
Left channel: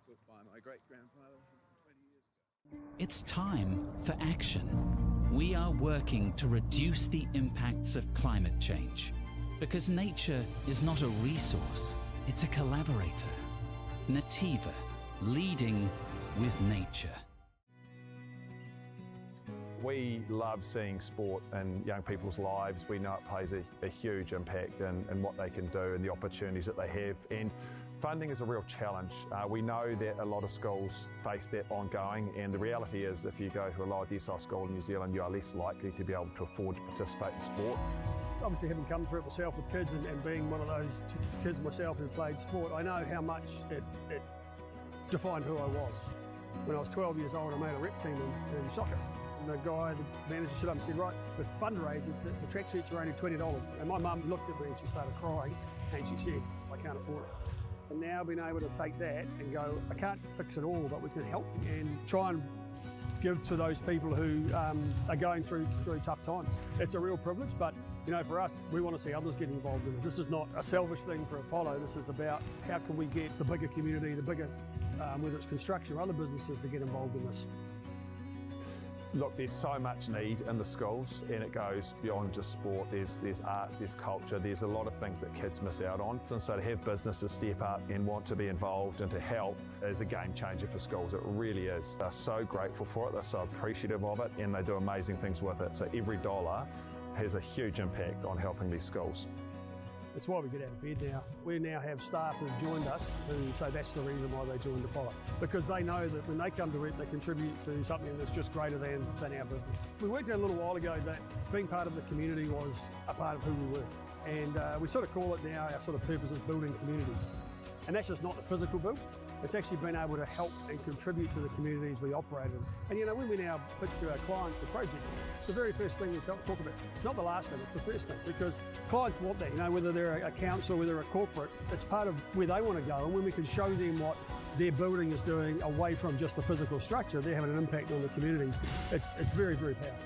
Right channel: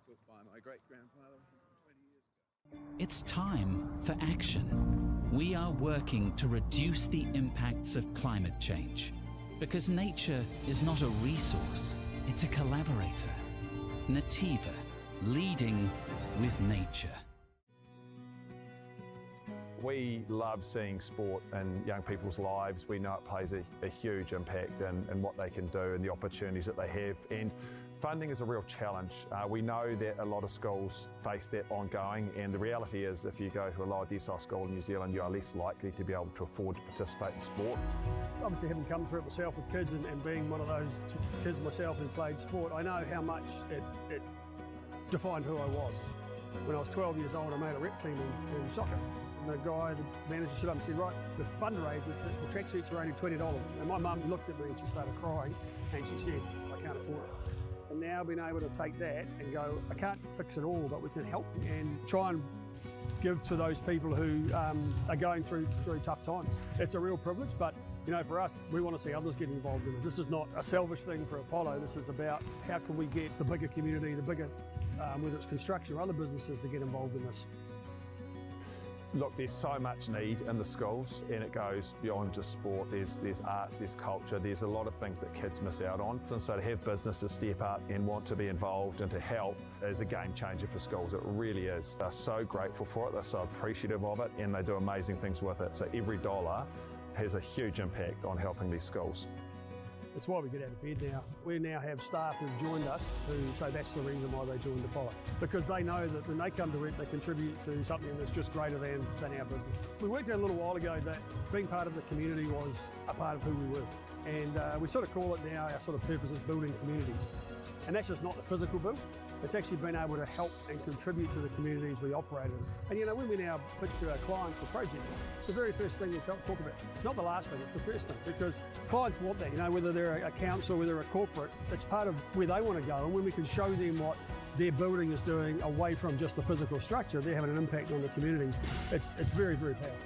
Built by my great-grandfather 20 years ago. It's time for action. We are working to reduce the impacts of climate change because nature is not a resource, it's a collaborator. Nativa, leading with nature. We love seeing sport in young people's lives. We know it plays a huge impact in what they can do and the opportunities that they have. And funding is a real challenge. We know that a lot of schools face that ongoing, and the reality is if you go to a lower decile school in New Zealand, you are less likely to be able to afford to participate in sport. Obviously, having come through it myself with kids and being one of those kids myself who played sport, I know how much it defined who I was. When I was 12 years old, I made a rep team in soccer. And the guy, the manager, stood up and said, right, the fundraising, the tracksuits are only $20. And my mum looked at me and she started crying and she said, I can't afford it. And now being able to take that and go, I can't fix it all, but we can help and try and give to those people who are going through tough times. It's a real privilege, but you know, for us, we want to see others get involved in this. This is not a selfish thing for Apollo. This is about how can we get the bigger community, the bigger, whether it's construction or other businesses, to get involved in this. Look, there's so much need in the schools, and it goes beyond just sport. There's arts, there's culture, there's a lot of things that kids miss out on. And so to have businesses step up and want to be involved and to help is a game changer for schools. It really is. They're so grateful for it, they're so appreciative of it, and they do amazing things with it. So every dollar has a huge impact on helping these schools. That's why we get out of bed now. We now have staff who've joined us who say that's the reason why they joined Apollo. Because they know that when they come to work, they contribute to something that's just greater than our business. We worked out a little while ago that being part of the community was a part of who we were. And we sort of call it now, our sort of purpose is building communities. And that's just not the physical build. It's actually been able to help and contribute to the communities we operate in. And you know, when we now pitch to our clients for projects, it's the very first thing we talk about. It's not the last thing, it's the first thing, because clients want that, you know, whether they're a council, whether they're a corporate, it's part of where they want to go. And when we can show them what their building is doing away from just the physical structure, they're having an impact on the communities. It's very, very powerful.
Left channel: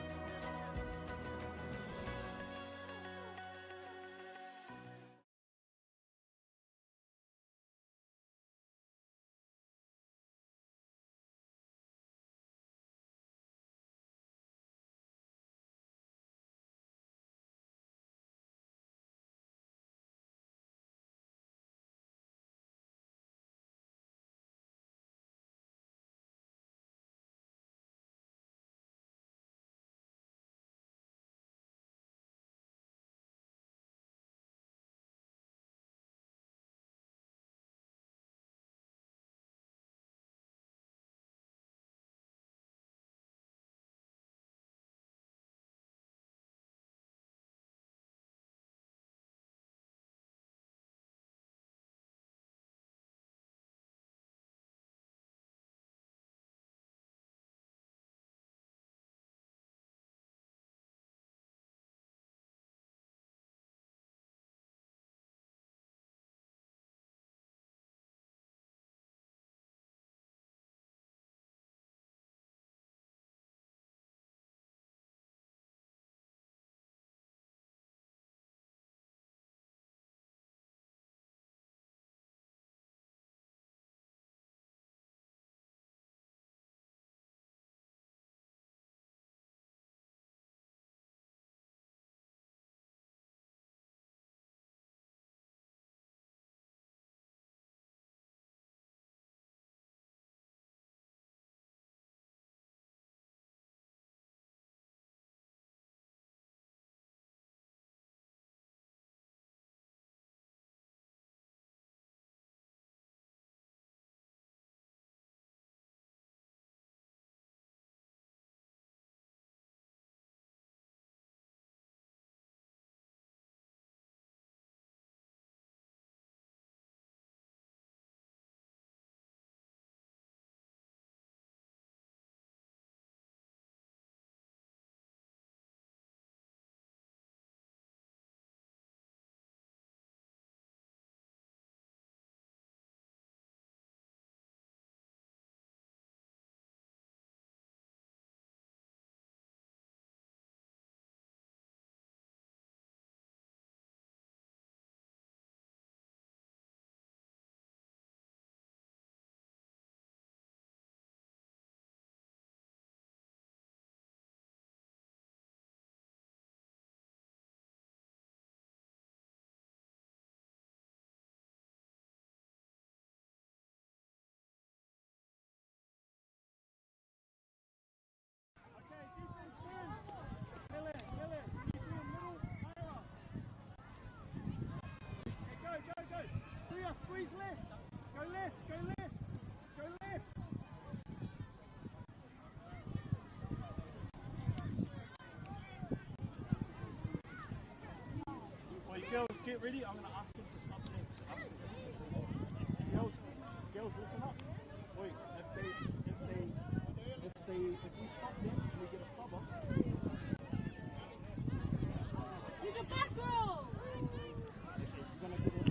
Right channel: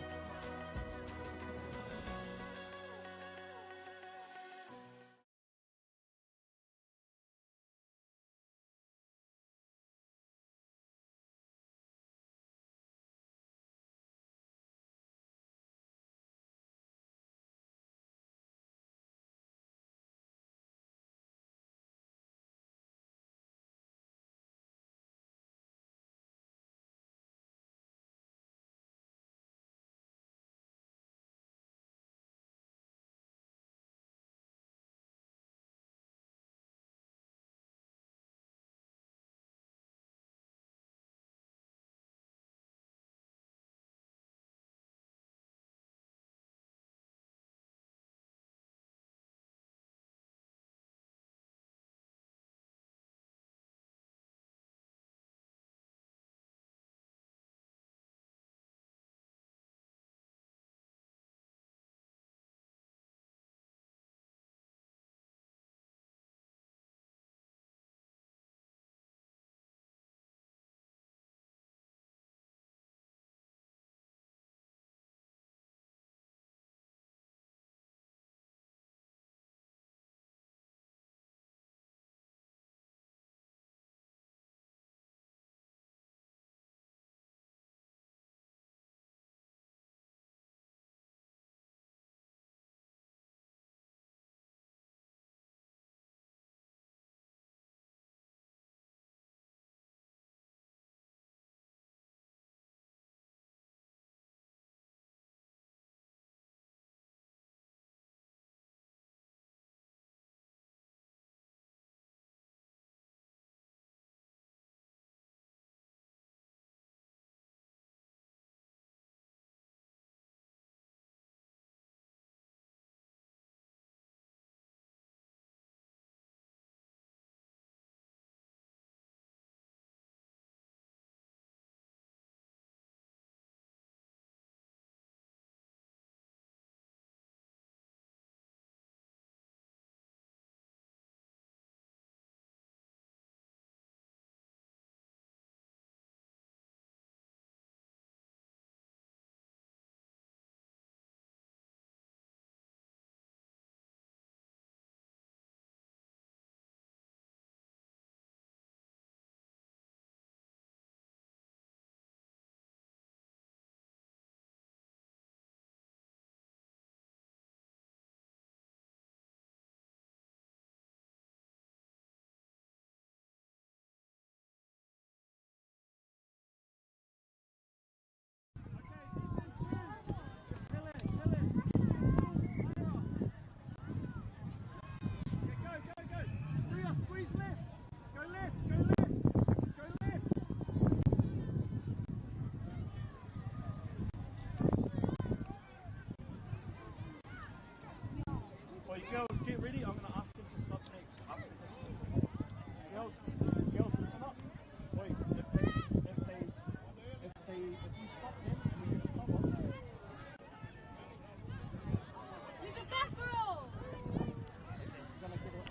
now, squeeze left. Go left, go left, go left. Wait, girls, get ready. I'm going to ask them to stop. Girls, listen up. Wait, if you stop them, you get a stop on. You're the good girl. You're going to get it.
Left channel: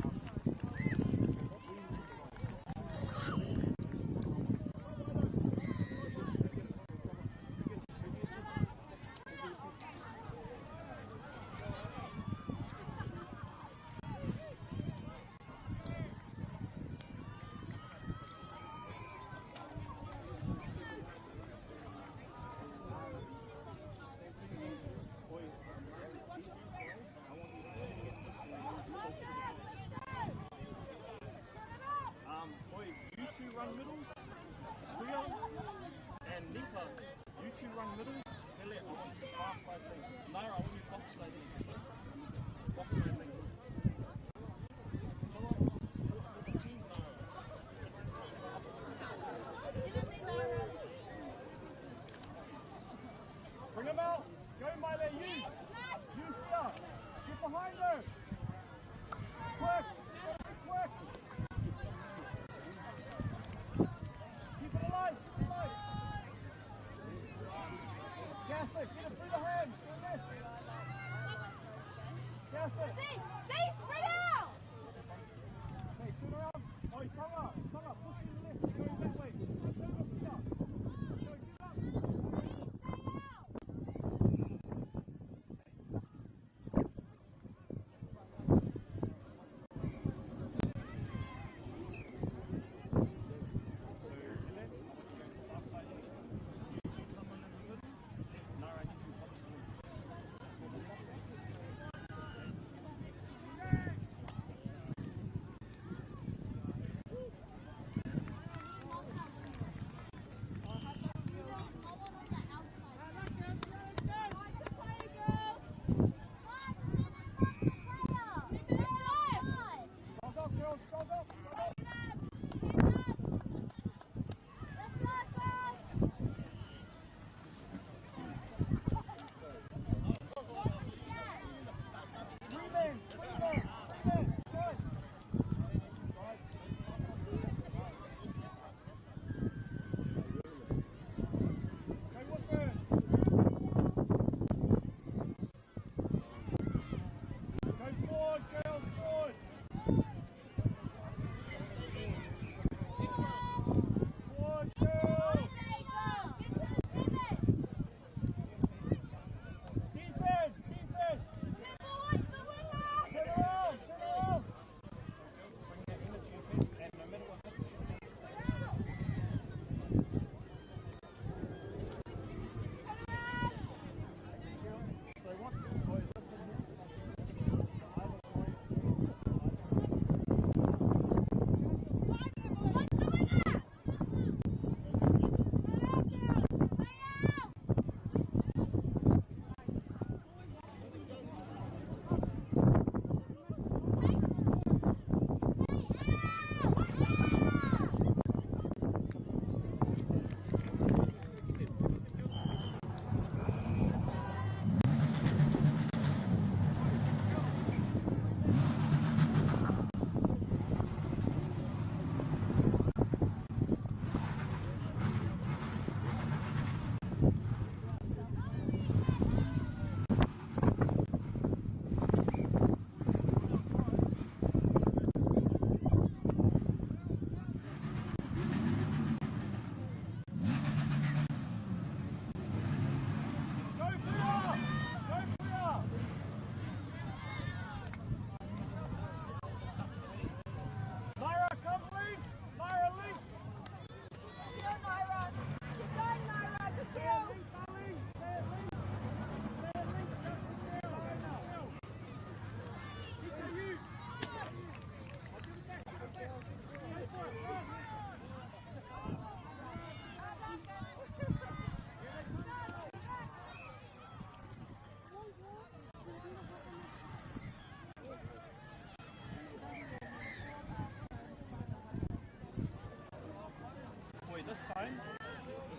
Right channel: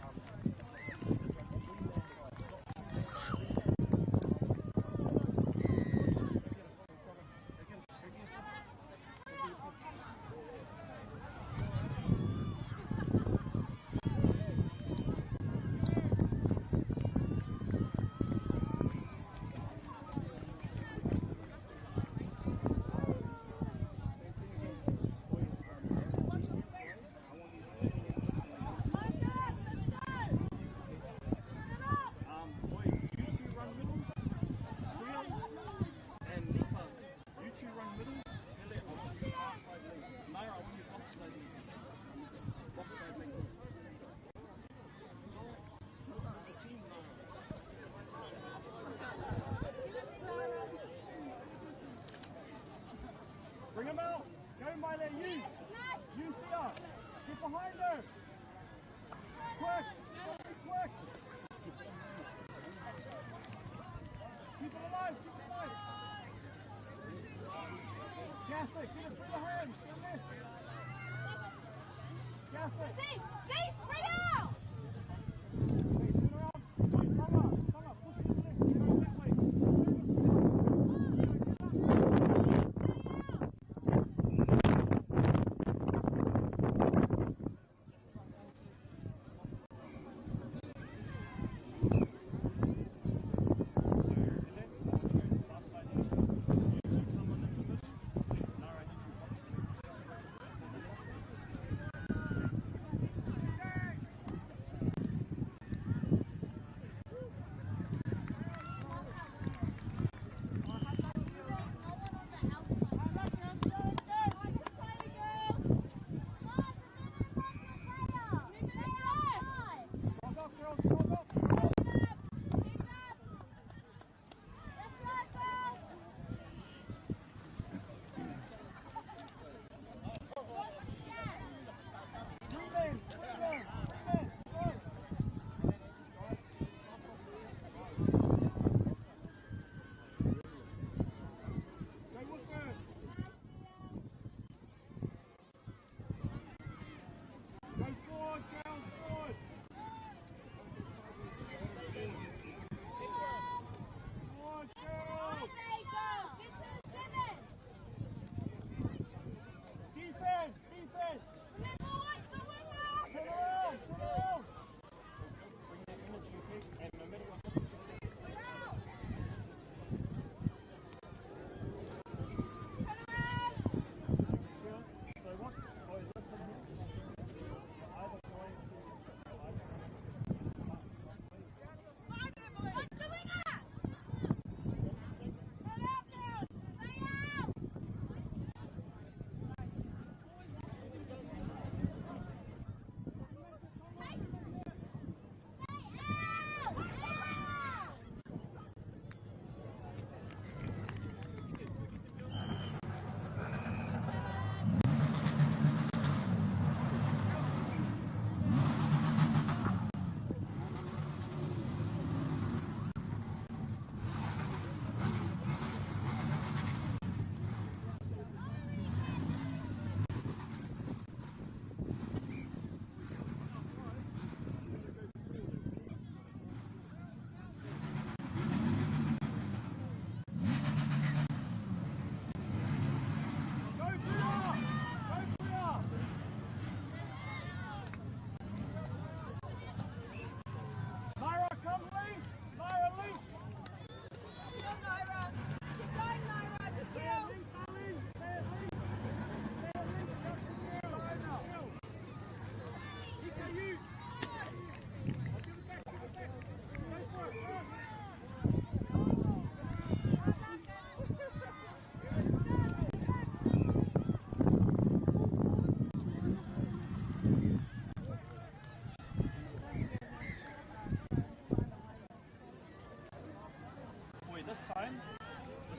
Bring him out. Go, Milo. You stop. Get behind her. Quick. Quick. Keep it alive. Keep it alive. Cassie, get it through the hands. Go left. Cassie. Stay spread out. Hey, turn around. Wait, Tonga. Push to the left. You go that way.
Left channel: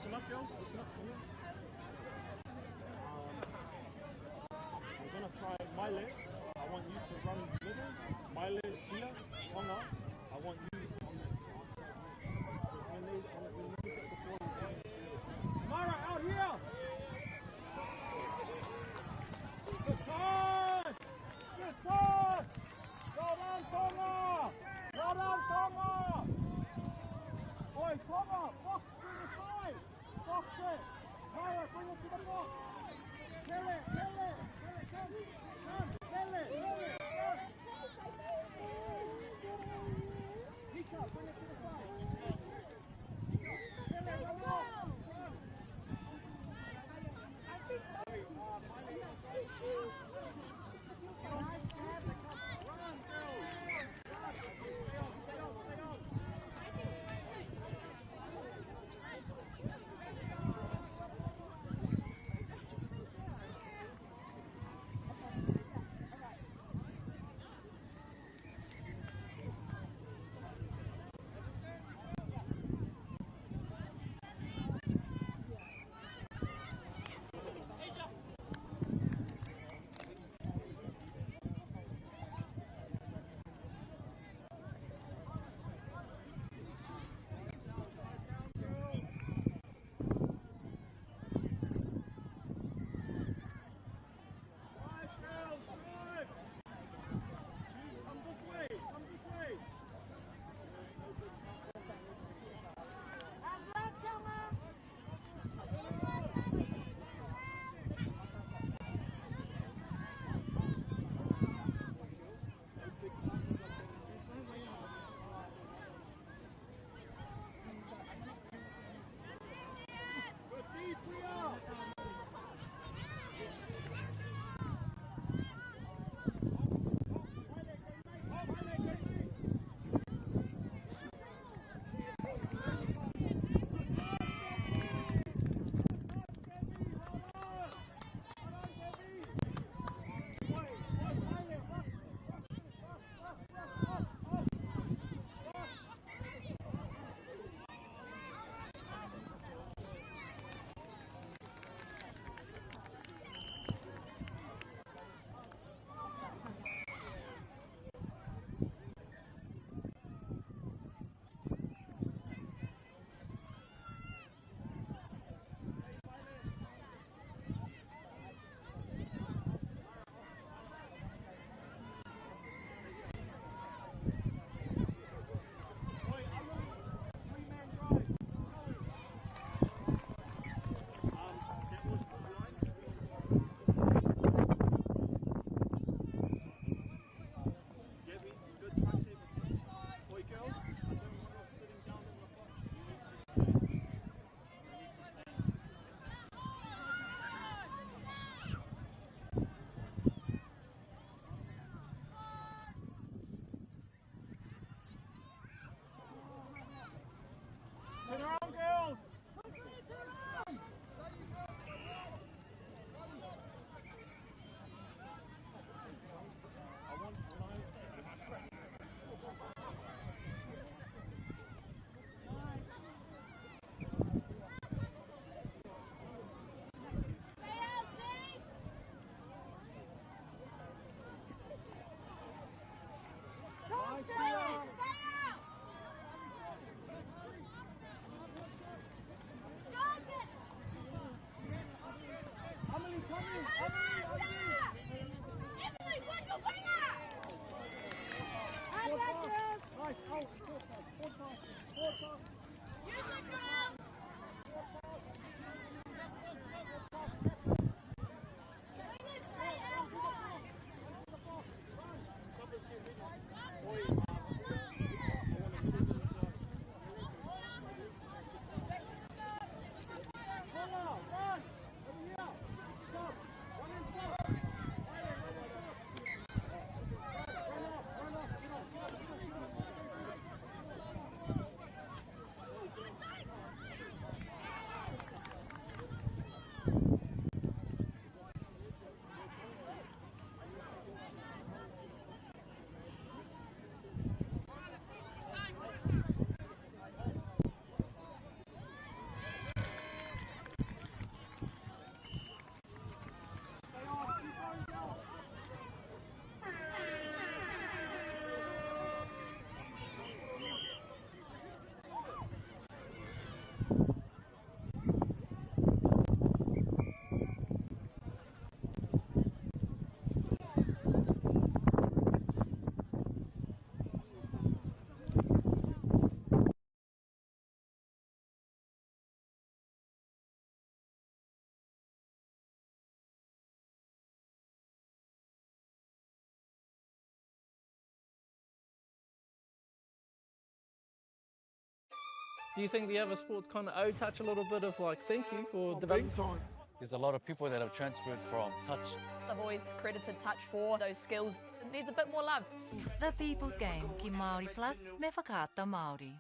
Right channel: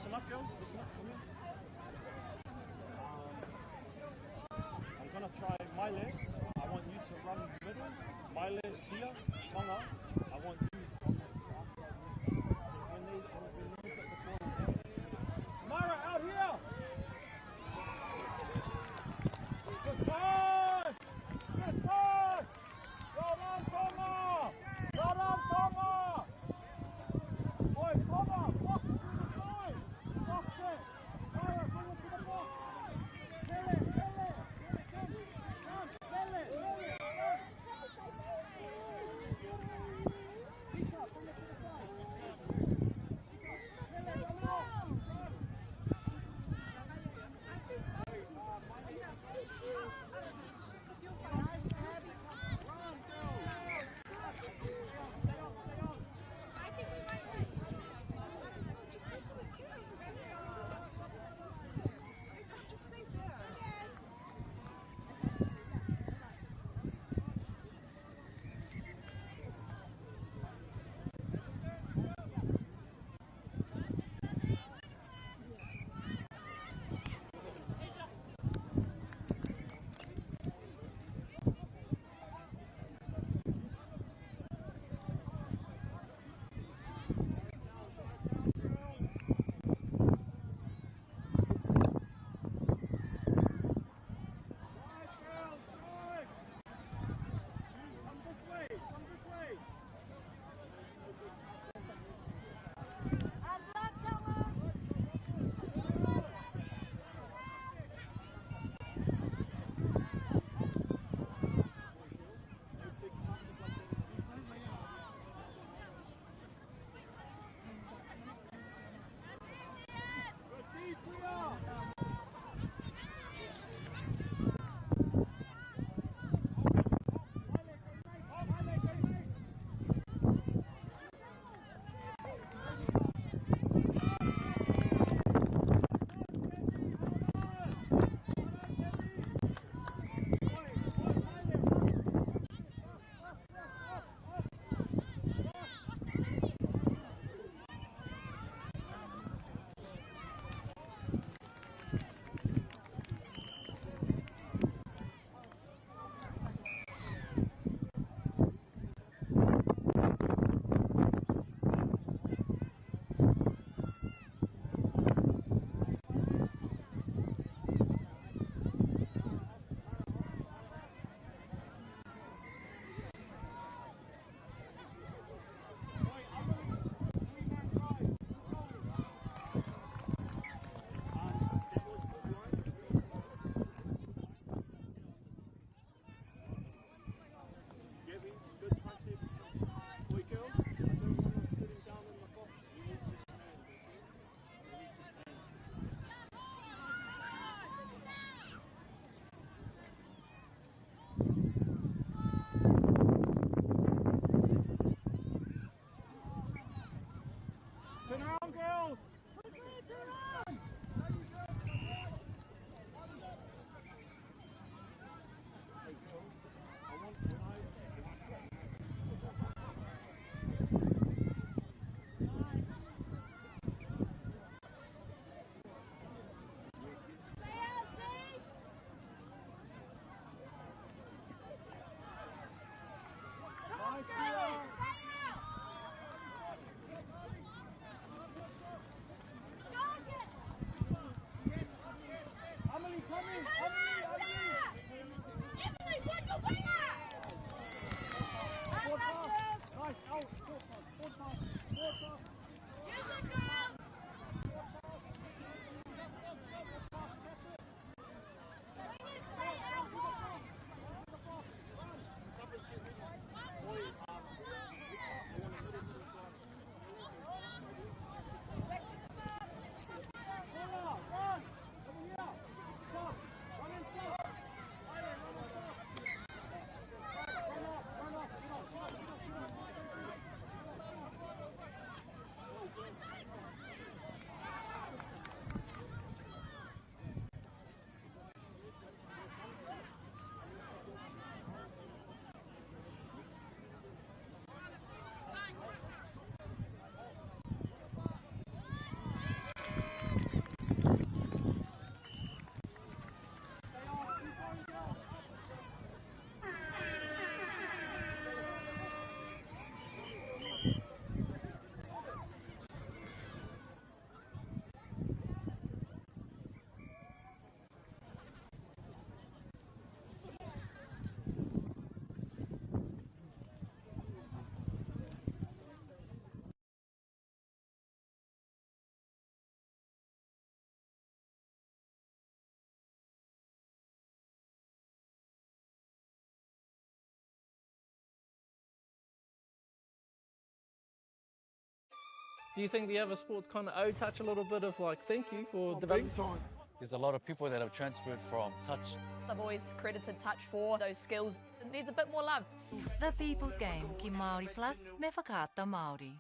Listen up, girls. Listen up. Come here. I'm gonna try my leg. I want you to run middle. My leg's here. Tonga. I want you on the outside leg. Because when they get the ball, Mara, out here! Good touch! Good touch! Well done, Tonga! Well done, Tonga! Boy, Tonga, box to the side! Box it! Mara, bring it to the box! Kill it! Kill it! Come! Kill it! Kill it! Pick up, bring it to the side! Kill it, run off! Do you think the other sports kind of owe touch a little bit of like thank you for development? There's a lot of people that have transferred from touch. I've always credited touch for those skills. It needs a bit more love. The People's Game, ki Māori Plus, me whakaata Māori.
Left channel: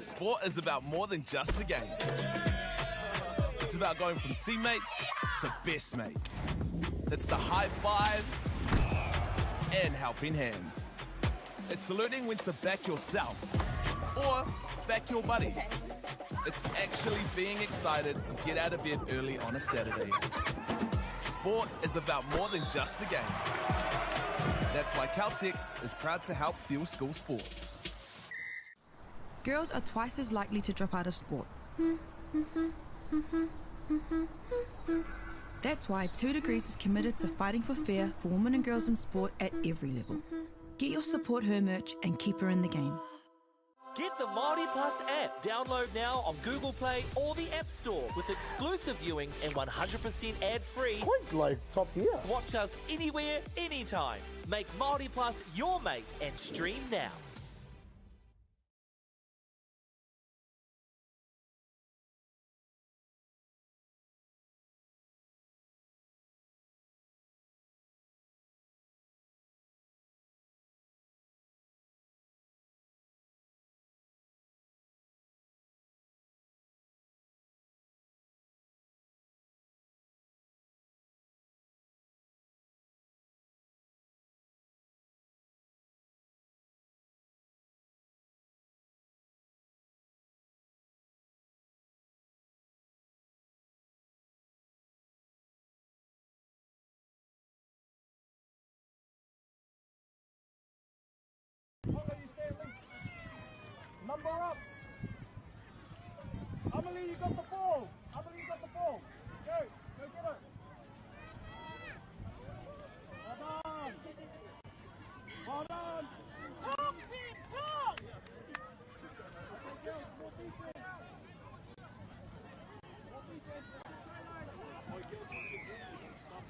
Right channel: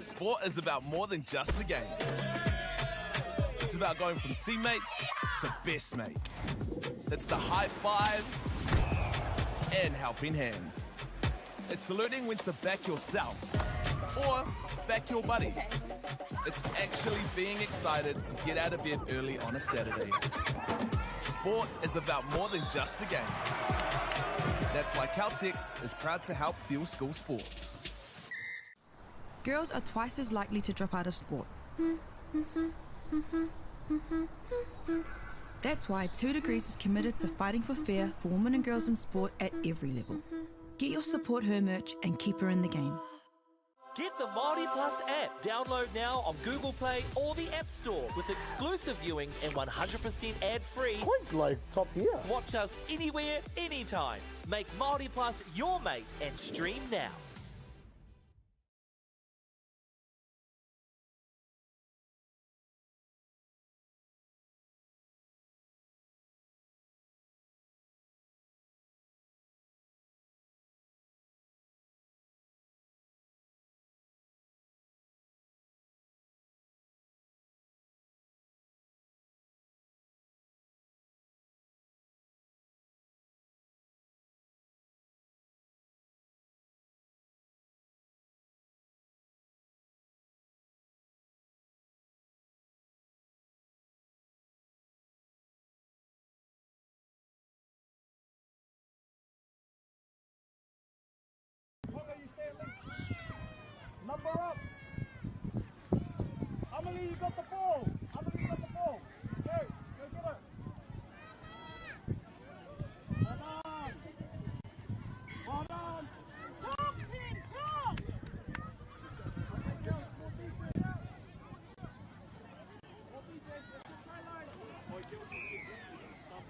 Sport is about more than just the game. It's about going from teammates to best mates. It's the high fives and helping hands. It's learning when to back yourself or back your buddies. It's actually being excited to get out of bed early on a Saturday. Sport is about more than just the game. That's why Caltex is proud to help fuel school sports. Girls are twice as likely to drop out of sport. That's why 2 Degrees is committed to fighting for fair for women and girls in sport at every level. Get your Support Her merch and keep her in the game. Get the MAORI Plus app. Download now on Google Play or the App Store with exclusive viewings and 100% ad-free. Quite like top tier. Watch us anywhere, anytime. Make MAORI Plus your mate and stream now. You stay linked. Number up. Amelie, you got the ball. Amelie, you got the ball. Go get it. Well done. Well done. Talk, team, talk. Okay, girls, more defense. More defense. Boy, girls, you should stop.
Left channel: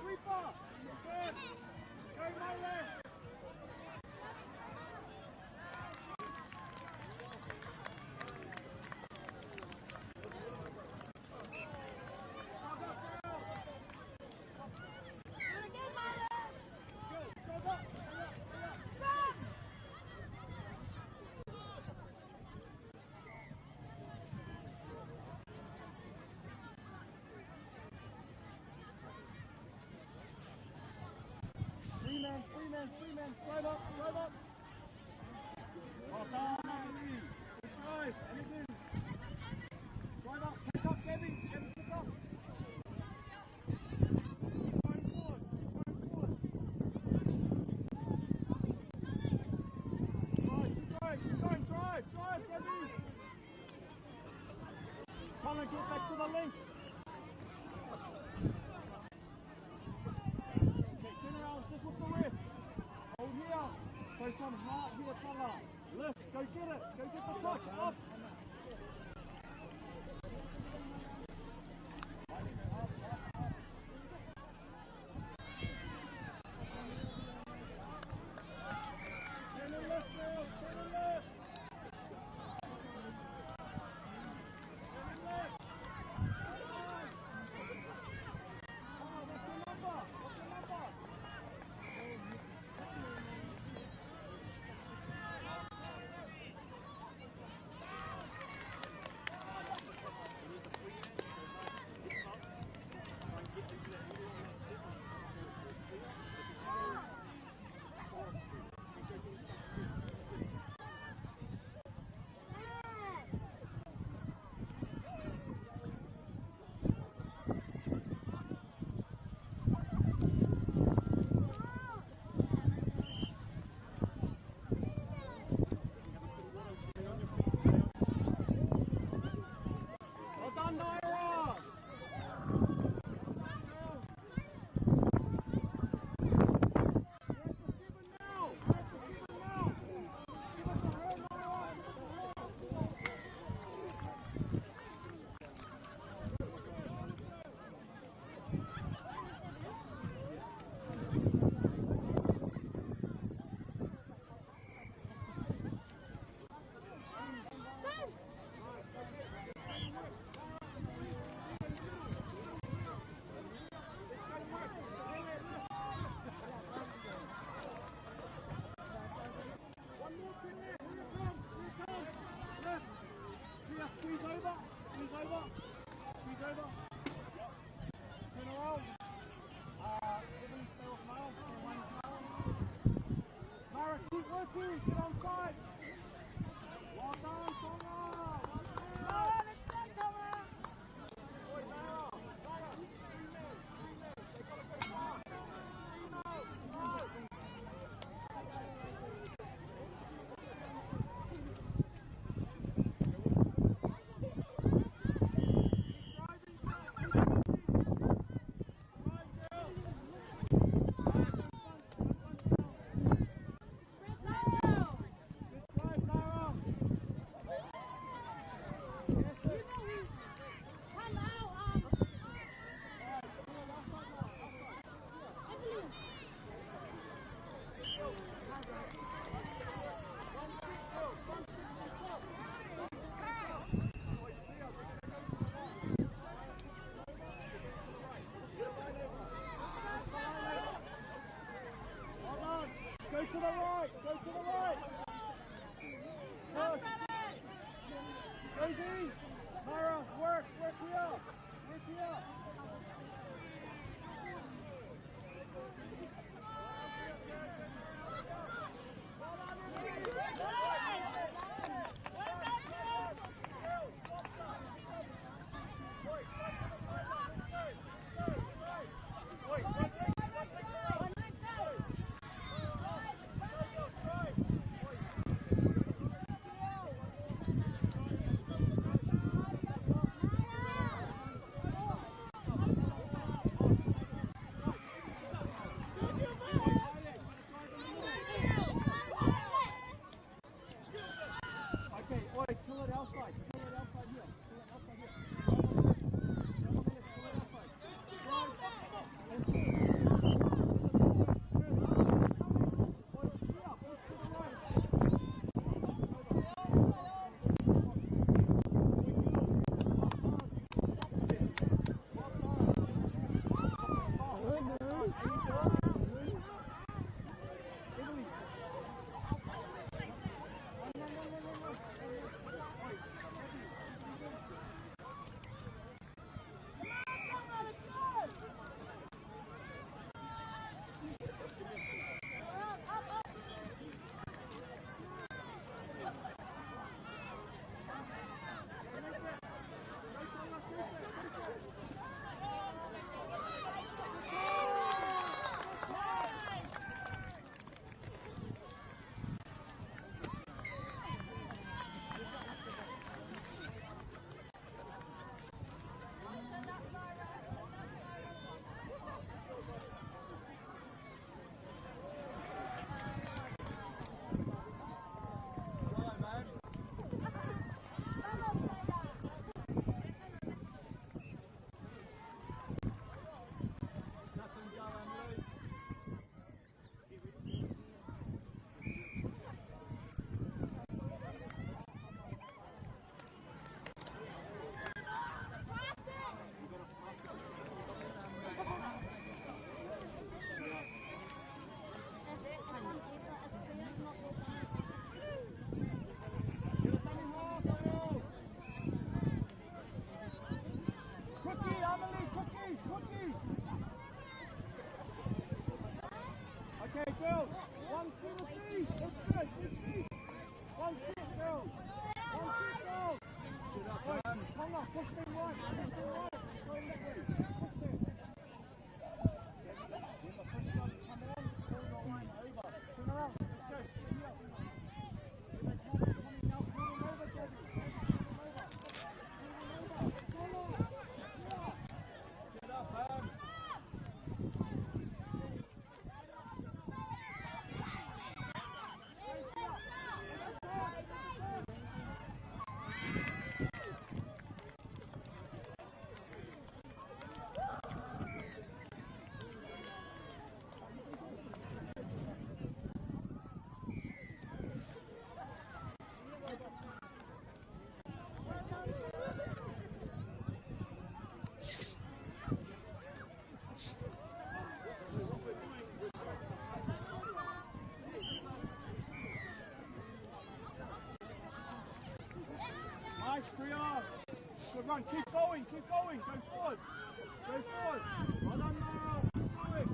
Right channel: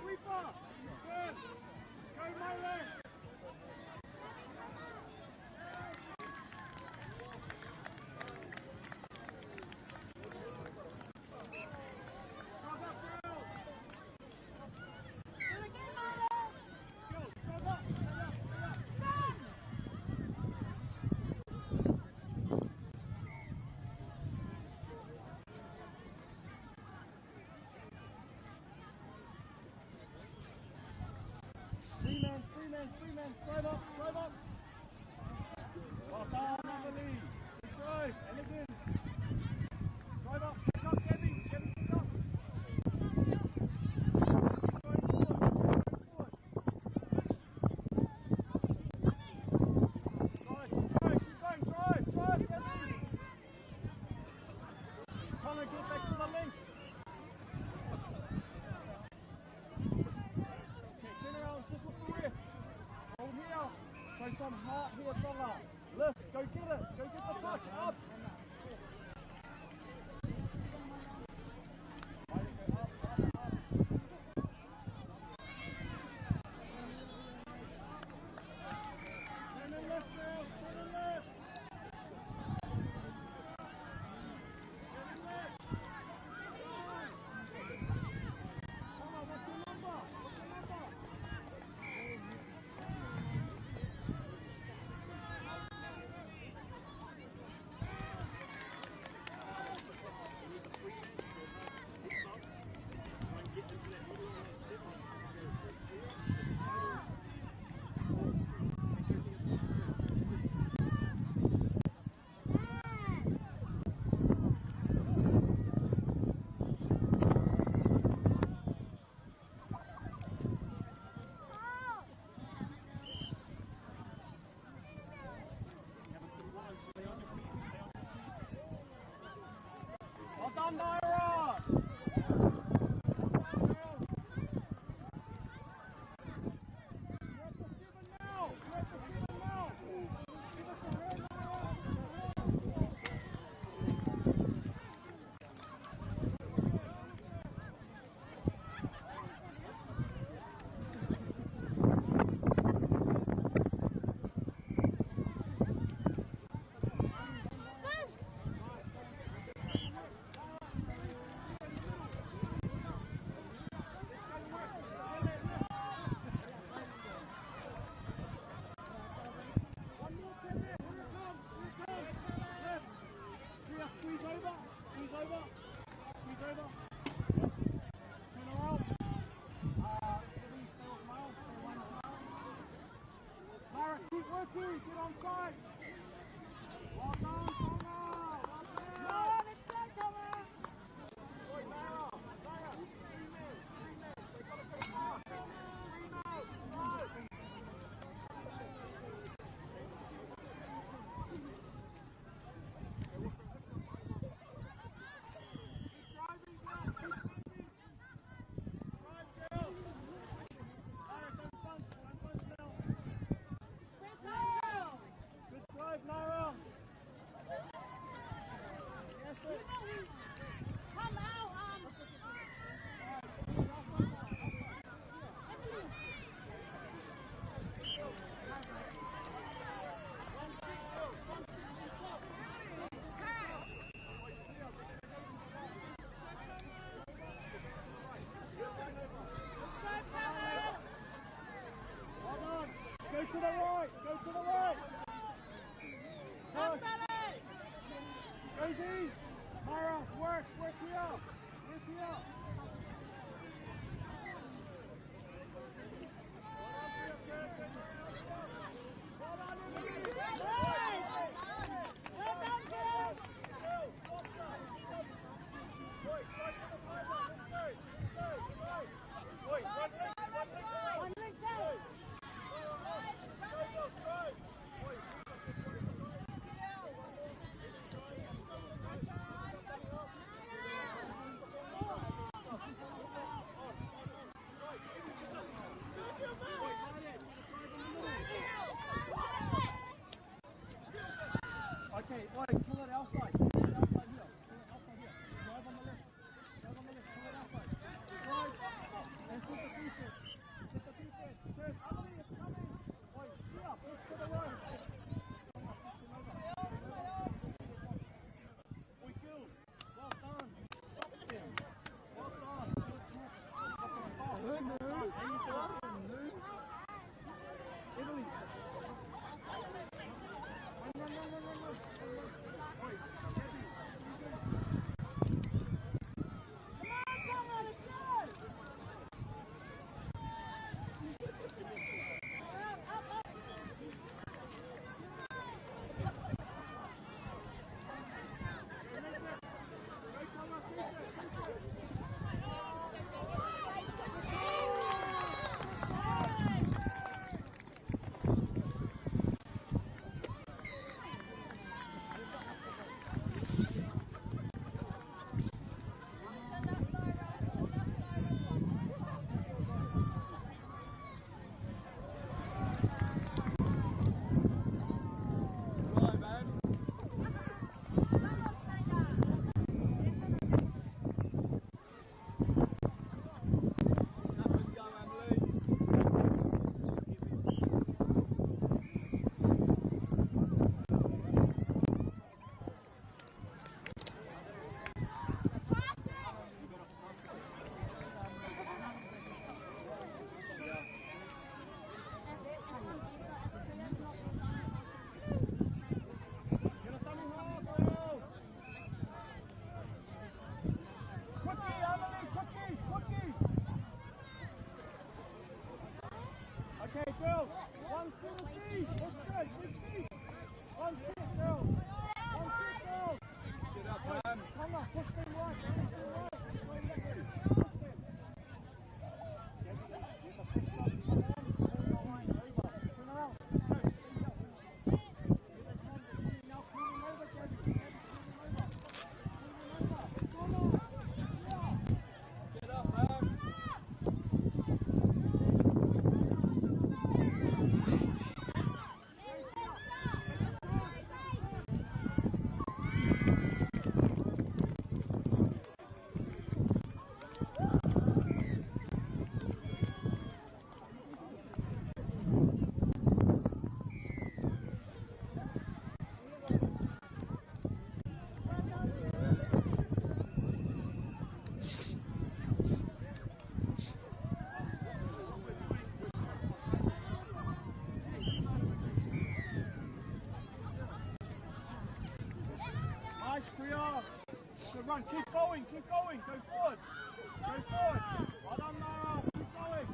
Sweeper! Good. Go, Mylan! Three men, drive up. Well done, Emily. Good drive, and again. Drive up, pick up, Debbie, pick up. Drive, Debbie. Trying to get back to the link. Some heart here, fella. Lift, go get it. Go get the top. Up. Turn and left, girls. Turn and left. Turn and left. Come on, what's your number? Squeeze over. Squeeze over. Yep. Turn around. Everybody stay off Mara. Stay away from Mara. Mara, keep working. Get on side. Well done, Tonga. Well done. No, let's go, Tonga. Good, Mara. Mara. They've got to put a pass. Go to the right, go to the right. Push. Rosie, Mara, work here. Work here. Okay, oi, kill it outside. Kill it outside here. Kill it outside here. Drive on the left. Drive on the left. Kill it outside. Drive. And push. Oi, here. Push to the right. Run. Good run, keep going, go forward. Go forward. Well done, keep going.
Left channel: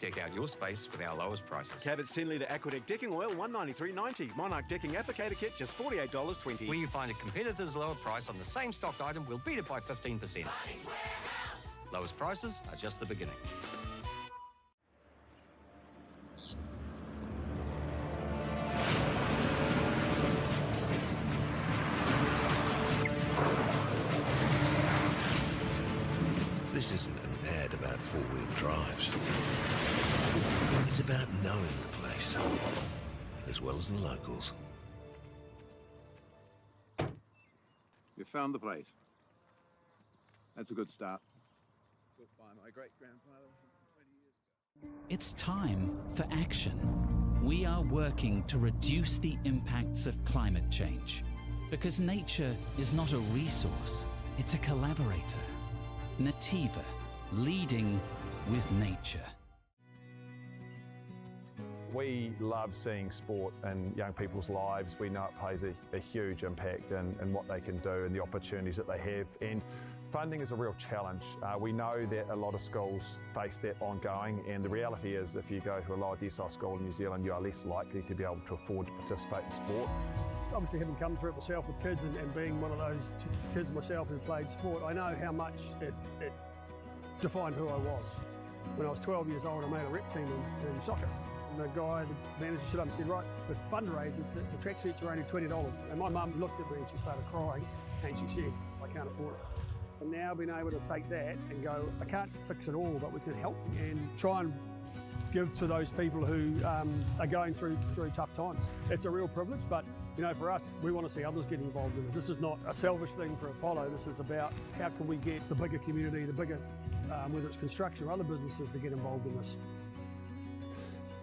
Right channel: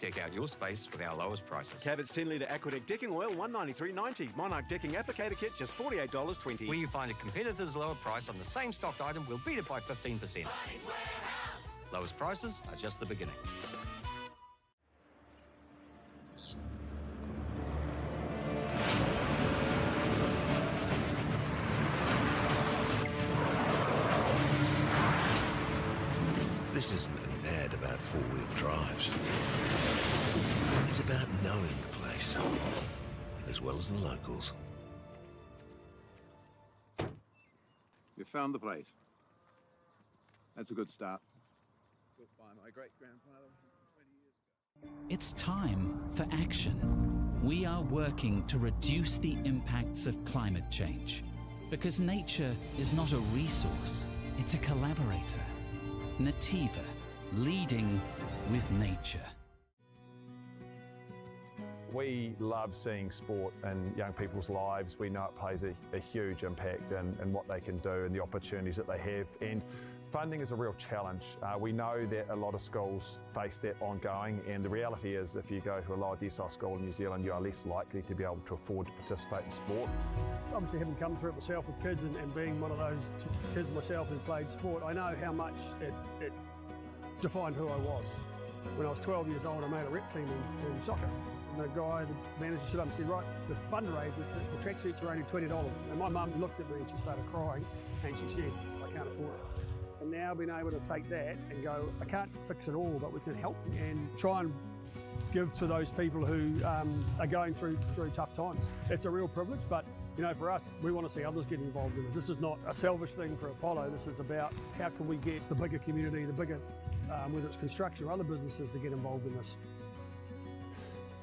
Deck out your space with our lowest prices. Cabot's 10-litre Aquadeck decking oil, $193.90. Monarch decking applicator kit, just $48.20. When you find a competitor's lower price on the same stocked item, we'll beat it by 15%. Lowest prices are just the beginning. This isn't an ad about four-wheel drives. It's about knowing the place, as well as the locals. You found the place. That's a good start. Built by my great-grandfather 20 years ago. It's time for action. We are working to reduce the impacts of climate change, because nature is not a resource, it's a collaborator. Nativa, leading with nature. We love seeing sport in young people's lives. We know it plays a huge impact in what they can do and the opportunities that they have. And funding is a real challenge. We know that a lot of schools face that ongoing, and the reality is if you go to a lower decile school in New Zealand, you are less likely to be able to afford to participate in sport. Obviously, having come through it myself with kids and being one of those kids myself who played sport, I know how much it defined who I was. When I was 12 years old, I made a rep team in soccer. And the guy, the manager, stood up and said, right, the fundraise, the tracksuits are only $20. And my mum looked at me and she started crying and she said, I can't afford it. And now being able to take that and go, I can't fix it all, but we can help and try and give to those people who are going through tough times. It's a real privilege, but you know, for us, we want to see others get involved in it. This is not a selfish thing for Apollo. This is about how can we get the bigger community, the bigger, whether it's construction or other businesses, to get involved in this.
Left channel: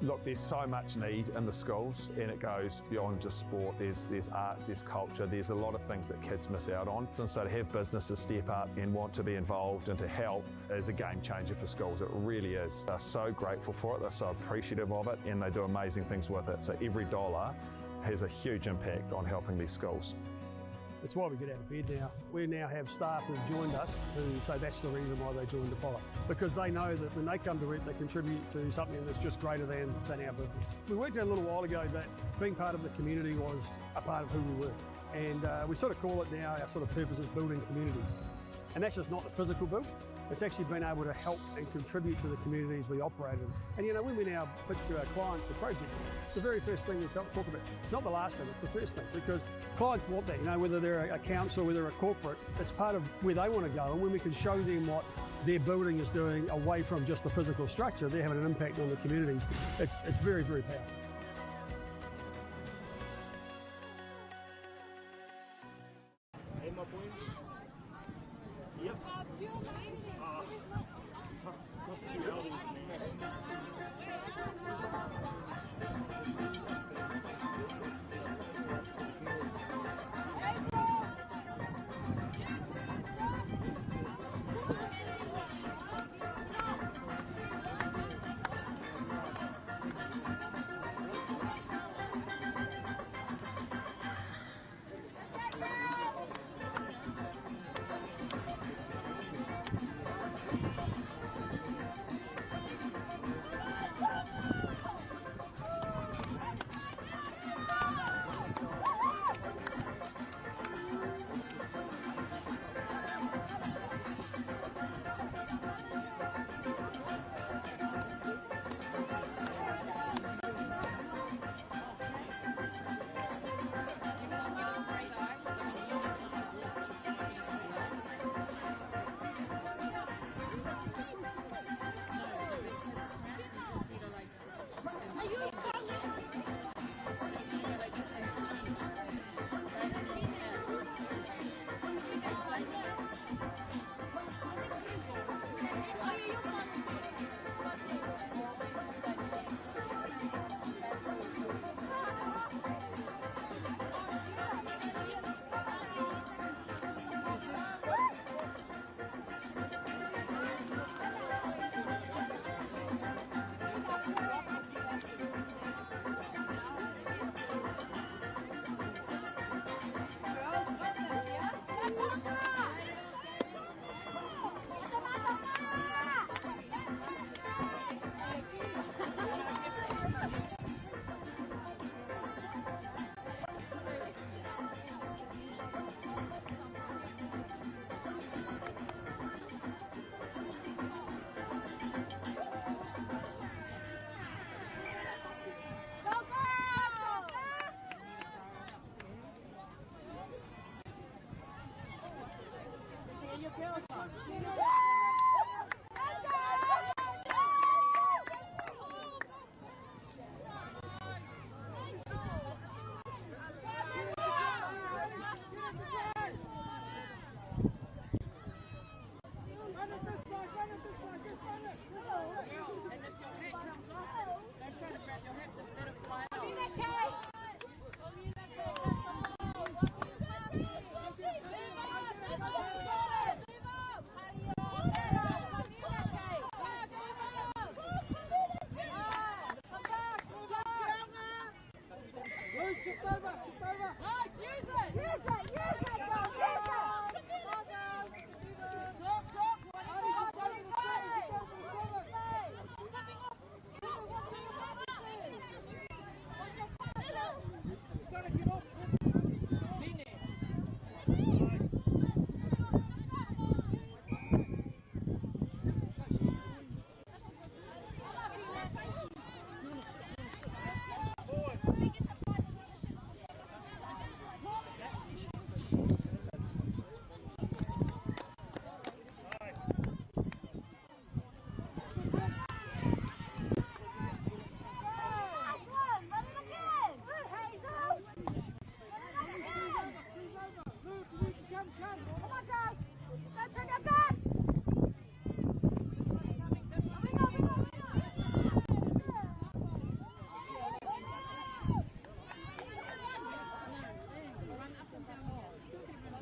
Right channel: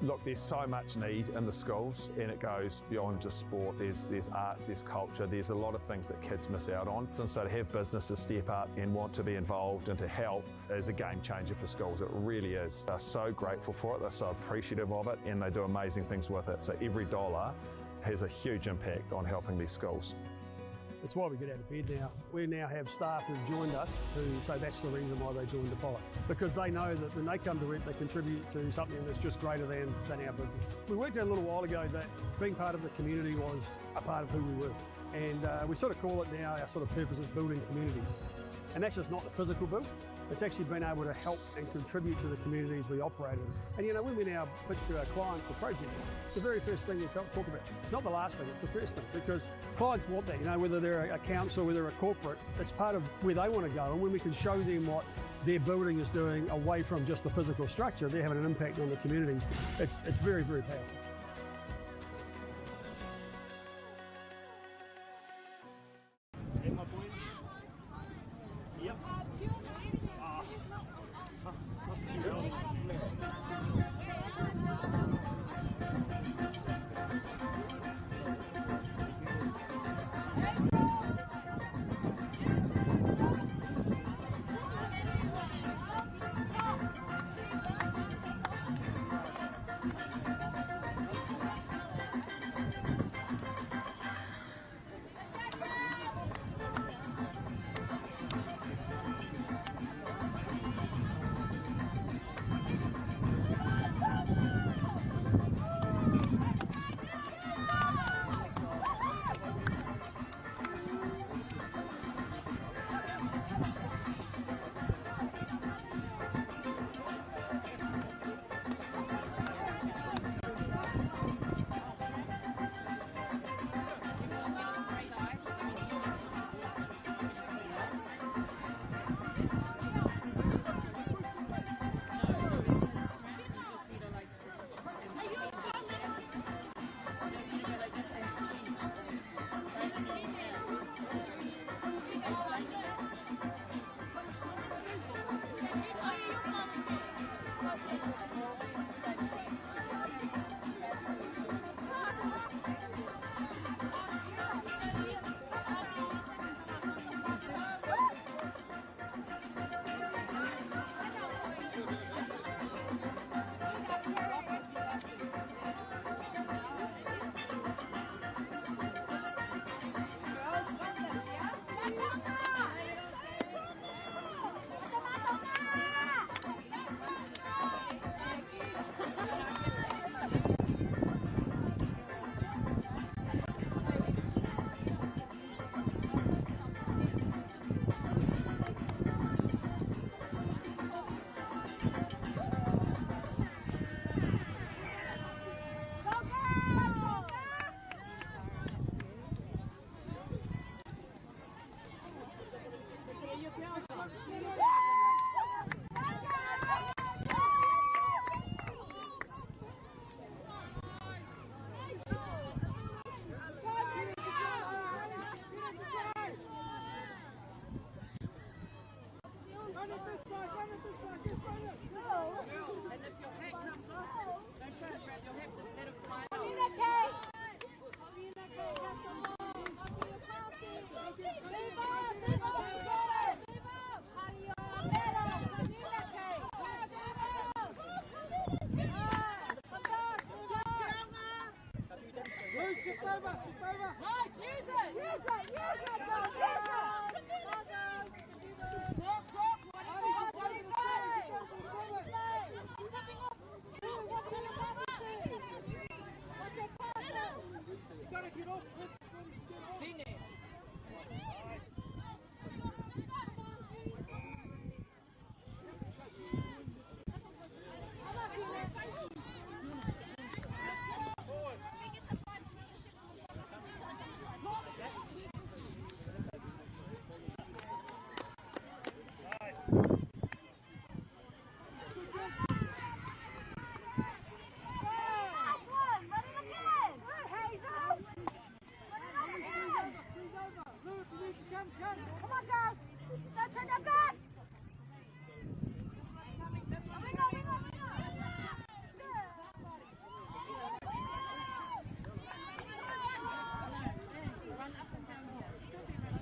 Look, there's so much need in the schools, and it goes beyond just sport. There's arts, there's culture, there's a lot of things that kids miss out on. And so to have businesses step up and want to be involved and to help is a game changer for schools. It really is. They're so grateful for it, they're so appreciative of it, and they do amazing things with it. So every dollar has a huge impact on helping these schools. That's why we get out of bed now. We now have staff who've joined us who say that's the reason why they joined Apollo. Because they know that when they come to work, they contribute to something that's just greater than our business. We worked out a little while ago that being part of the community was a part of who we were. And we sort of call it now, our sort of purpose is building communities. And that's just not the physical build. It's actually been able to help and contribute to the communities we operate in. And you know, when we now pitch to our clients the project, it's the very first thing we talk about. It's not the last thing, it's the first thing, because clients want that, you know, whether they're a council, whether they're a corporate, it's part of where they want to go. And when we can show them what their building is doing away from just the physical structure, they're having an impact on the communities. It's very, very powerful.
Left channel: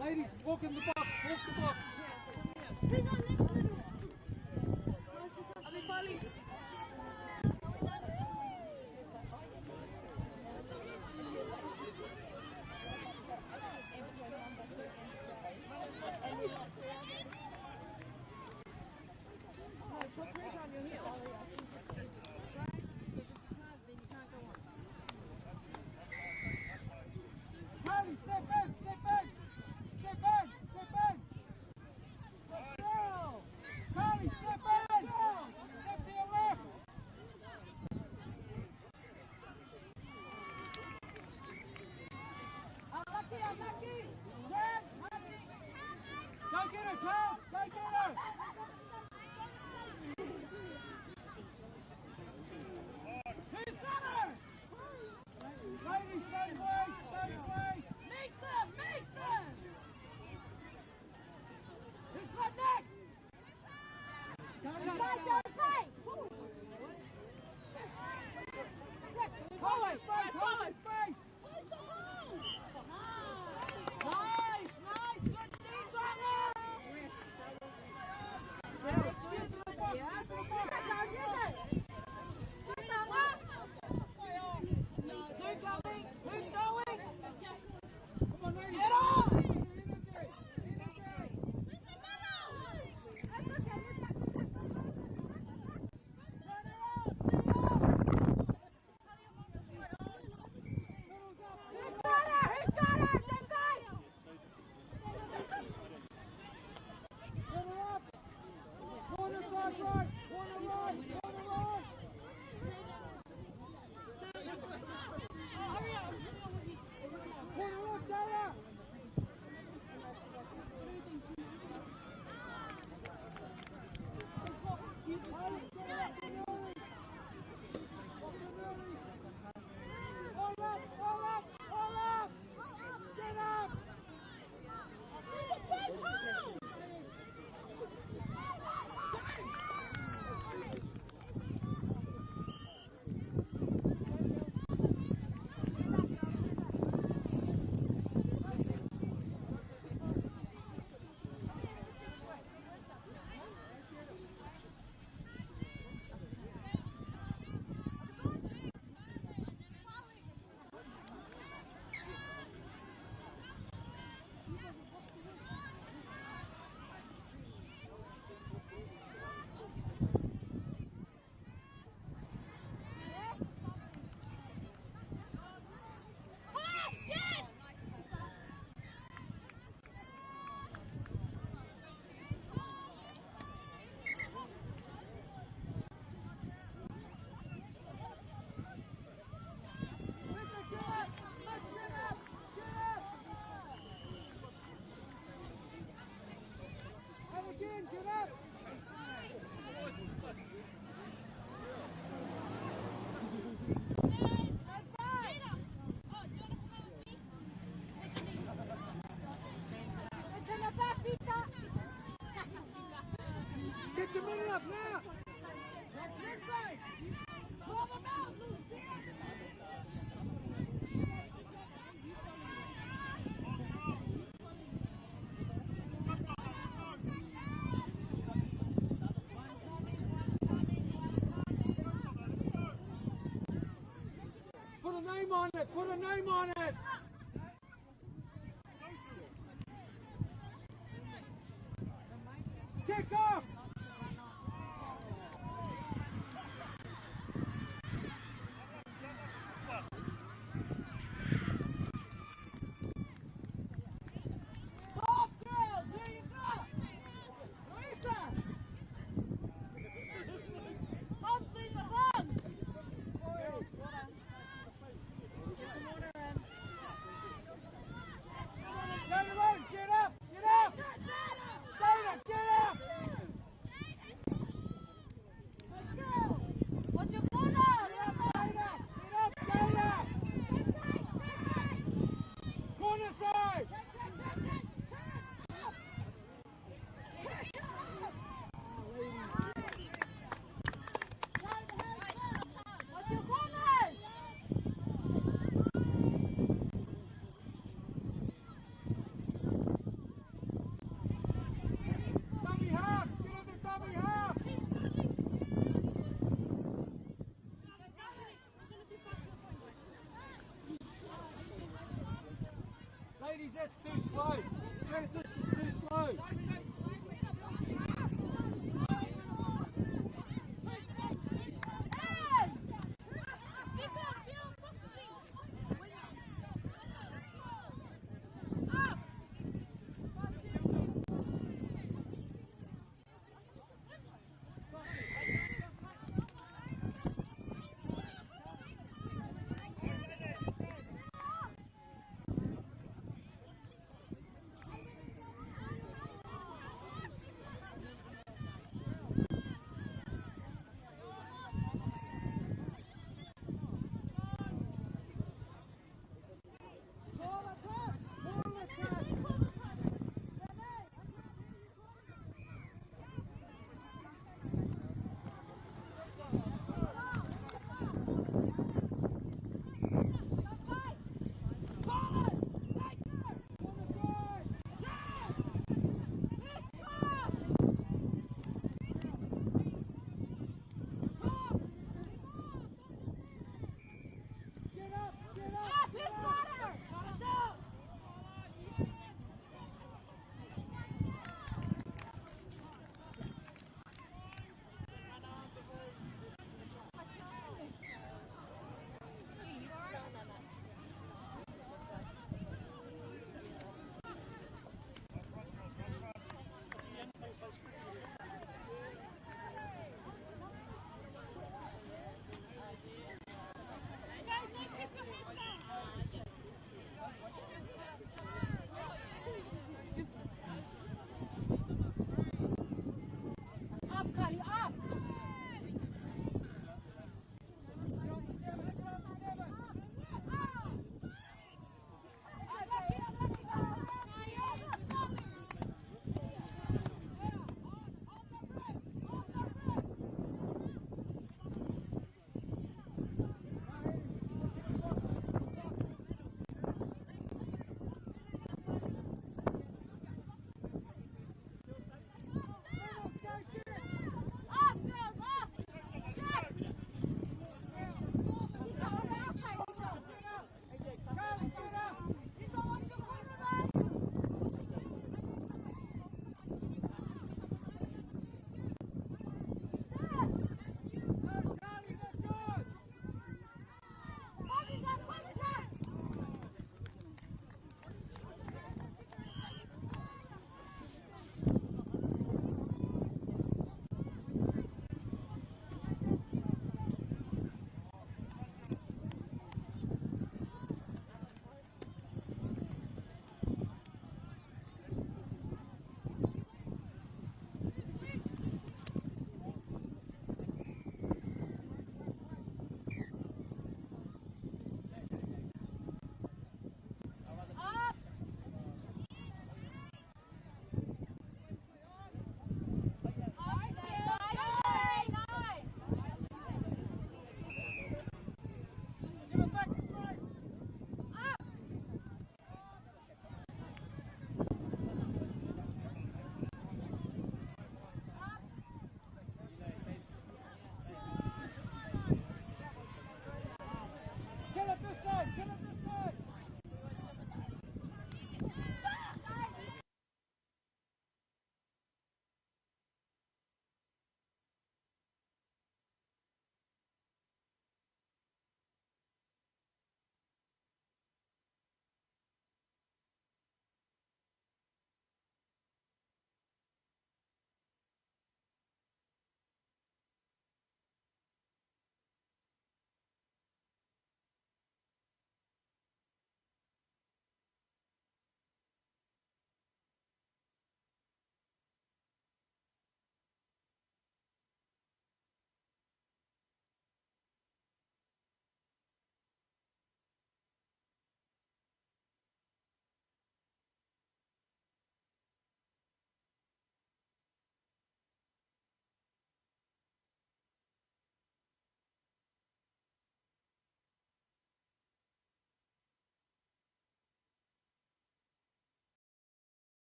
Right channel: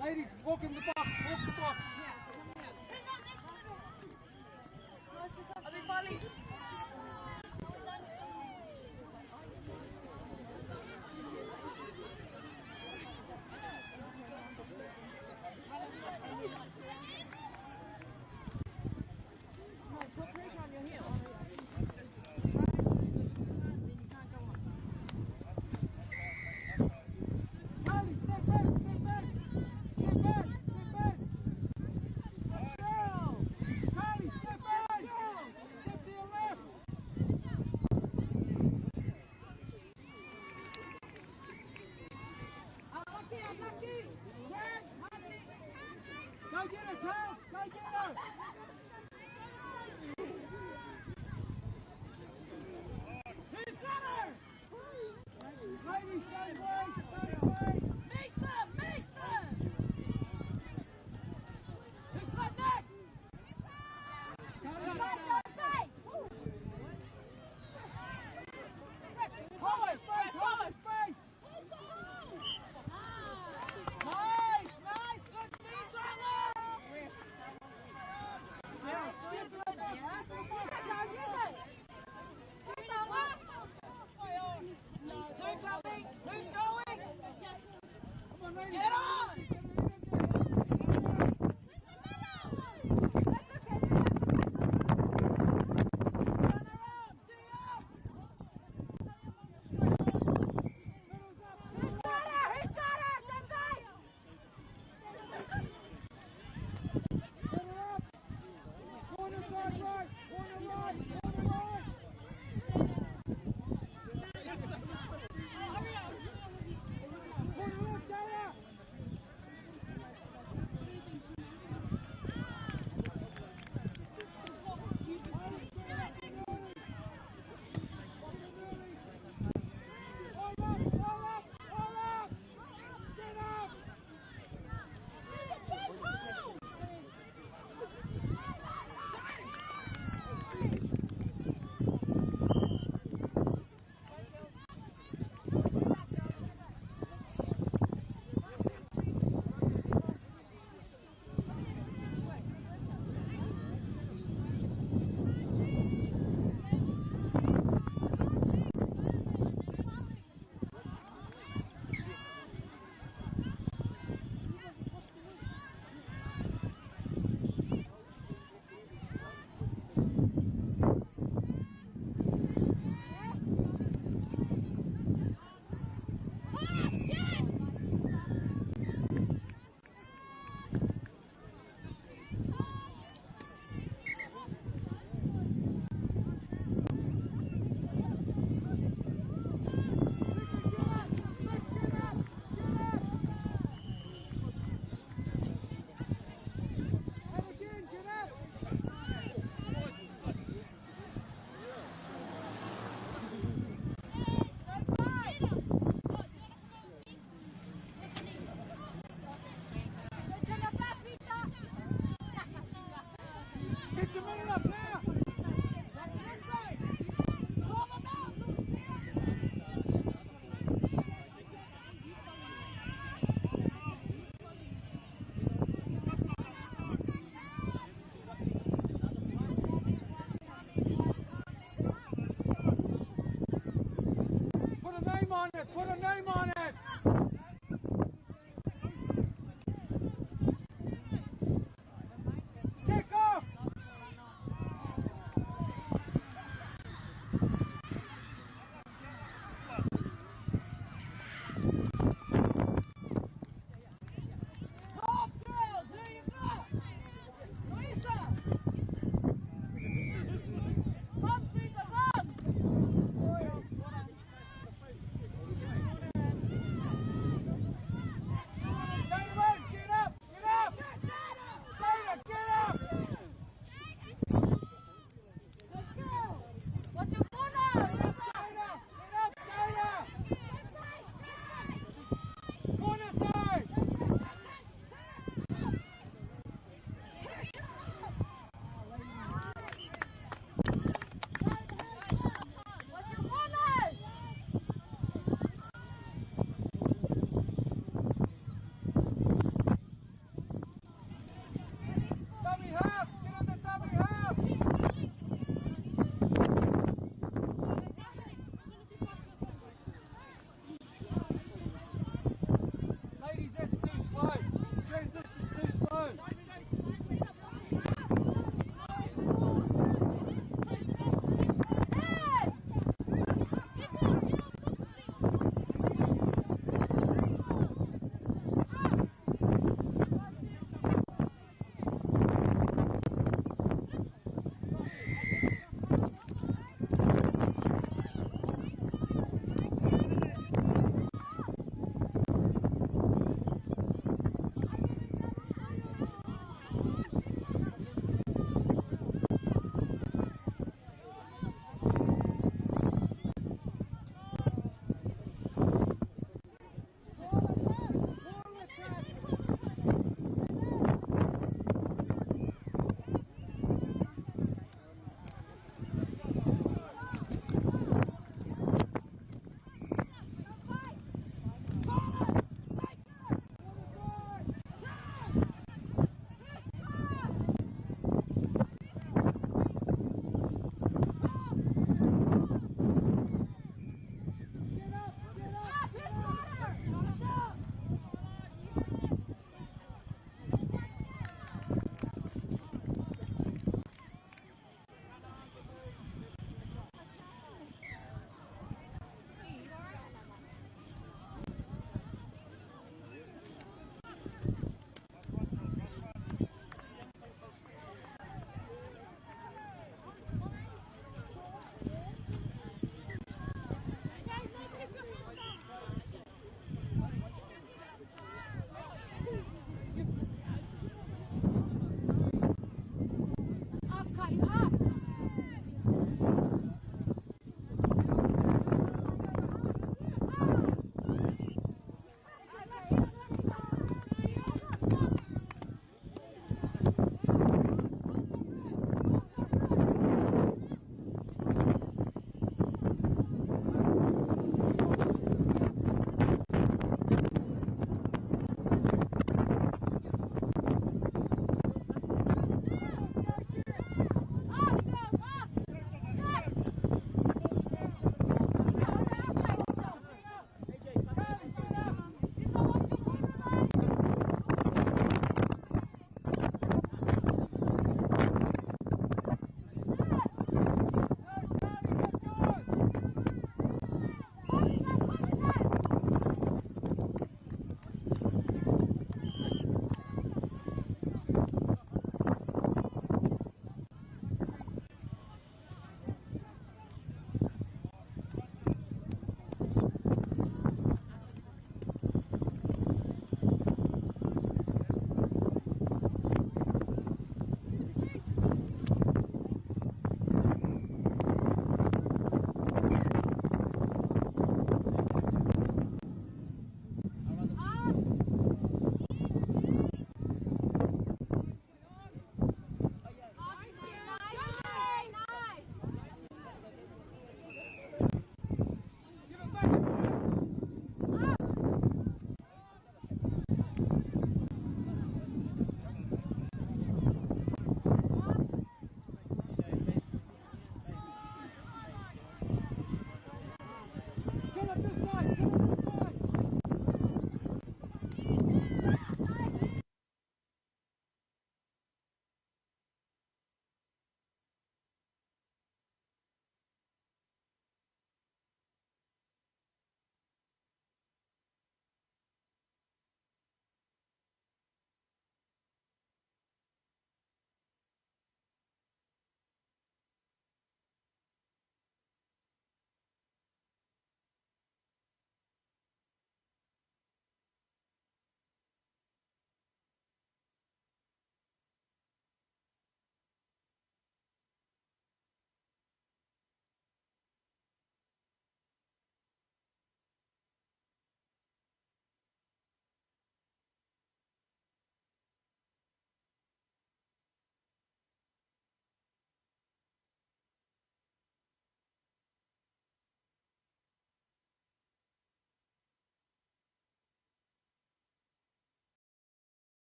Ladies, walk in the box, walk the box. Step back, step back, step back, step back. Holly, space, Holly, space. Nice, nice, good knees right now. Nice, good to the box, get to the box. Two coming, who's going? Come on, get on. Get your money up now! That's your side! Pull them out, Put a name on it! Put a name on it! Take off! Top girls, here you go! Louisa! Bumps, Lisa, bumps!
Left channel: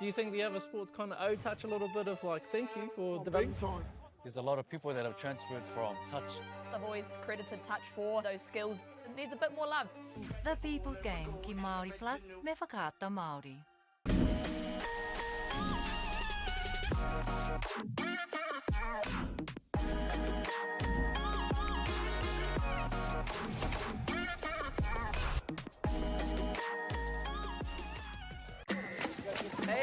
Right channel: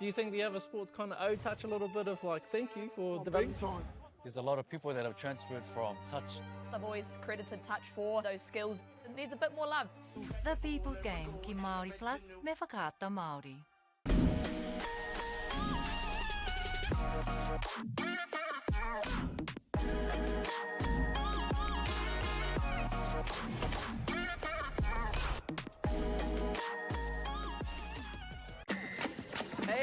Do you think the other sports kind of touch a little bit of like thank you for development? There's a lot of people that have transferred from touch. I've always credited touch for those skills. It needs a bit more love. The People's Game, ki Māori Plus, me whakaata Māori.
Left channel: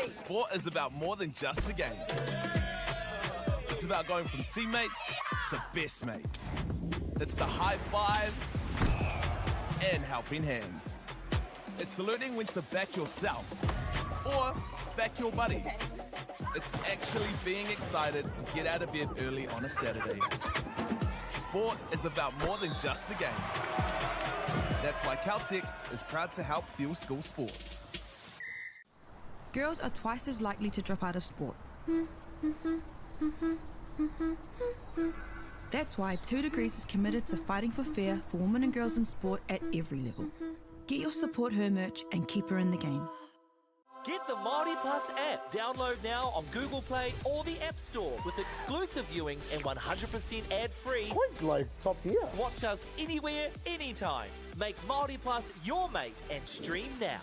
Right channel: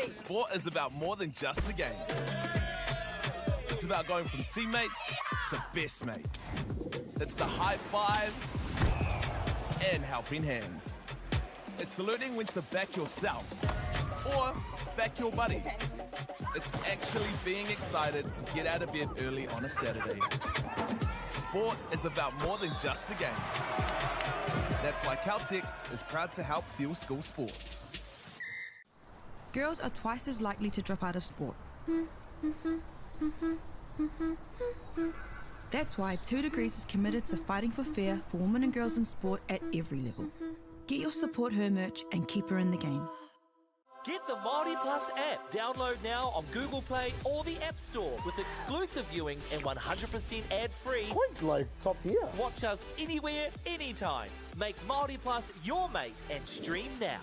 Sport is about more than just the game. It's about going from teammates to best mates. It's the high fives and helping hands. It's learning when to back yourself or back your buddies. It's actually being excited to get out of bed early on a Saturday. Sport is about more than just the game. That's why Caltex is proud to help fuel school sports. Girls are twice as likely to drop out of sport. That's why 2 Degrees is committed to fighting for fair for women and girls in sport at every level. Get your Support Her merch and keep her in the game. Get the MAORI Plus app. Download now on Google Play or the App Store with exclusive viewings and 100% ad-free. Quite like top tier. Watch us anywhere, anytime. Make MAORI Plus your mate and stream now.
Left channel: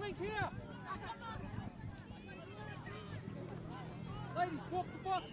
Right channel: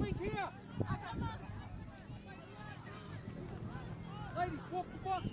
Link here. Ladies, walk the box.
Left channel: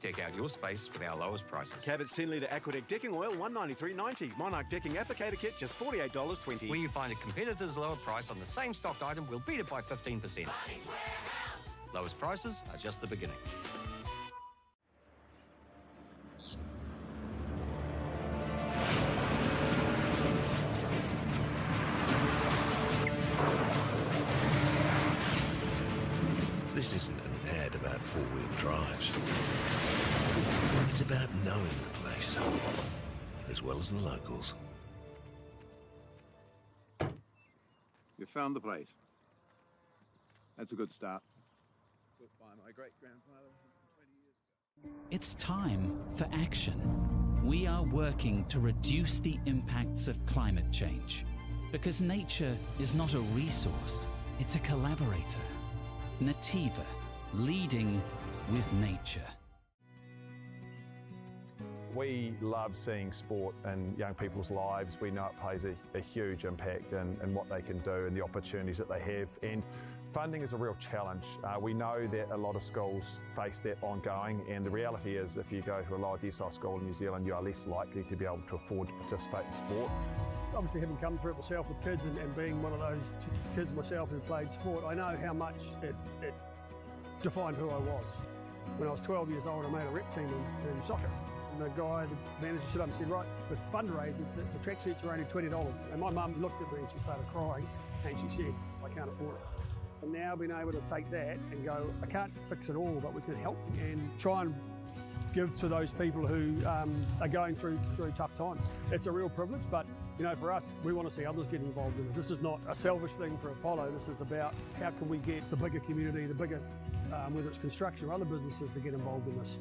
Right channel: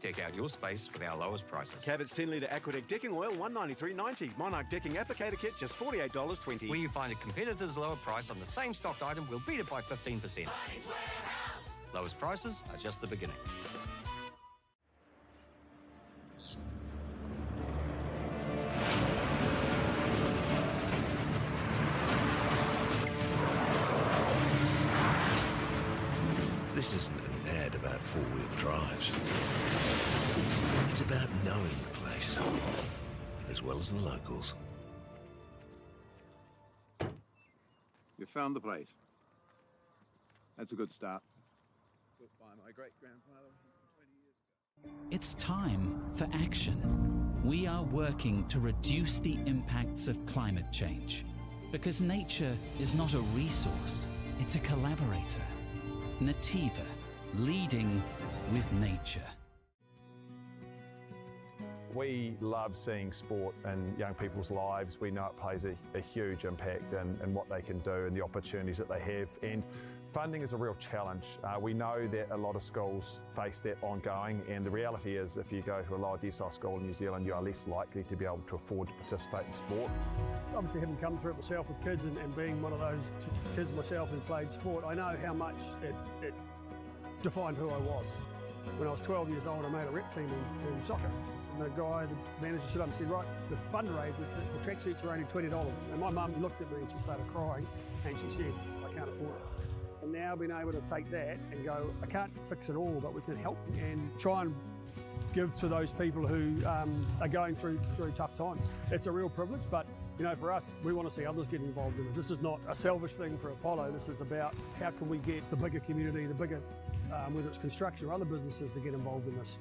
Deck out your space with our lowest prices. Cabot's 10-litre Aquadeck decking oil, $193.90. Monarch decking applicator kit, just $48.20. When you find a competitor's lower price on the same stocked item, we'll beat it by 15%. Lowest prices are just the beginning. This isn't an ad about four-wheel drives. It's about knowing the place, as well as the locals. You found the place. That's a good start. Built by my great-grandfather 20 years ago. It's time for action. We are working to reduce the impacts of climate change because nature is not a resource, it's a collaborator. Nativa, leading with nature. We love seeing sport in young people's lives. We know it plays a huge impact in what they can do and the opportunities that they have. And funding is a real challenge. We know that a lot of schools face that ongoing, and the reality is if you go to a lower decile school in New Zealand, you are less likely to be able to afford to participate in sport. Obviously, having come through it myself with kids and being one of those kids myself who played sport, I know how much it defined who I was. When I was 12 years old, I made a rep team in soccer. And the guy, the manager, stood up and said, right, with fundraising, the track sheets are only $20. And my mum looked at me and she started crying and she said, I can't afford it. And now being able to take that and go, I can't fix it all, but we can help and try and give to those people who are going through tough times. It's a real privilege, but you know, for us, we want to see others get involved in it. This is not a selfish thing for Apollo. This is about how can we get the bigger community, the bigger, whether it's construction or other businesses, to get involved in this.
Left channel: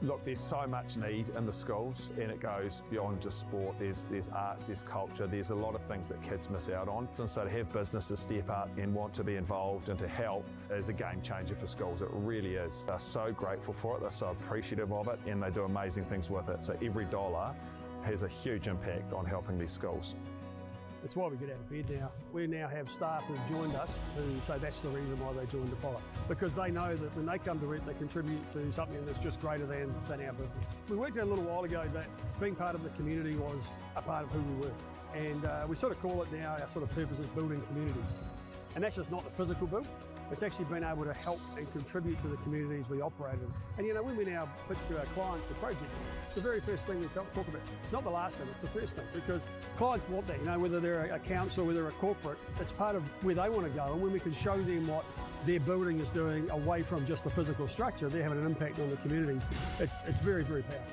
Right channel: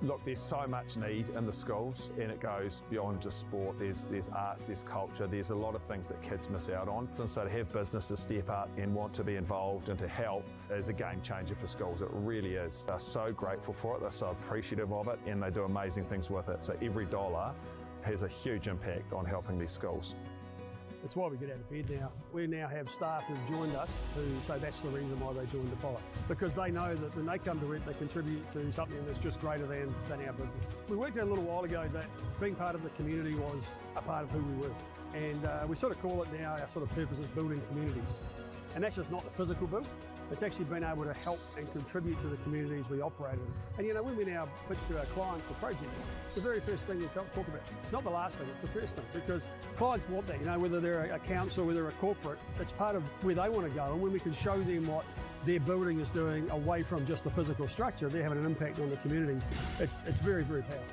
Look, there's so much need in the schools, and it goes beyond just sport. There's arts, there's culture, there's a lot of things that kids miss out on. And so to have businesses step up and want to be involved and to help is a game changer for schools. It really is. They're so grateful for it, they're so appreciative of it, and they do amazing things with it. So every dollar has a huge impact on helping these schools. It's why we get out of bed now. We now have staff who've joined us who say that's the reason why they joined Apollo. Because they know that when they come to it, they contribute to something that's just greater than our business. We worked out a little while ago that being part of the community was a part of who we were. And we sort of call it now, our sort of purpose is building communities. And that's just not the physical build. It's actually been able to help and contribute to the communities we operate in. And you know, when we now pitch to our clients for projects, it's the very first thing we talk about. It's not the last thing, it's the first thing, because clients want that, you know, whether they're a council, whether they're a corporate, it's part of where they want to go. And when we can show them what their building is doing away from just the physical structure, they're having an impact on the communities. It's very, very powerful.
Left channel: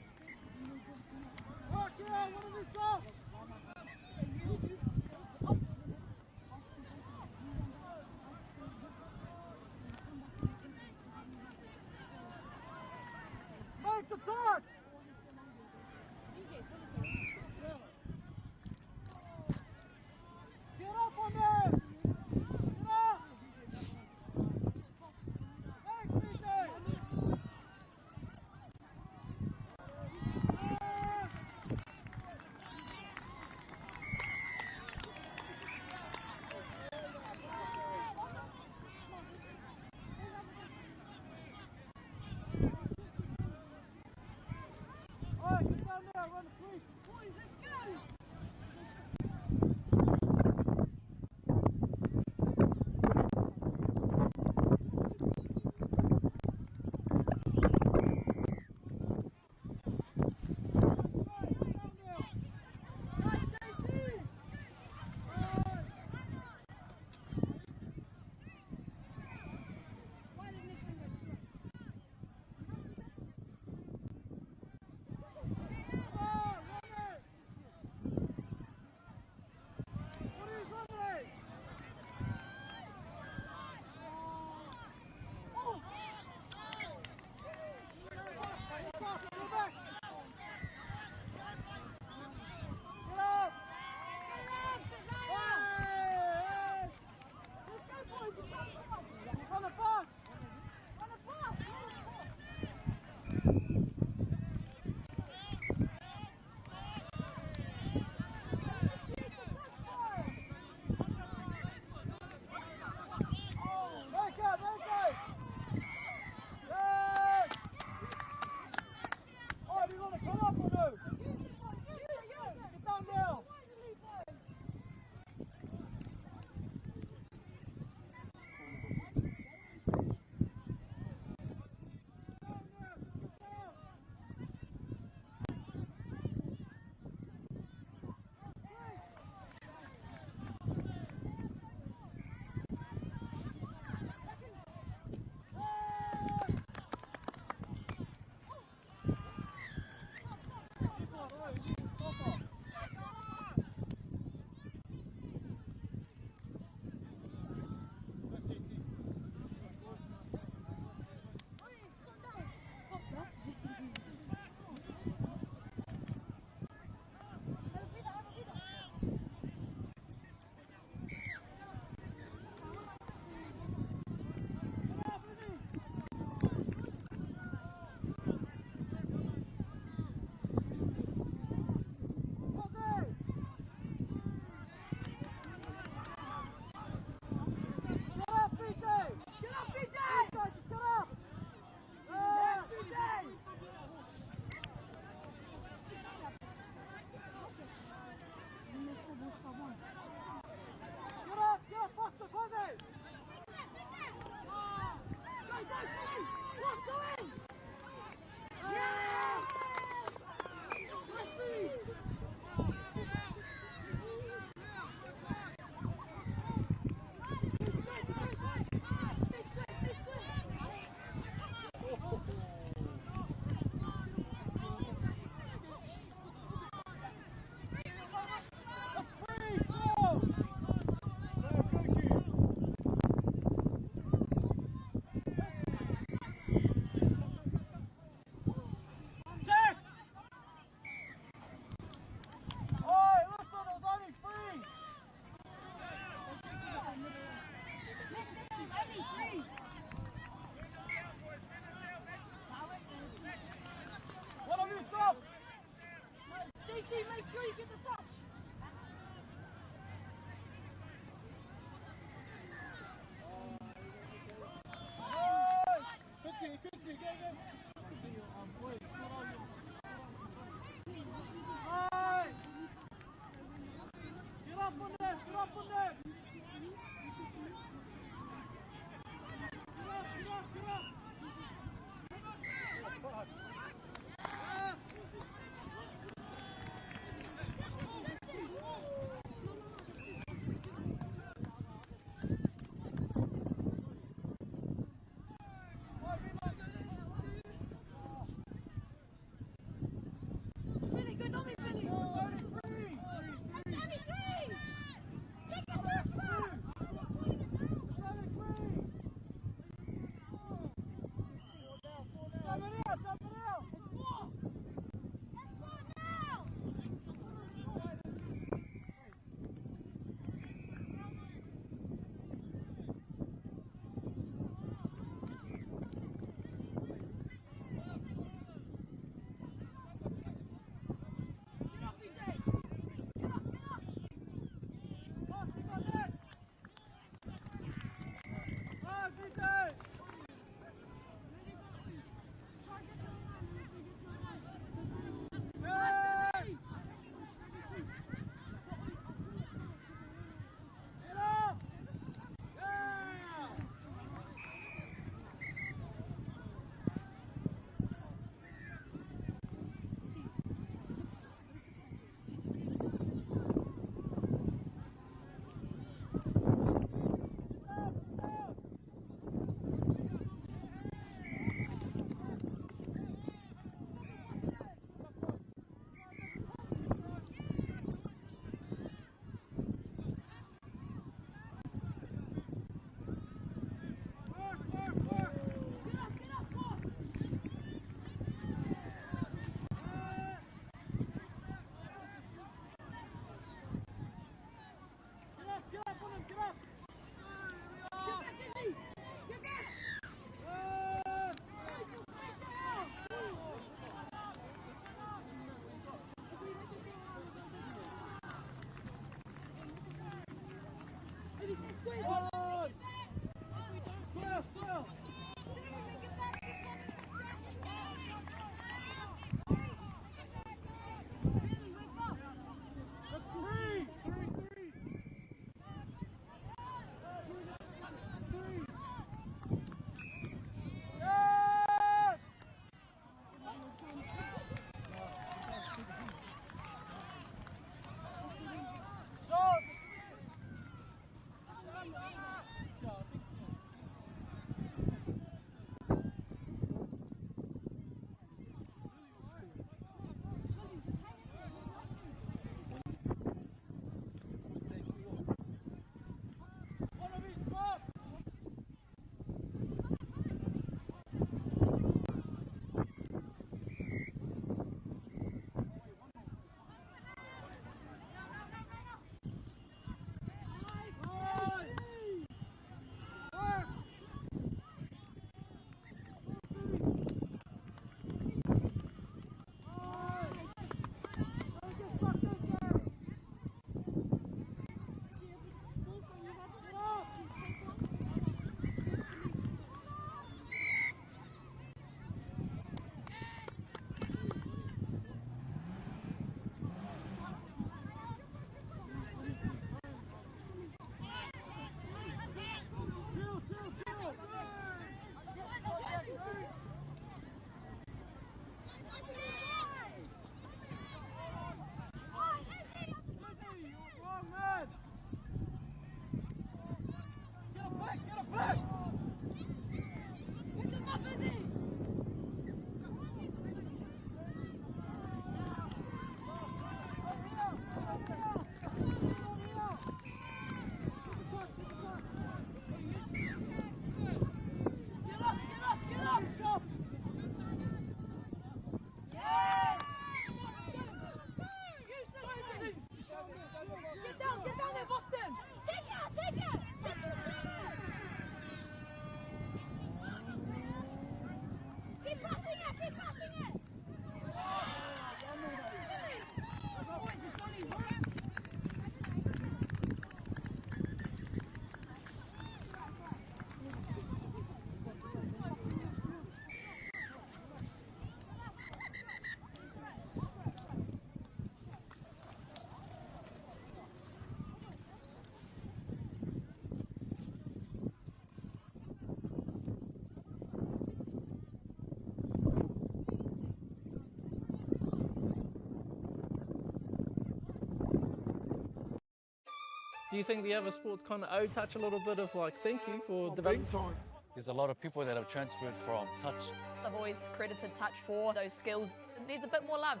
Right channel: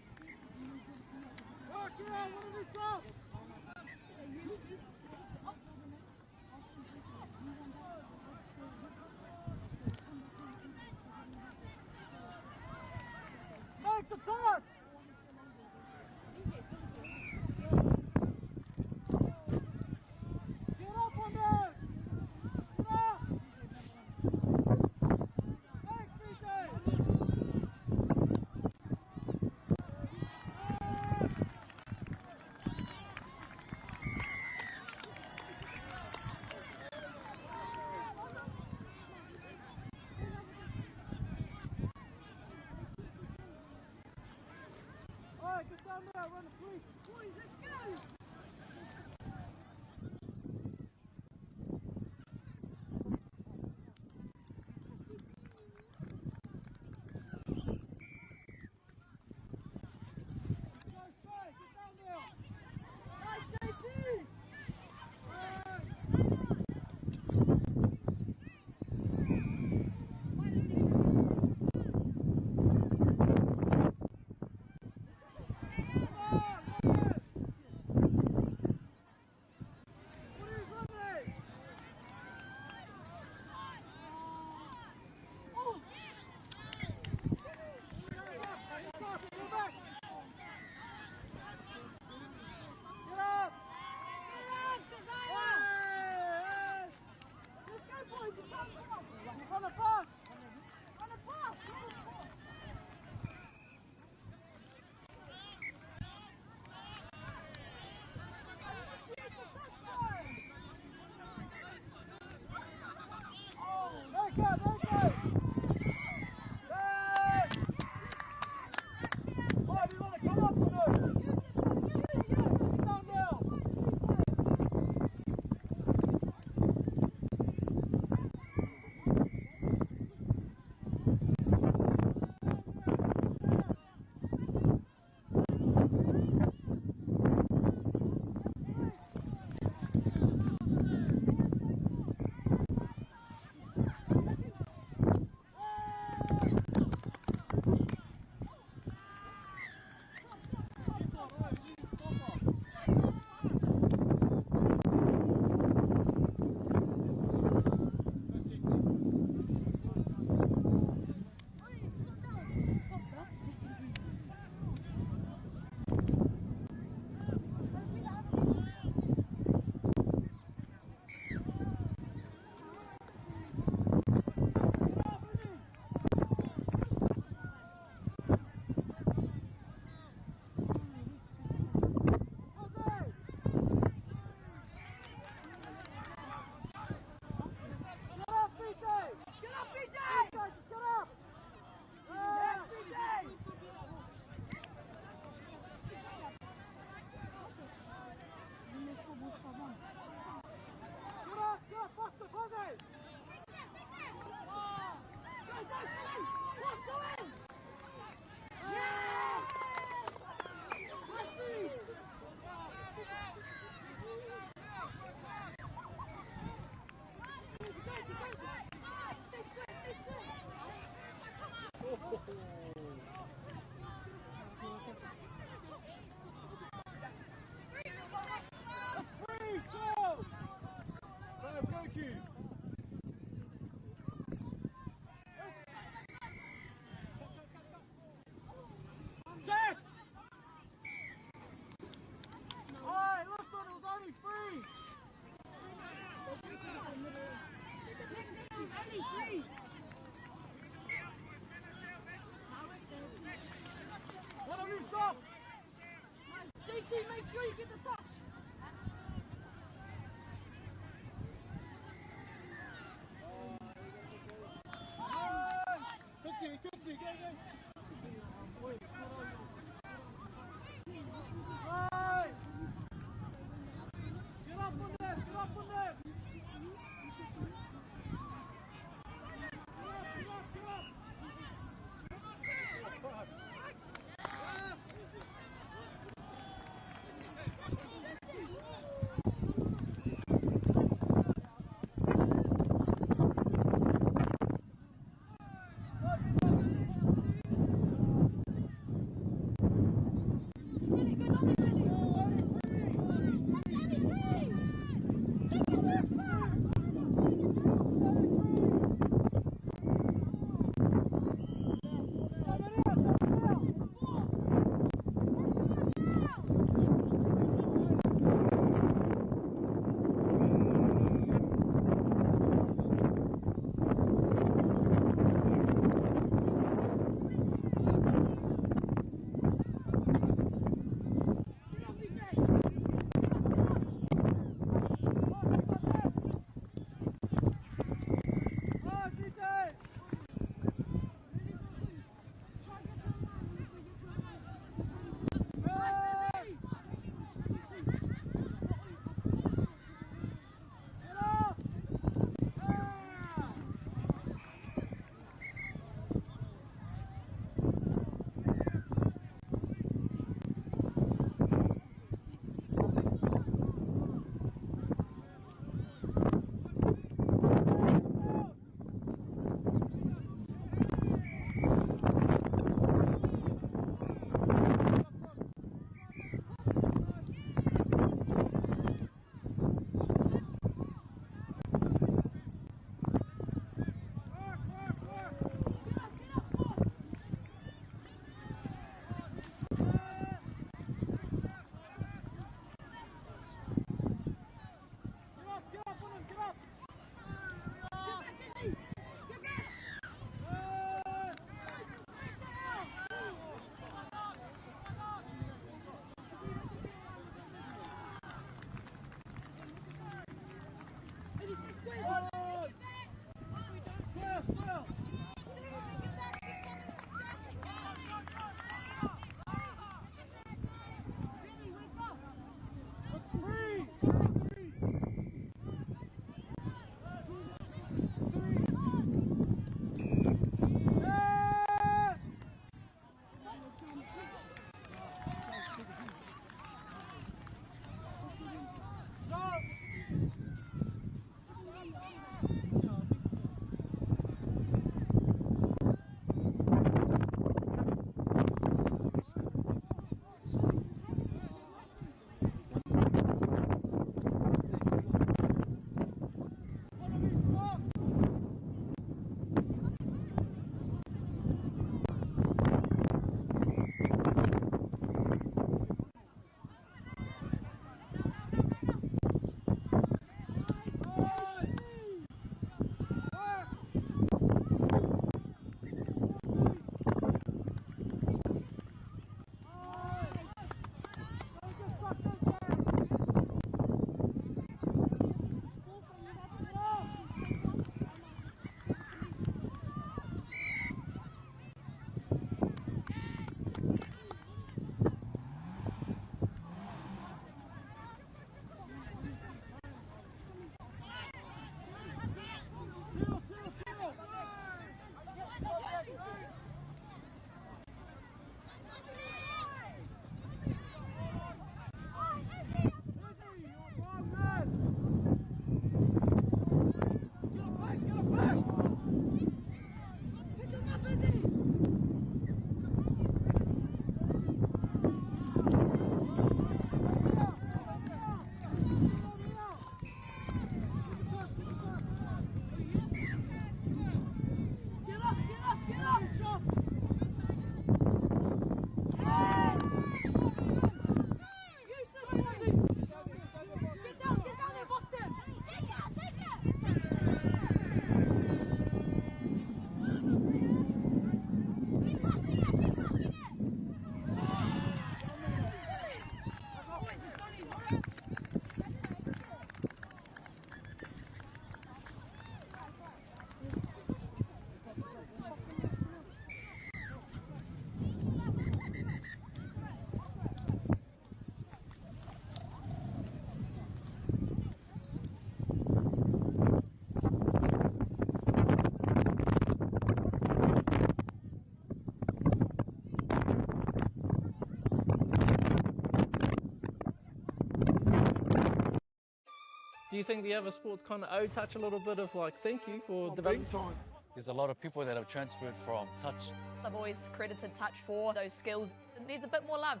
Do you think the other sports kind of touch a little bit of like thank you for development? There's a lot of people that have transferred from touch. I've always credited touch for those skills. It needs a bit more love.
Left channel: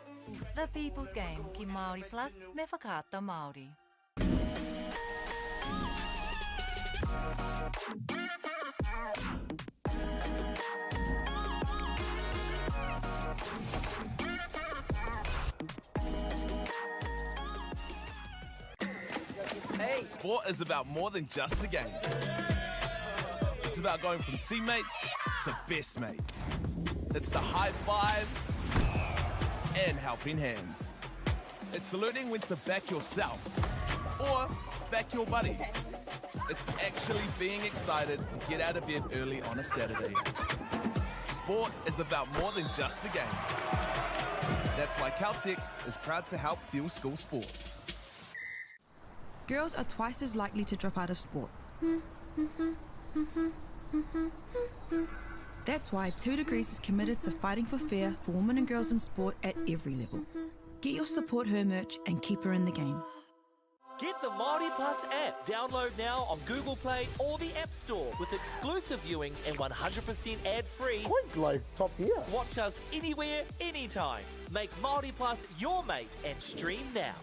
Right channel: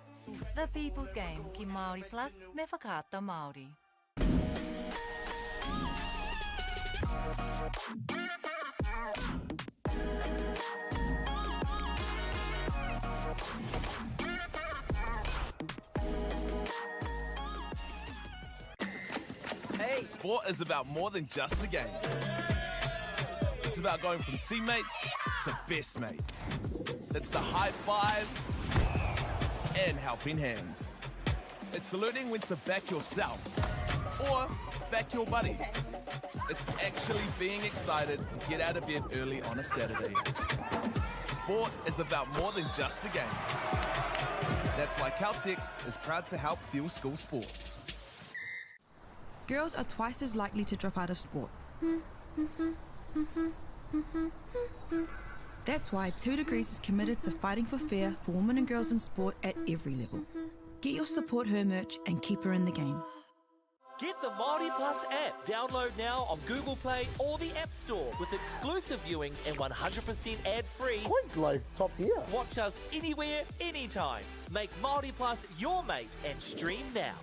The People's Game, ki Māori Plus, me whakaata Māori. Hey. Sport is about more than just the game. It's about going from teammates to best mates. It's the high fives and helping hands. It's learning when to back yourself or back your buddies. It's actually being excited to get out of bed early on a Saturday. Sport is about more than just the game. That's why Caltex is proud to help fuel school sports. Girls are twice as likely to drop out of sport. That's why 2 Degrees is committed to fighting for fair for women and girls in sport at every level. Get your support her merch and keep her in the game. Get the MāORI Plus app. Download now on Google Play or the App Store with exclusive viewings and 100% ad-free. Quite like top tier. Watch us anywhere, anytime. Make MāORI Plus your mate and stream now.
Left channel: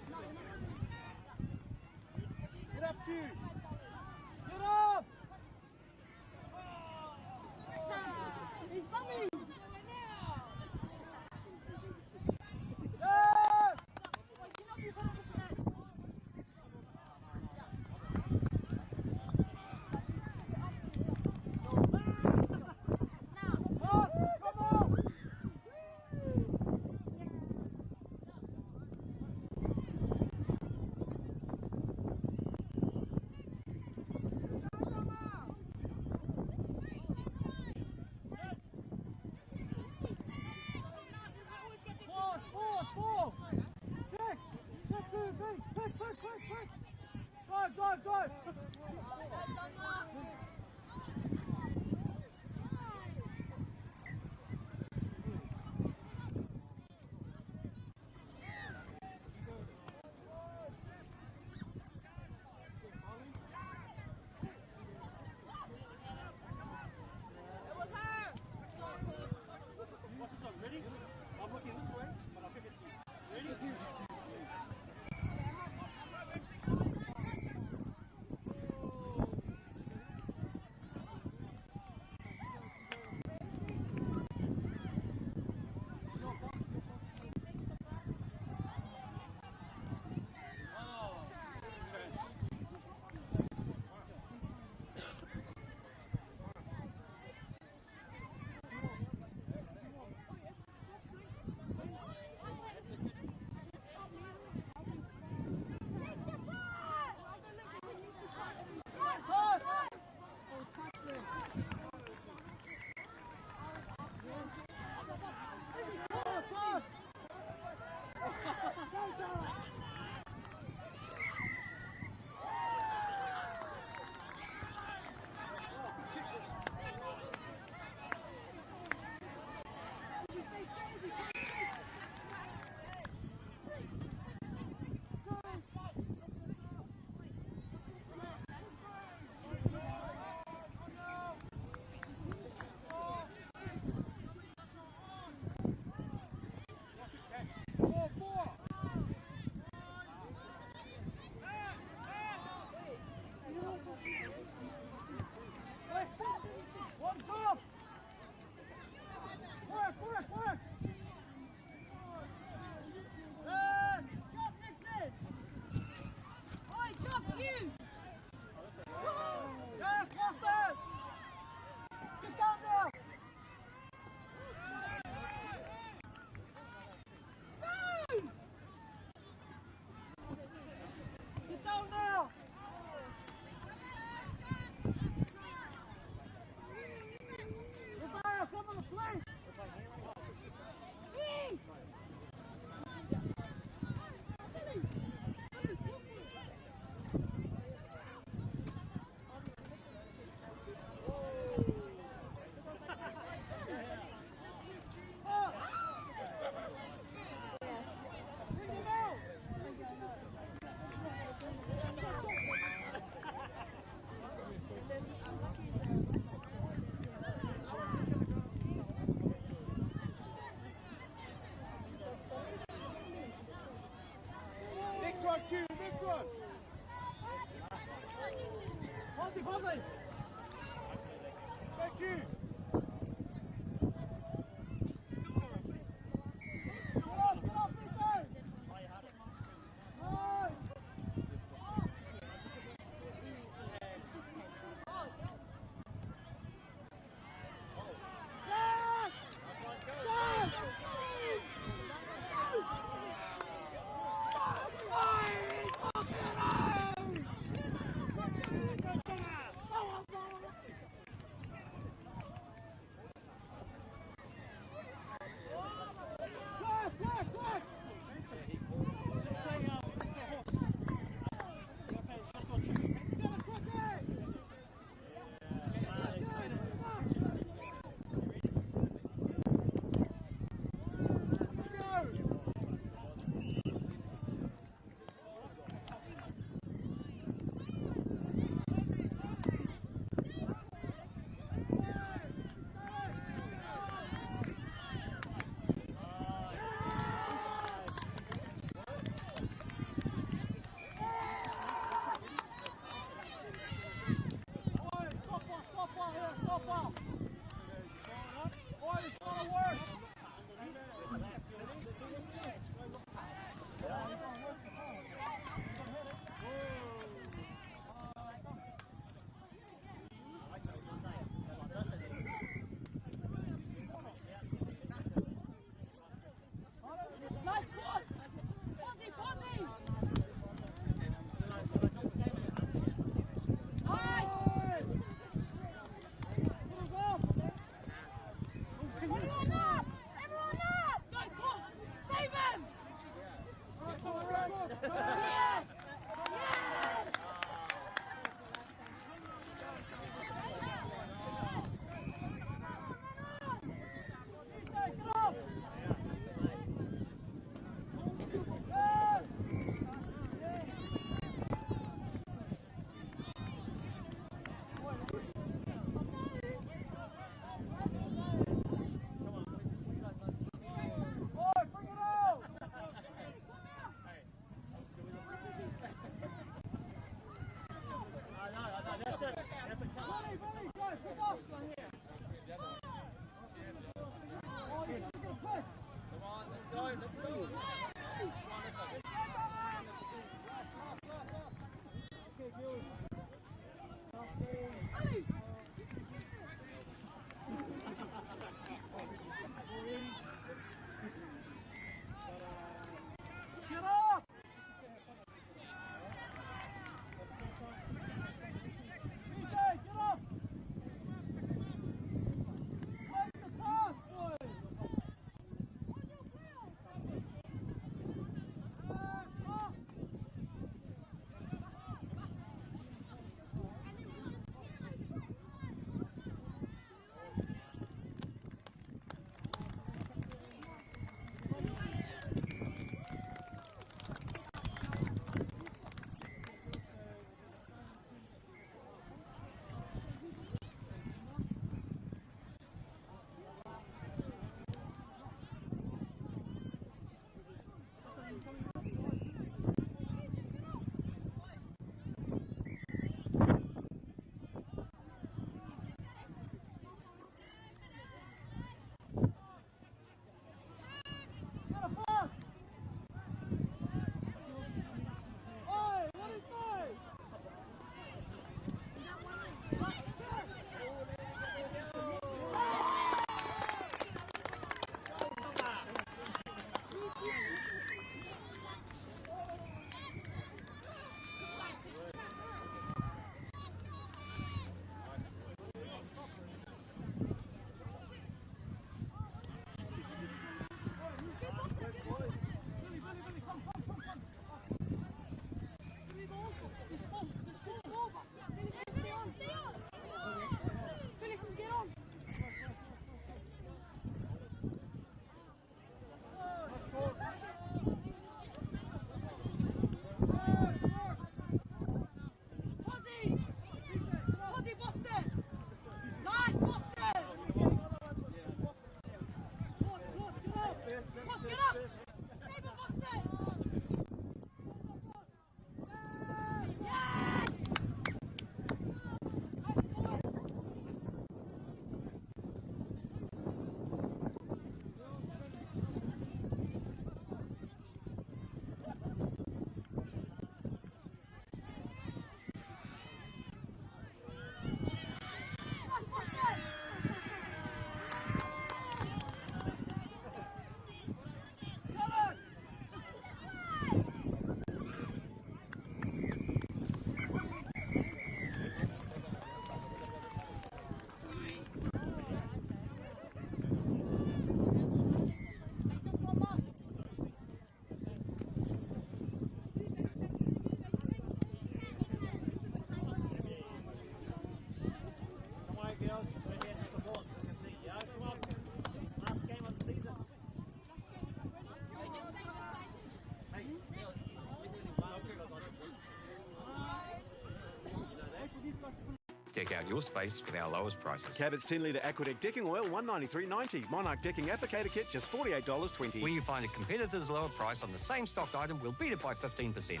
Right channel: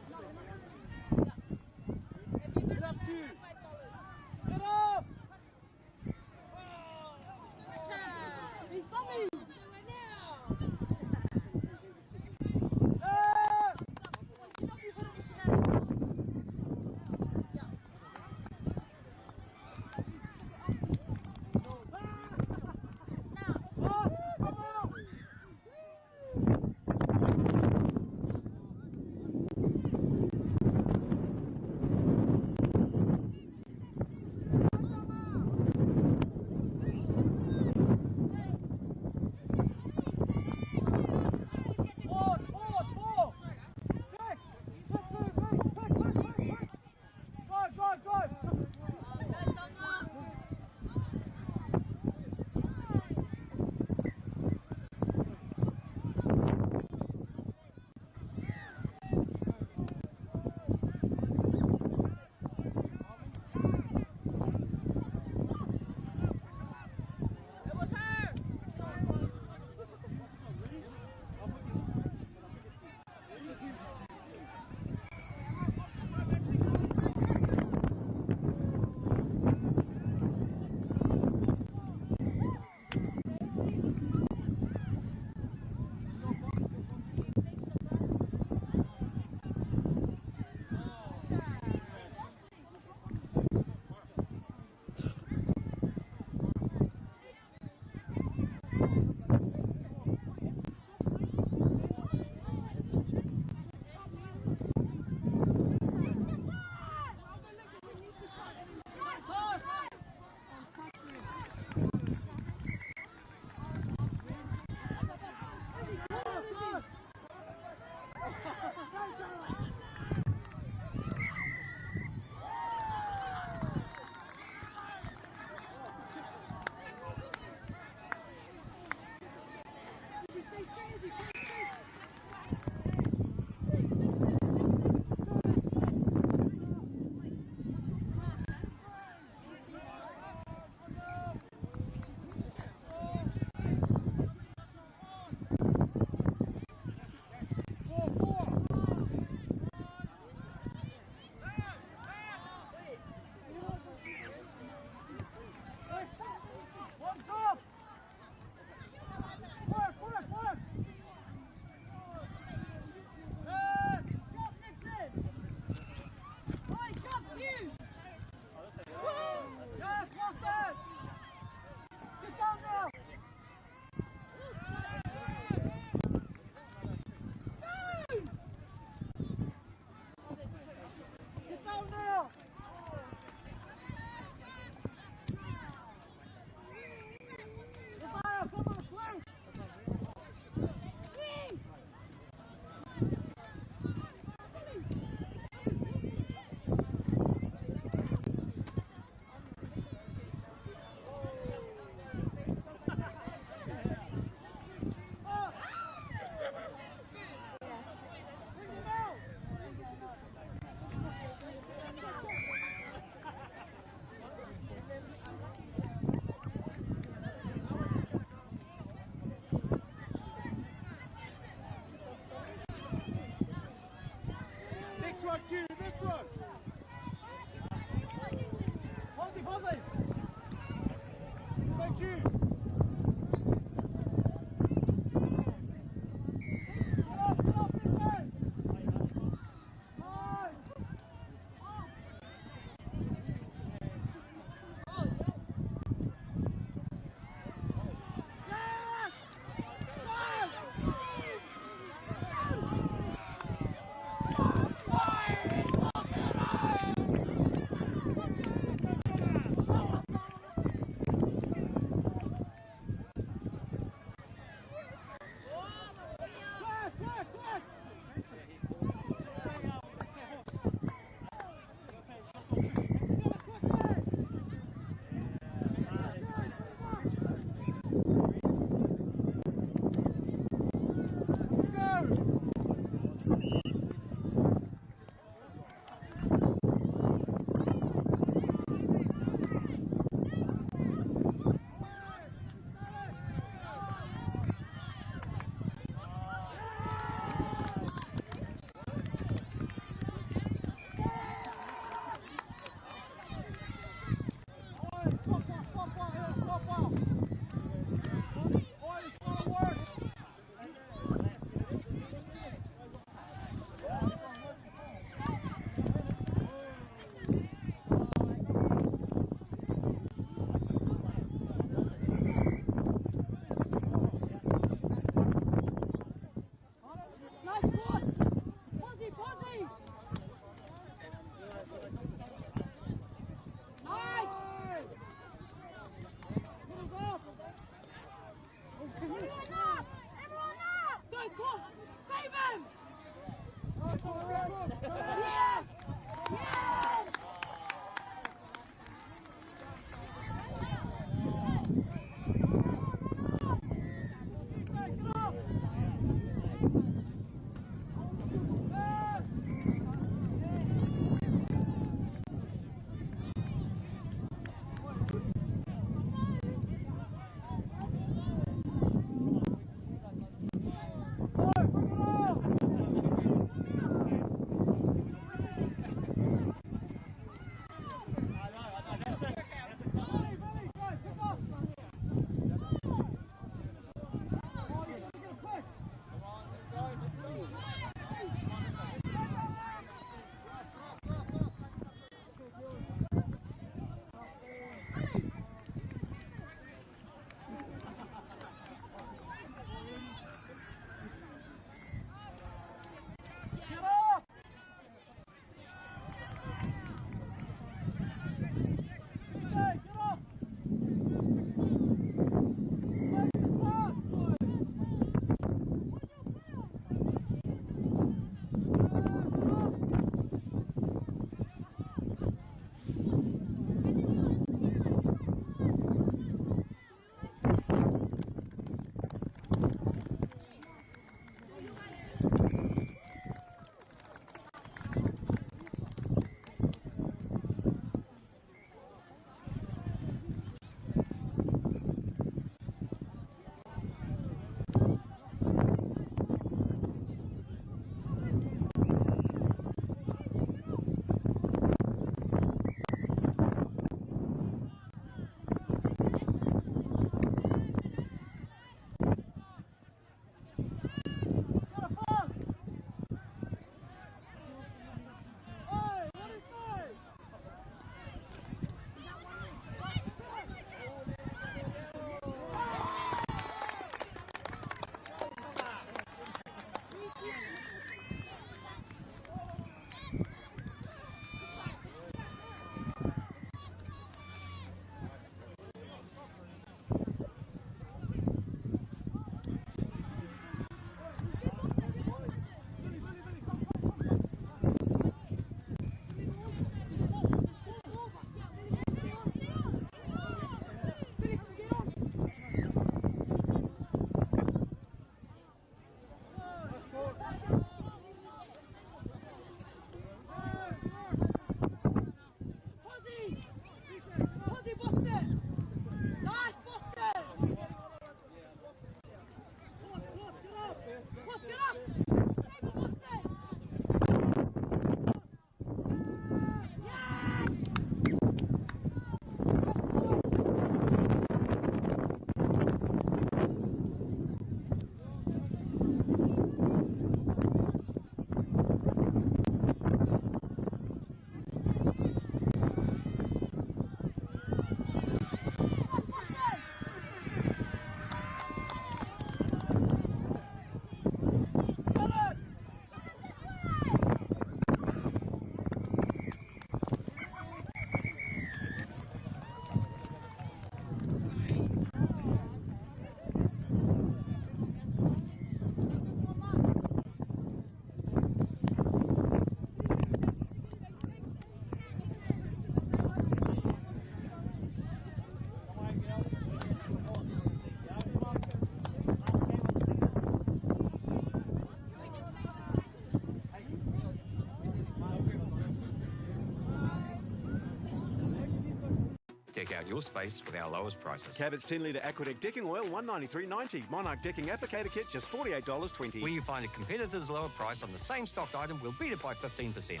Deck out your space with our lowest prices. Cabot's 10-litre Aquadeck decking oil, $193.90. Monarch decking applicator kit, just $48.20. When you find a competitor's lower price on the same stocked item, we'll beat it by 15%.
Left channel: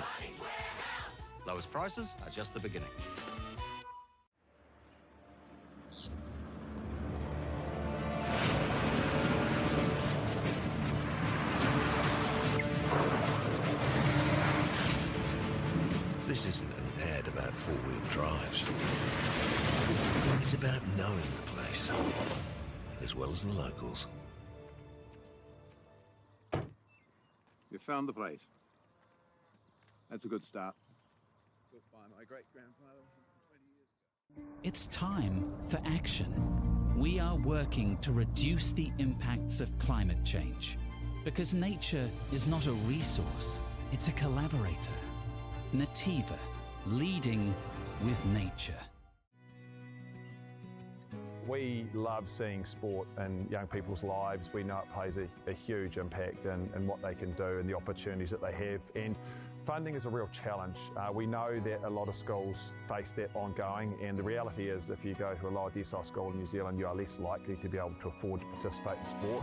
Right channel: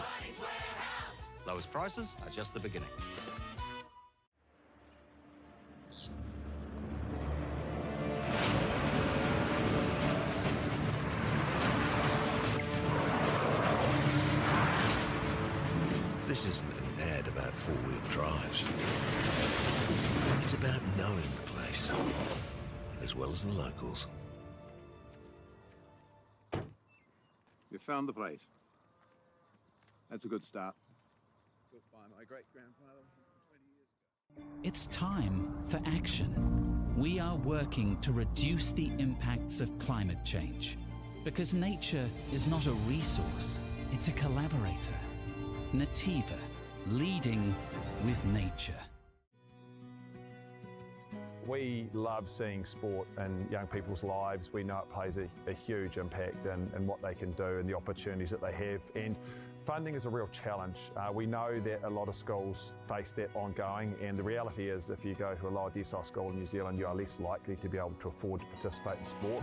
Lowest prices are just the beginning. This isn't an ad about four-wheel drives. It's about knowing the place, as well as the locals. You found the place. That's a good start. Built by my great-grandfather 20 years ago. It's time for action. We are working to reduce the impacts of climate change. Because nature is not a resource, it's a collaborator. Nativa, leading with nature. We love seeing sport in young people's lives. We know it plays a huge impact in what they can do and the opportunities that they have. And funding is a real challenge. We know that a lot of schools face that ongoing, and the reality is if you go to a lower decile school in New Zealand, you are less likely to be able to afford to participate in sport.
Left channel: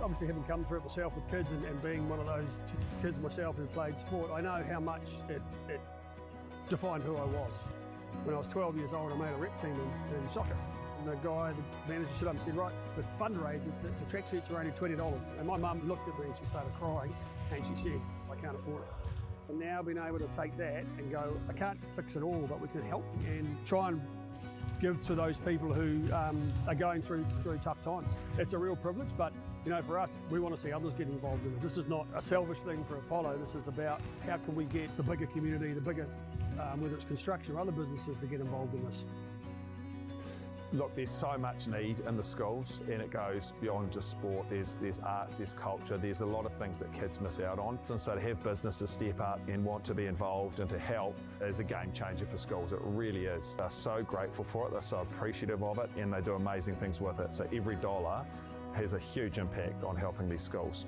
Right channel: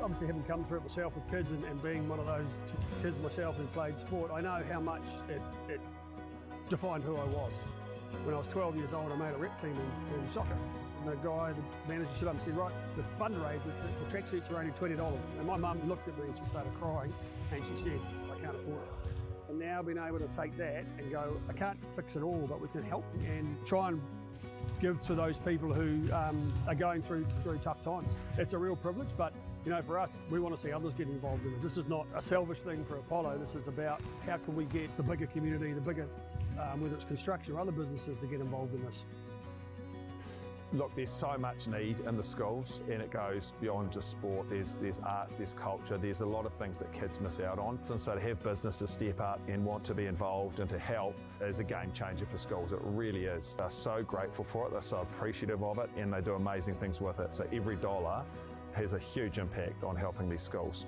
Obviously, having come through it myself with kids and being one of those kids myself who played sport, I know how much it defined who I was. When I was 12 years old, I made a rep team in soccer. And the guy, the manager, stood up and said, right, the fundraise, the tracksuits are only $20. And my mum looked at me and she started crying and she said, I can't afford it. And now being able to take that and go, I can't fix it all, but we can help and try and give to those people who are going through tough times. It's a real privilege, but you know, for us, we want to see others get involved in it. This is not a selfish thing for Apollo. This is about how can we get the bigger community, the bigger, whether it's construction or other businesses, to get involved in this. Look, there's so much need in the schools, and it goes beyond just sport. There's arts, there's culture, there's a lot of things that kids miss out on. And so to have businesses step up and want to be involved and to help is a game changer for schools. It really is. They're so grateful for it, they're so appreciative of it, and they do amazing things with it. So every dollar has a huge impact on helping these schools.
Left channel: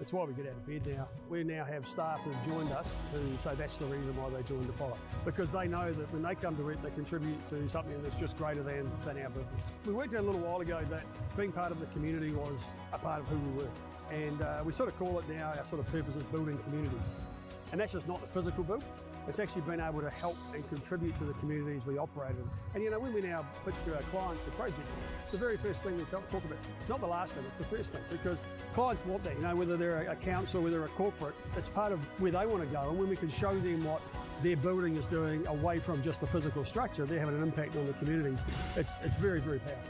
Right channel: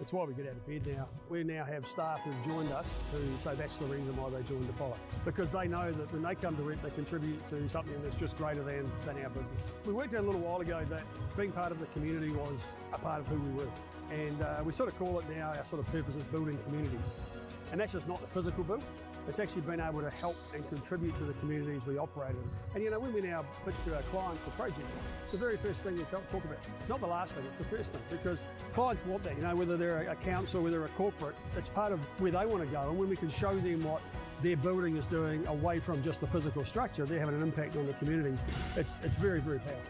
It's why we get out of bed now. We now have staff who've joined us who say that's the reason why they joined Apollo. Because they know that when they come to it, they contribute to something that's just greater than our business. We worked out a little while ago that being part of the community was a part of who we were. And we sort of call it now, our sort of purpose is building communities. And that's just not the physical build. It's actually been able to help and contribute to the communities we operate in. And you know, when we now pitch to our clients for projects, it's the very first thing we talk about. It's not the last thing, it's the first thing, because clients want that, you know, whether they're a council, whether they're a corporate, it's part of where they want to go. And when we can show them what their building is doing away from just the physical structure, they're having an impact on the communities. It's very, very powerful.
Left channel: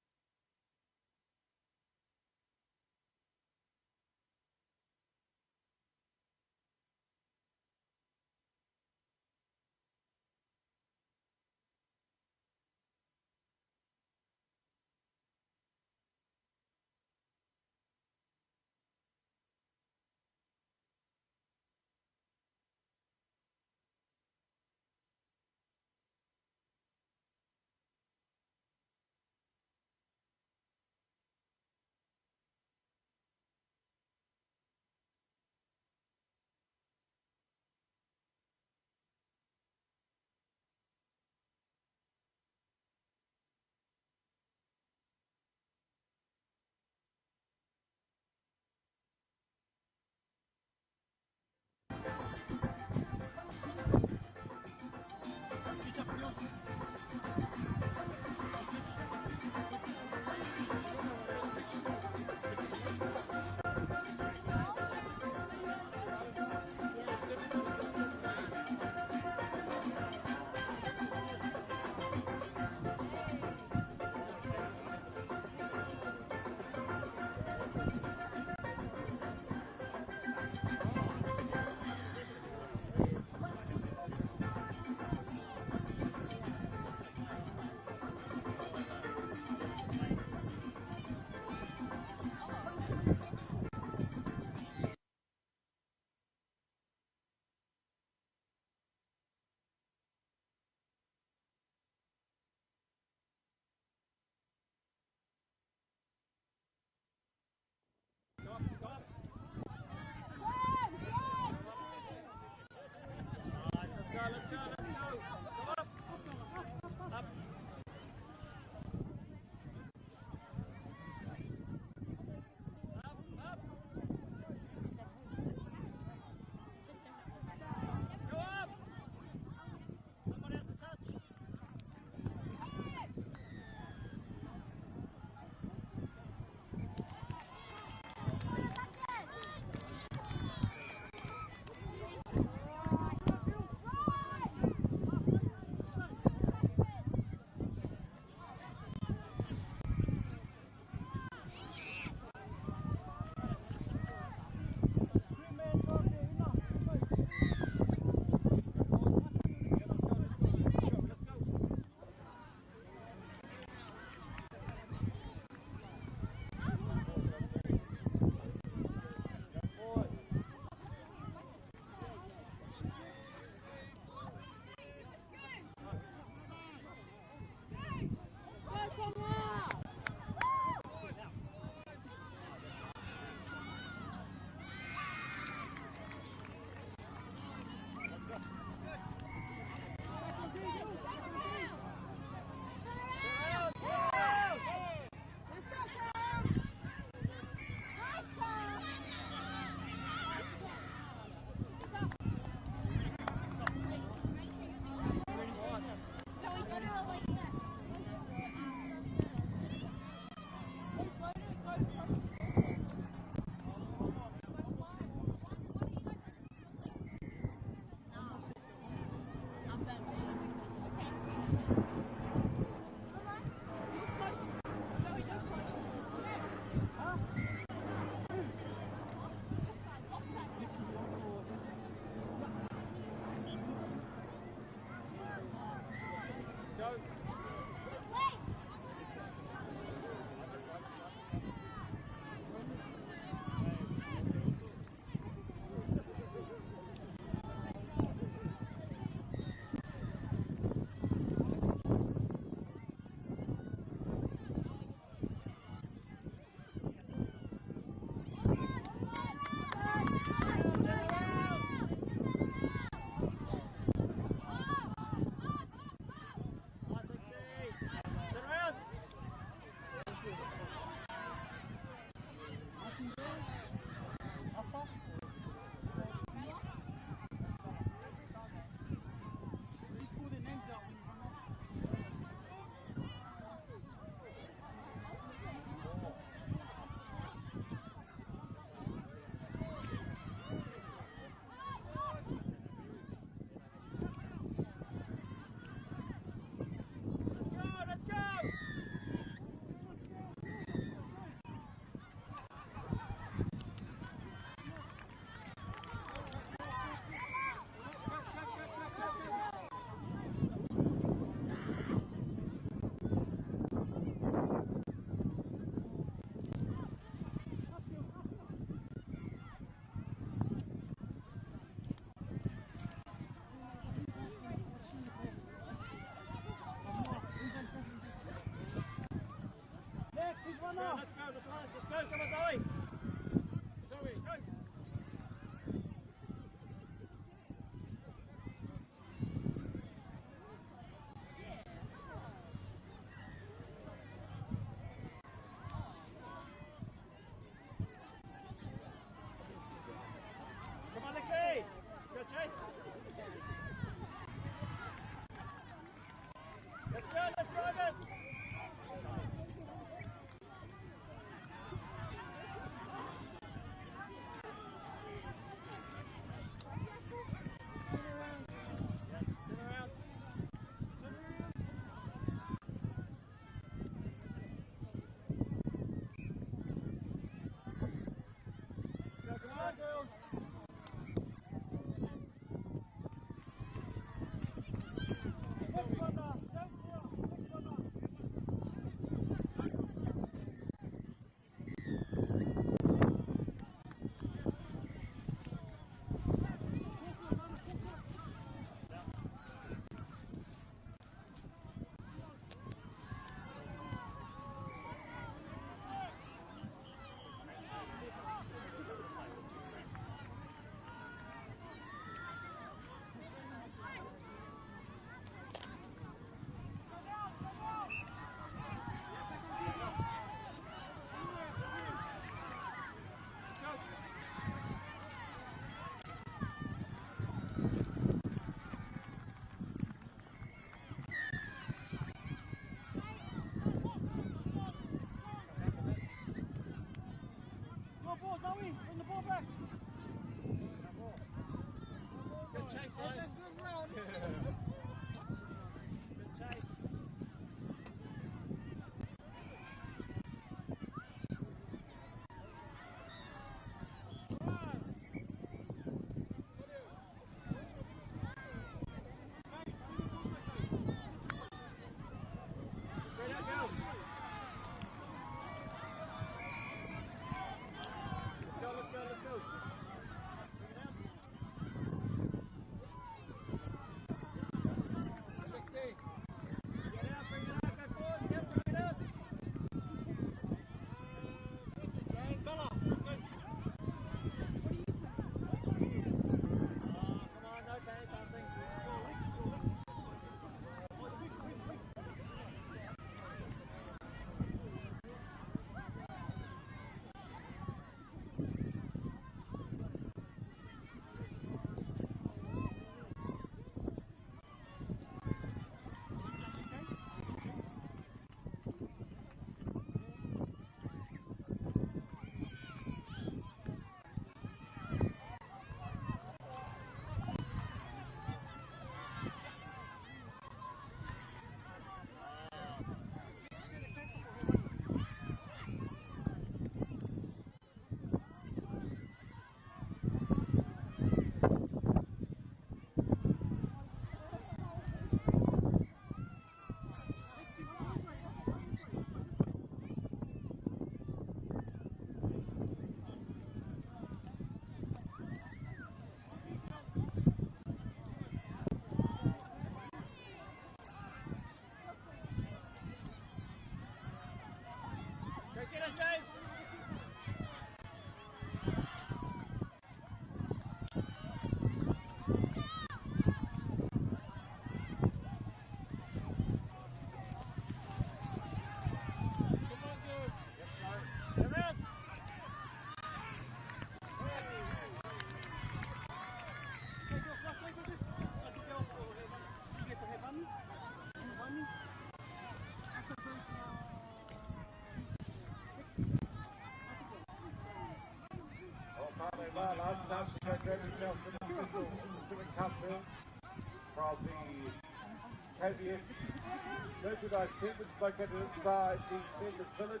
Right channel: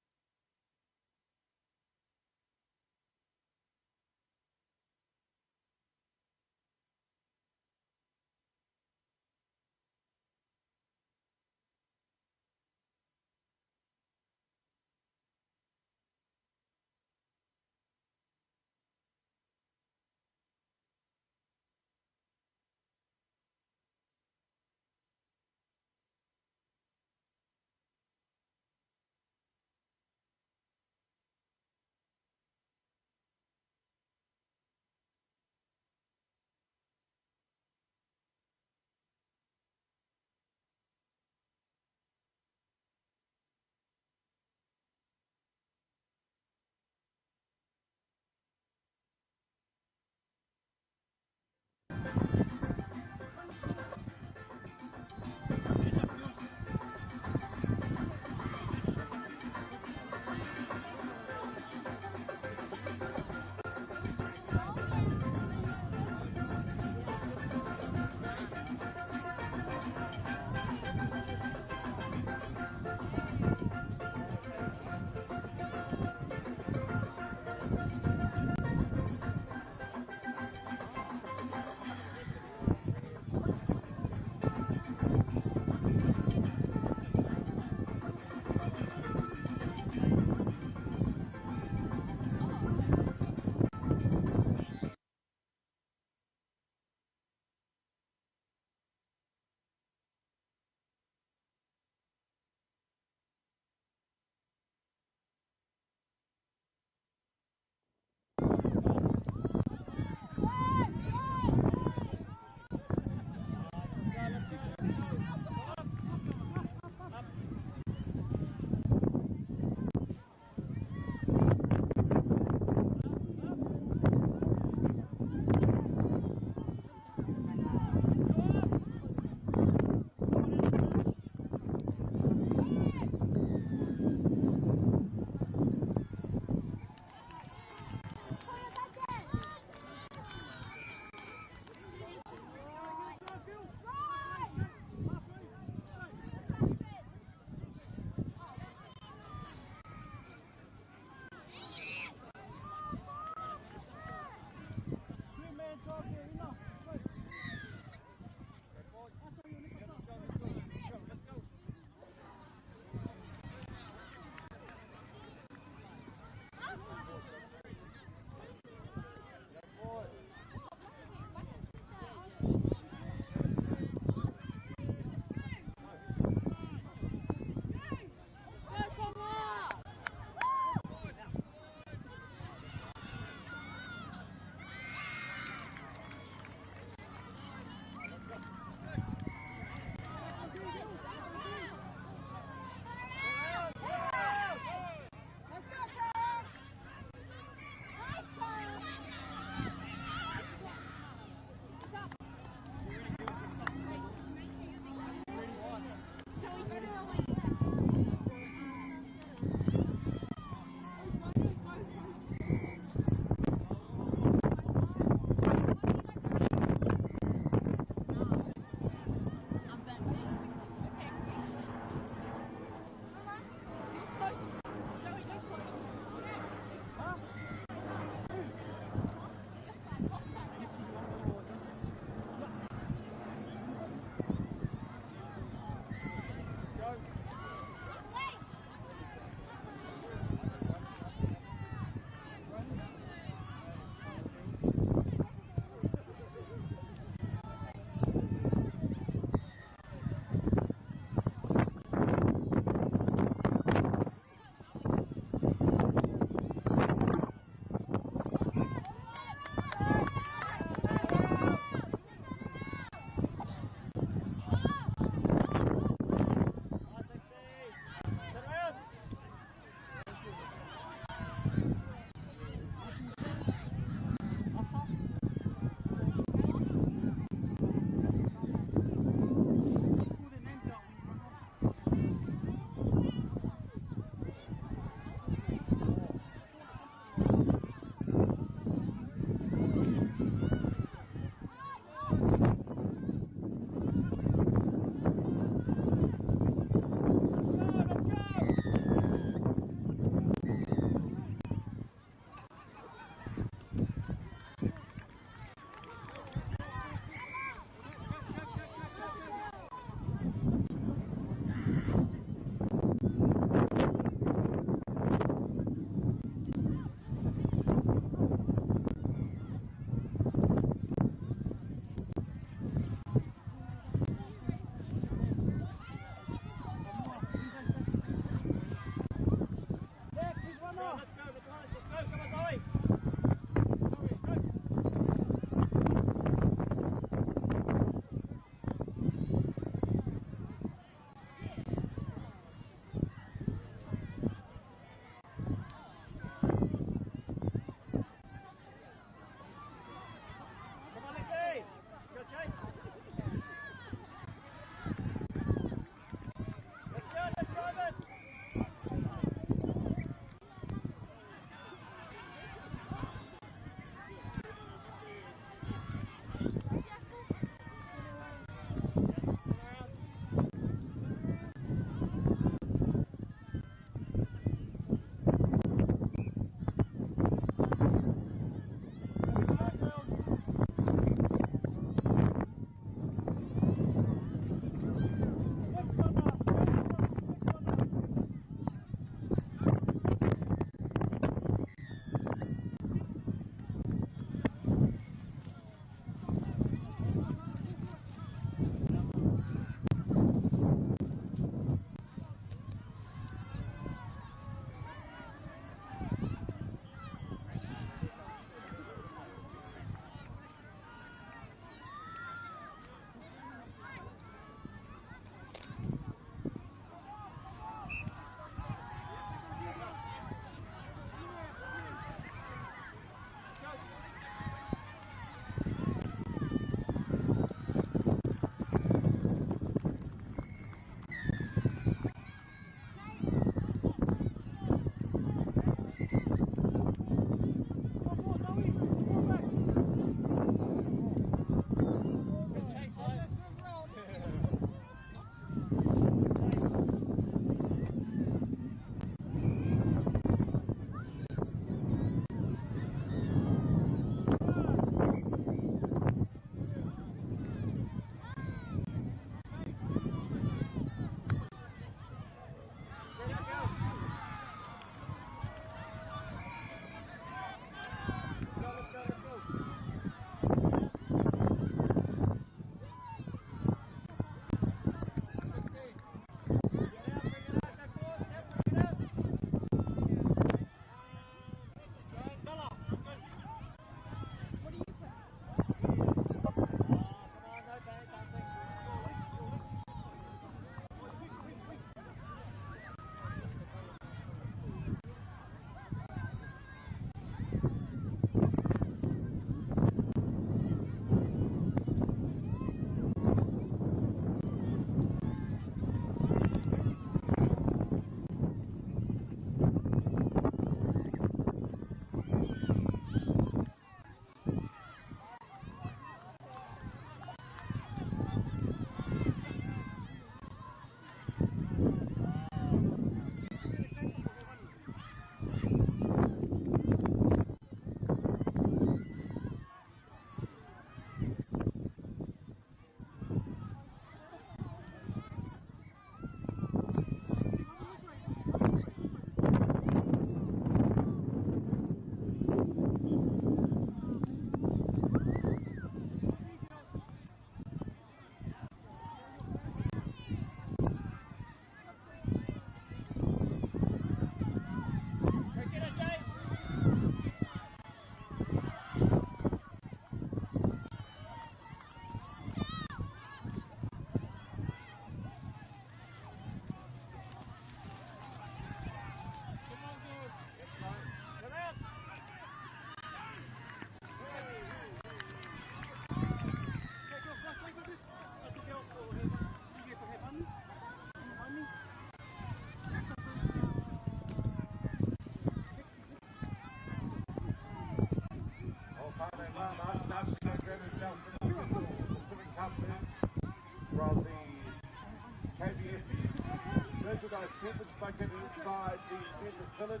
Merchandise shipments located inside the business village.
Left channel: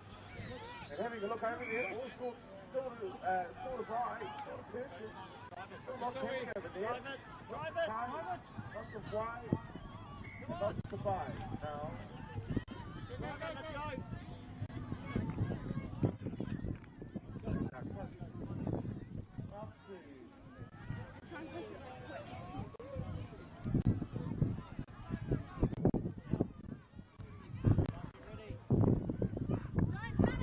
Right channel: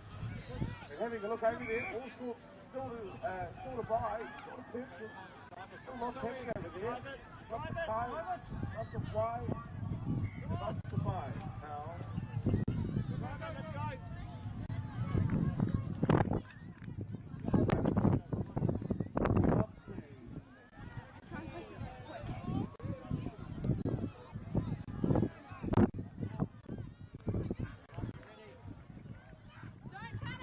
And having a look over there, all sorts still to buy. Lots over there. Lots to try. Lots to buy. Let's go.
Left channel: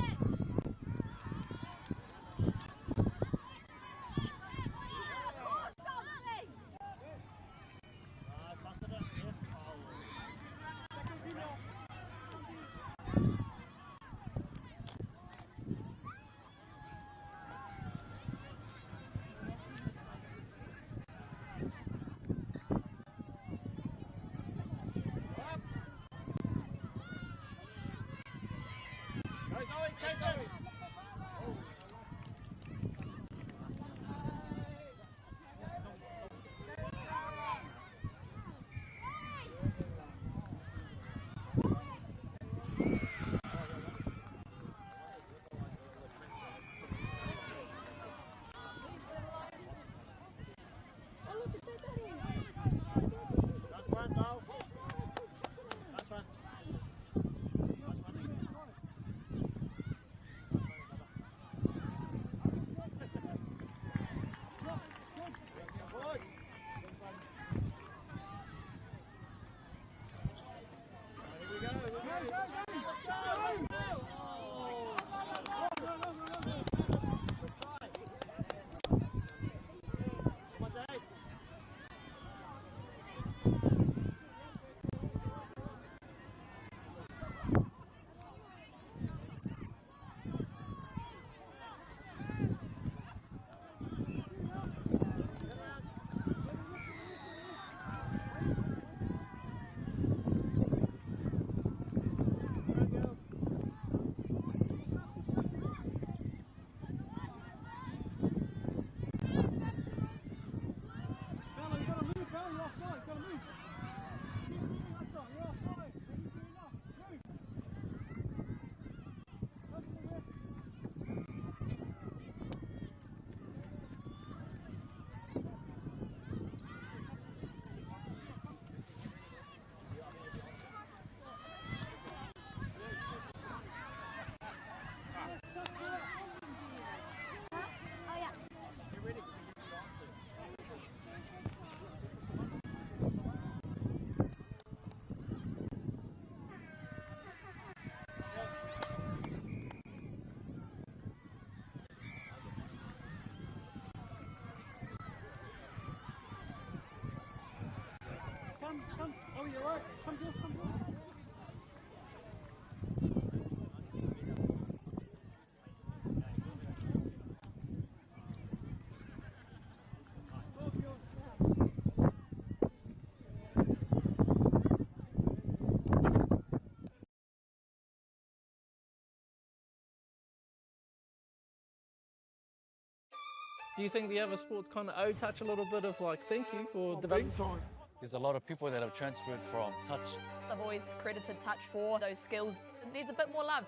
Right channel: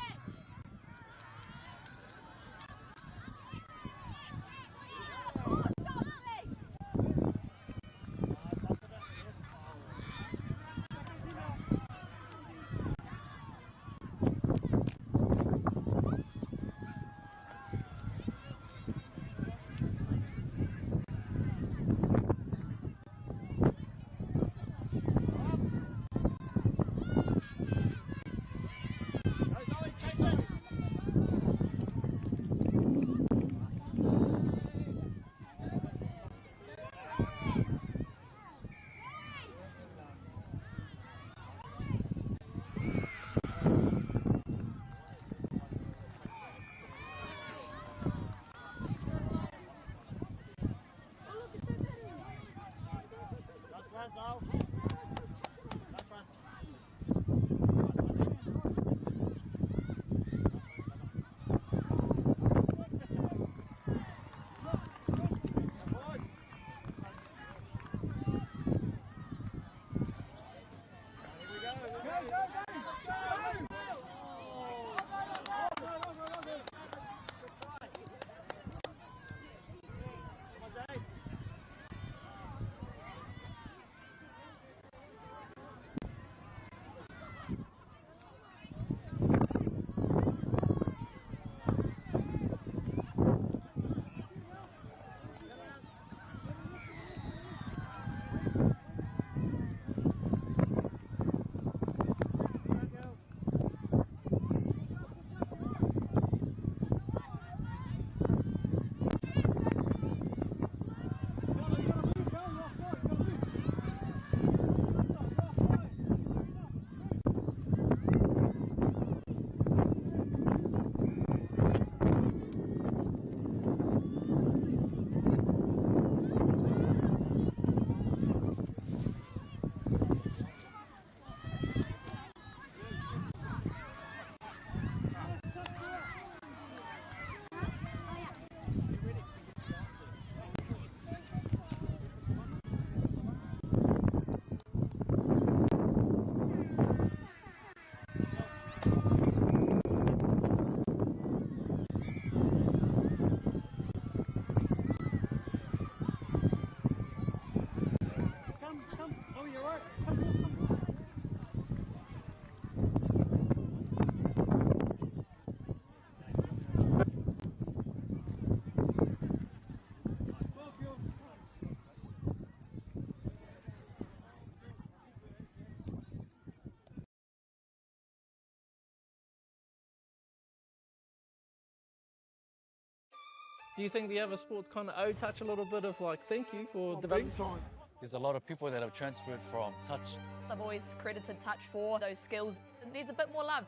Do you think the other sports kind of touch a little bit of like thank you for development? There's a lot of people that have transferred from touch. I've always credited touch for those skills. It needs a bit more love.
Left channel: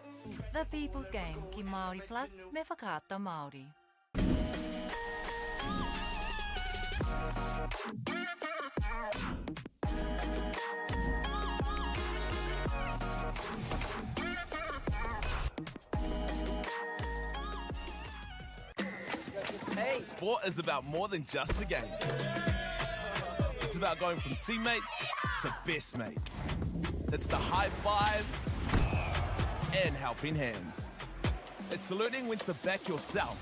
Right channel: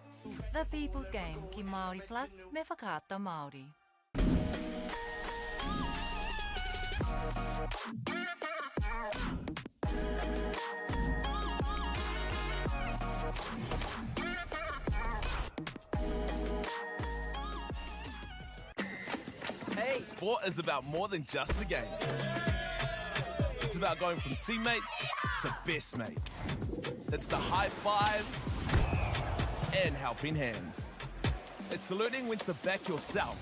The People's Game, ki Māori Plus, me whakaata Māori. Hey! Sport is about more than just the game. It's about going from teammates to best mates. It's the high fives and helping hands. It's learning when to back yourself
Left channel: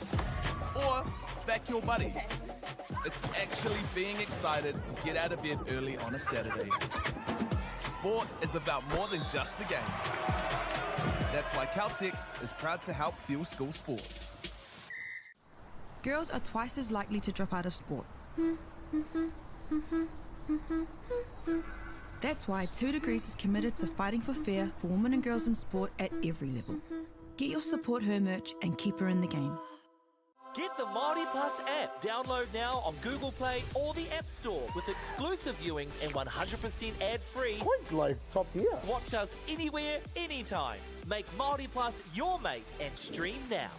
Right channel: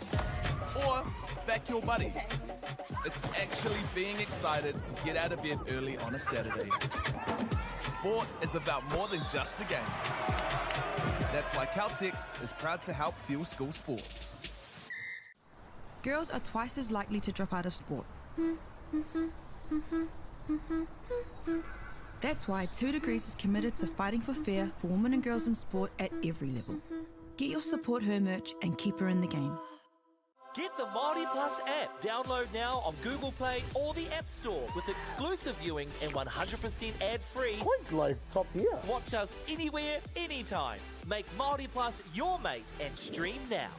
or back your buddies. It's actually being excited to get out of bed early on a Saturday. Sport is about more than just the game. That's why Caltex is proud to help fuel school sports. Girls are twice as likely to drop out of sport. That's why 2 Degrees is committed to fighting for fair for women and girls in sport at every level. Get your Support Her merch and keep her in the game. Get the MAORI Plus app. Download now on Google Play or the App Store with exclusive viewings and 100% ad-free. Quite like top tier. Watch us anywhere, anytime. Make MAORI Plus your mate and stream now.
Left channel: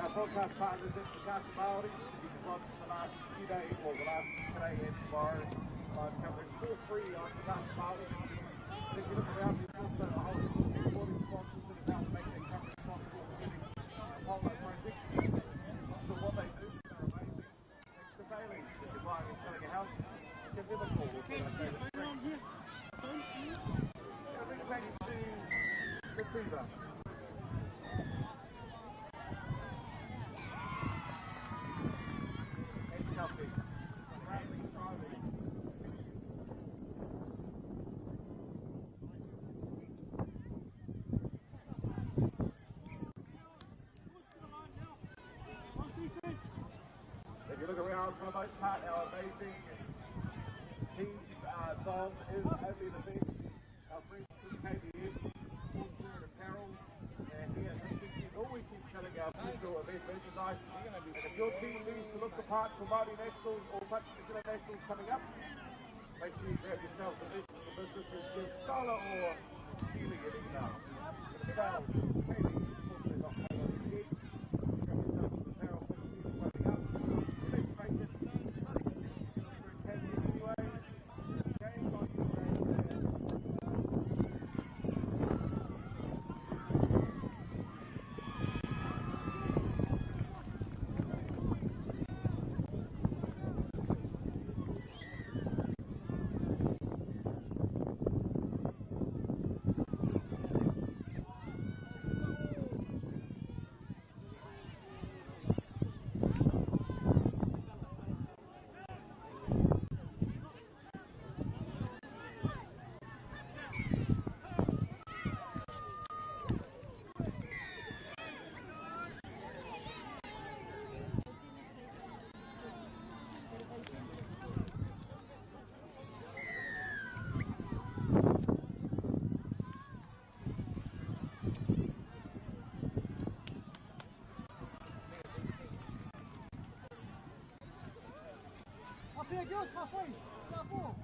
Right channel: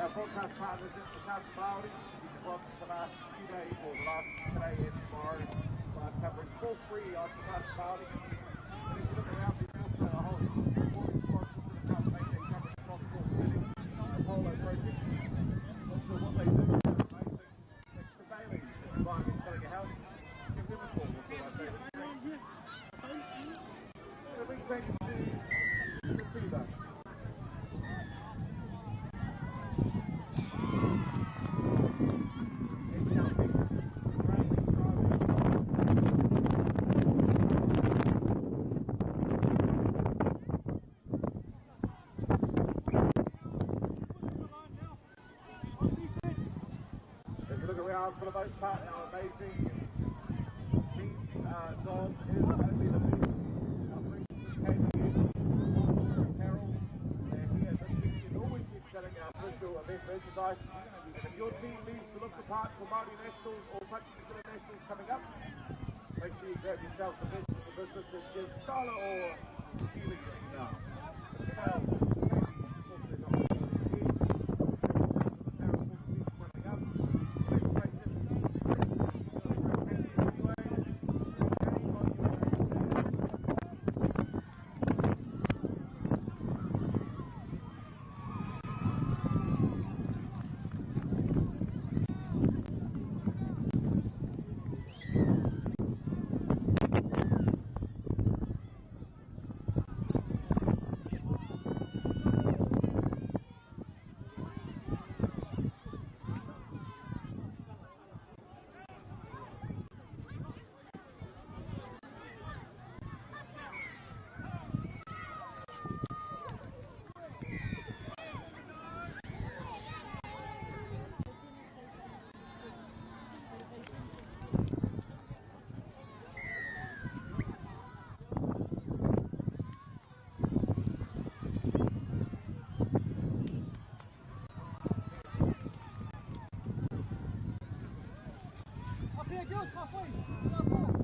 Our podcast partners is the MΑORI. You can watch the last few days, or the last today and tomorrow. Last couple of for free on the MAORI. And if you look around, there's also a whole support sponsors in the company. How amazing these songs is only the big always keep selling our special event merchandise. If your team needs to look the part for MAORI Nationals or Substitute Nationals coming up, make sure you grab yourself the business with just dollar or Kiwi Up here, girls, halfway. Down 4.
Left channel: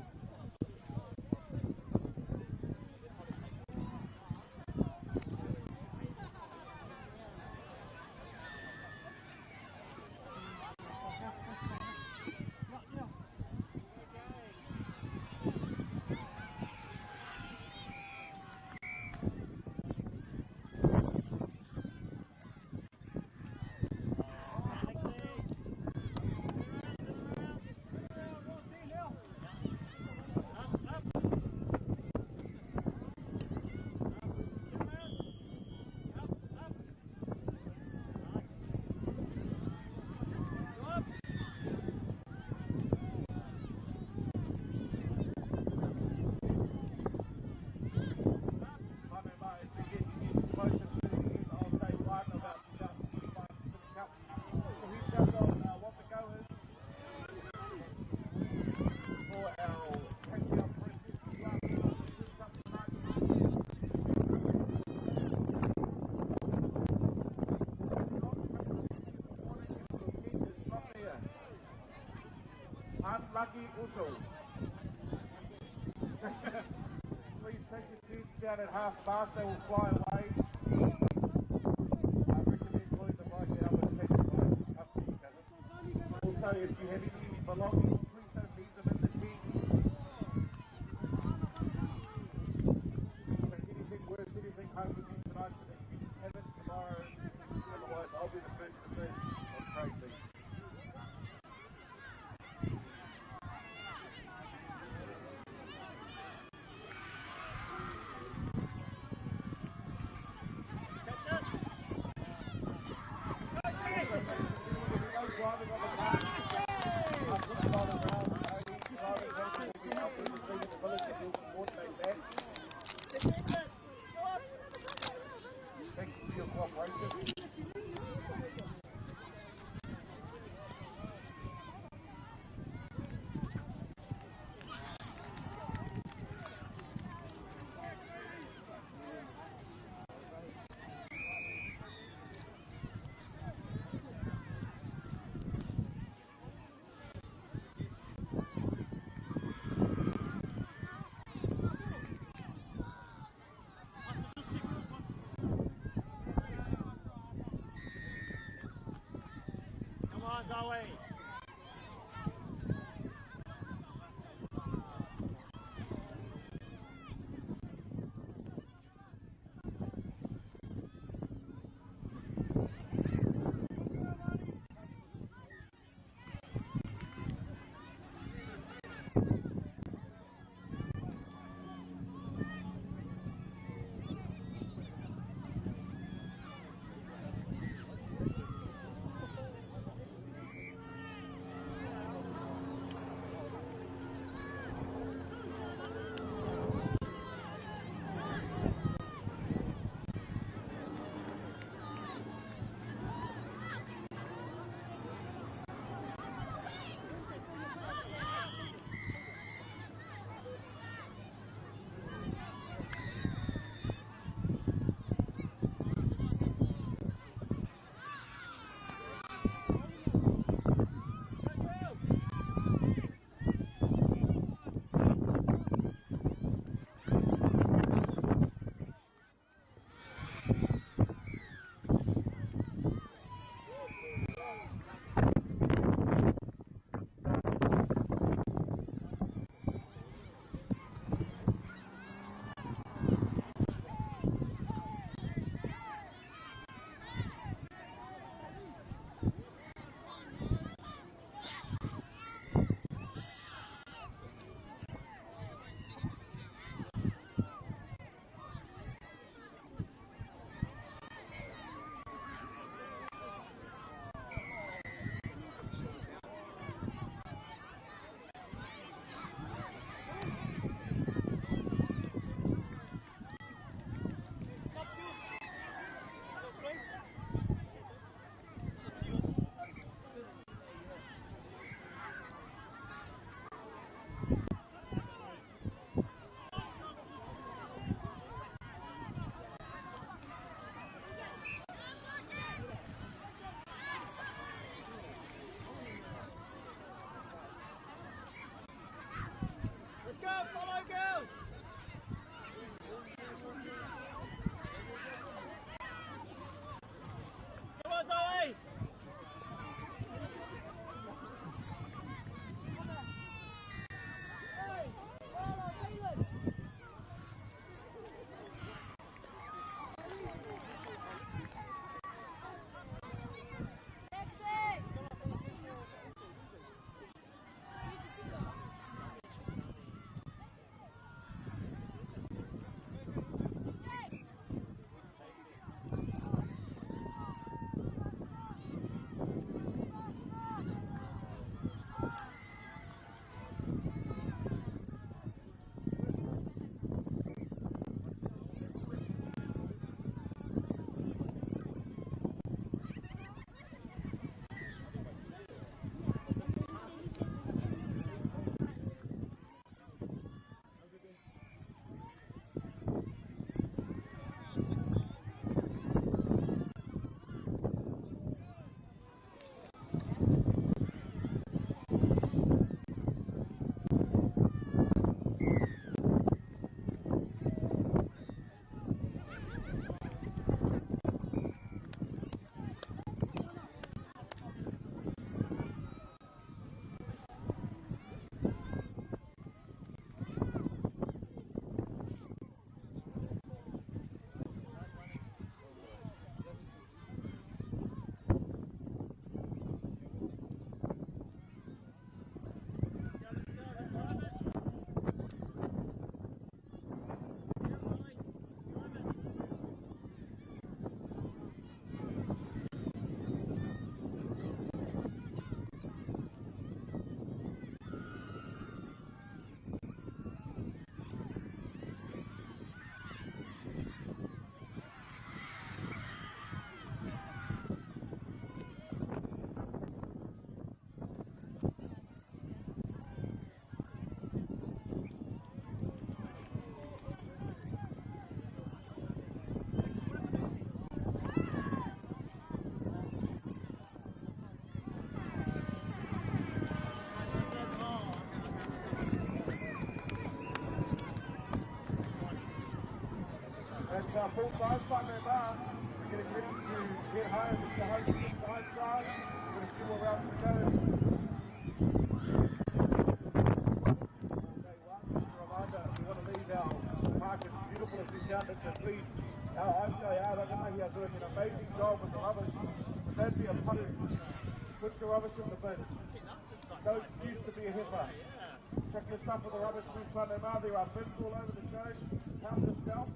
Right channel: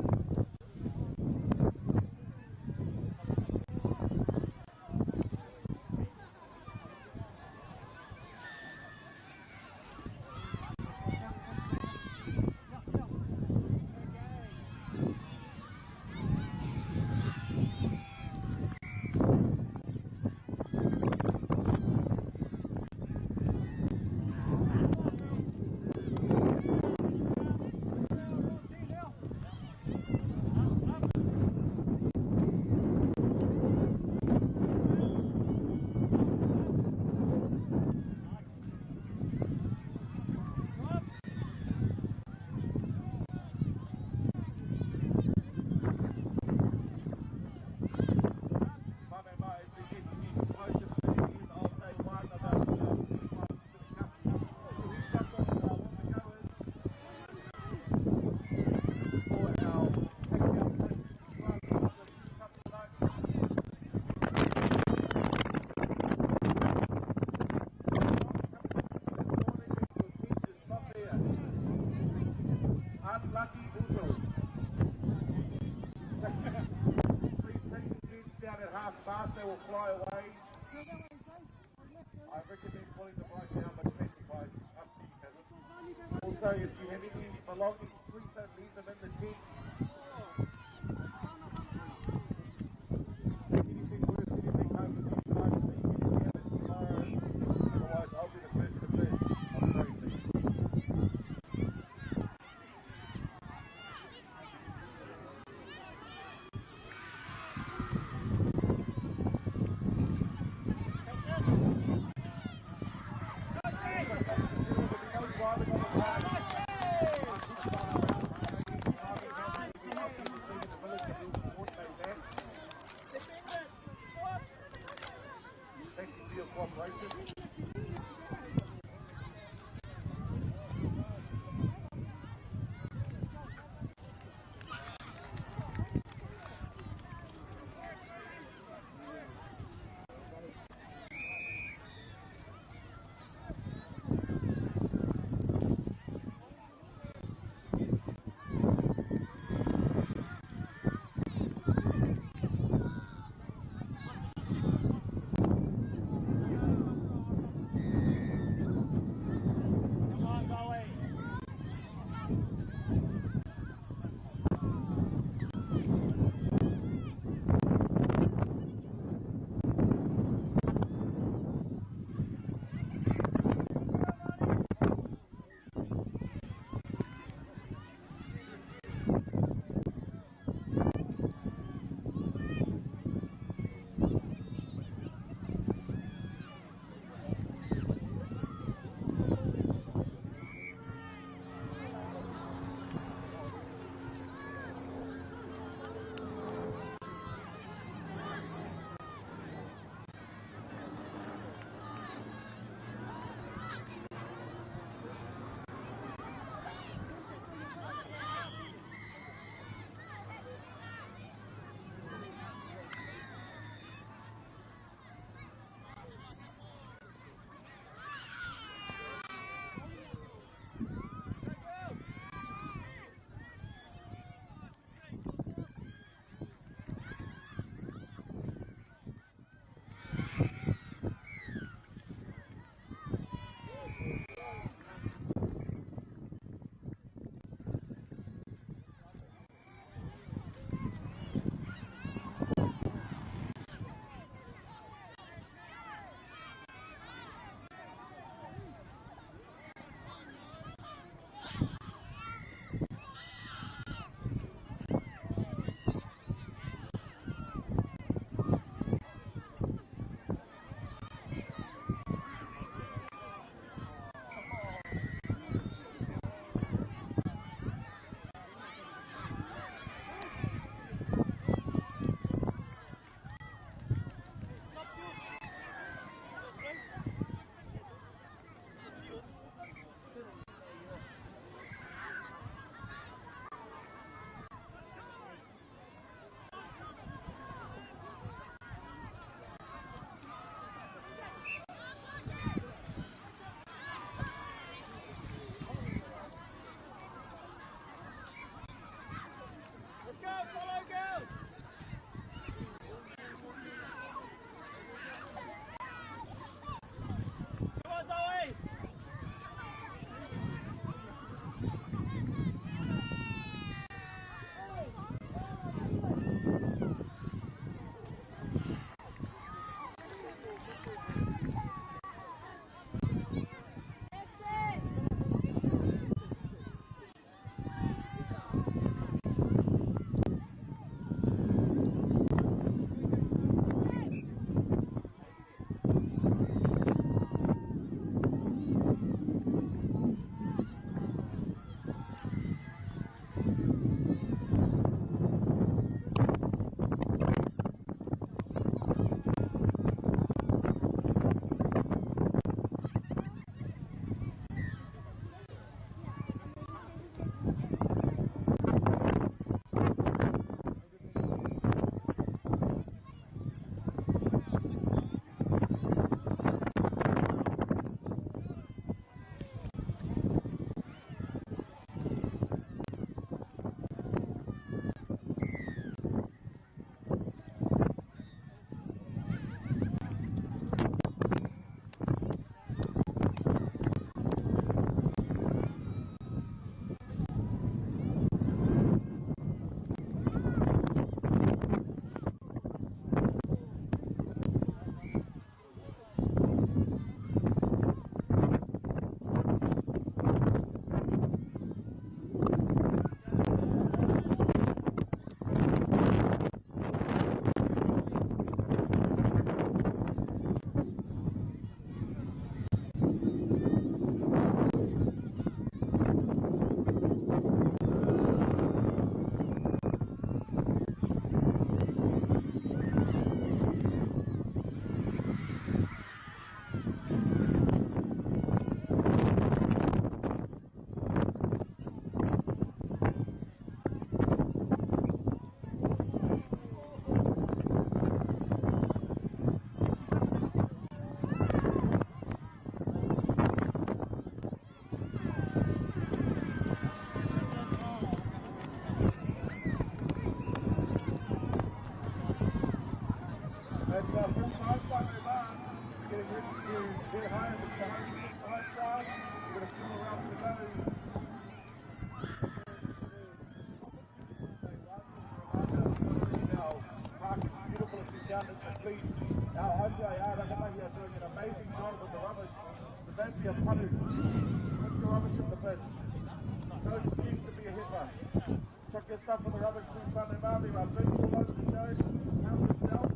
else, they will fly away. I recommend pulling the bike down and take the bike up to you, Kevin. Also, if you have any belongings, please don't leave them in the tent. Anything worse, anything happens, otherwise I'll be the first to say, I'm sorry, please. Thank you for your cooperation. refused to be a hipper. Check your trust for the rubbish in front of everyone. Bring all over the show. Help yourself.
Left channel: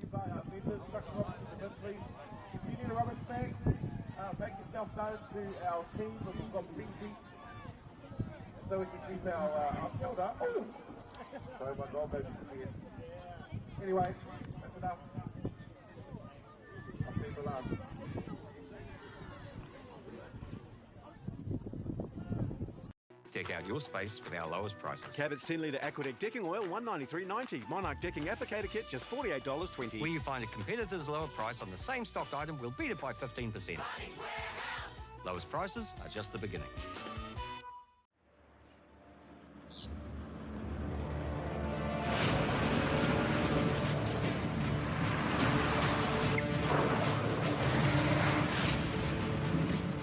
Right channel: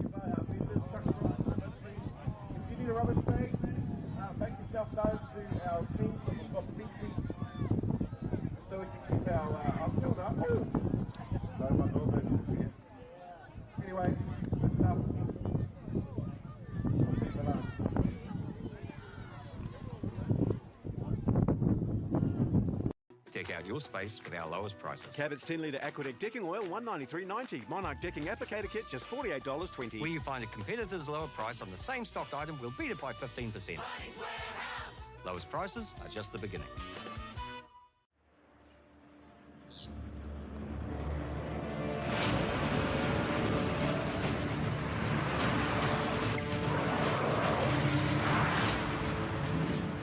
You buy our meters. Chuck them on the hill, please. If you need a rubbish bag, make yourself known to our team. We've got the big seats so we can keep our filled up. Anyway, Deck out your space with our lowest prices. Cabot's 10 litre Aquadeck decking oil, $193.90. Monarch decking applicator kit, just $48.20. Where you find a competitor's lower price on the same stocked item, we'll beat it by 15%. Lowest prices are just the beginning.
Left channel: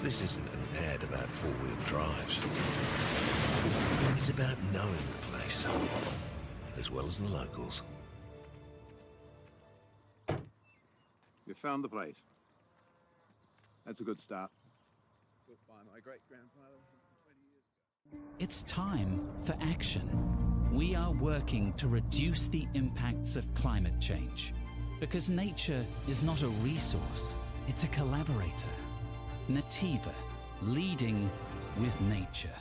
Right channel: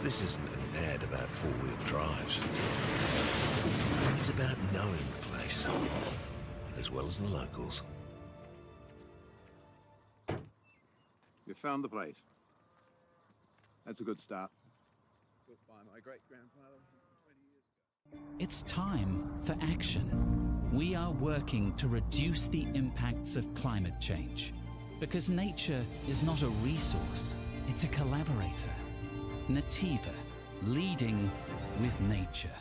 This isn't an ad about four-wheel drives. It's about knowing the place, as well as the locals. You found the place. That's a good start. Built by my great-grandfather 20 years ago. It's time for action. We are working to reduce the impacts of climate change because nature is not a resource, it's a collaborator. Nativa, leading with nature.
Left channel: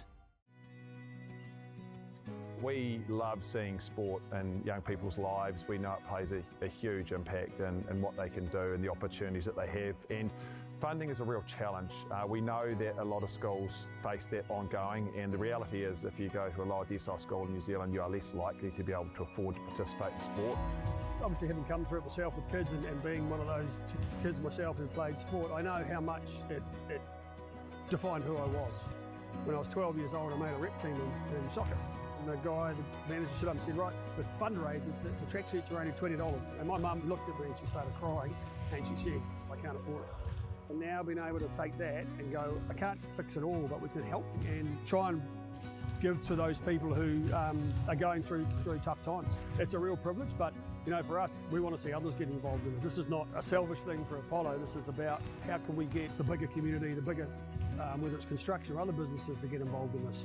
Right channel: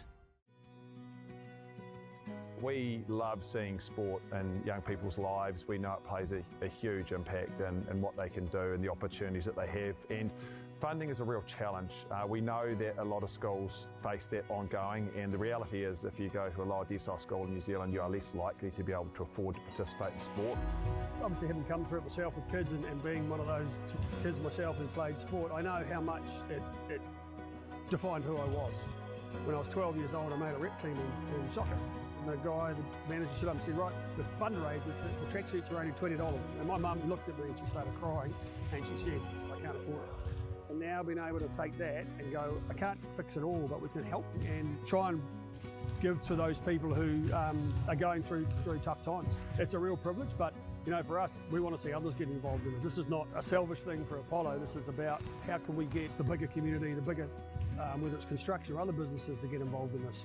We love seeing sport in young people's lives. We know it plays a huge impact in what they can do and the opportunities that they have. And funding is a real challenge. We know that a lot of schools face that ongoing, and the reality is if you go to a lower decile school in New Zealand, you are less likely to be able to afford to participate in sport. Obviously, having come through it myself with kids and being one of those kids myself who played sport, I know how much it defined who I was. When I was 12 years old, I made a rep team in soccer. And the guy, the manager, stood up and said, right, with fundraise, the track suits are only $20. And my mum looked at me and she started crying and she said, I can't afford it. And now being able to take that and go, I can't fix it all, but we can help and try and give to those people who are going through tough times. It's a real privilege, but you know, for us, we want to see others get involved in this. This is not a selfish thing for Apollo. This is about how can we get the bigger community, the bigger, whether it's construction or other businesses, to get involved in this.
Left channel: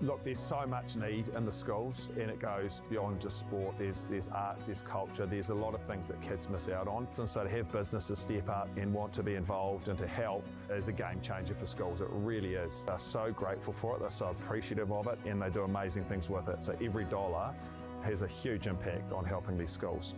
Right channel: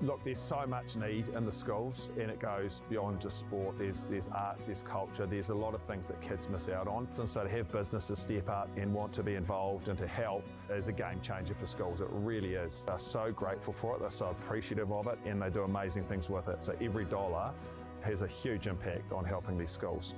Look, there's so much need in the schools, and it goes beyond just sport. There's arts, there's culture, there's a lot of things that kids miss out on. And so to have businesses step up and want to be involved and to help is a game changer for schools. It really is. They're so grateful for it, they're so appreciative of it, and they do amazing things with it. So every dollar has a huge impact on helping these schools.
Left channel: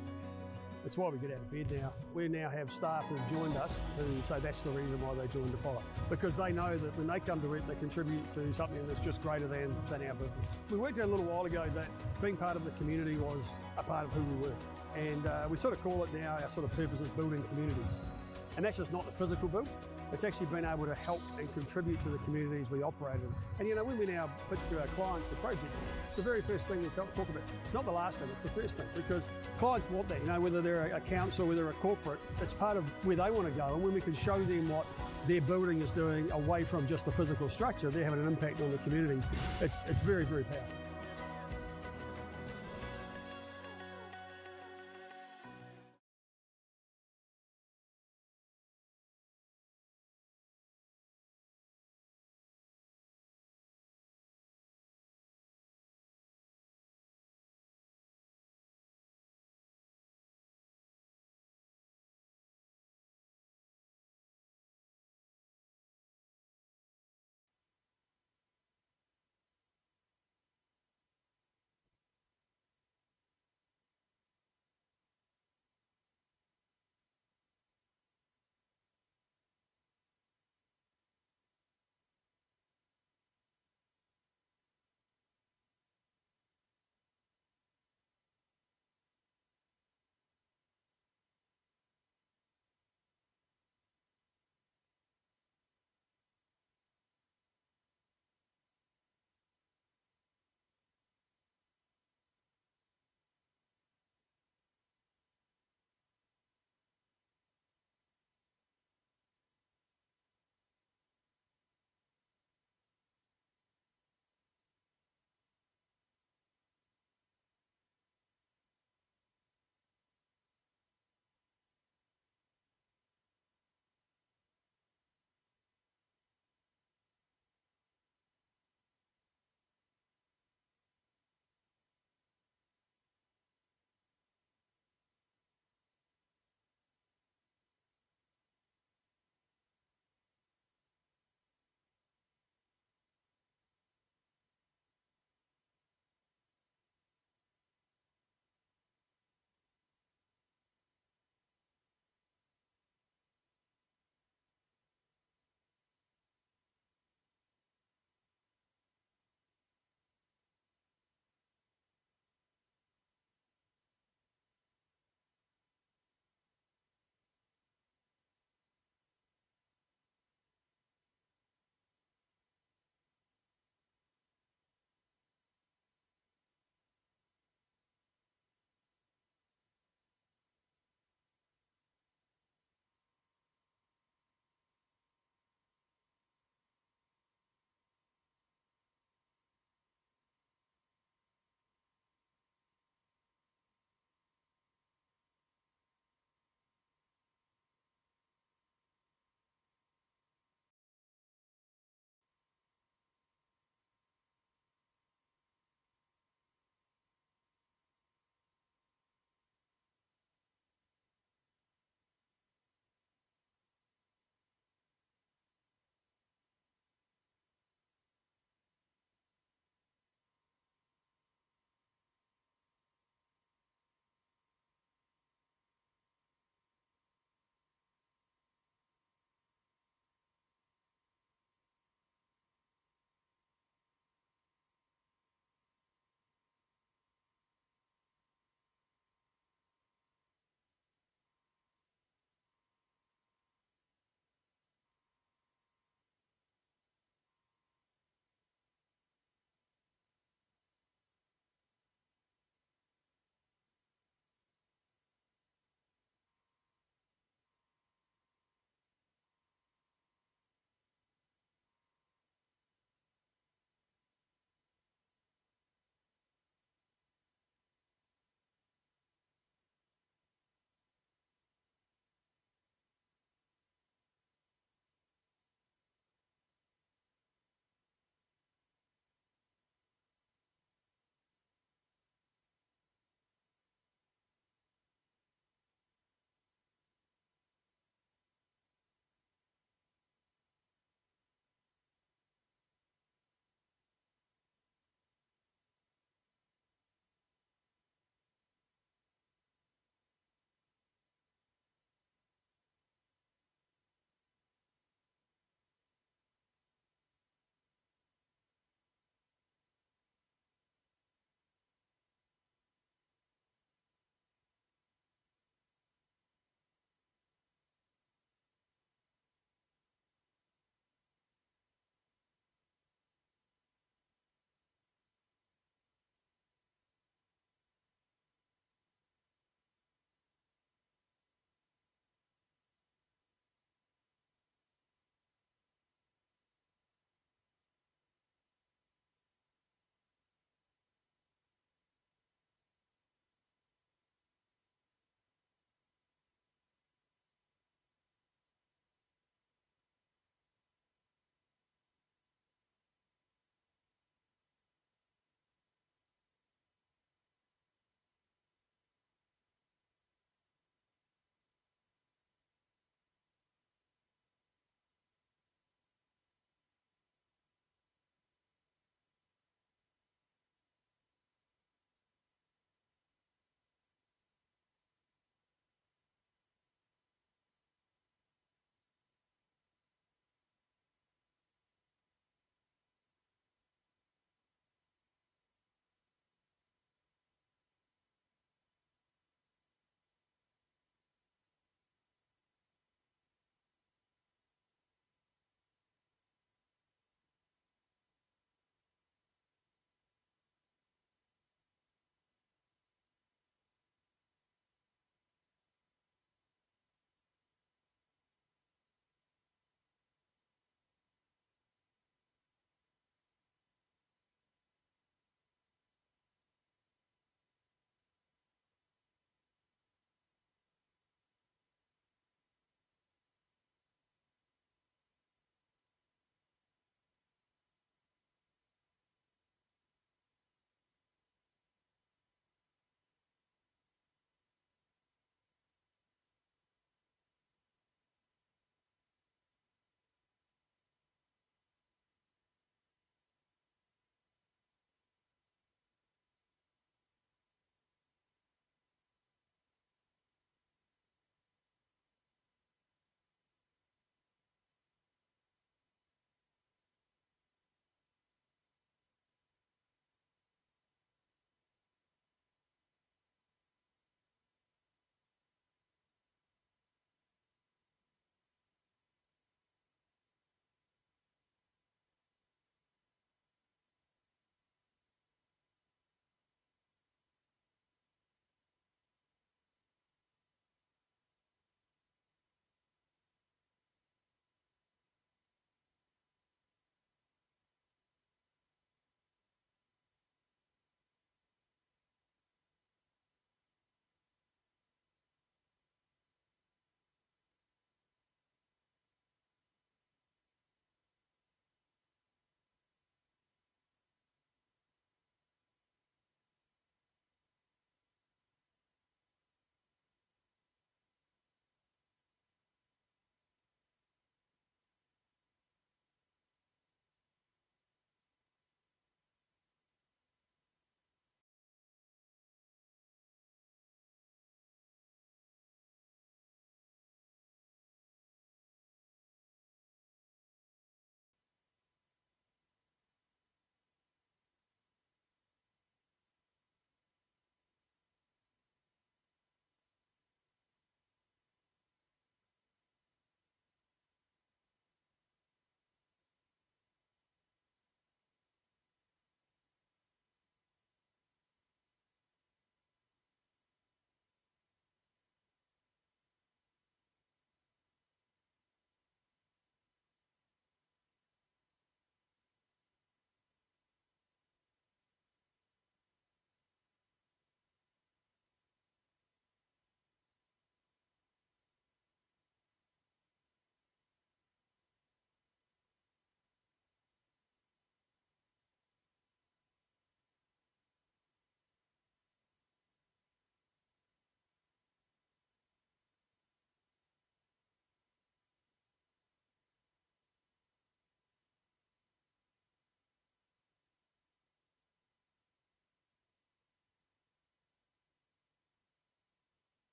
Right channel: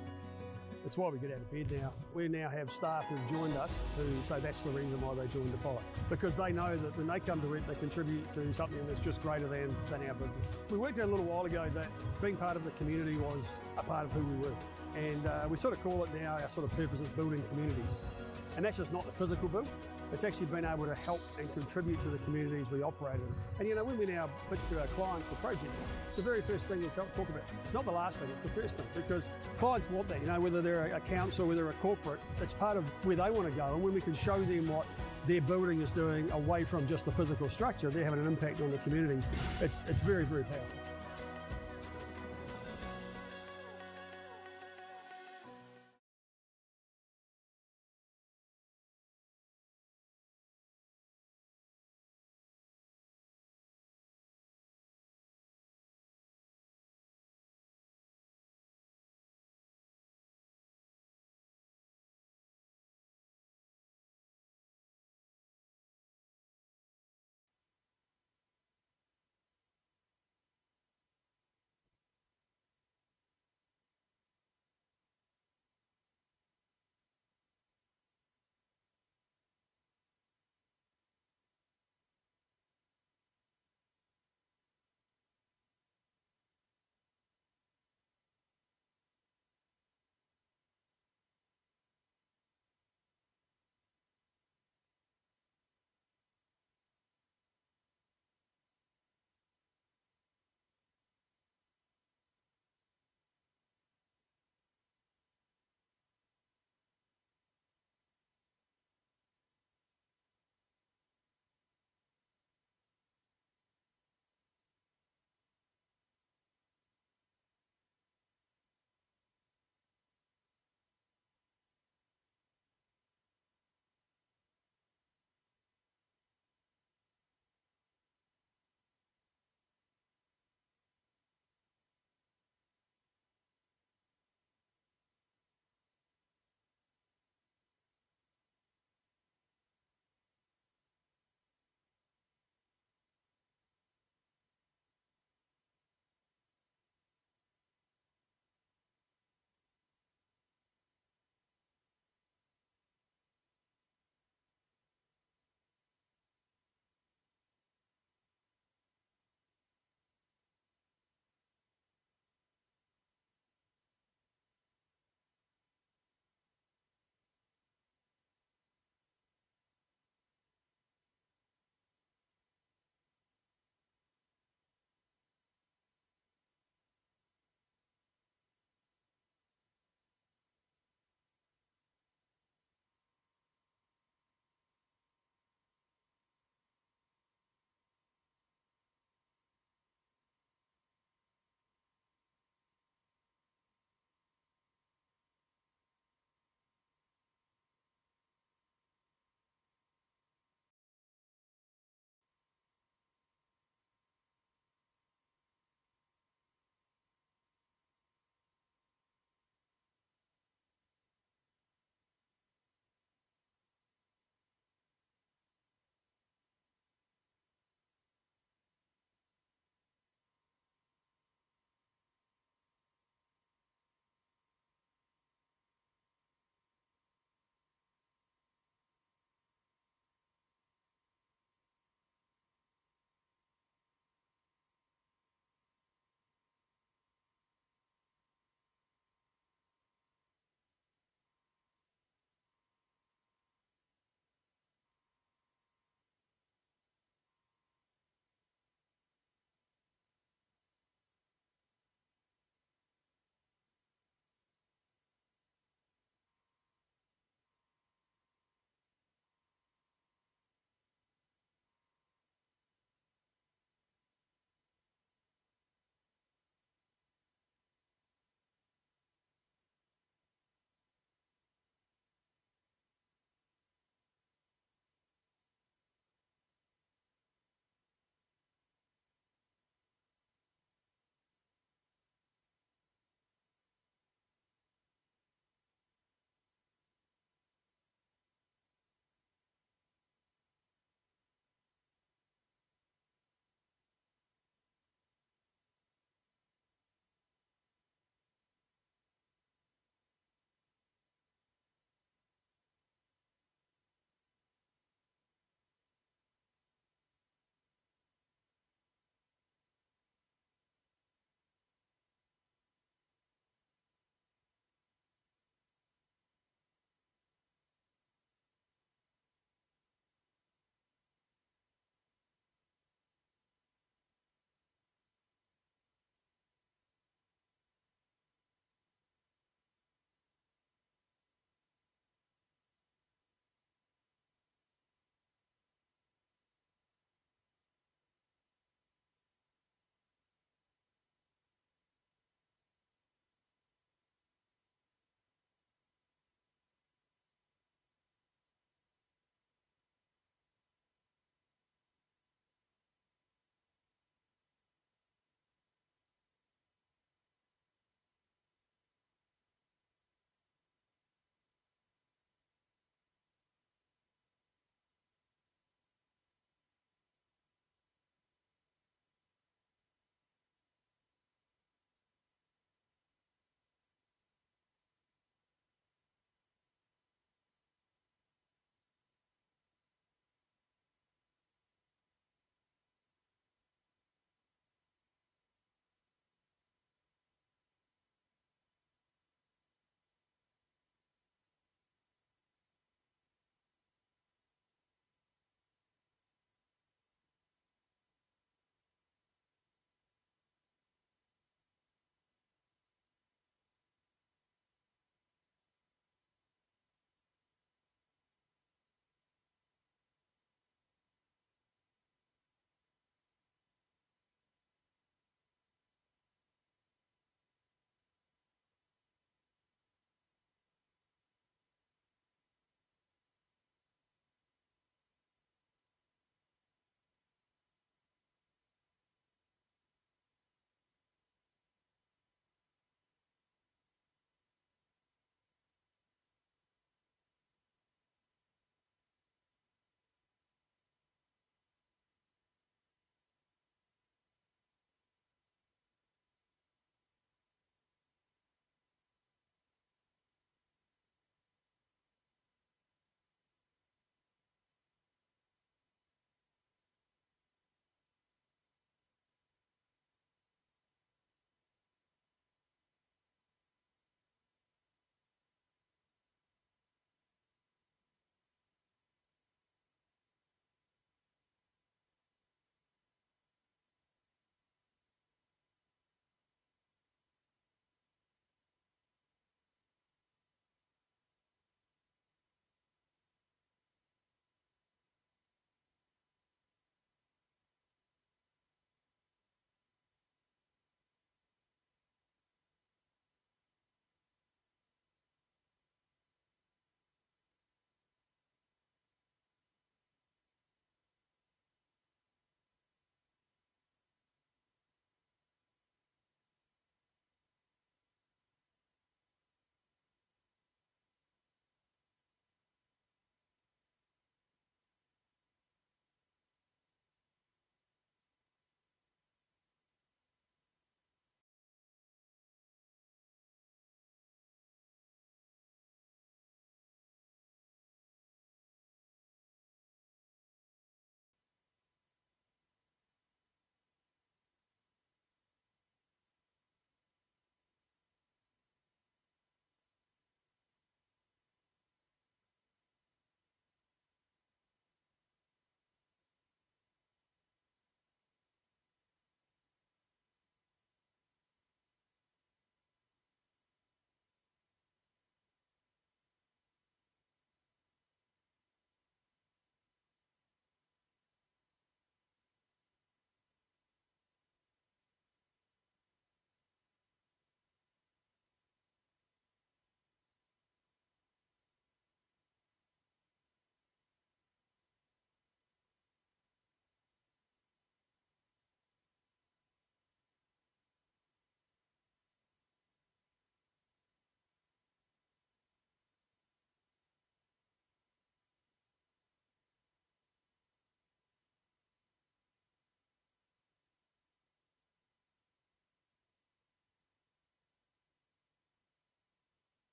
It's why we get out of bed now. We now have staff who've joined us who say that's the reason why they joined Apollo. Because they know that when they come to it, they contribute to something that's just greater than our business. We worked out a little while ago that being part of the community was a part of who we were. And we sort of call it now, our sort of purpose is building communities. And that's just not the physical build. It's actually been able to help and contribute to the communities we operate in. And you know, when we now pitch to our clients for projects, it's the very first thing we talk about. It's not the last thing, it's the first thing, because clients want that, you know, whether they're a council, whether they're a corporate, it's part of where they want to go. And when we can show them what their building is doing away from just the physical structure, they're having an impact on the communities. It's very, very powerful.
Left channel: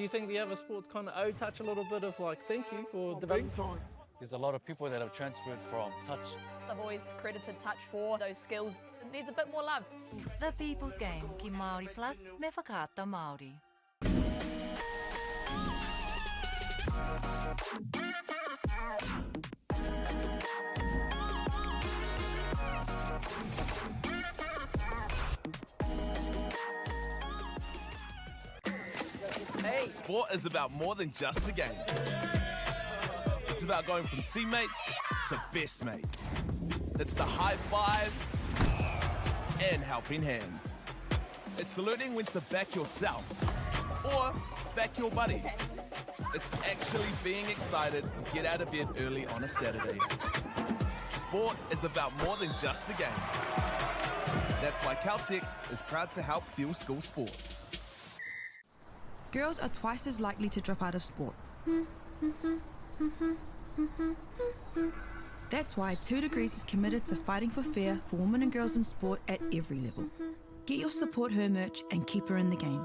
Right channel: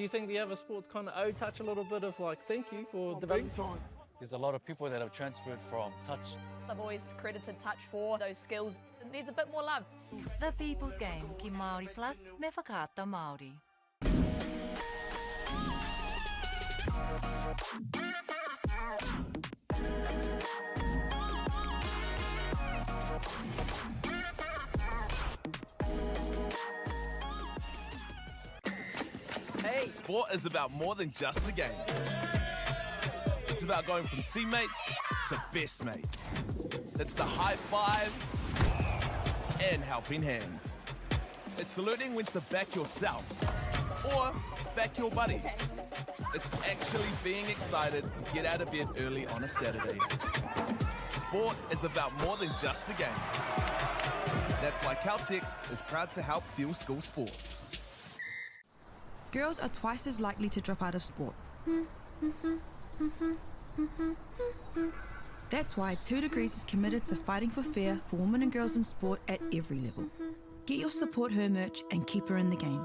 Do you think the other sports kind of owe touch a little bit of like thank you for development? There's a lot of people that have transferred from touch. I've always credited touch for those skills. It needs a bit more love. The People's Game, ki Māori Plus, me whakaata Māori. Sport is about more than just the game. It's about going from teammates to best mates. It's the high fives and helping hands. It's saluting when to back yourself or back your buddies. It's actually being excited to get out of bed early on a Saturday. Sport is about more than just the game. That's why Caltex is proud to help fuel school sports. Girls are twice as likely to drop out of sport. That's why 2 Degrees is committed to fighting for fair for women and girls in sport at every level. Get your Support Her merch and keep her in the game.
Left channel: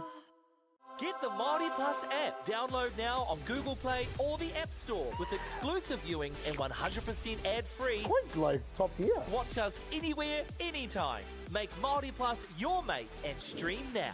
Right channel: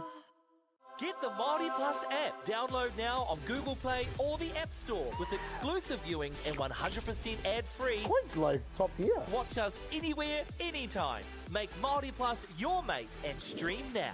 Get the MAORI Plus app. Download now on Google Play or the App Store with exclusive viewings and 100% ad-free. Quite like top tier. Watch us anywhere, anytime. Make MAORI Plus your mate and stream now.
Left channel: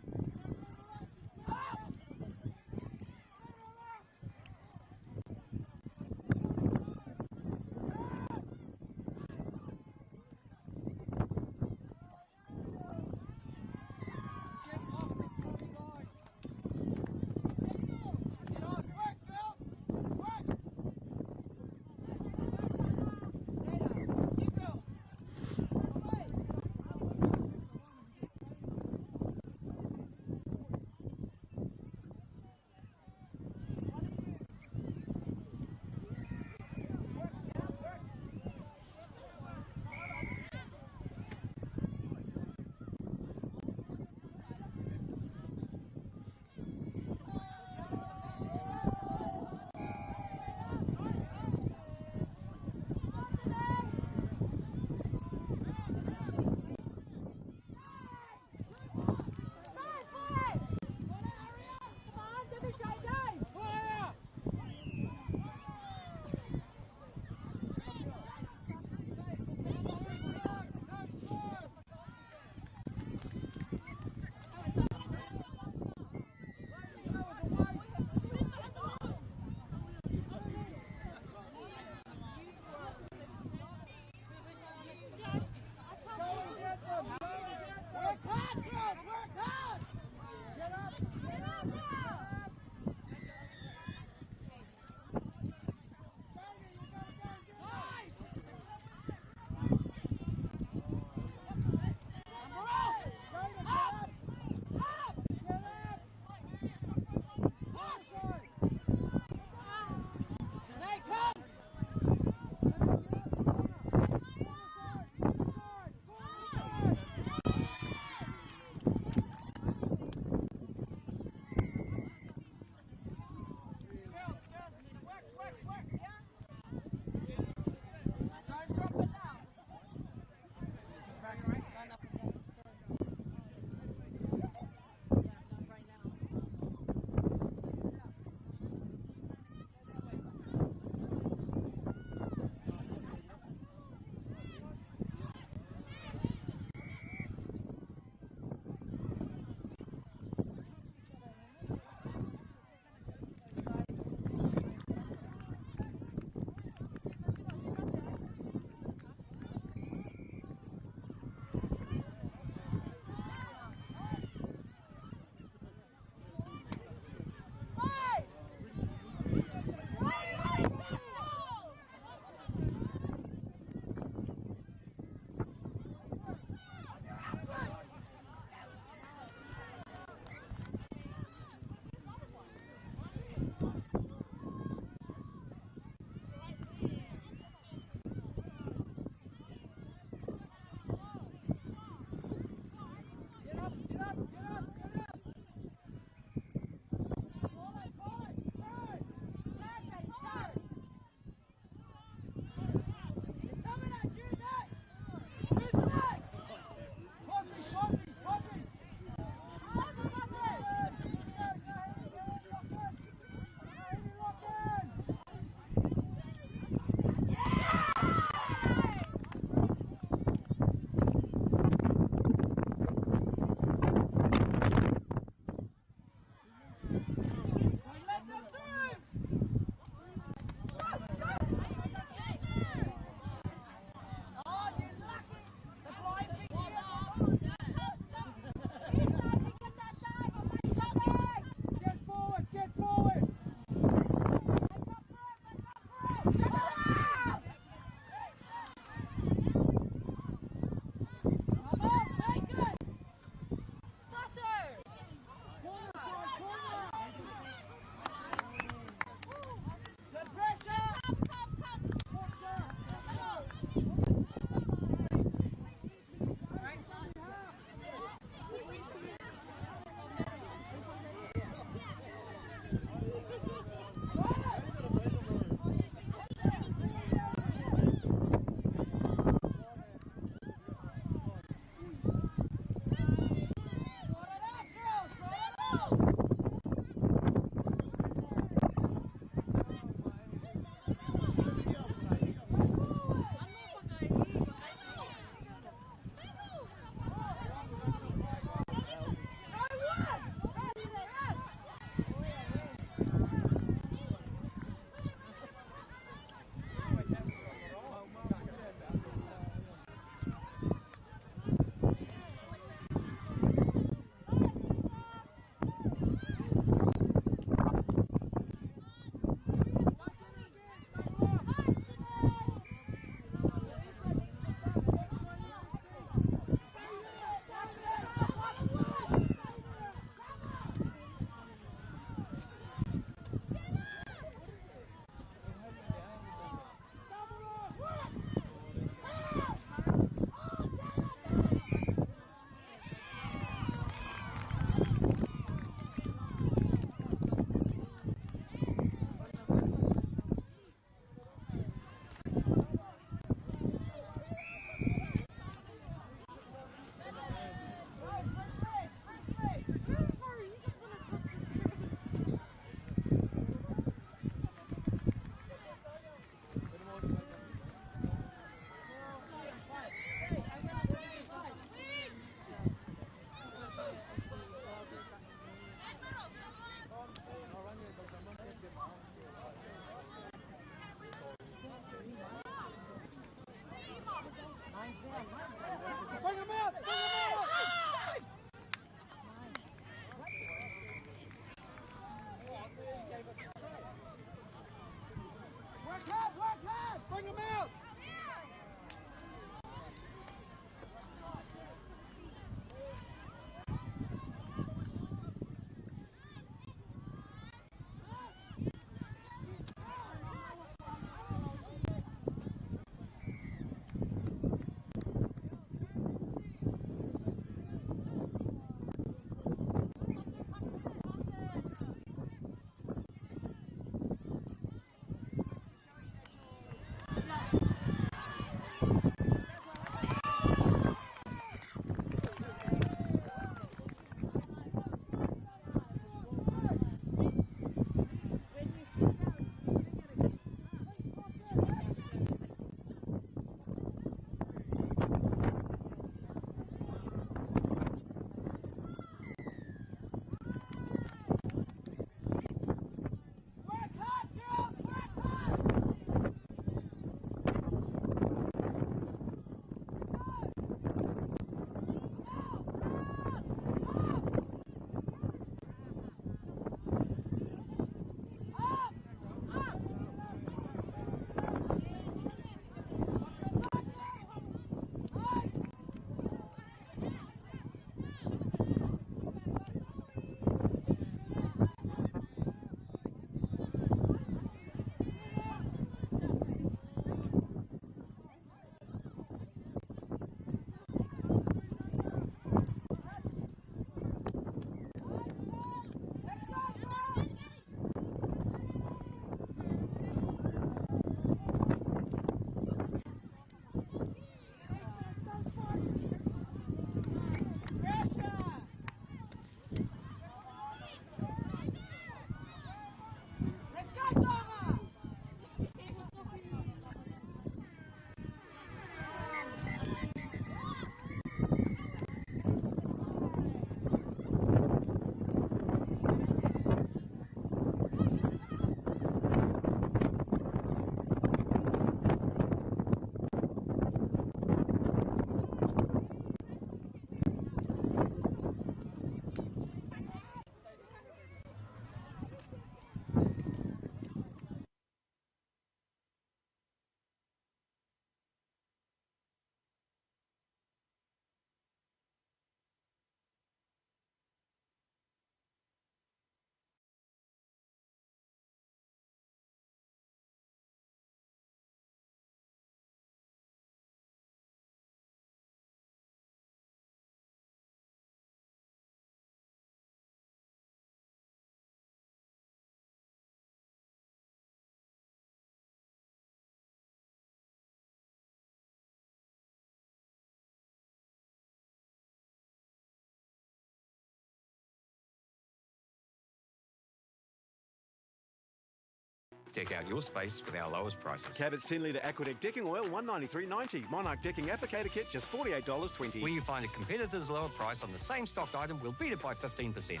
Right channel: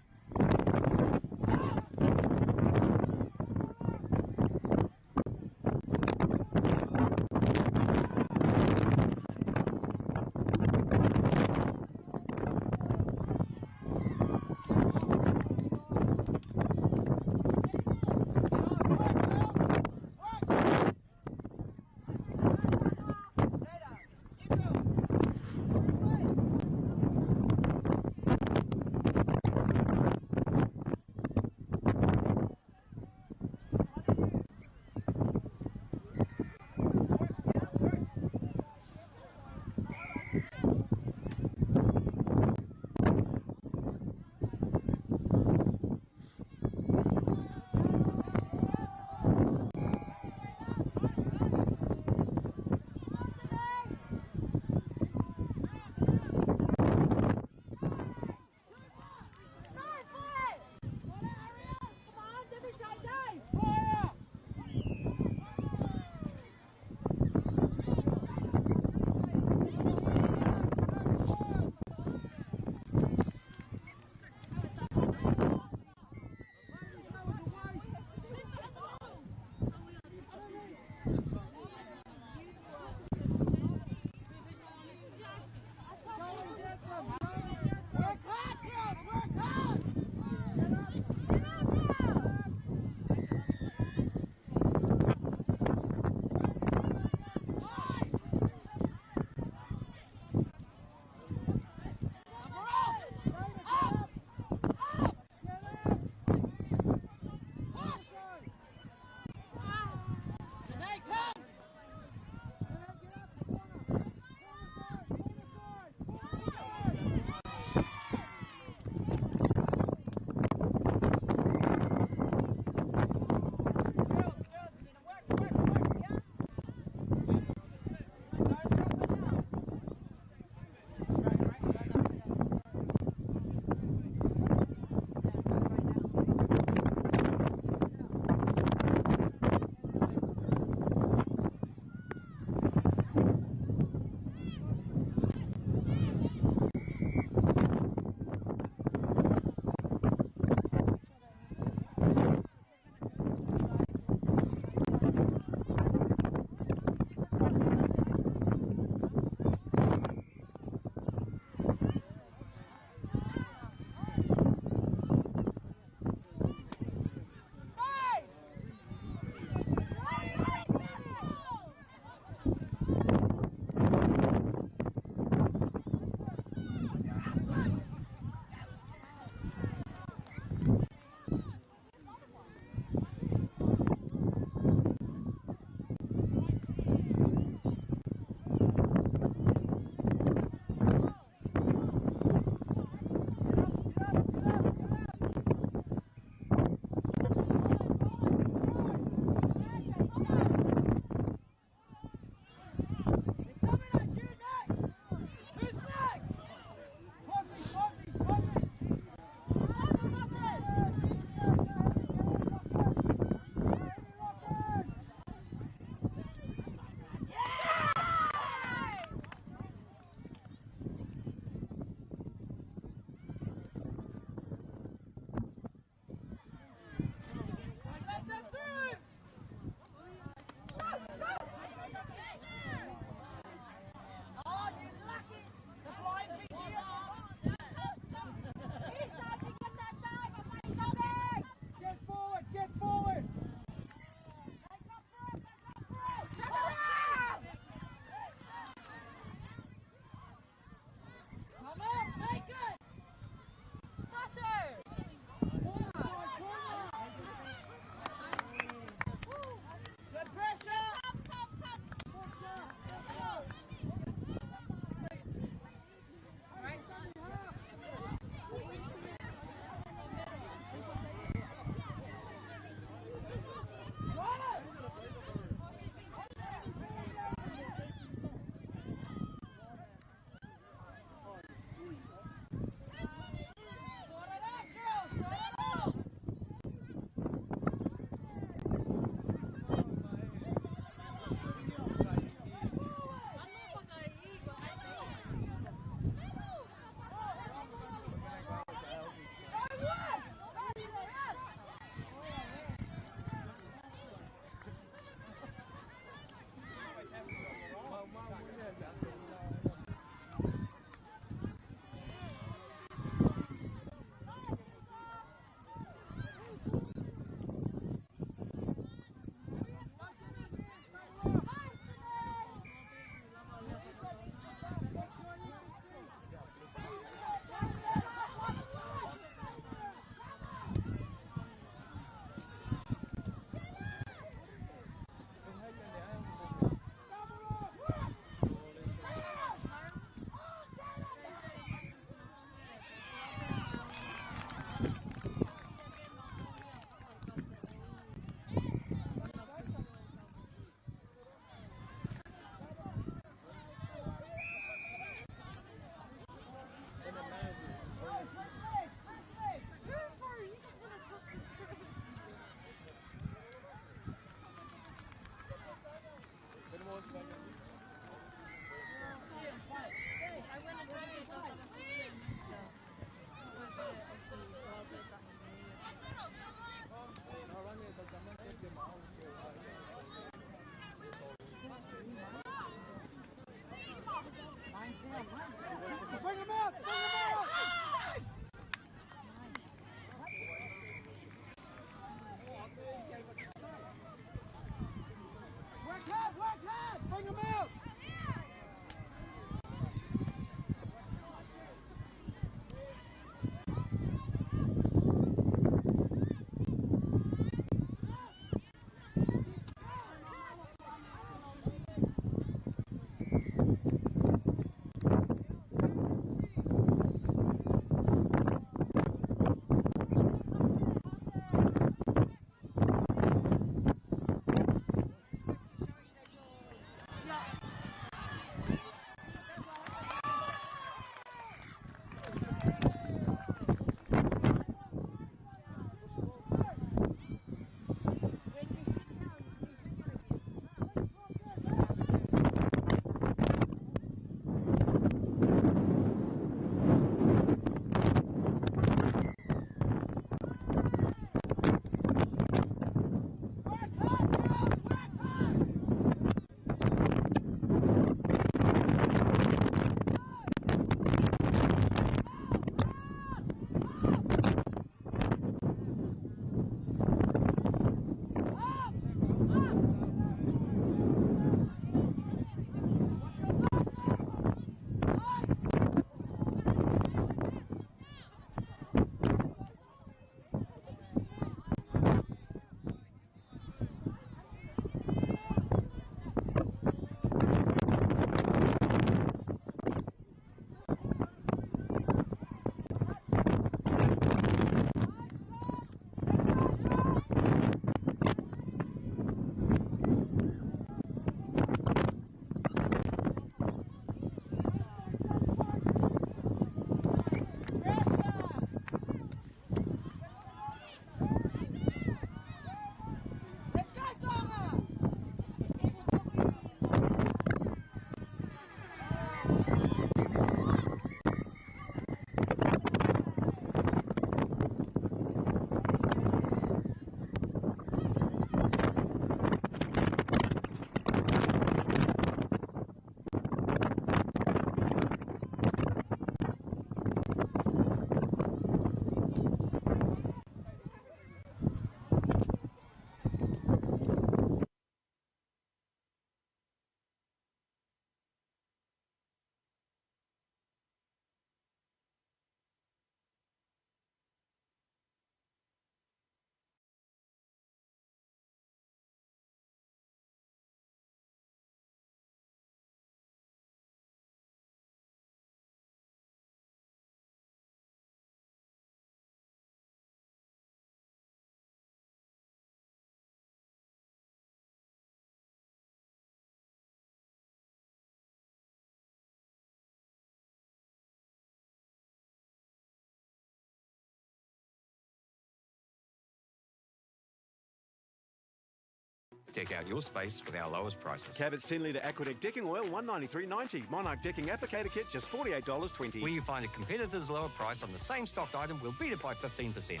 Deck out your space with our lowest prices. Cabot's 10-litre Aquadeck decking oil, $193.90. Monarch decking applicator kit, just $48.20. When you find a competitor's lower price on the same stocked item, we'll beat it by 15%.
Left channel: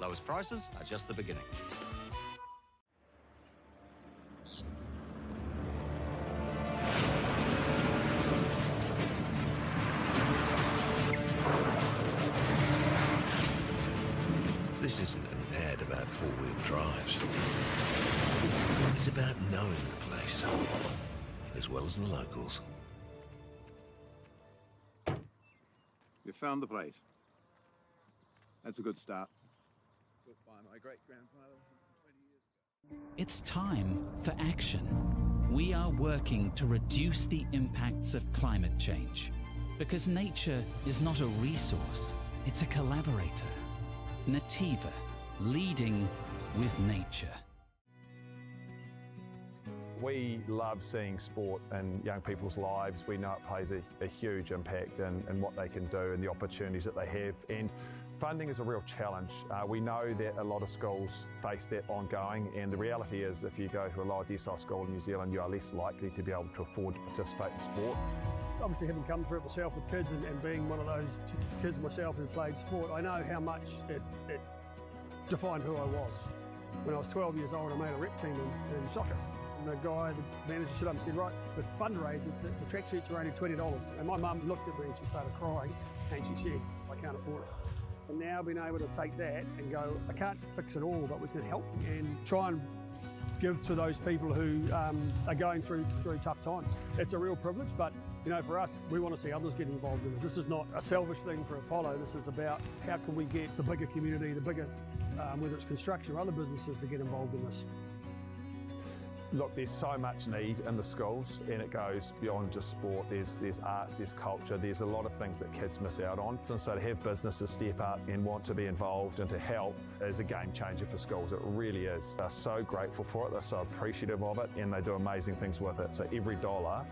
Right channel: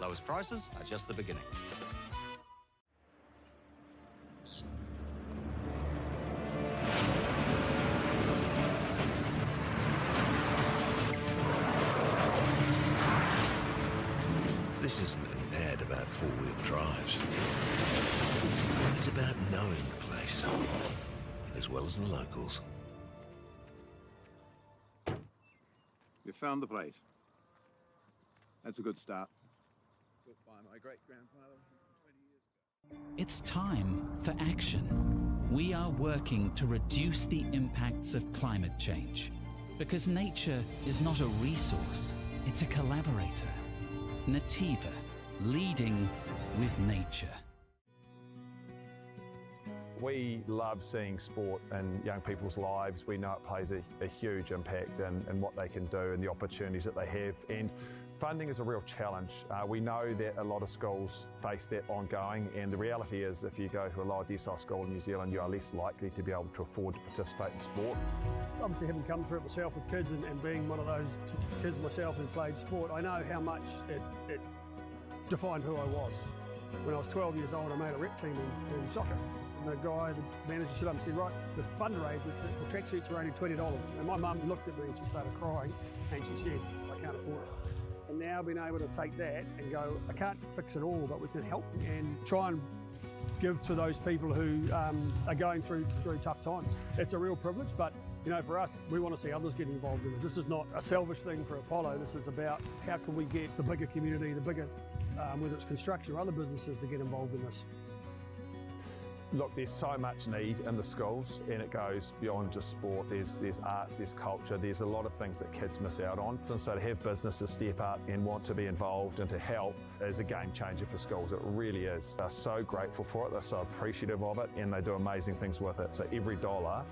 Lowest prices are just the beginning. This isn't an ad about four-wheel drives. It's about knowing the place, as well as the locals. You found the place. That's a good start. Built by my great-grandfather 20 years ago. It's time for action. We are working to reduce the impacts of climate change. Because nature is not a resource, it's a collaborator. Nativa, leading with nature. We love seeing sport in young people's lives. We know it plays a huge impact in what they can do and the opportunities that they have. And funding is a real challenge. We know that a lot of schools face that ongoing, and the reality is if you go to a lower decile school in New Zealand, you are less likely to be able to afford to participate in sport. Obviously, having come through it myself with kids and being one of those kids myself who played sport, I know how much it defined who I was. When I was 12 years old, I made a rep team in soccer. And the guy, the manager, stood up and said, right, the fundraise, the tracksuits are only $20. And my mum looked at me and she started crying and she said, I can't afford it. And now being able to take that and go, I can't fix it all, but we can help and try and give to those people who are going through tough times. It's a real privilege, but you know, for us, we want to see others get involved in this. This is not a selfish thing for Apollo. This is about how can we get the bigger community, the bigger, whether it's construction or other businesses, to get involved in this. Look, there's so much need in the schools, and it goes beyond just sport. There's arts, there's culture, there's a lot of things that kids miss out on. And so to have businesses step up and want to be involved and to help is a game changer for schools. It really is. They're so grateful for it, they're so appreciative of it, and they do amazing things with it. So every dollar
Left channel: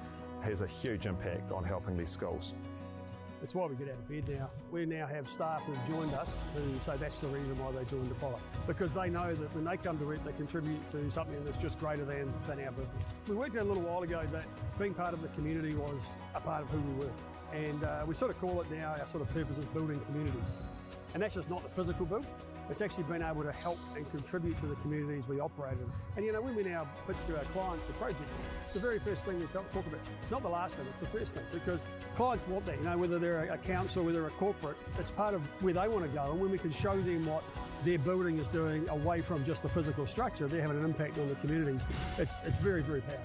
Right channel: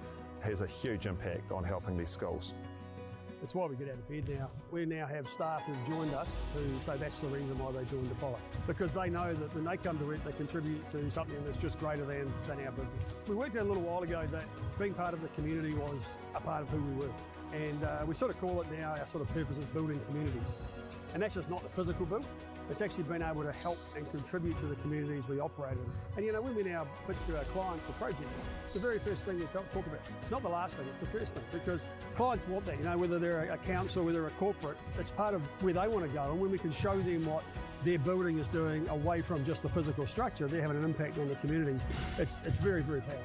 has a huge impact on helping these schools. It's why we get out of bed now. We now have staff who've joined us who say that's the reason why they joined Apollo. Because they know that when they come to work, they contribute to something that's just greater than our business. We worked out a little while ago that being part of the community was a part of who we were. And we sort of call it now, our sort of purpose is building communities. And that's just not the physical build. It's actually been able to help and contribute to the communities we operate in. And you know, when we now pitch to our clients for projects, it's the very first thing we talk about. It's not the last thing, it's the first thing, because clients want that, you know, whether they're a council, whether they're a corporate, it's part of where they want to go. And when we can show them what their building is doing away from just the physical structure, they're having an impact on the communities. It's very, very powerful.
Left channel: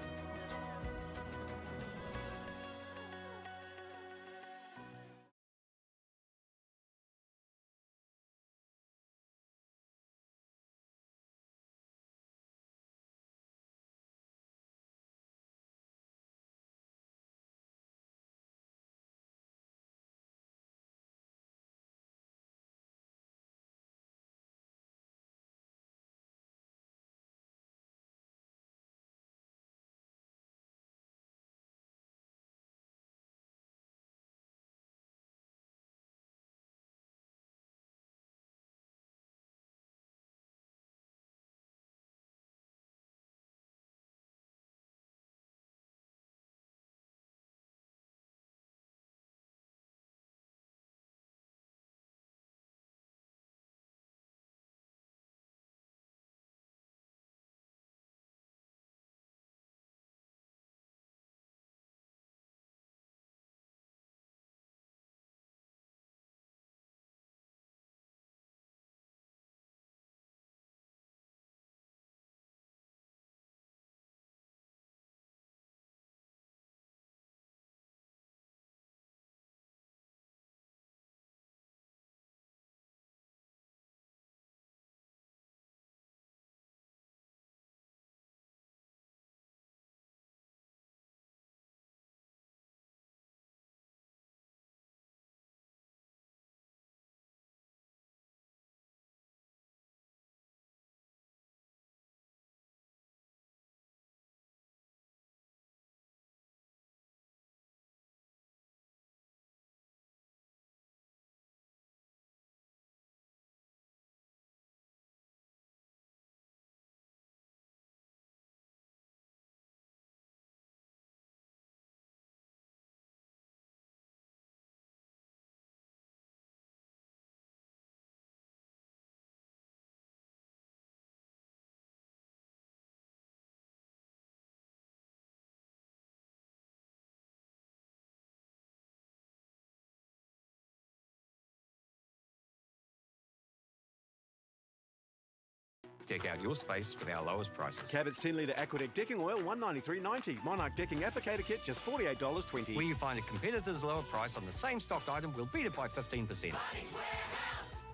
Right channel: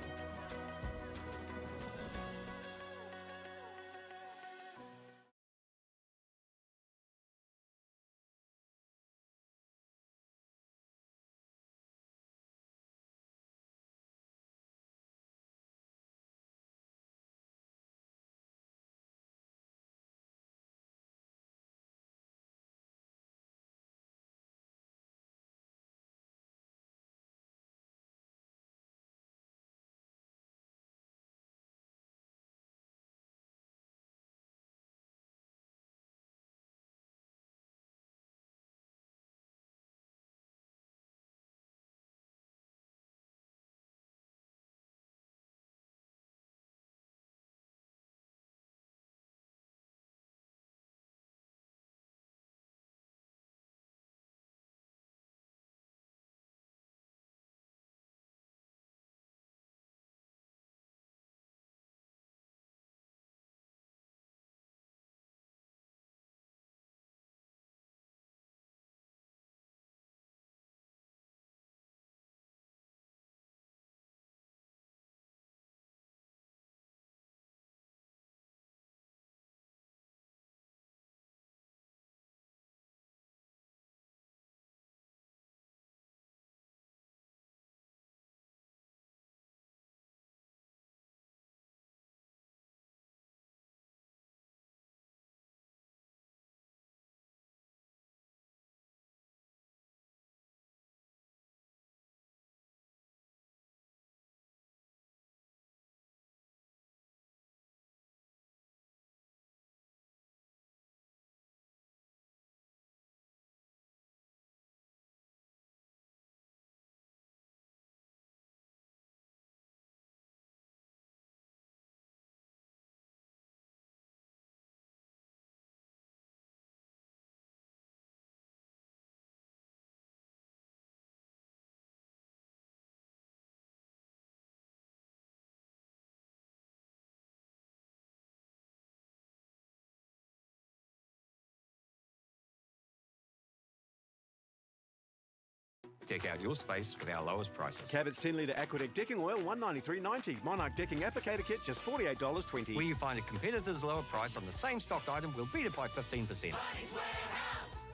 Deck out your space with our lowest prices. Cabot's 10-litre Aquadeck decking oil, $193.90. Monarch decking applicator kit, just $48.20. Where you find a competitor's lower price on the same stocked item, we'll beat it by 15%.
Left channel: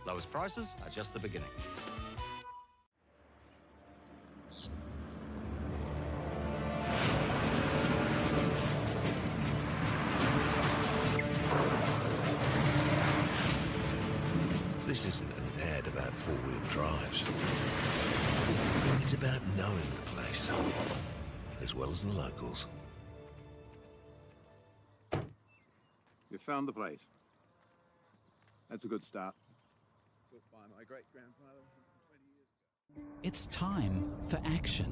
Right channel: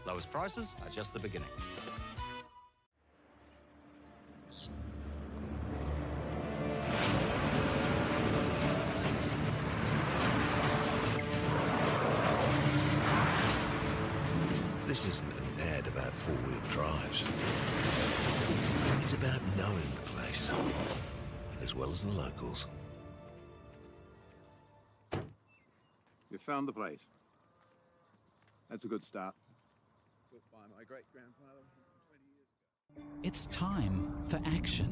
Lowest prices are just the beginning. This isn't an ad about four-wheel drives. It's about knowing the place, as well as the locals. You found the place. That's a good start. Built by my great-grandfather 20 years ago. It's time for action.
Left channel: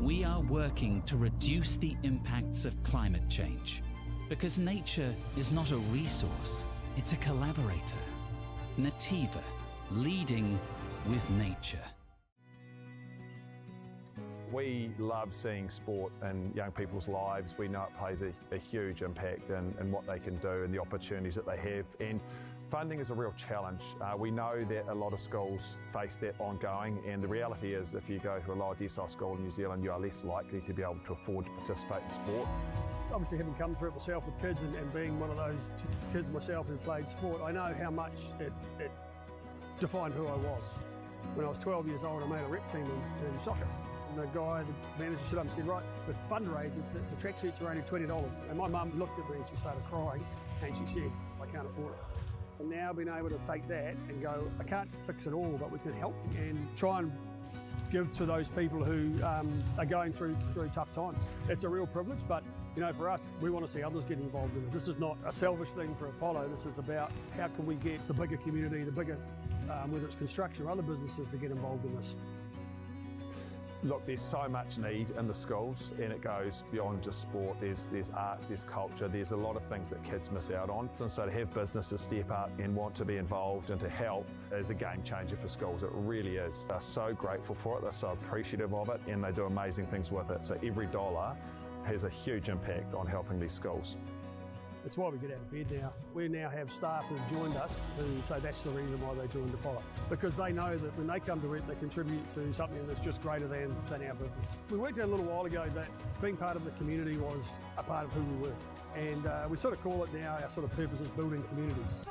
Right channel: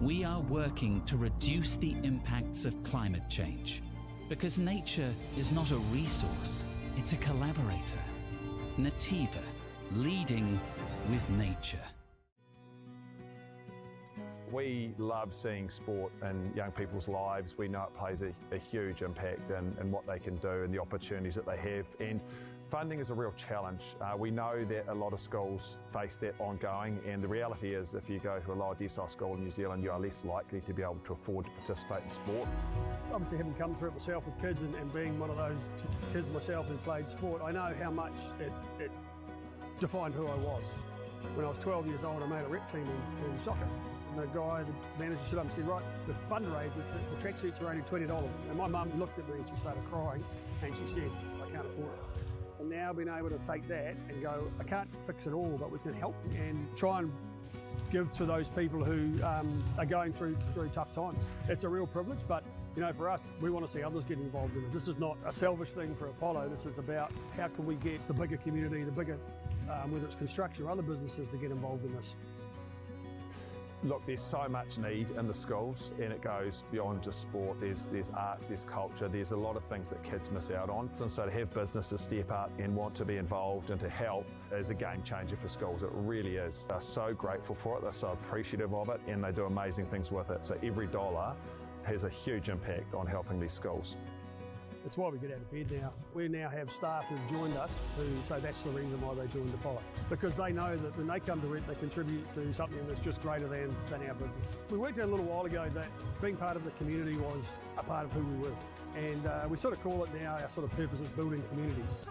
We are working to reduce the impacts of climate change because nature is not a resource, it's a collaborator. Nativa, leading with nature. We love seeing sport in young people's lives. We know it plays a huge impact in what they can do and the opportunities that they have. And funding is a real challenge. We know that a lot of schools face that ongoing, and the reality is if you go to a lower decile school in New Zealand, you are less likely to be able to afford to participate in sport. Obviously, having come through it myself with kids and being one of those kids myself who played sport, I know how much it defined who I was. When I was 12 years old, I made a rep team in soccer. And the guy, the manager, stood up and said, right, with fundraise, the tracksuits are only $20. And my mum looked at me and she started crying and she said, I can't afford it. And now being able to take that and go, I can't fix it all, but we can help and try and give to those people who are going through tough times. It's a real privilege, but you know, for us, we want to see others get involved in it. This is not a selfish thing for Apollo. This is about how can we get the bigger community, the bigger, whether it's construction or other businesses, to get involved in this. Look, there's so much need in the schools, and it goes beyond just sport. There's arts, there's culture, there's a lot of things that kids miss out on. And so to have businesses step up and want to be involved and to help is a game changer for schools. It really is. They're so grateful for it, they're so appreciative of it, and they do amazing things with it. So every dollar has a huge impact on helping these schools. It's why we get out of bed now. We now have staff who've joined us who say that's the reason why they joined Apollo. Because they know that when they come to it, they contribute to something that's just greater than our business. We worked out a little while ago that being part of the community was a part of who we were. And we sort of call it now, our sort of purpose is building communities.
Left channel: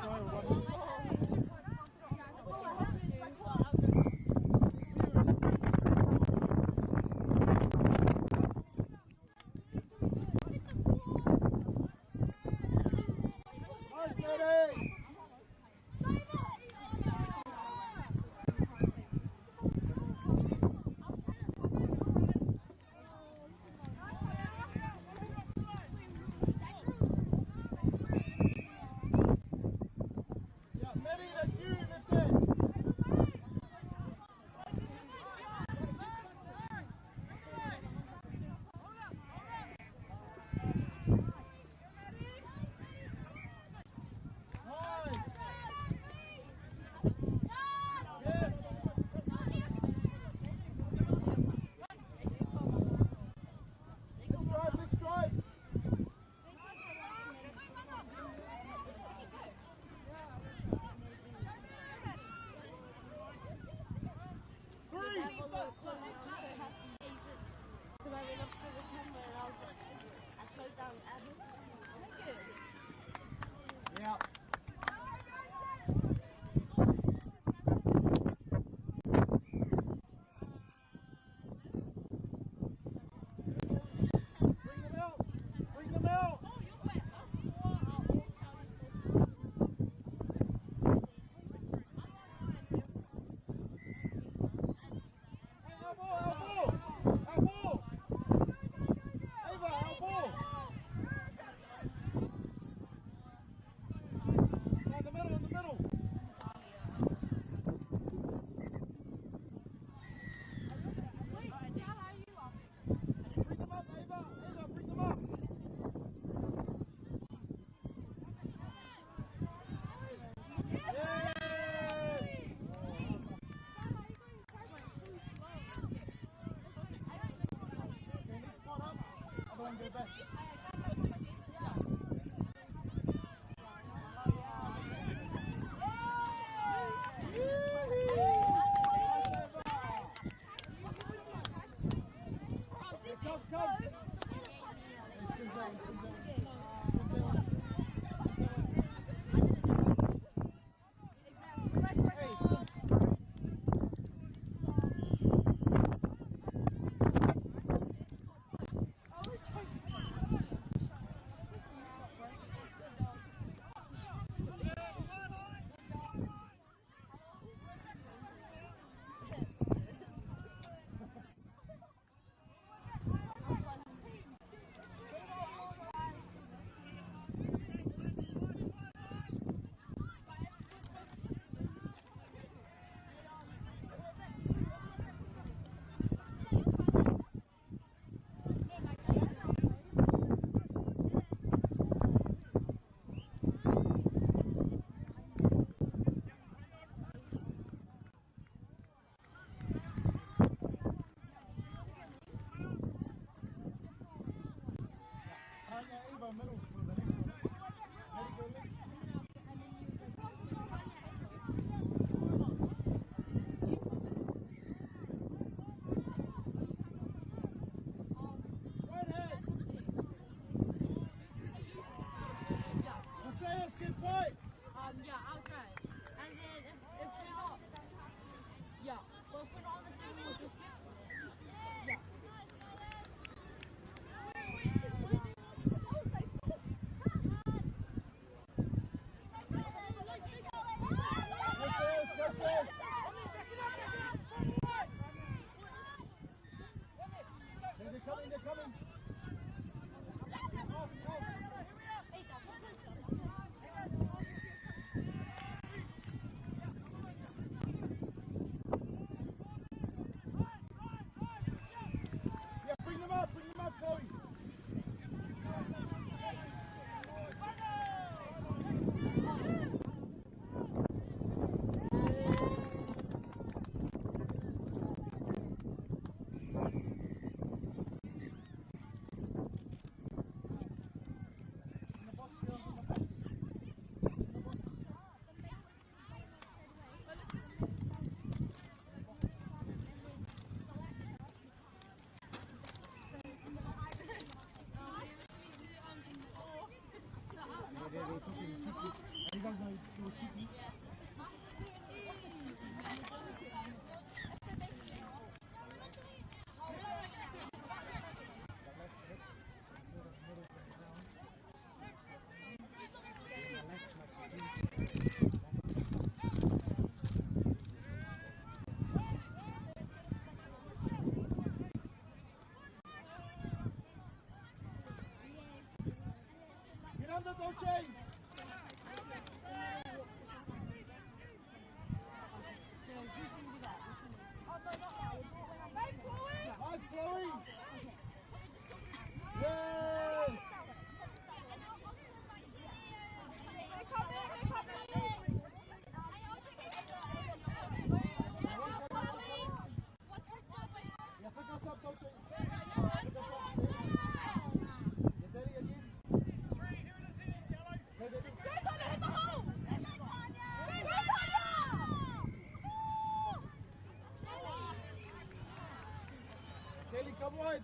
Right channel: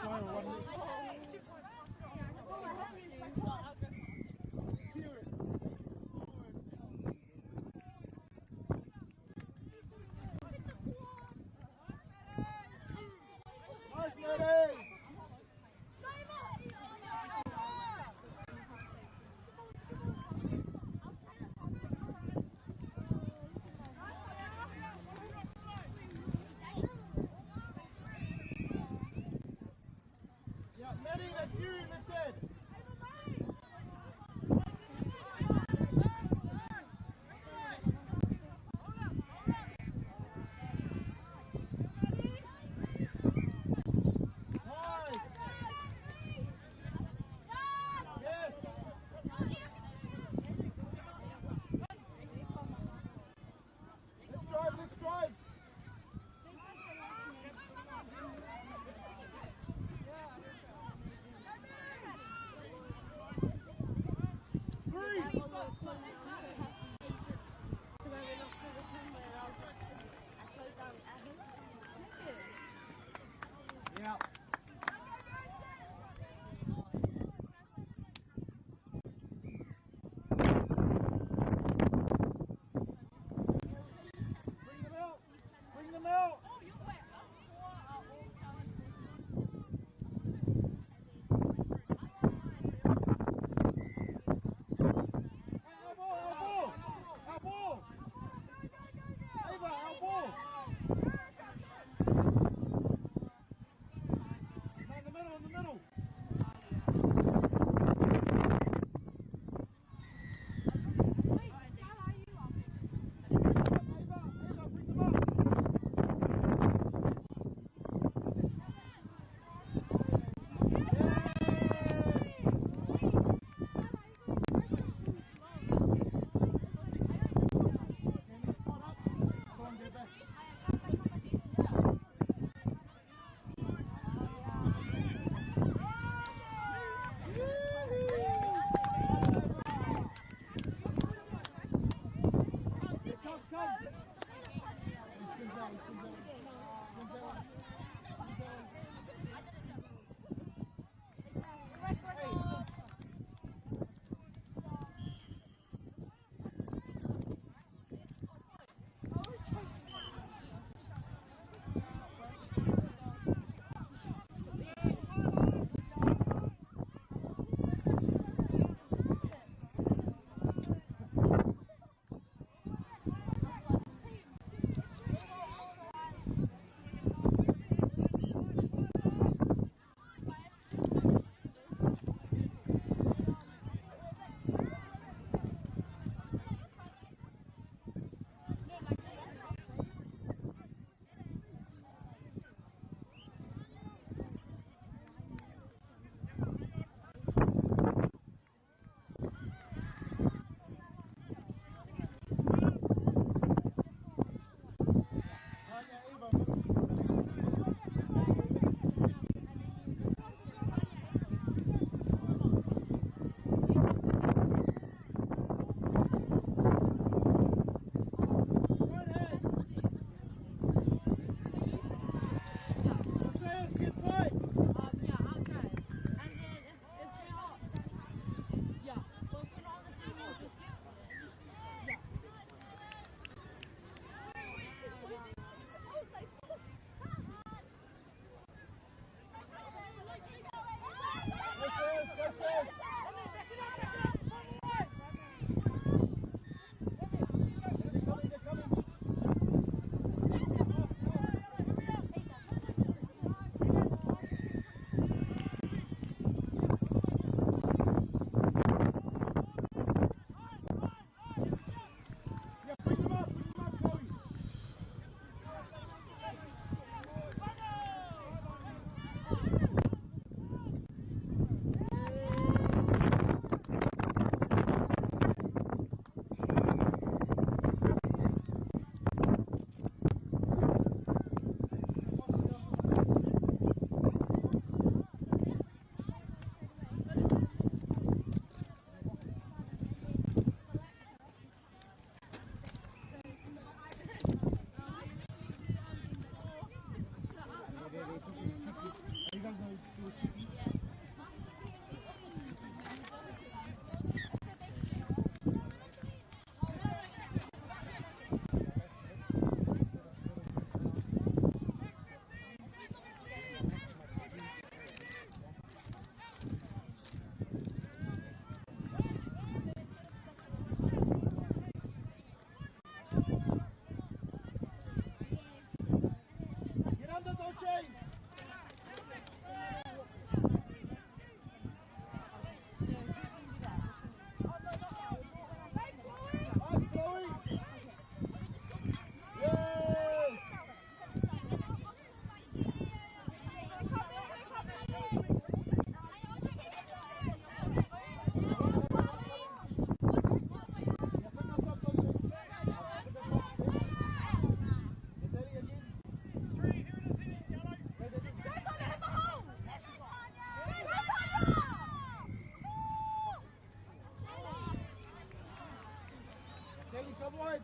Come on.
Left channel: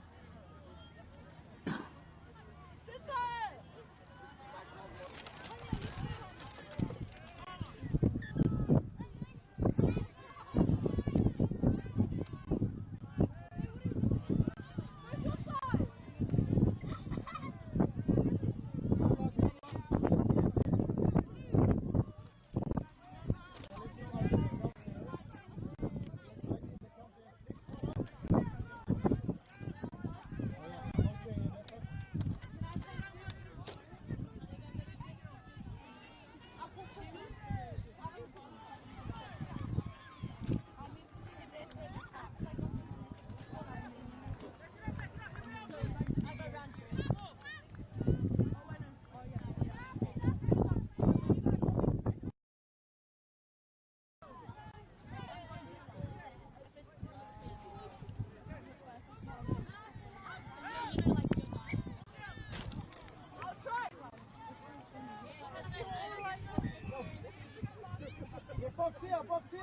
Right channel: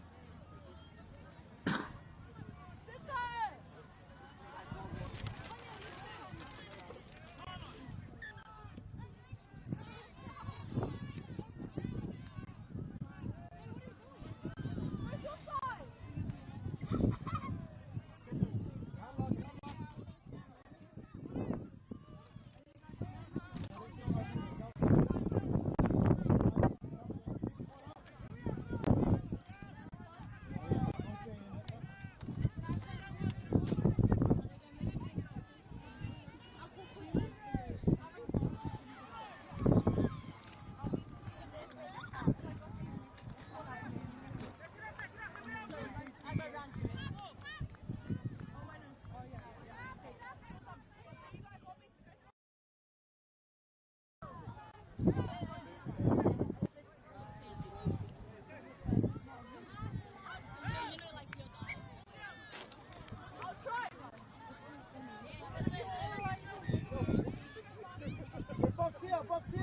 Box here.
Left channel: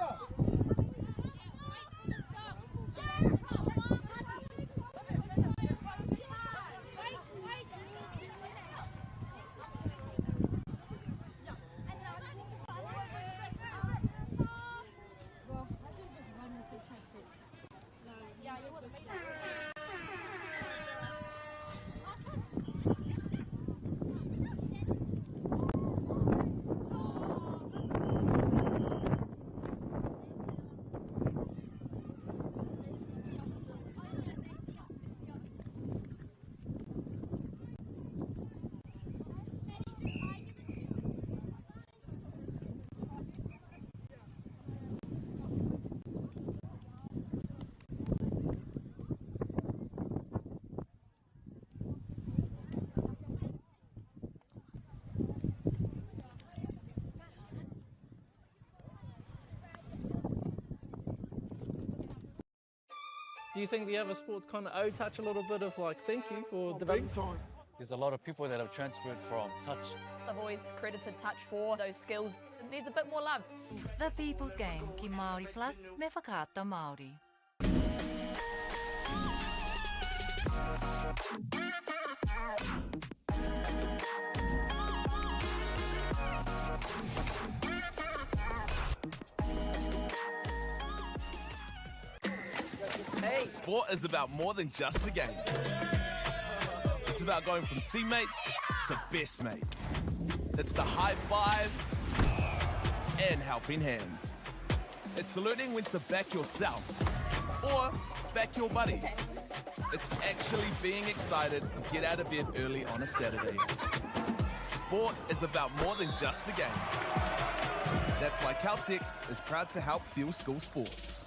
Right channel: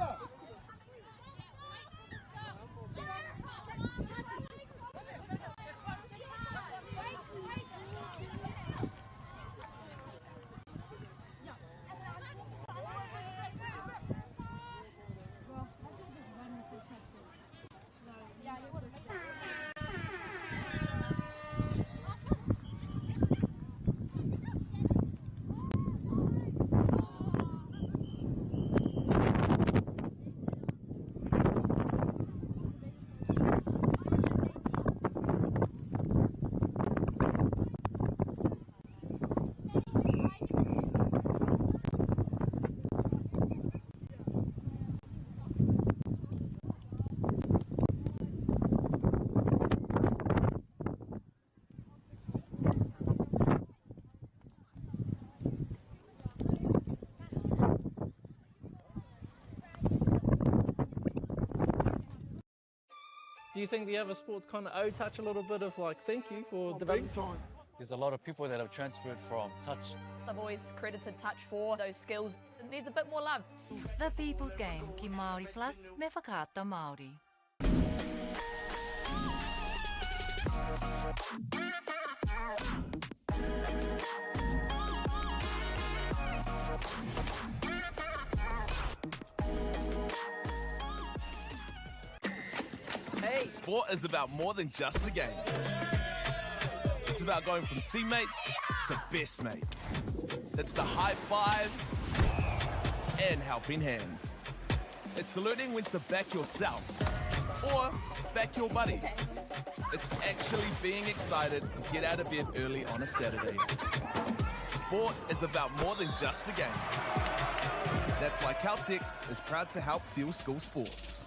Do you think the other sports kind of owe touch a little bit of like thank you for developing? Big time. There's a lot of people that have transferred from touch. I've always credited touch for those skills. It needs a bit more love. The People's Game, ki MāORI Plus, me whakaata Māori. Hey. Sport is about more than just the game. It's about going from teammates to best mates. It's the high fives and helping hands. It's learning when to back yourself or back your buddies. It's actually being excited to get out of bed early on a Saturday. Sport is about more than just the game. That's why Caltex is proud to help fuel school sports.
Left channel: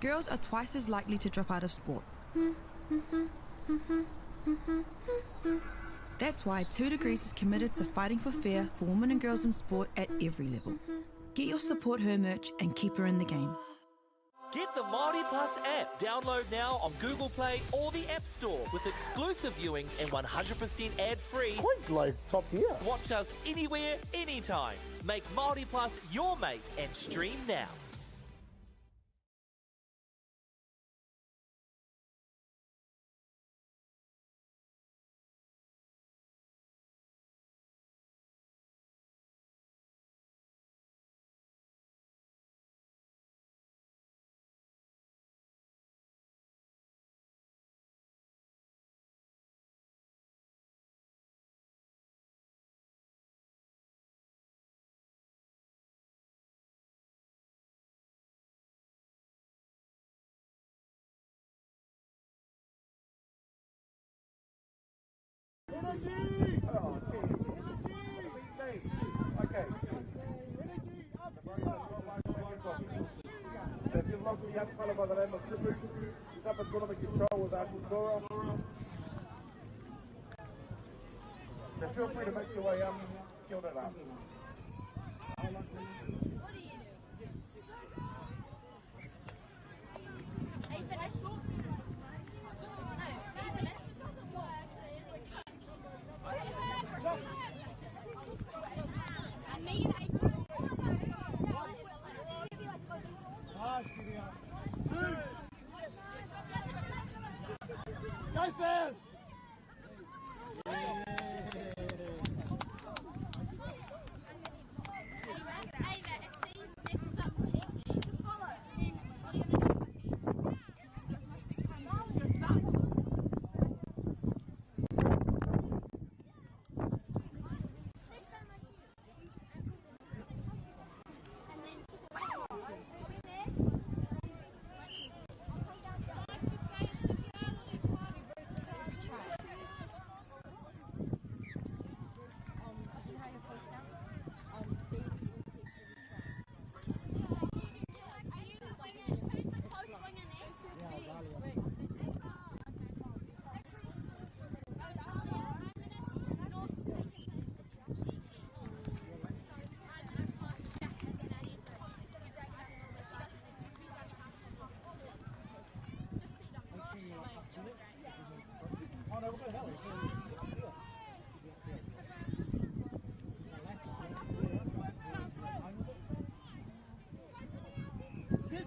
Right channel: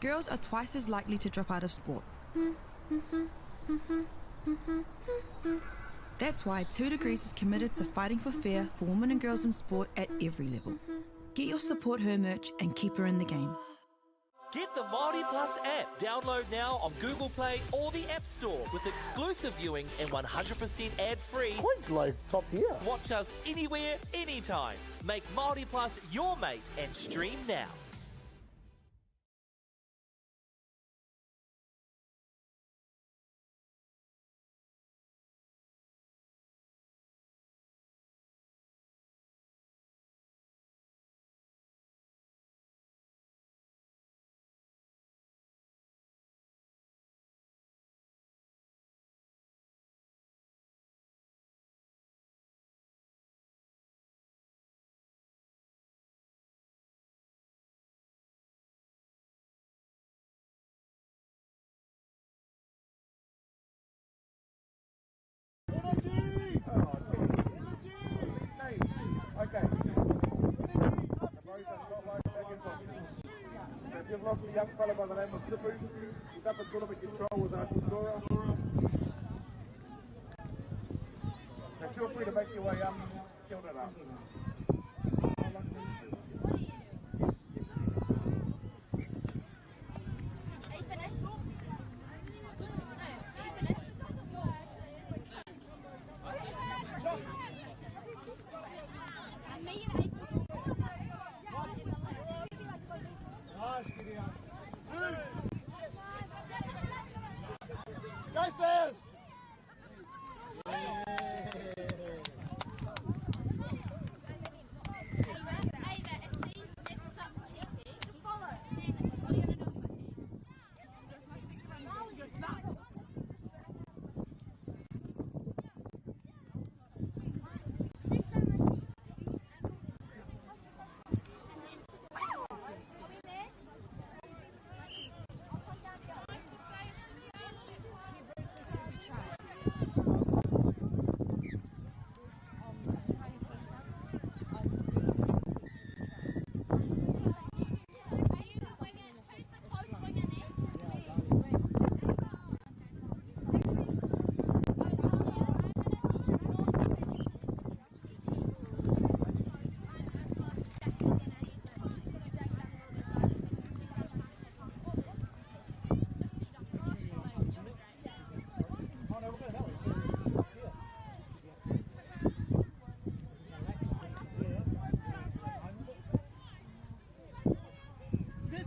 Girls are twice as likely to drop out of sport. That's why 2 Degrees is committed to fighting for fair for women and girls in sport at every level. Get your Support Her merch and keep her in the game. Get the MāORI Plus app. Download now on Google Play or the App Store with exclusive viewings and 100% ad-free. Quite like top tier. Watch us anywhere, anytime. Make MāORI Plus your mate and stream now. Energy! Okay. Feel free to make your way up. Kill it up. Gracias! Sit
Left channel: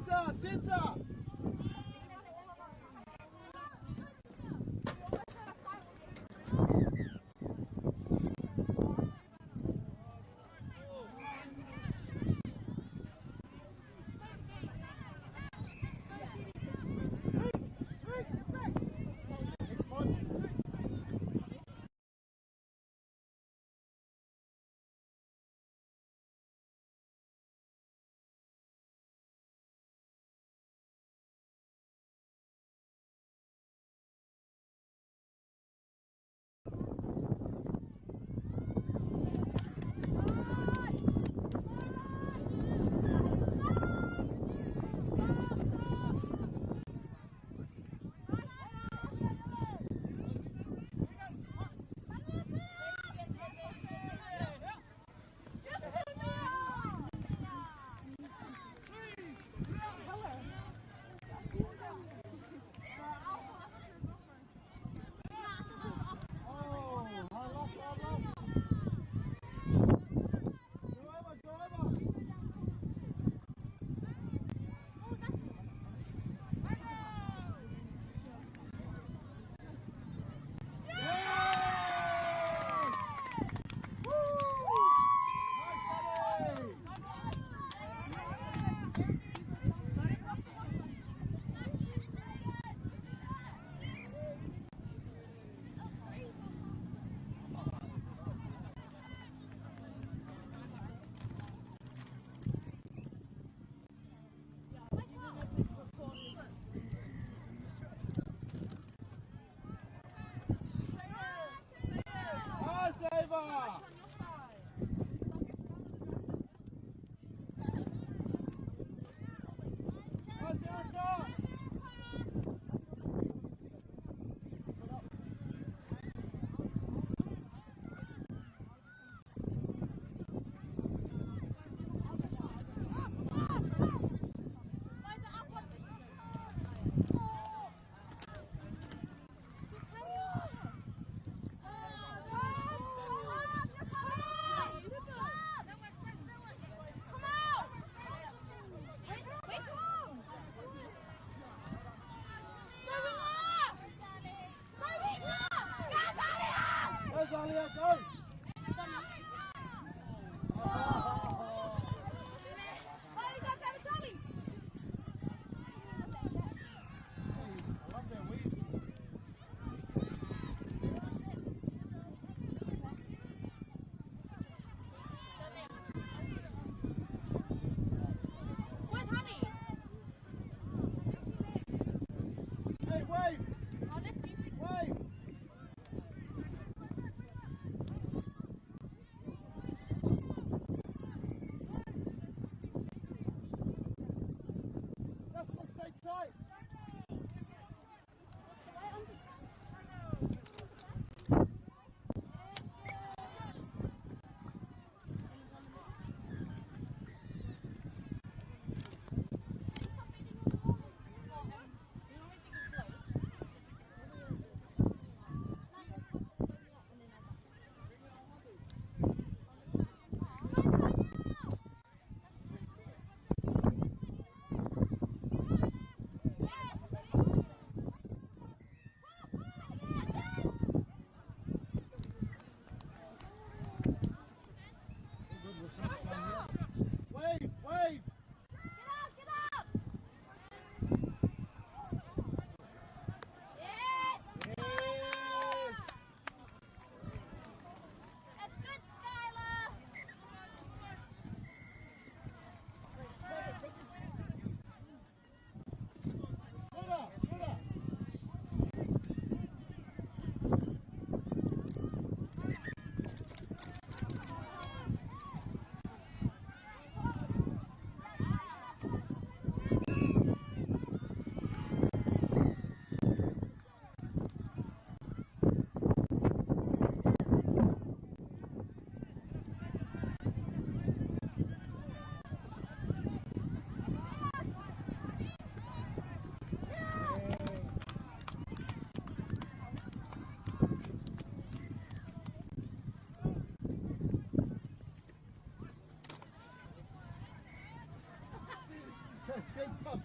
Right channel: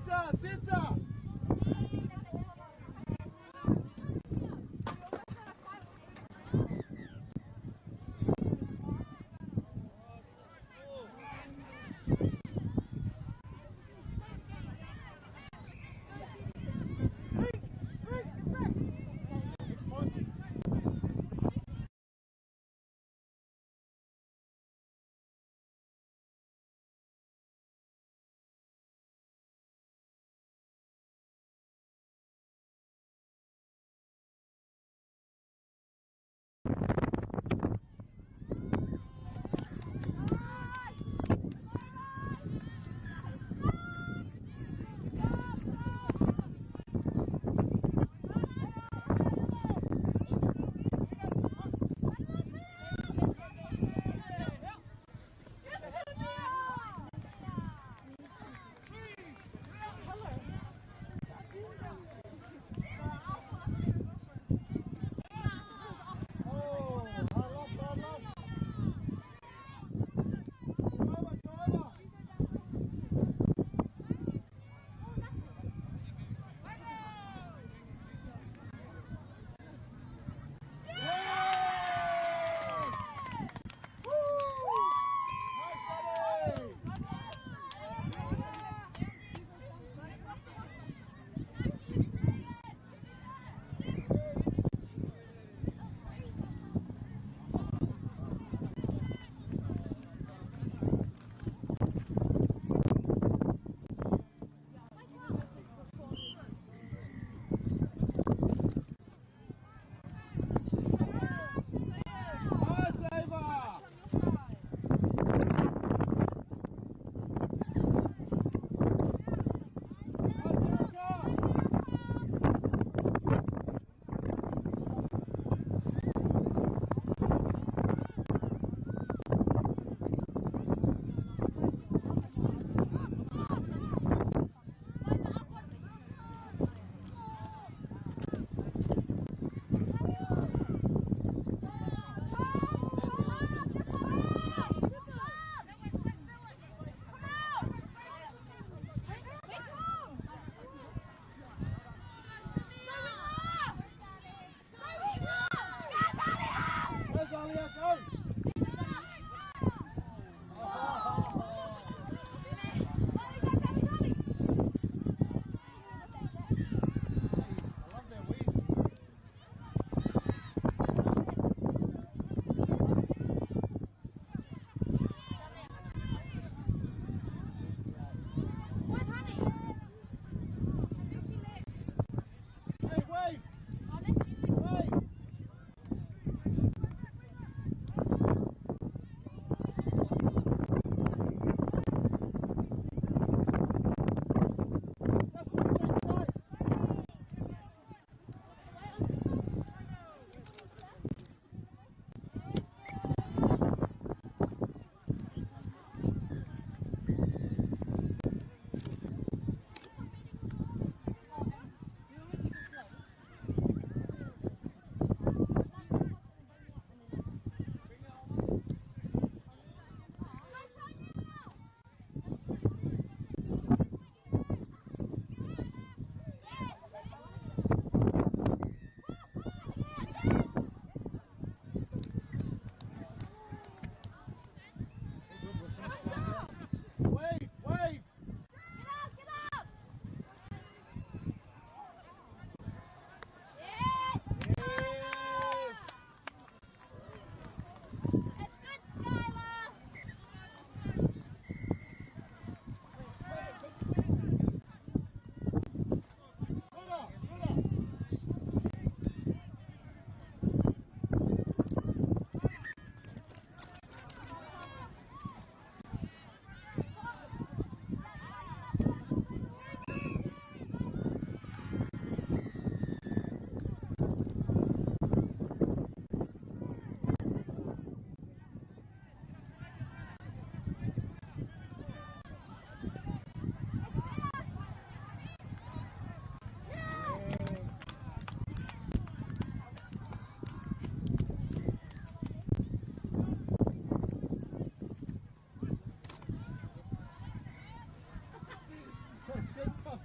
Skins up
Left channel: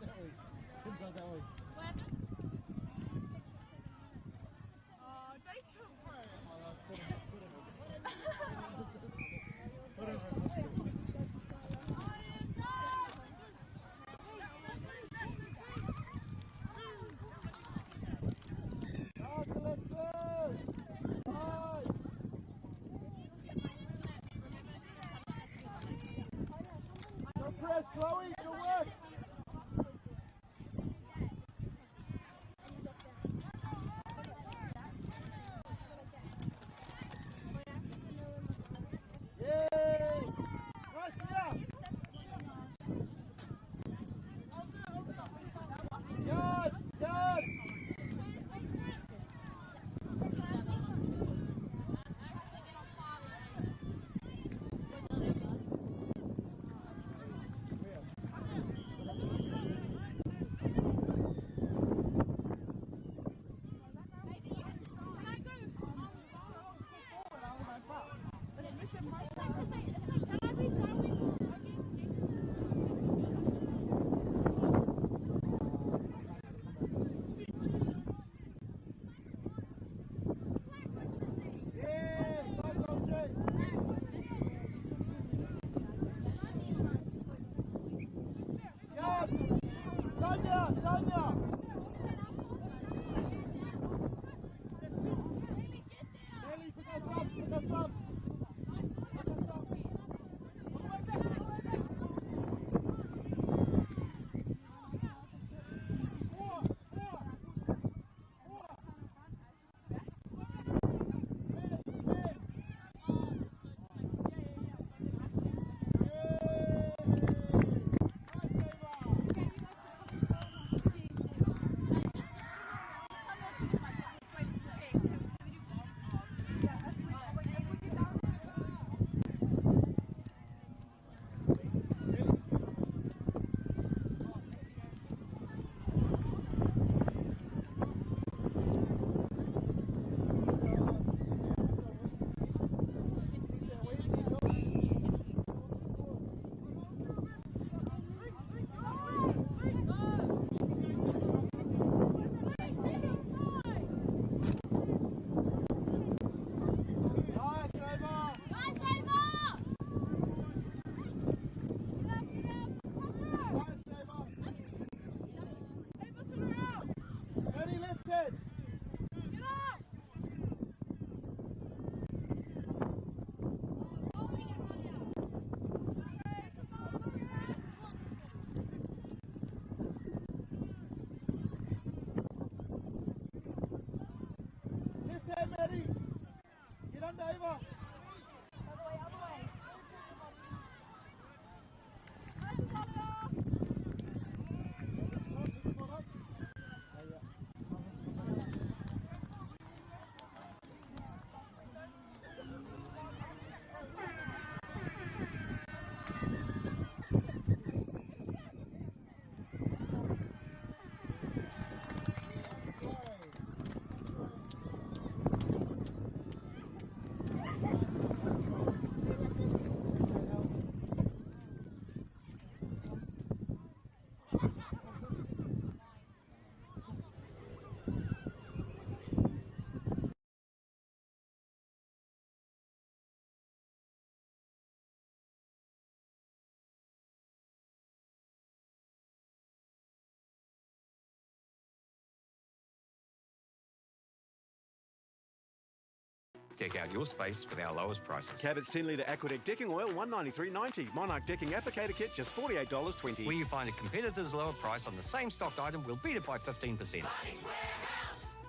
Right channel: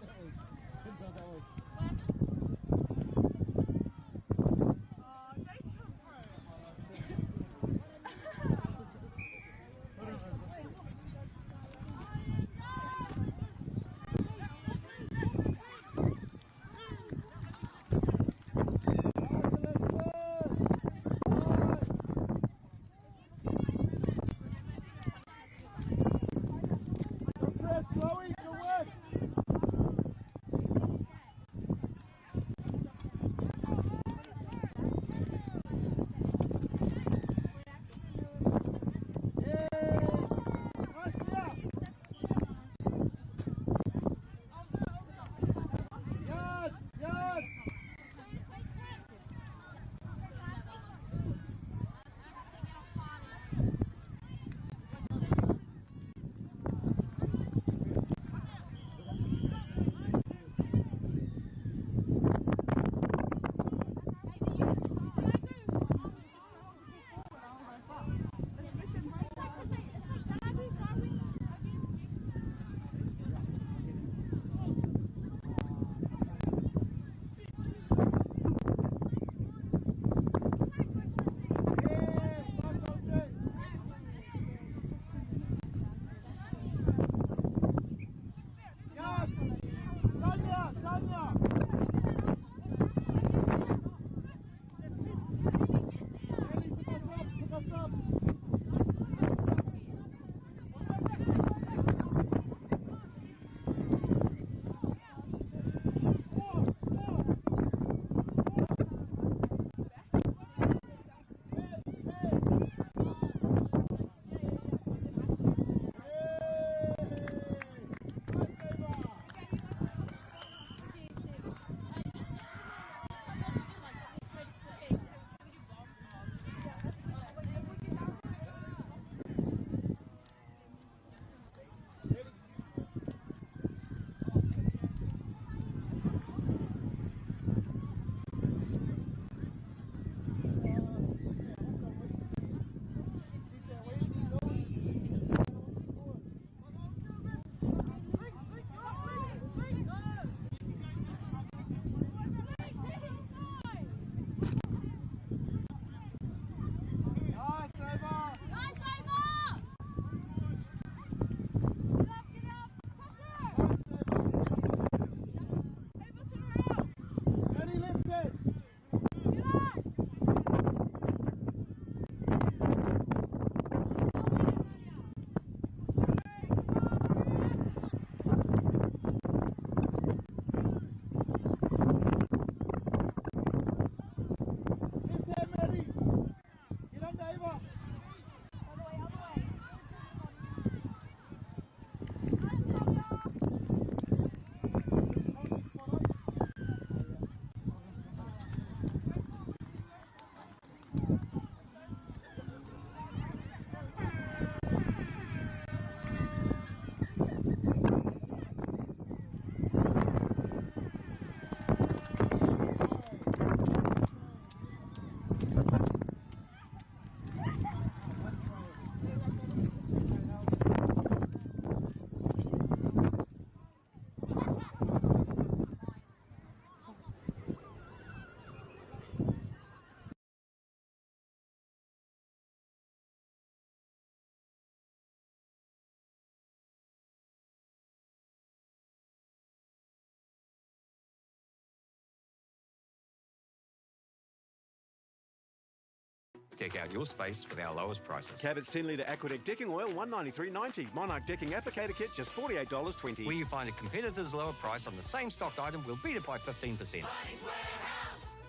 that way. Skins up that way. Chloe, to work. Deck out your space with our lowest prices. Cabot's 10-litre Aquadeck decking oil, $193.90. Monarch decking applicator kit, just $48.20. Where you find a competitor's lower price on the same stocked item, we'll beat it by 15%.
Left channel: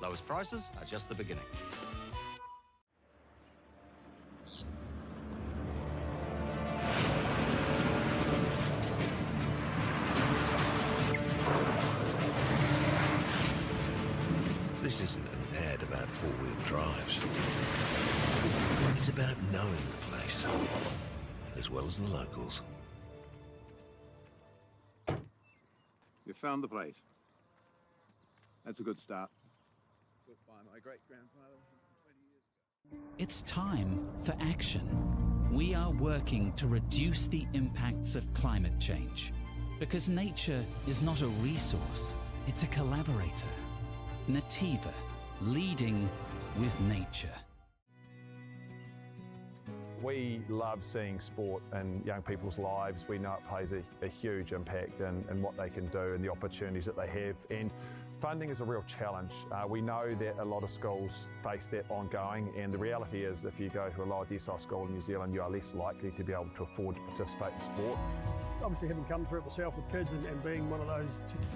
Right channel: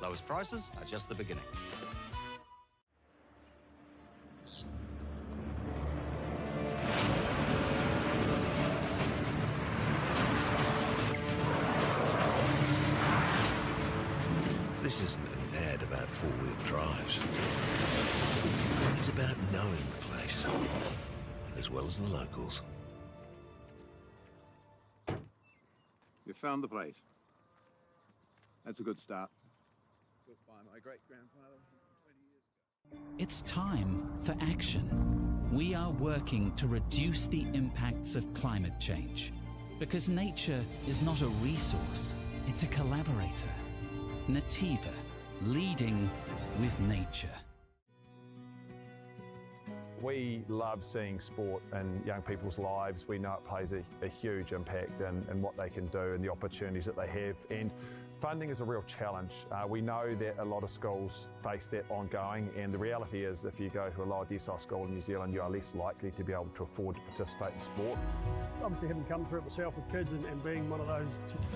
Lowest prices are just the beginning. This isn't an ad about four-wheel drives. It's about knowing the place, as well as the locals. You found the place. That's a good start. Built by my great-grandfather 20 years ago. It's time for action. We are working to reduce the impacts of climate change. Because nature is not a resource, it's a collaborator. Nativa, leading with nature. We love seeing sport in young people's lives. We know it plays a huge impact in what they can do and the opportunities that they have. And funding is a real challenge. We know that a lot of schools face that ongoing, and the reality is if you go to a lower decile school in New Zealand, you are less likely to be able to afford to participate in sport. Obviously, having come through it myself with kids and being one of those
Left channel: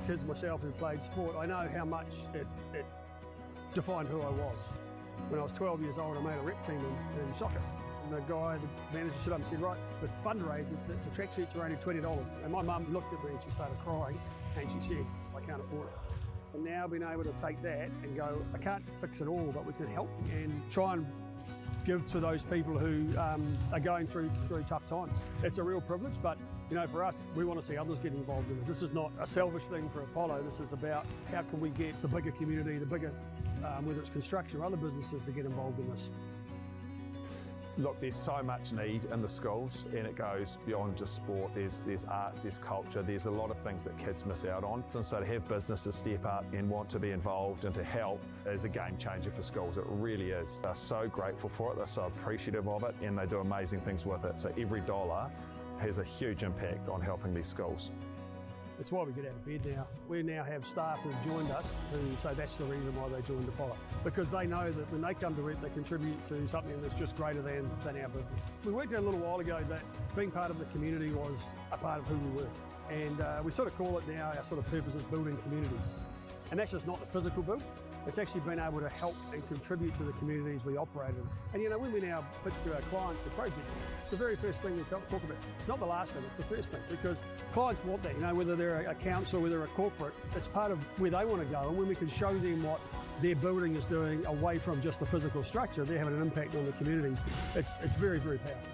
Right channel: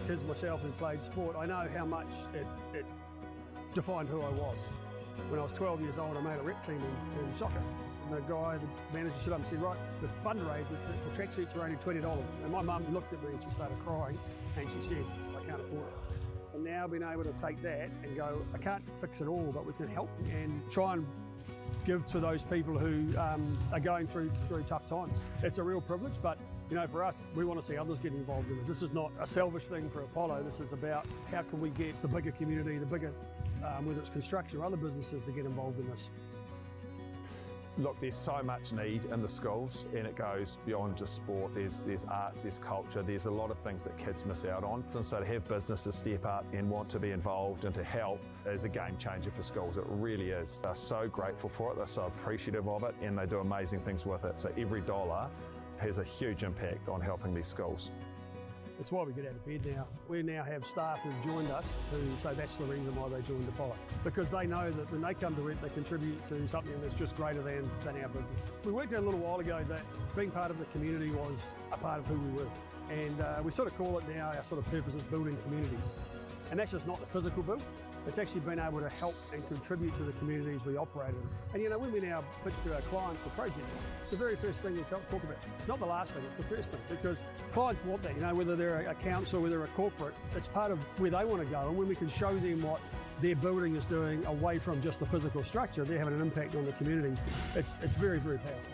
kids myself who played sport, I know how much it defined who I was. When I was 12 years old, I made a rep team in soccer. And the guy, the manager stood up and said, right, the fundraise, the track suits are only $20. And my mum looked at me and she started crying and she said, I can't afford it. And now being able to take that and go, I can't fix it all, but we can help and try and give to those people who are going through tough times. It's a real privilege, but you know, for us, we want to see others get involved in this. This is not a selfish thing for Apollo. This is about how can we get the bigger community, the bigger, whether it's construction or other businesses, to get involved in this. Look, there's so much need in the schools, and it goes beyond just sport. There's arts, there's culture, there's a lot of things that kids miss out on. And so to have businesses step up and want to be involved and to help is a game changer for schools. It really is. They're so grateful for it, they're so appreciative of it, and they do amazing things with it. So every dollar has a huge impact on helping these schools. It's why we get out of bed now. We now have staff who've joined us who say that's the reason why they joined Apollo. Because they know that when they come to it, they contribute to something that's just greater than our business. We worked out a little while ago that being part of the community was a part of who we were. And we sort of call it now, our sort of purpose is building communities. And that's just not the physical build. It's actually been able to help and contribute to the communities we operate in. And you know, when we now pitch to our clients for projects, it's the very first thing we talk about. It's not the last thing, it's the first thing, because clients want that, you know, whether they're a council, whether they're a corporate, it's part of where they want to go. And when we can show them what their building is doing away from just the physical structure, they're having an impact on the communities. It's very, very powerful.